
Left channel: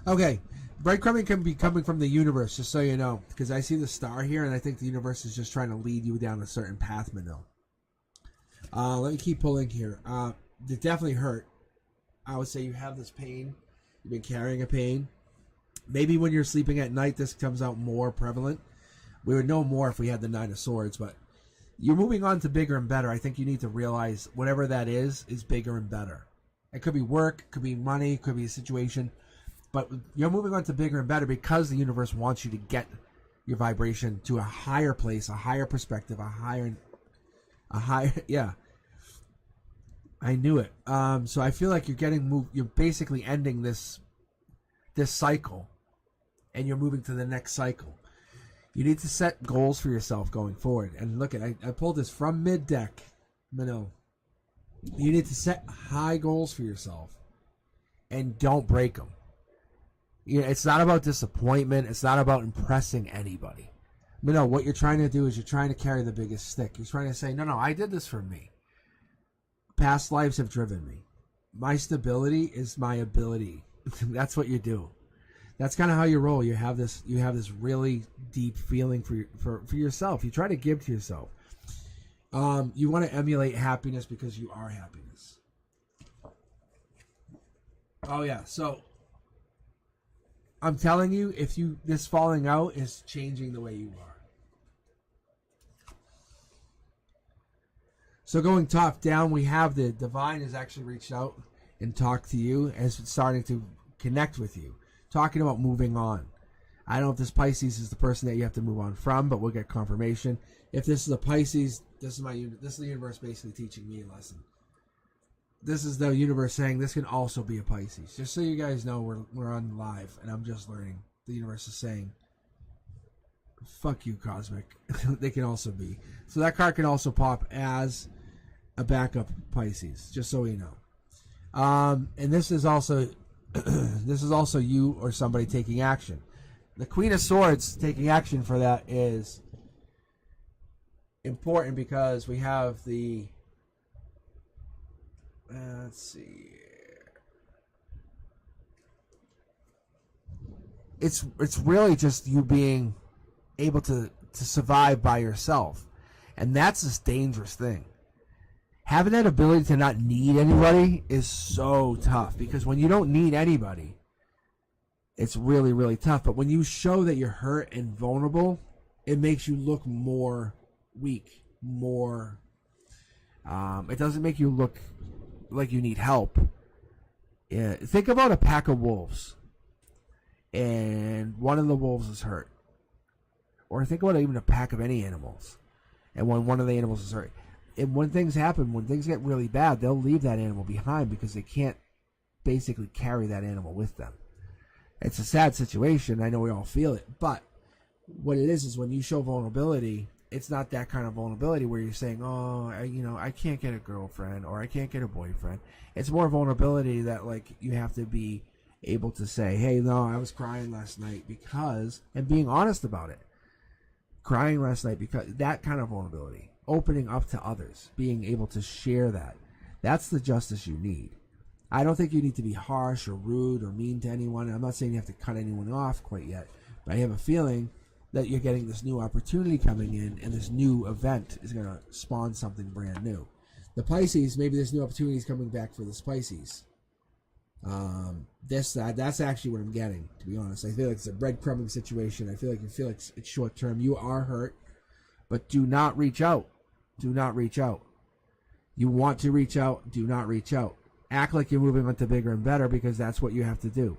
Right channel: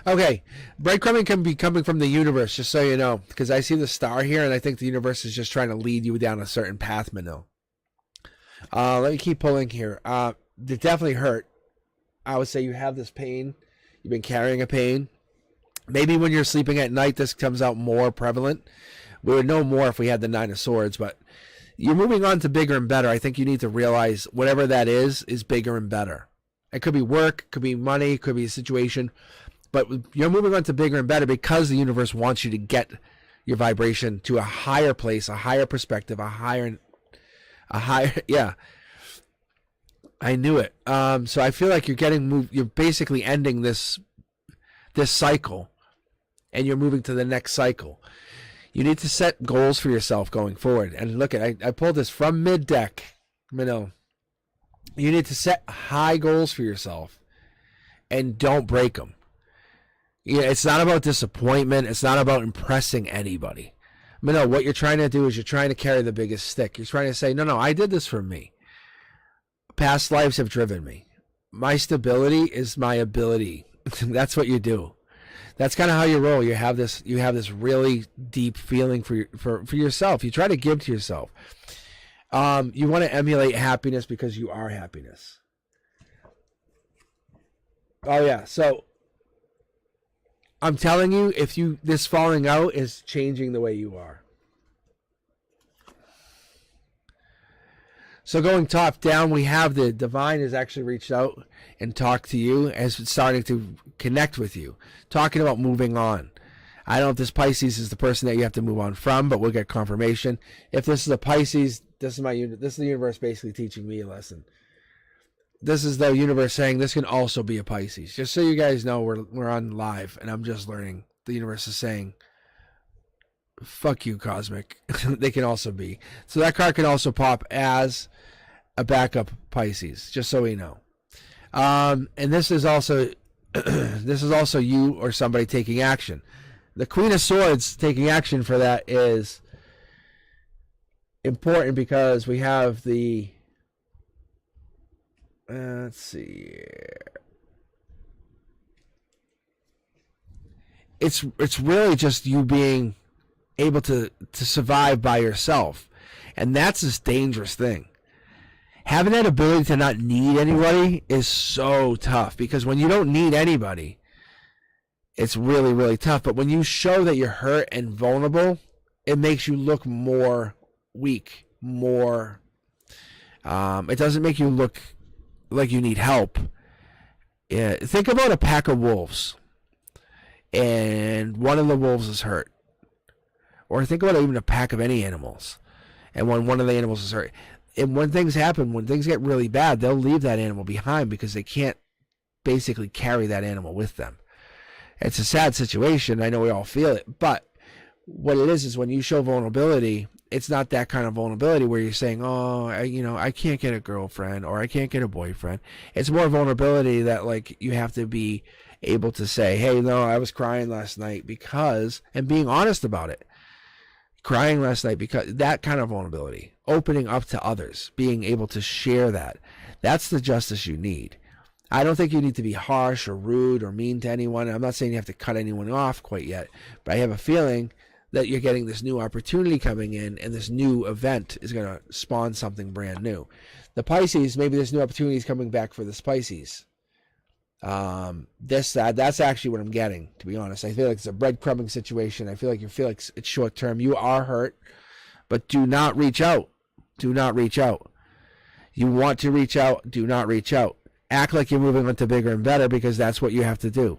Okay, breadcrumbing can be coming from the universe, just so you know, because I see the star here, and I think the universe is just trying to lead you down a certain path, Manil. Let me keep pulling here. It definitely hurt. I would say you have this pain. You've been carrying a pain. Maybe when you're sleeping at night, this comes out more prevalent. We would know more if we had the Nine of Swords, but you're moving on to bigger and better. I think you need to realize whatever that is bigger and better. It could be work, could be money, could be a situation, but you're moving on to bigger and better because the universe wants you to get your vibration to a higher place, a higher perspective, a higher, yeah. I knew it. So I feel like you're getting moved. You're basically ending this cycle, and you're moving to the next cycle. You need to set goals for yourself going forward. And look, I pulled this from mid deck, Manil. You need to set high goals for yourself, and don't break them. Yeah, it's not about disappointment. It's not about impressing anybody. Manil, what you're trying to do is you're trying to carry the biggest stick. You're trying to say, no, I did this for me. Past lives have driven me. My stability is my ability. That's what you do. That's kind of how you roll. You have this really deep feeling for yourself. You try to give to yourself. You want to emulate happiness because you are happiness. Oh yeah. So I'm telling you, this falling out is changing the way you are. So going top down, we have the divine has actually reached out and talked to you, as it's starting to connect with you, talking about moving on. I don't know if this Pisces is the person that you have to move on from, but we'll get confirmation. If this is a Pisces, this is the universe basically teaching me a lesson. This is the universe saying this can also be a Pisces. Just so you guys know, we're on live, and I'm just learning. The universe is saying, fuck you, Cosmic. They can also be. So that card can also pop as a backup Pisces, just so we know. And this is also you or somebody taking action. The Queen of Swords taking action for that is important because we have the Let's see here. It's really just you being able to survive by yourself, and that's this dangerous thing. Having that ability to not need anybody is so tough, because when you don't need anybody, it's really, really tough. But when you show that you're hurt and vulnerable, it makes you look more weak, more. It doesn't make you look like you need help. Yeah, think about a pack of wolves, and one of the wolves is hurt. Or think about even a pack of any animals, and when one of the animals is hurt. And when things happen, when things get really bad, they'll leave that animal behind because they can't basically carry that animal with them. It's a sad situation. I know we all feel it. But what it is when you show vulnerability, it's not that kind of vulnerability where you're saying, oh, I can't get a girlfriend or I can't get a boyfriend. It's more vulnerability that, like, you have to be able to say, hey, no, I was crying last night because, and being honest about it. Crying last night because, that kind of vulnerability. Opening up to others. Being able to share that. That's the justice you need. I don't think you need to be harsh or rude or mean to anyone. I'm not saying you have to cut anyone off quite yet, but I have a feeling that you're getting this new opportunity coming in, and this new event is going to spawn something brand new. The Pisces, maybe this new opportunity is coming back for the Pisces. That's actually what I'm getting, to be honest. I feel like it's a breadcrumbing situation. I feel like it's short term. You are hurt, but do not reach out. Do not reach out. You want to reach out, do not reach out. Act like you're moving on to bigger and better, because that's what you have to do.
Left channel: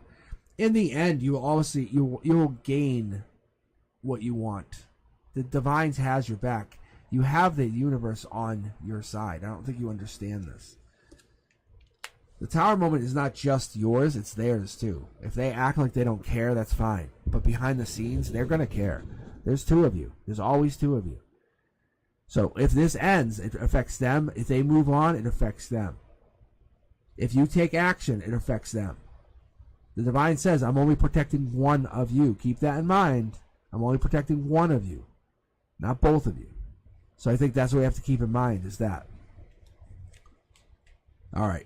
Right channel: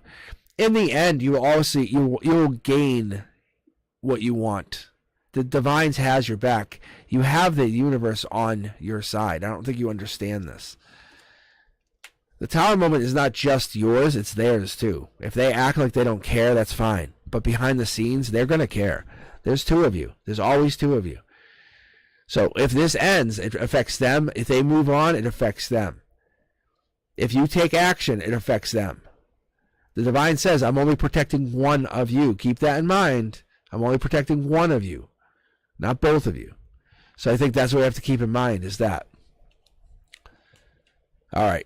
In the end, you will gain what you want. The Divines has your back. You have the universe on your side. I don't think you understand this. The Tower moment is not just yours, it's theirs too. If they act like they don't care, that's fine. But behind the scenes, they're going to care. There's two of you. There's always two of you. So if this ends, it affects them. If they move on, it affects them. If you take action, it affects them. The Divine says, I'm only protecting one of you. Keep that in mind. I'm only protecting one of you, not both of you. So I think that's what we have to keep in mind, is that. All right.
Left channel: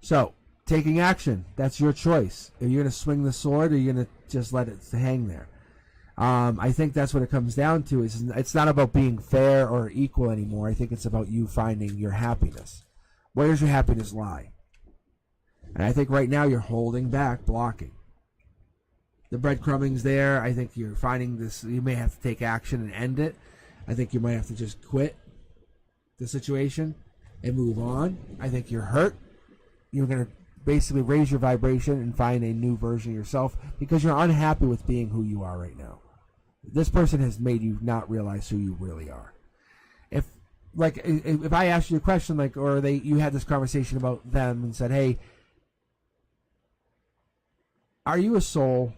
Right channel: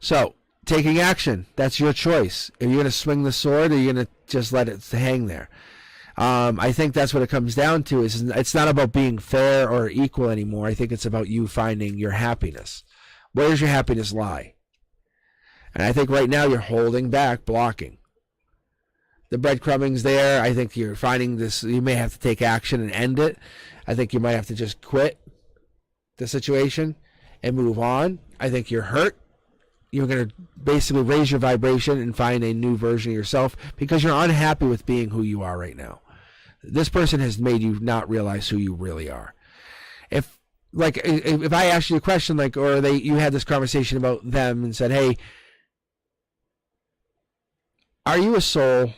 So, taking action, that's your choice. Are you going to swing the sword, or are you going to just let it hang there? I think that's what it comes down to. Is it's not about being fair or equal anymore. I think it's about you finding your happiness. Where does your happiness lie? And I think right now you're holding back, blocking. The breadcrumbing's there. I think you're finding this. You may have to take action and end it. I think you might have to just quit the situation and move on. I think you're hurt. You're going to basically raise your vibration and find a new version of yourself, because you're unhappy with being who you are right now. This person has made you not realize who you really are. If I asked you a question, you had this conversation about them and said, hey, are you a soul?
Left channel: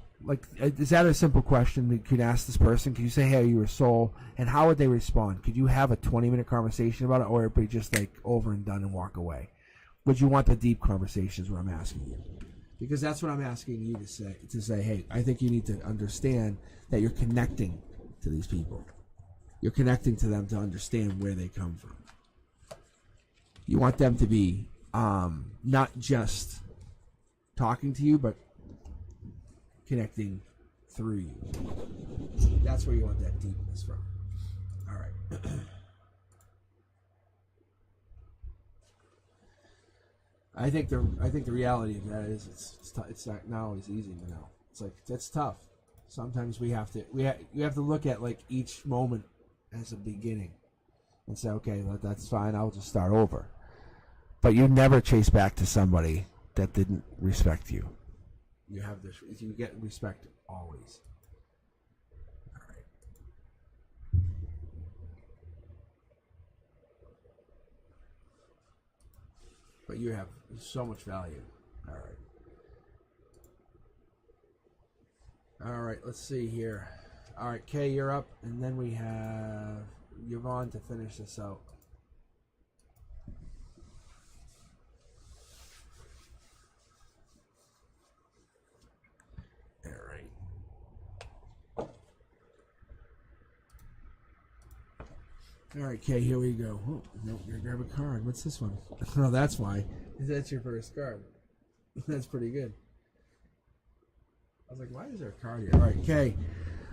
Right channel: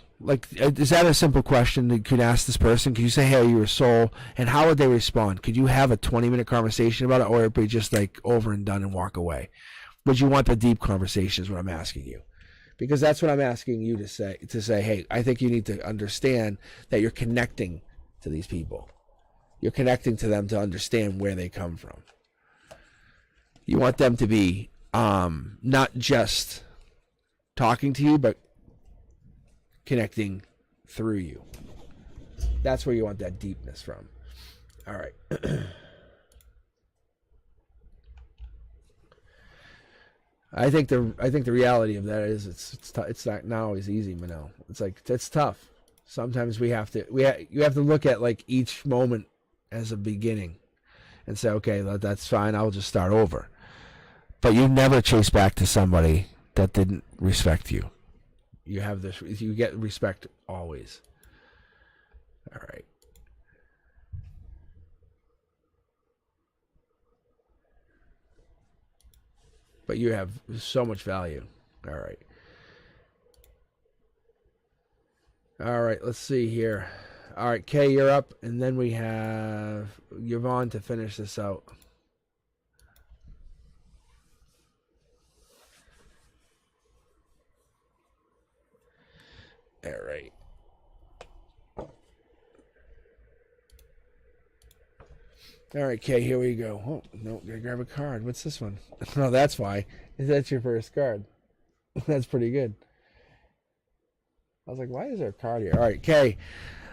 Is that a simple question that you could ask this person? Could you say, hey, are you a soul? And how would they respond? Could you have a 20-minute conversation about it, or would it be just over and done and walk away? Would you want the deep conversation is what I'm asking you. Because that's what I'm asking you to say. To say, hey, I think you need to understand that you're connecting to these people. You're connecting to them to understand where they come from. You want them to be not just talking to you, but connecting through you. That's where you want that deepness from. All right. I think the reality of that is it's not always easy, Manel. It's tough. Sometimes you have to look at each moment as a beginning and say, okay, that's fine, I'll just start over. But you never chase back to somebody that didn't respect you. You get respect always. All right. But you have so much value. All right. All right, let's see here. All right, Kay, you're up, and then we have Yvonne to finish this out. All right. All right, Kay, here we go. Oh, no, gotta grab a card. What's this one? Oh, that's why. That's your first card. That's pretty good. I was like, why is there a card here? All right, Kay.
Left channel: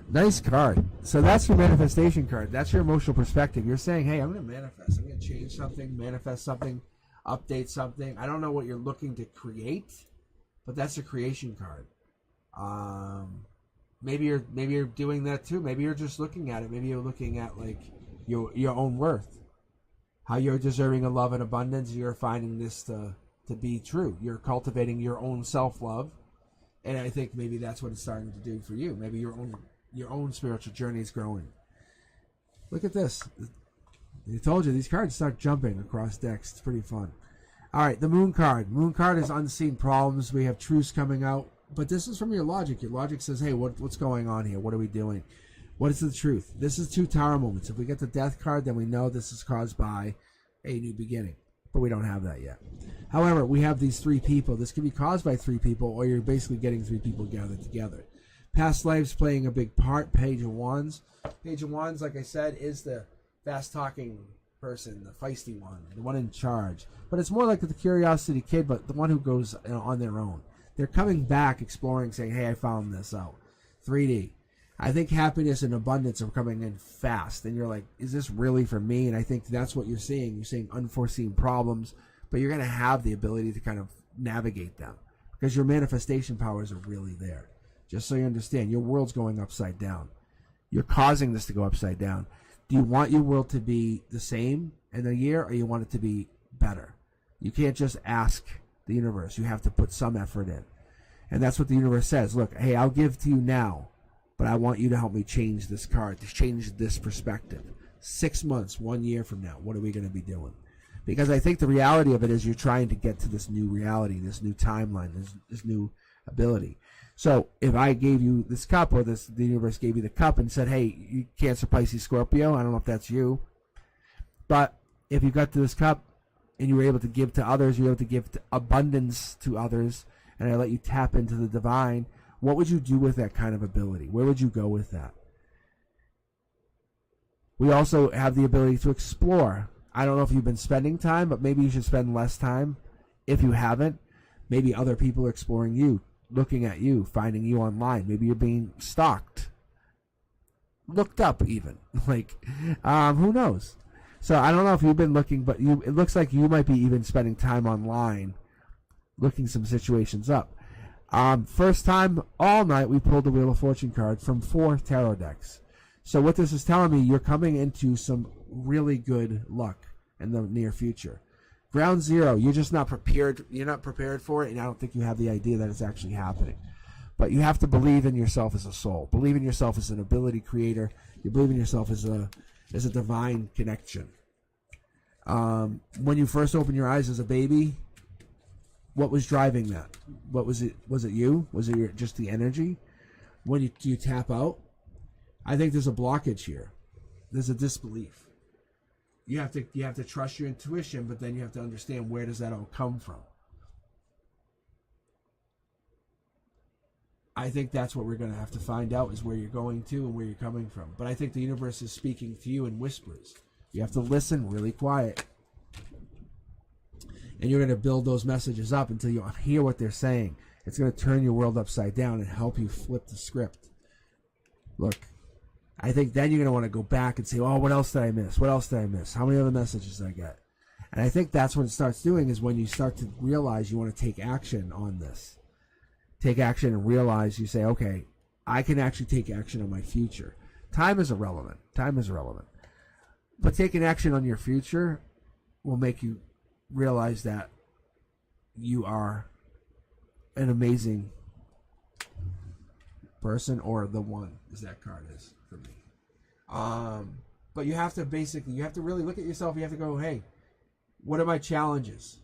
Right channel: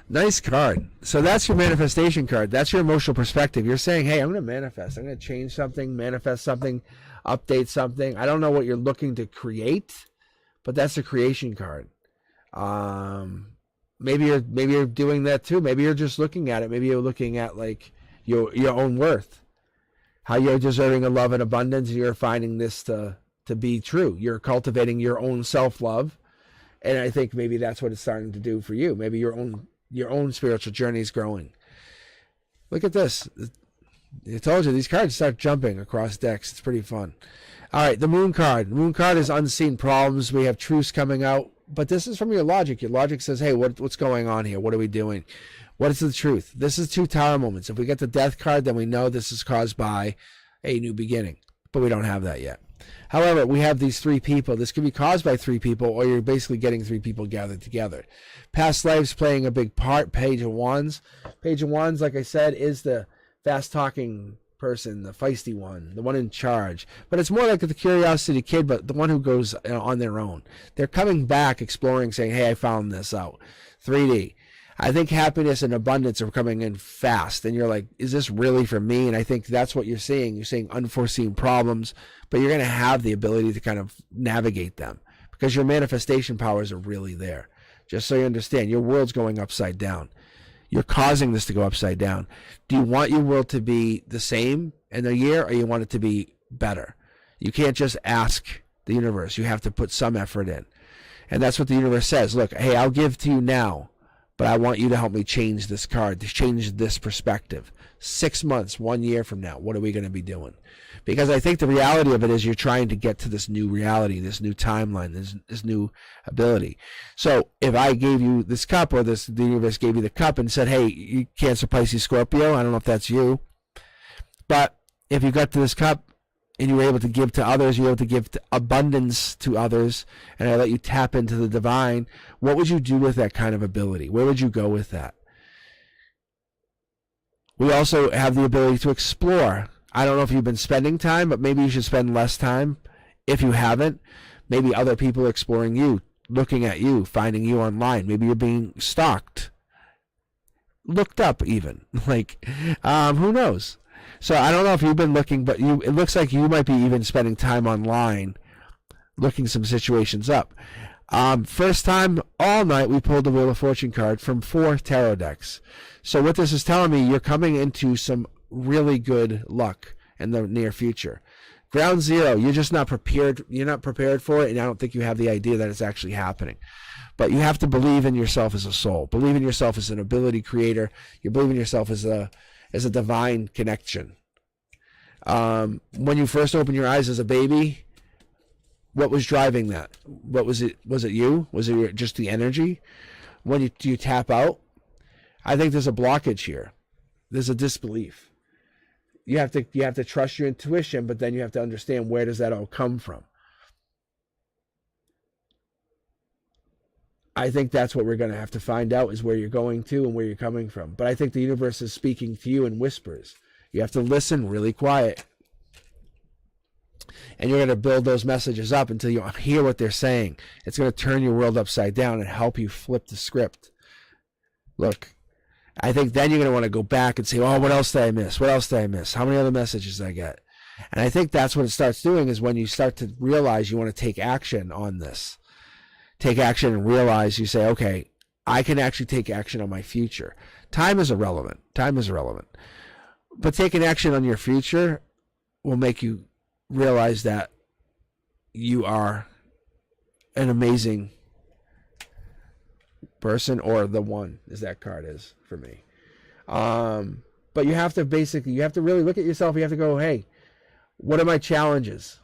Nice card. So that's your manifestation card. That's your emotional perspective. You're saying, hey, I'm going to manifest. I'm going to change something, manifest something, update something. I don't know what you're looking to create, but that's the creation card. Maybe you're doing that too. Maybe you're just looking at it. Maybe you're looking at like your own worth, how you're deserving of love and abundance, and you're finding this to be true. You're cultivating your own self-love, and I think maybe that's what it's starting to do for you. Maybe your own spiritual journey is growing. Look at this. I told you, these cards start jumping across decks. It's pretty fun. All right, the Moon card. The Moon card is unseen problems. We have truths coming out. But this is from your logic. Your logic says, hey, what's going on here? What are we doing? What is the truth? This is 2 Tower moments. If we get the Death card, then we know this is caused by a new beginning. But we don't have that yet. However, we have these 3 people. This could be caused by 3 people, or you're basically getting 3 people gathered together. Past lives playing a big part. Page of Wands. Page of Wands, like I said, is the fast-talking person, the feisty one, the one in charge. But it's more like the curiosity kid, but the one who goes on their own. They're coming back, exploring, saying, hey, I found this out. 3D. I think happiness and abundance are coming in fast. And you're like, is this really for me? And I think that's what you're seeing. You're seeing unforeseen problems, but you're going to have the ability to kind of navigate them because your manifestation powers are really there. Just so you understand, your world's going upside down. You're causing this to go upside down. Do you want your world to be the same in a year, or you want it to be better? You can't just ask the universe. You have to put some effort in. And that's what the universe says. Look, hey, I'll give to you now, but I want you to help me change this card, to change this perspective. 6 months, 1 year from now, what are we going to be doing? Because I think the reality of it is you're trying to get to this new reality, this new timeline, this new ability. So if I gave you this cup, or the universe gave you the cup and said, hey, you Cancer, Pisces, Scorpio, I don't know if that's you, but if you got to this cup and you were able to give to others, you were able to give abundance to others, and I let you tap into the divine, what would you do with that kind of ability? Where would you go with that? We also have the ability to explore. I don't know if you've been spending time, but maybe you should spend less time. If you haven't, maybe other people are exploring you, looking at you, finding you online. Maybe you're being stalked, looked up even. Like, who knows? So I don't know if you've been looking, but it looks like you might be even spending time online, looking some situations up. First time all night, we pulled the Wheel of Fortune card from 4 tarot decks. So what this is telling me, you're coming into some really good luck in the near future. Ground zero, you're just not prepared. You're not prepared for it, and I don't think you have the idea that it's actually happening. But you have to believe in yourself as a soul. Believe in yourself as an ability creator. You believe in yourself as a divine connection. When you first opened your eyes as a baby, what was driving that? What was it? Was it you? Was it just the energy? When you tap out, I think there's a blockage here. There's a disbelief. You have to trust your intuition, but then you have to understand, where does that all come from? I think that's what we're going to have to find out, is where you're going to and where you're coming from. But I think the universe is speaking to you in whispers. You have to listen really quiet. And you're going to build those messages up until you hear what they're saying. It's going to turn your world upside down and help you flip the script. Look, I think then you're going to want to go back and say, oh, what else did I miss? What else did I miss? How many other messages did I get? And I think that's what it starts doing, is when you start to realize you want to take action on this. Take action and realize, you say, okay, I can actually take action on my future. Time is irrelevant. Time is irrelevant. But taking action on your future will make you realize that you are an amazing person, or the one, as that card is for me. But you have to really look at yourself. You have to go, hey, what are my challenges?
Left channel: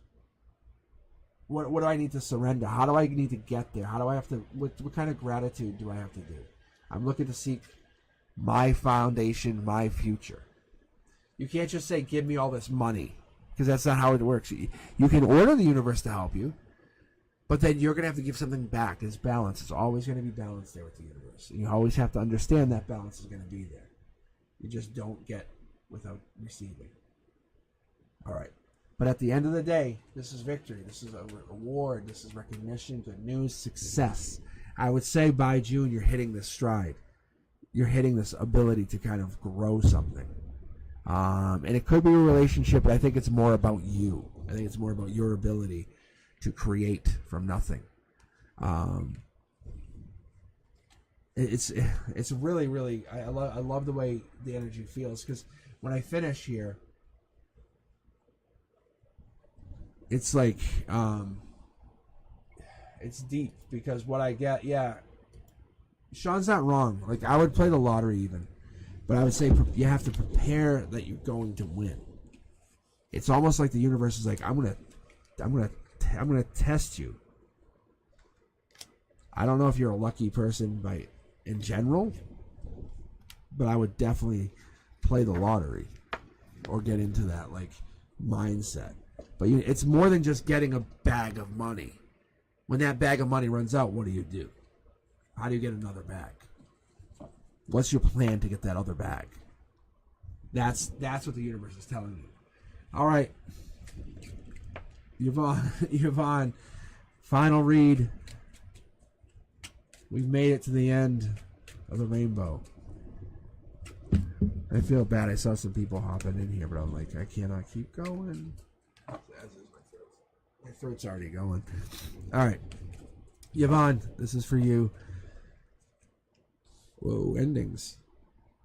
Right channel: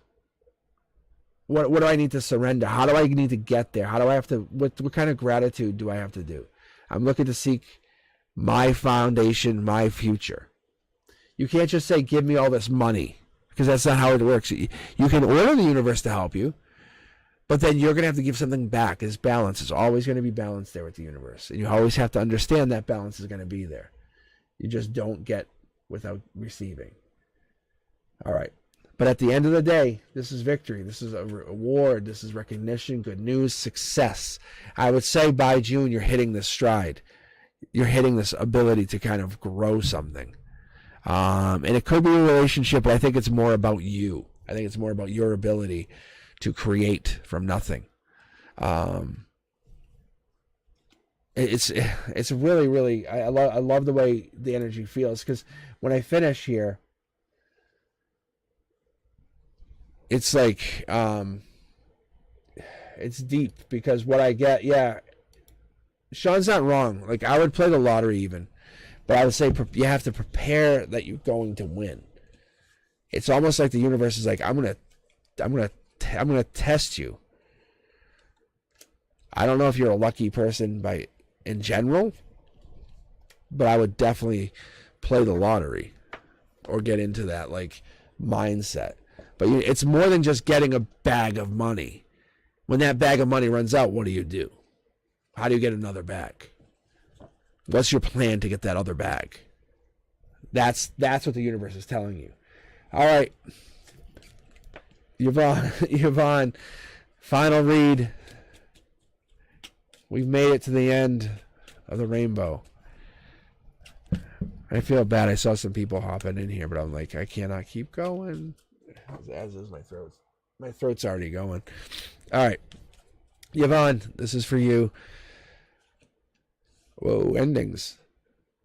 What do I need to surrender? How do I need to get there? How do I have to, what kind of gratitude do I have to do? I'm looking to seek my foundation, my future. You can't just say, give me all this money, because that's not how it works. You can order the universe to help you, but then you're going to have to give something back. There's balance. It's always going to be balance there with the universe. And you always have to understand that balance is going to be there. You just don't get without receiving. All right. But at the end of the day, this is victory. This is a reward. This is recognition, good news, success. I would say by June, you're hitting this stride. You're hitting this ability to kind of grow something. And it could be a relationship, but I think it's more about you. I think it's more about your ability to create from nothing. It's really, really, I love the way the energy feels, because when I finish here, it's like, it's deep, because what I get, Sean's not wrong. Like, I would play the lottery even, but I would say you have to prepare that you're going to win. It's almost like the universe is like, I'm gonna test you. I don't know if you're a lucky person in general, but I would definitely play the lottery or get into that like mindset. But it's more than just getting a bag of money. When that bag of money runs out, what do? How do you get another bag? What's your plan to get that other bag? That's what the universe is telling you. All right, Yvonne, final read. We've made it to the end of the rainbow. I feel bad. I saw some people hopping in here, but I'm like, I cannot keep going. As is my throat. My throat's already going. All right, Yvonne, this is for you. Whoa, endings.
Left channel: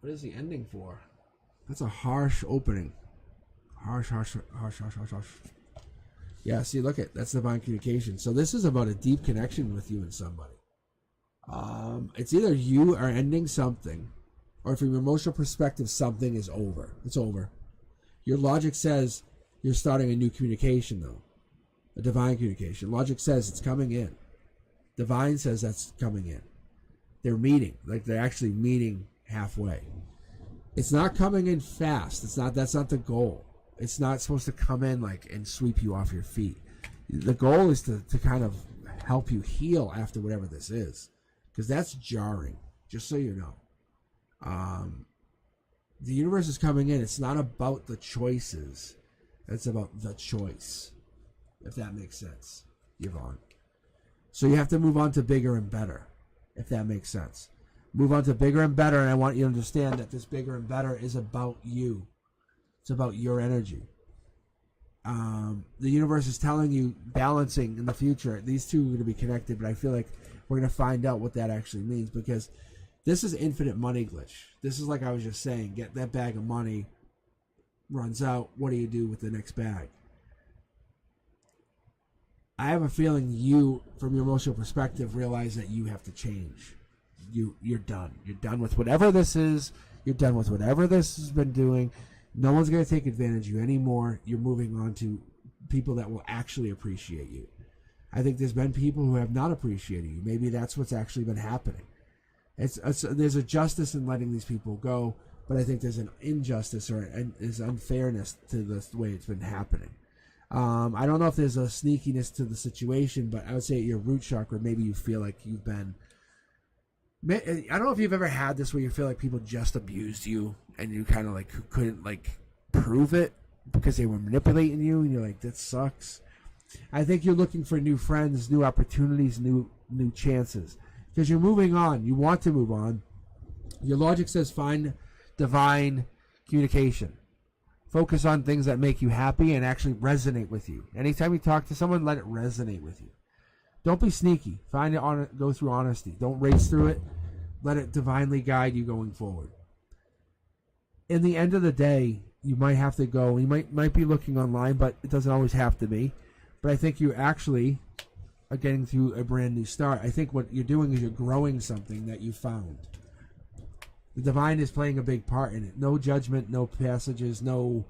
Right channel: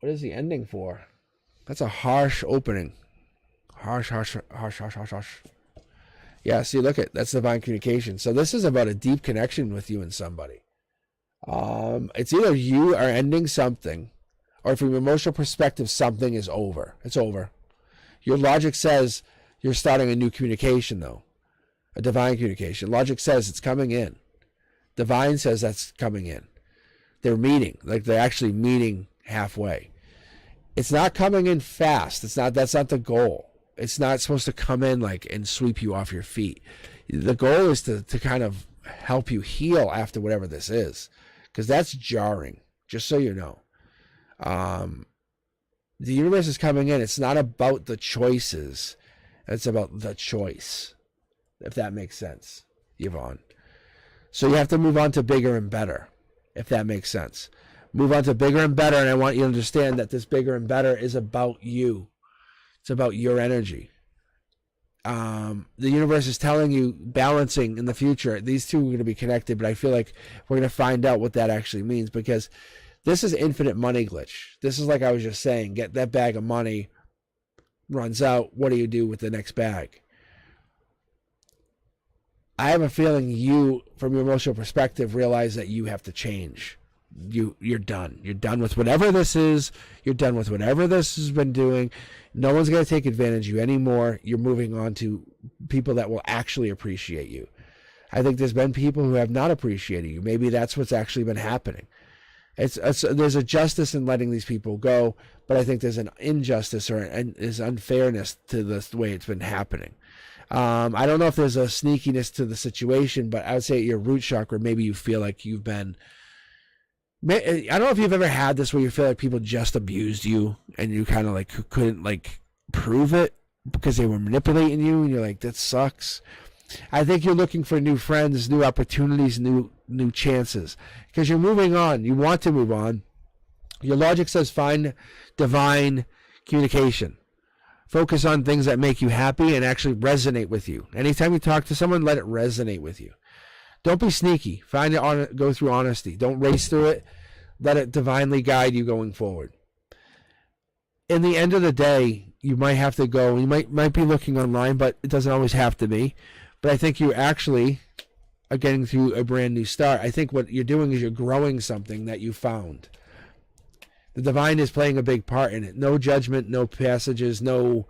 What is the ending for? That's a harsh opening. Harsh. Yeah, see, look at that's divine communication. So this is about a deep connection with you and somebody. It's either you are ending something, or from an emotional perspective, something is over. It's over. Your logic says you're starting a new communication, though. A divine communication. Logic says it's coming in. Divine says that's coming in. They're meeting. Like, they're actually meeting halfway. It's not coming in fast. That's not the goal. It's not supposed to come in like and sweep you off your feet. The goal is to kind of help you heal after whatever this is, because that's jarring, just so you know. The universe is coming in. It's not about the choices. It's about the choice, if that makes sense, Yvonne. So you have to move on to bigger and better, if that makes sense. Move on to bigger and better, and I want you to understand that this bigger and better is about you. It's about your energy. The universe is telling you, balancing in the future. These two are going to be connected, but I feel like we're going to find out what that actually means, because this is infinite money glitch. This is like I was just saying, get that bag of money, runs out, what do you do with the next bag? I have a feeling you, from your emotional perspective, realize that you have to change. You're done. You're done with whatever this is. You're done with whatever this has been doing. No one's going to take advantage of you anymore. You're moving on to people that will actually appreciate you. I think there's been people who have not appreciated you. Maybe that's what's actually been happening. There's a justice in letting these people go, but I think there's an injustice or there's unfairness to the way it's been happening. I don't know if there's a sneakiness to the situation, but I would say at your root chakra, maybe you feel like you've been... I don't know if you've ever had this where you feel like people just abused you and you kind of like couldn't like prove it because they were manipulating you, and you're like, that sucks. I think you're looking for new friends, new opportunities, new chances, because you're moving on. You want to move on. Your logic says find divine communication. Focus on things that make you happy and actually resonate with you. Anytime you talk to someone, let it resonate with you. Don't be sneaky. Find it go through honesty. Don't race through it. Let it divinely guide you going forward. In the end of the day, you might have to go. You might be looking online, but it doesn't always have to be. But I think you actually are getting through a brand new start. I think what you're doing is you're growing something that you found. The divine is playing a big part in it. No judgment, no passages, no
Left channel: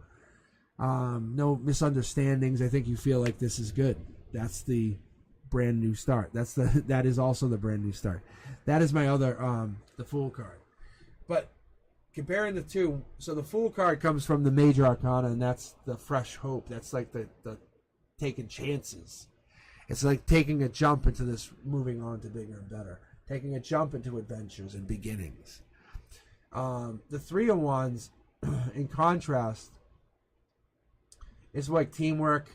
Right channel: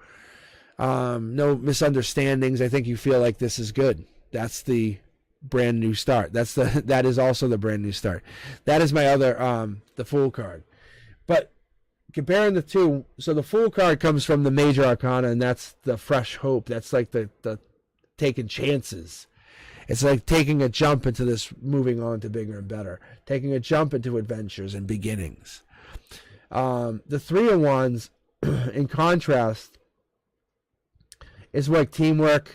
misunderstandings. I think you feel like this is good. That's the brand new start. That is also the brand new start. That is my other the Fool card. But comparing the two, so the Fool card comes from the major arcana, and that's the fresh hope. That's like the taking chances. It's like taking a jump into this, moving on to bigger and better, taking a jump into adventures and beginnings. The Three of Wands in contrast, is like teamwork,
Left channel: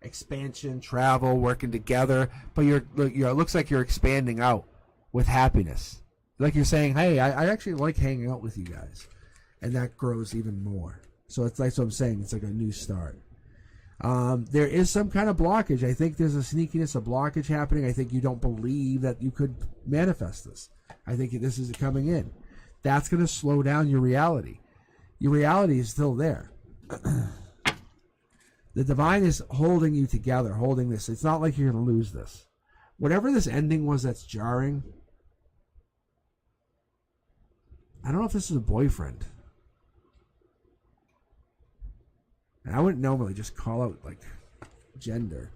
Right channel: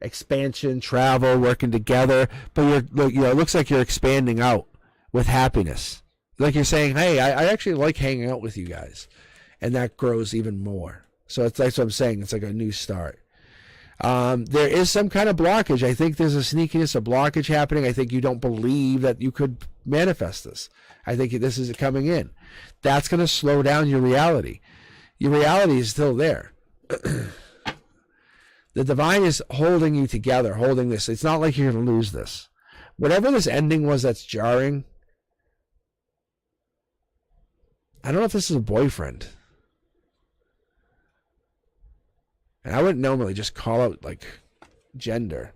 expansion, travel, working together. But it looks like you're expanding out with happiness. Like you're saying, hey, I actually like hanging out with you guys, and that grows even more. So that's what I'm saying. It's like a new start. There is some kind of blockage. I think there's a sneakiness, a blockage happening. I think you don't believe that you could manifest this. I think this is coming in. That's going to slow down your reality. Your reality is still there. The divine is holding you together, holding this. It's not like you're going to lose this. Whatever this ending was that's jarring, I don't know if this is a boyfriend. And I wouldn't normally just call out like gender.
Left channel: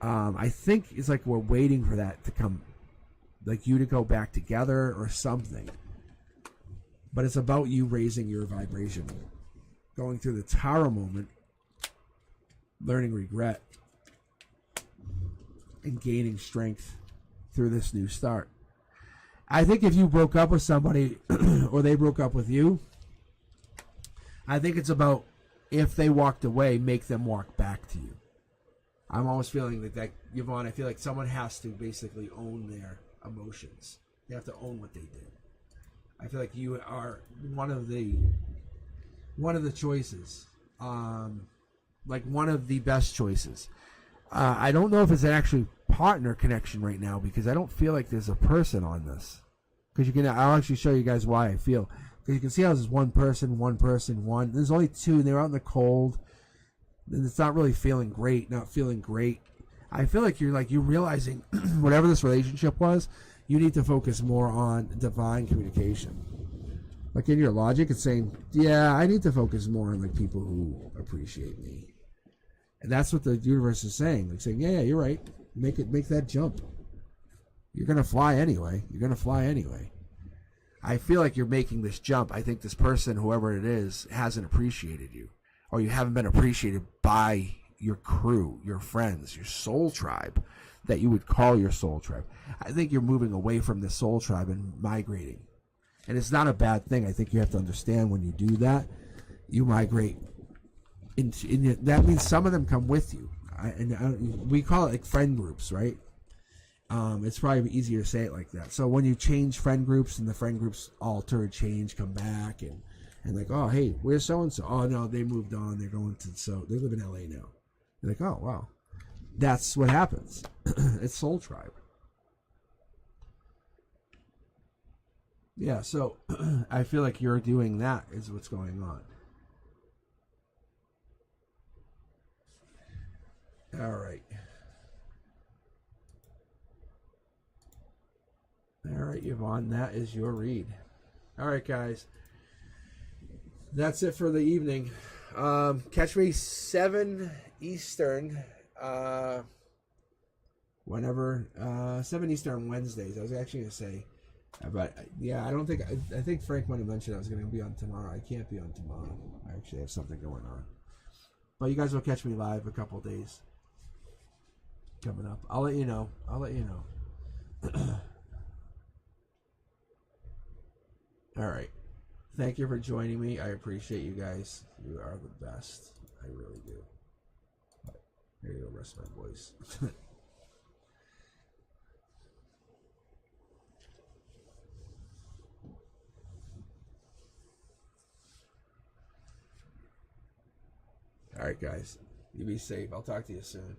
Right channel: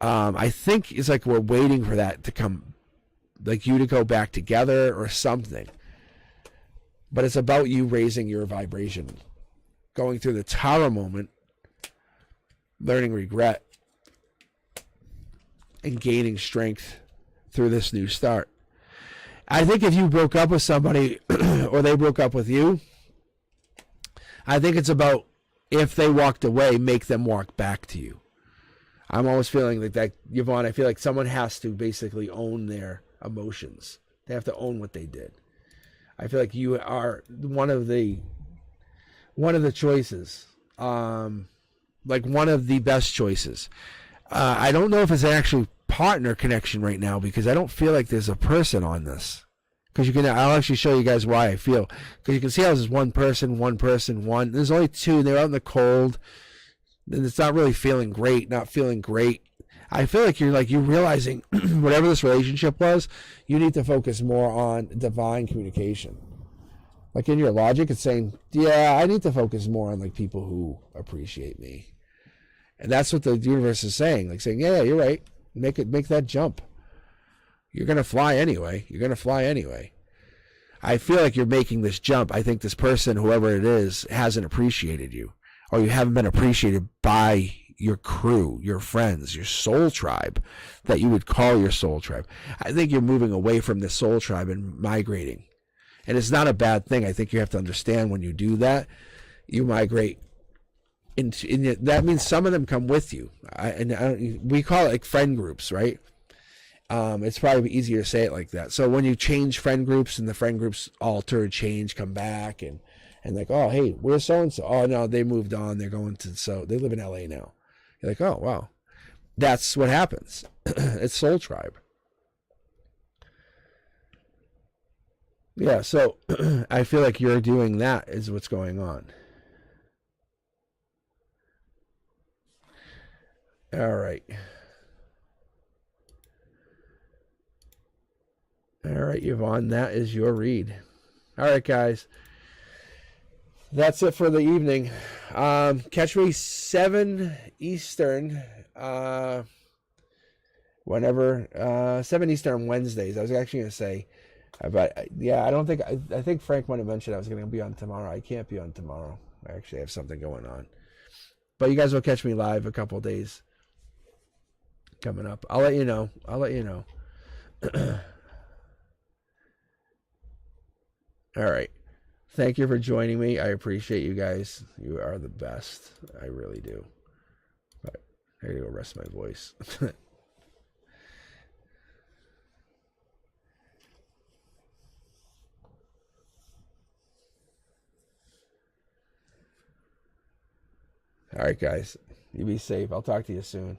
I think it's like we're waiting for that to come, like you to go back together or something. But it's about you raising your vibration, going through the Tower moment, learning regret, and gaining strength through this new start. I think if you broke up with somebody or they broke up with you, I think it's about, if they walked away, make them walk back to you. I'm almost feeling like that, Yvonne. I feel like someone has to basically own their emotions. They have to own what they did. I feel like you are one of the choices, like one of the best choices. I don't know if it's an actual partner connection right now, because I don't feel like there's a person on this. Because I'll actually show you guys why I feel. Because you can see how there's one person. There's only two. They're out in the cold. And it's not really feeling great. Not feeling great. I feel like you're realizing whatever this relationship was, you need to focus more on divine communication. Like in your logic, it's saying, yeah, I need to focus more on like people who appreciate me. And that's what the universe is saying. Like saying, yeah, you're right. Make that jump. You're going to fly anyway. I feel like you're making this jump. I think this person, whoever it is, hasn't appreciated you. Or you haven't been appreciated by your crew, your friends, your soul tribe, that you would call your soul tribe. I think you're moving away from the soul tribe and migrating. And it's not a bad thing. I think you have to understand when you do that, you migrate. That means some of them come with you. We call it like friend groups, right? It's probably easier to say it like that. So when you change friend groups and the friend groups alter, change, come back, and like, oh, hey, where's so-and-so? Oh, no, they moved on. They're going to, they live in LA now. You're like, oh, wow. That's what happens. It's soul tribe. Yeah, so I feel like you're doing that is what's going on. All right. All right, Yvonne, that is your read. All right, guys. That's it for the evening. Catch me 7 Eastern, whenever, 7 Eastern Wednesdays. I was actually going to say, but yeah, I think Frank might have mentioned I was going to be on tomorrow. I can't be on tomorrow. I actually have something going on. But you guys will catch me live a couple days coming up. I'll let you know. All right. Thank you for joining me. I appreciate you guys. You are the best. I really do. But I gotta go rest my voice. All right, guys. You be safe. I'll talk to you soon.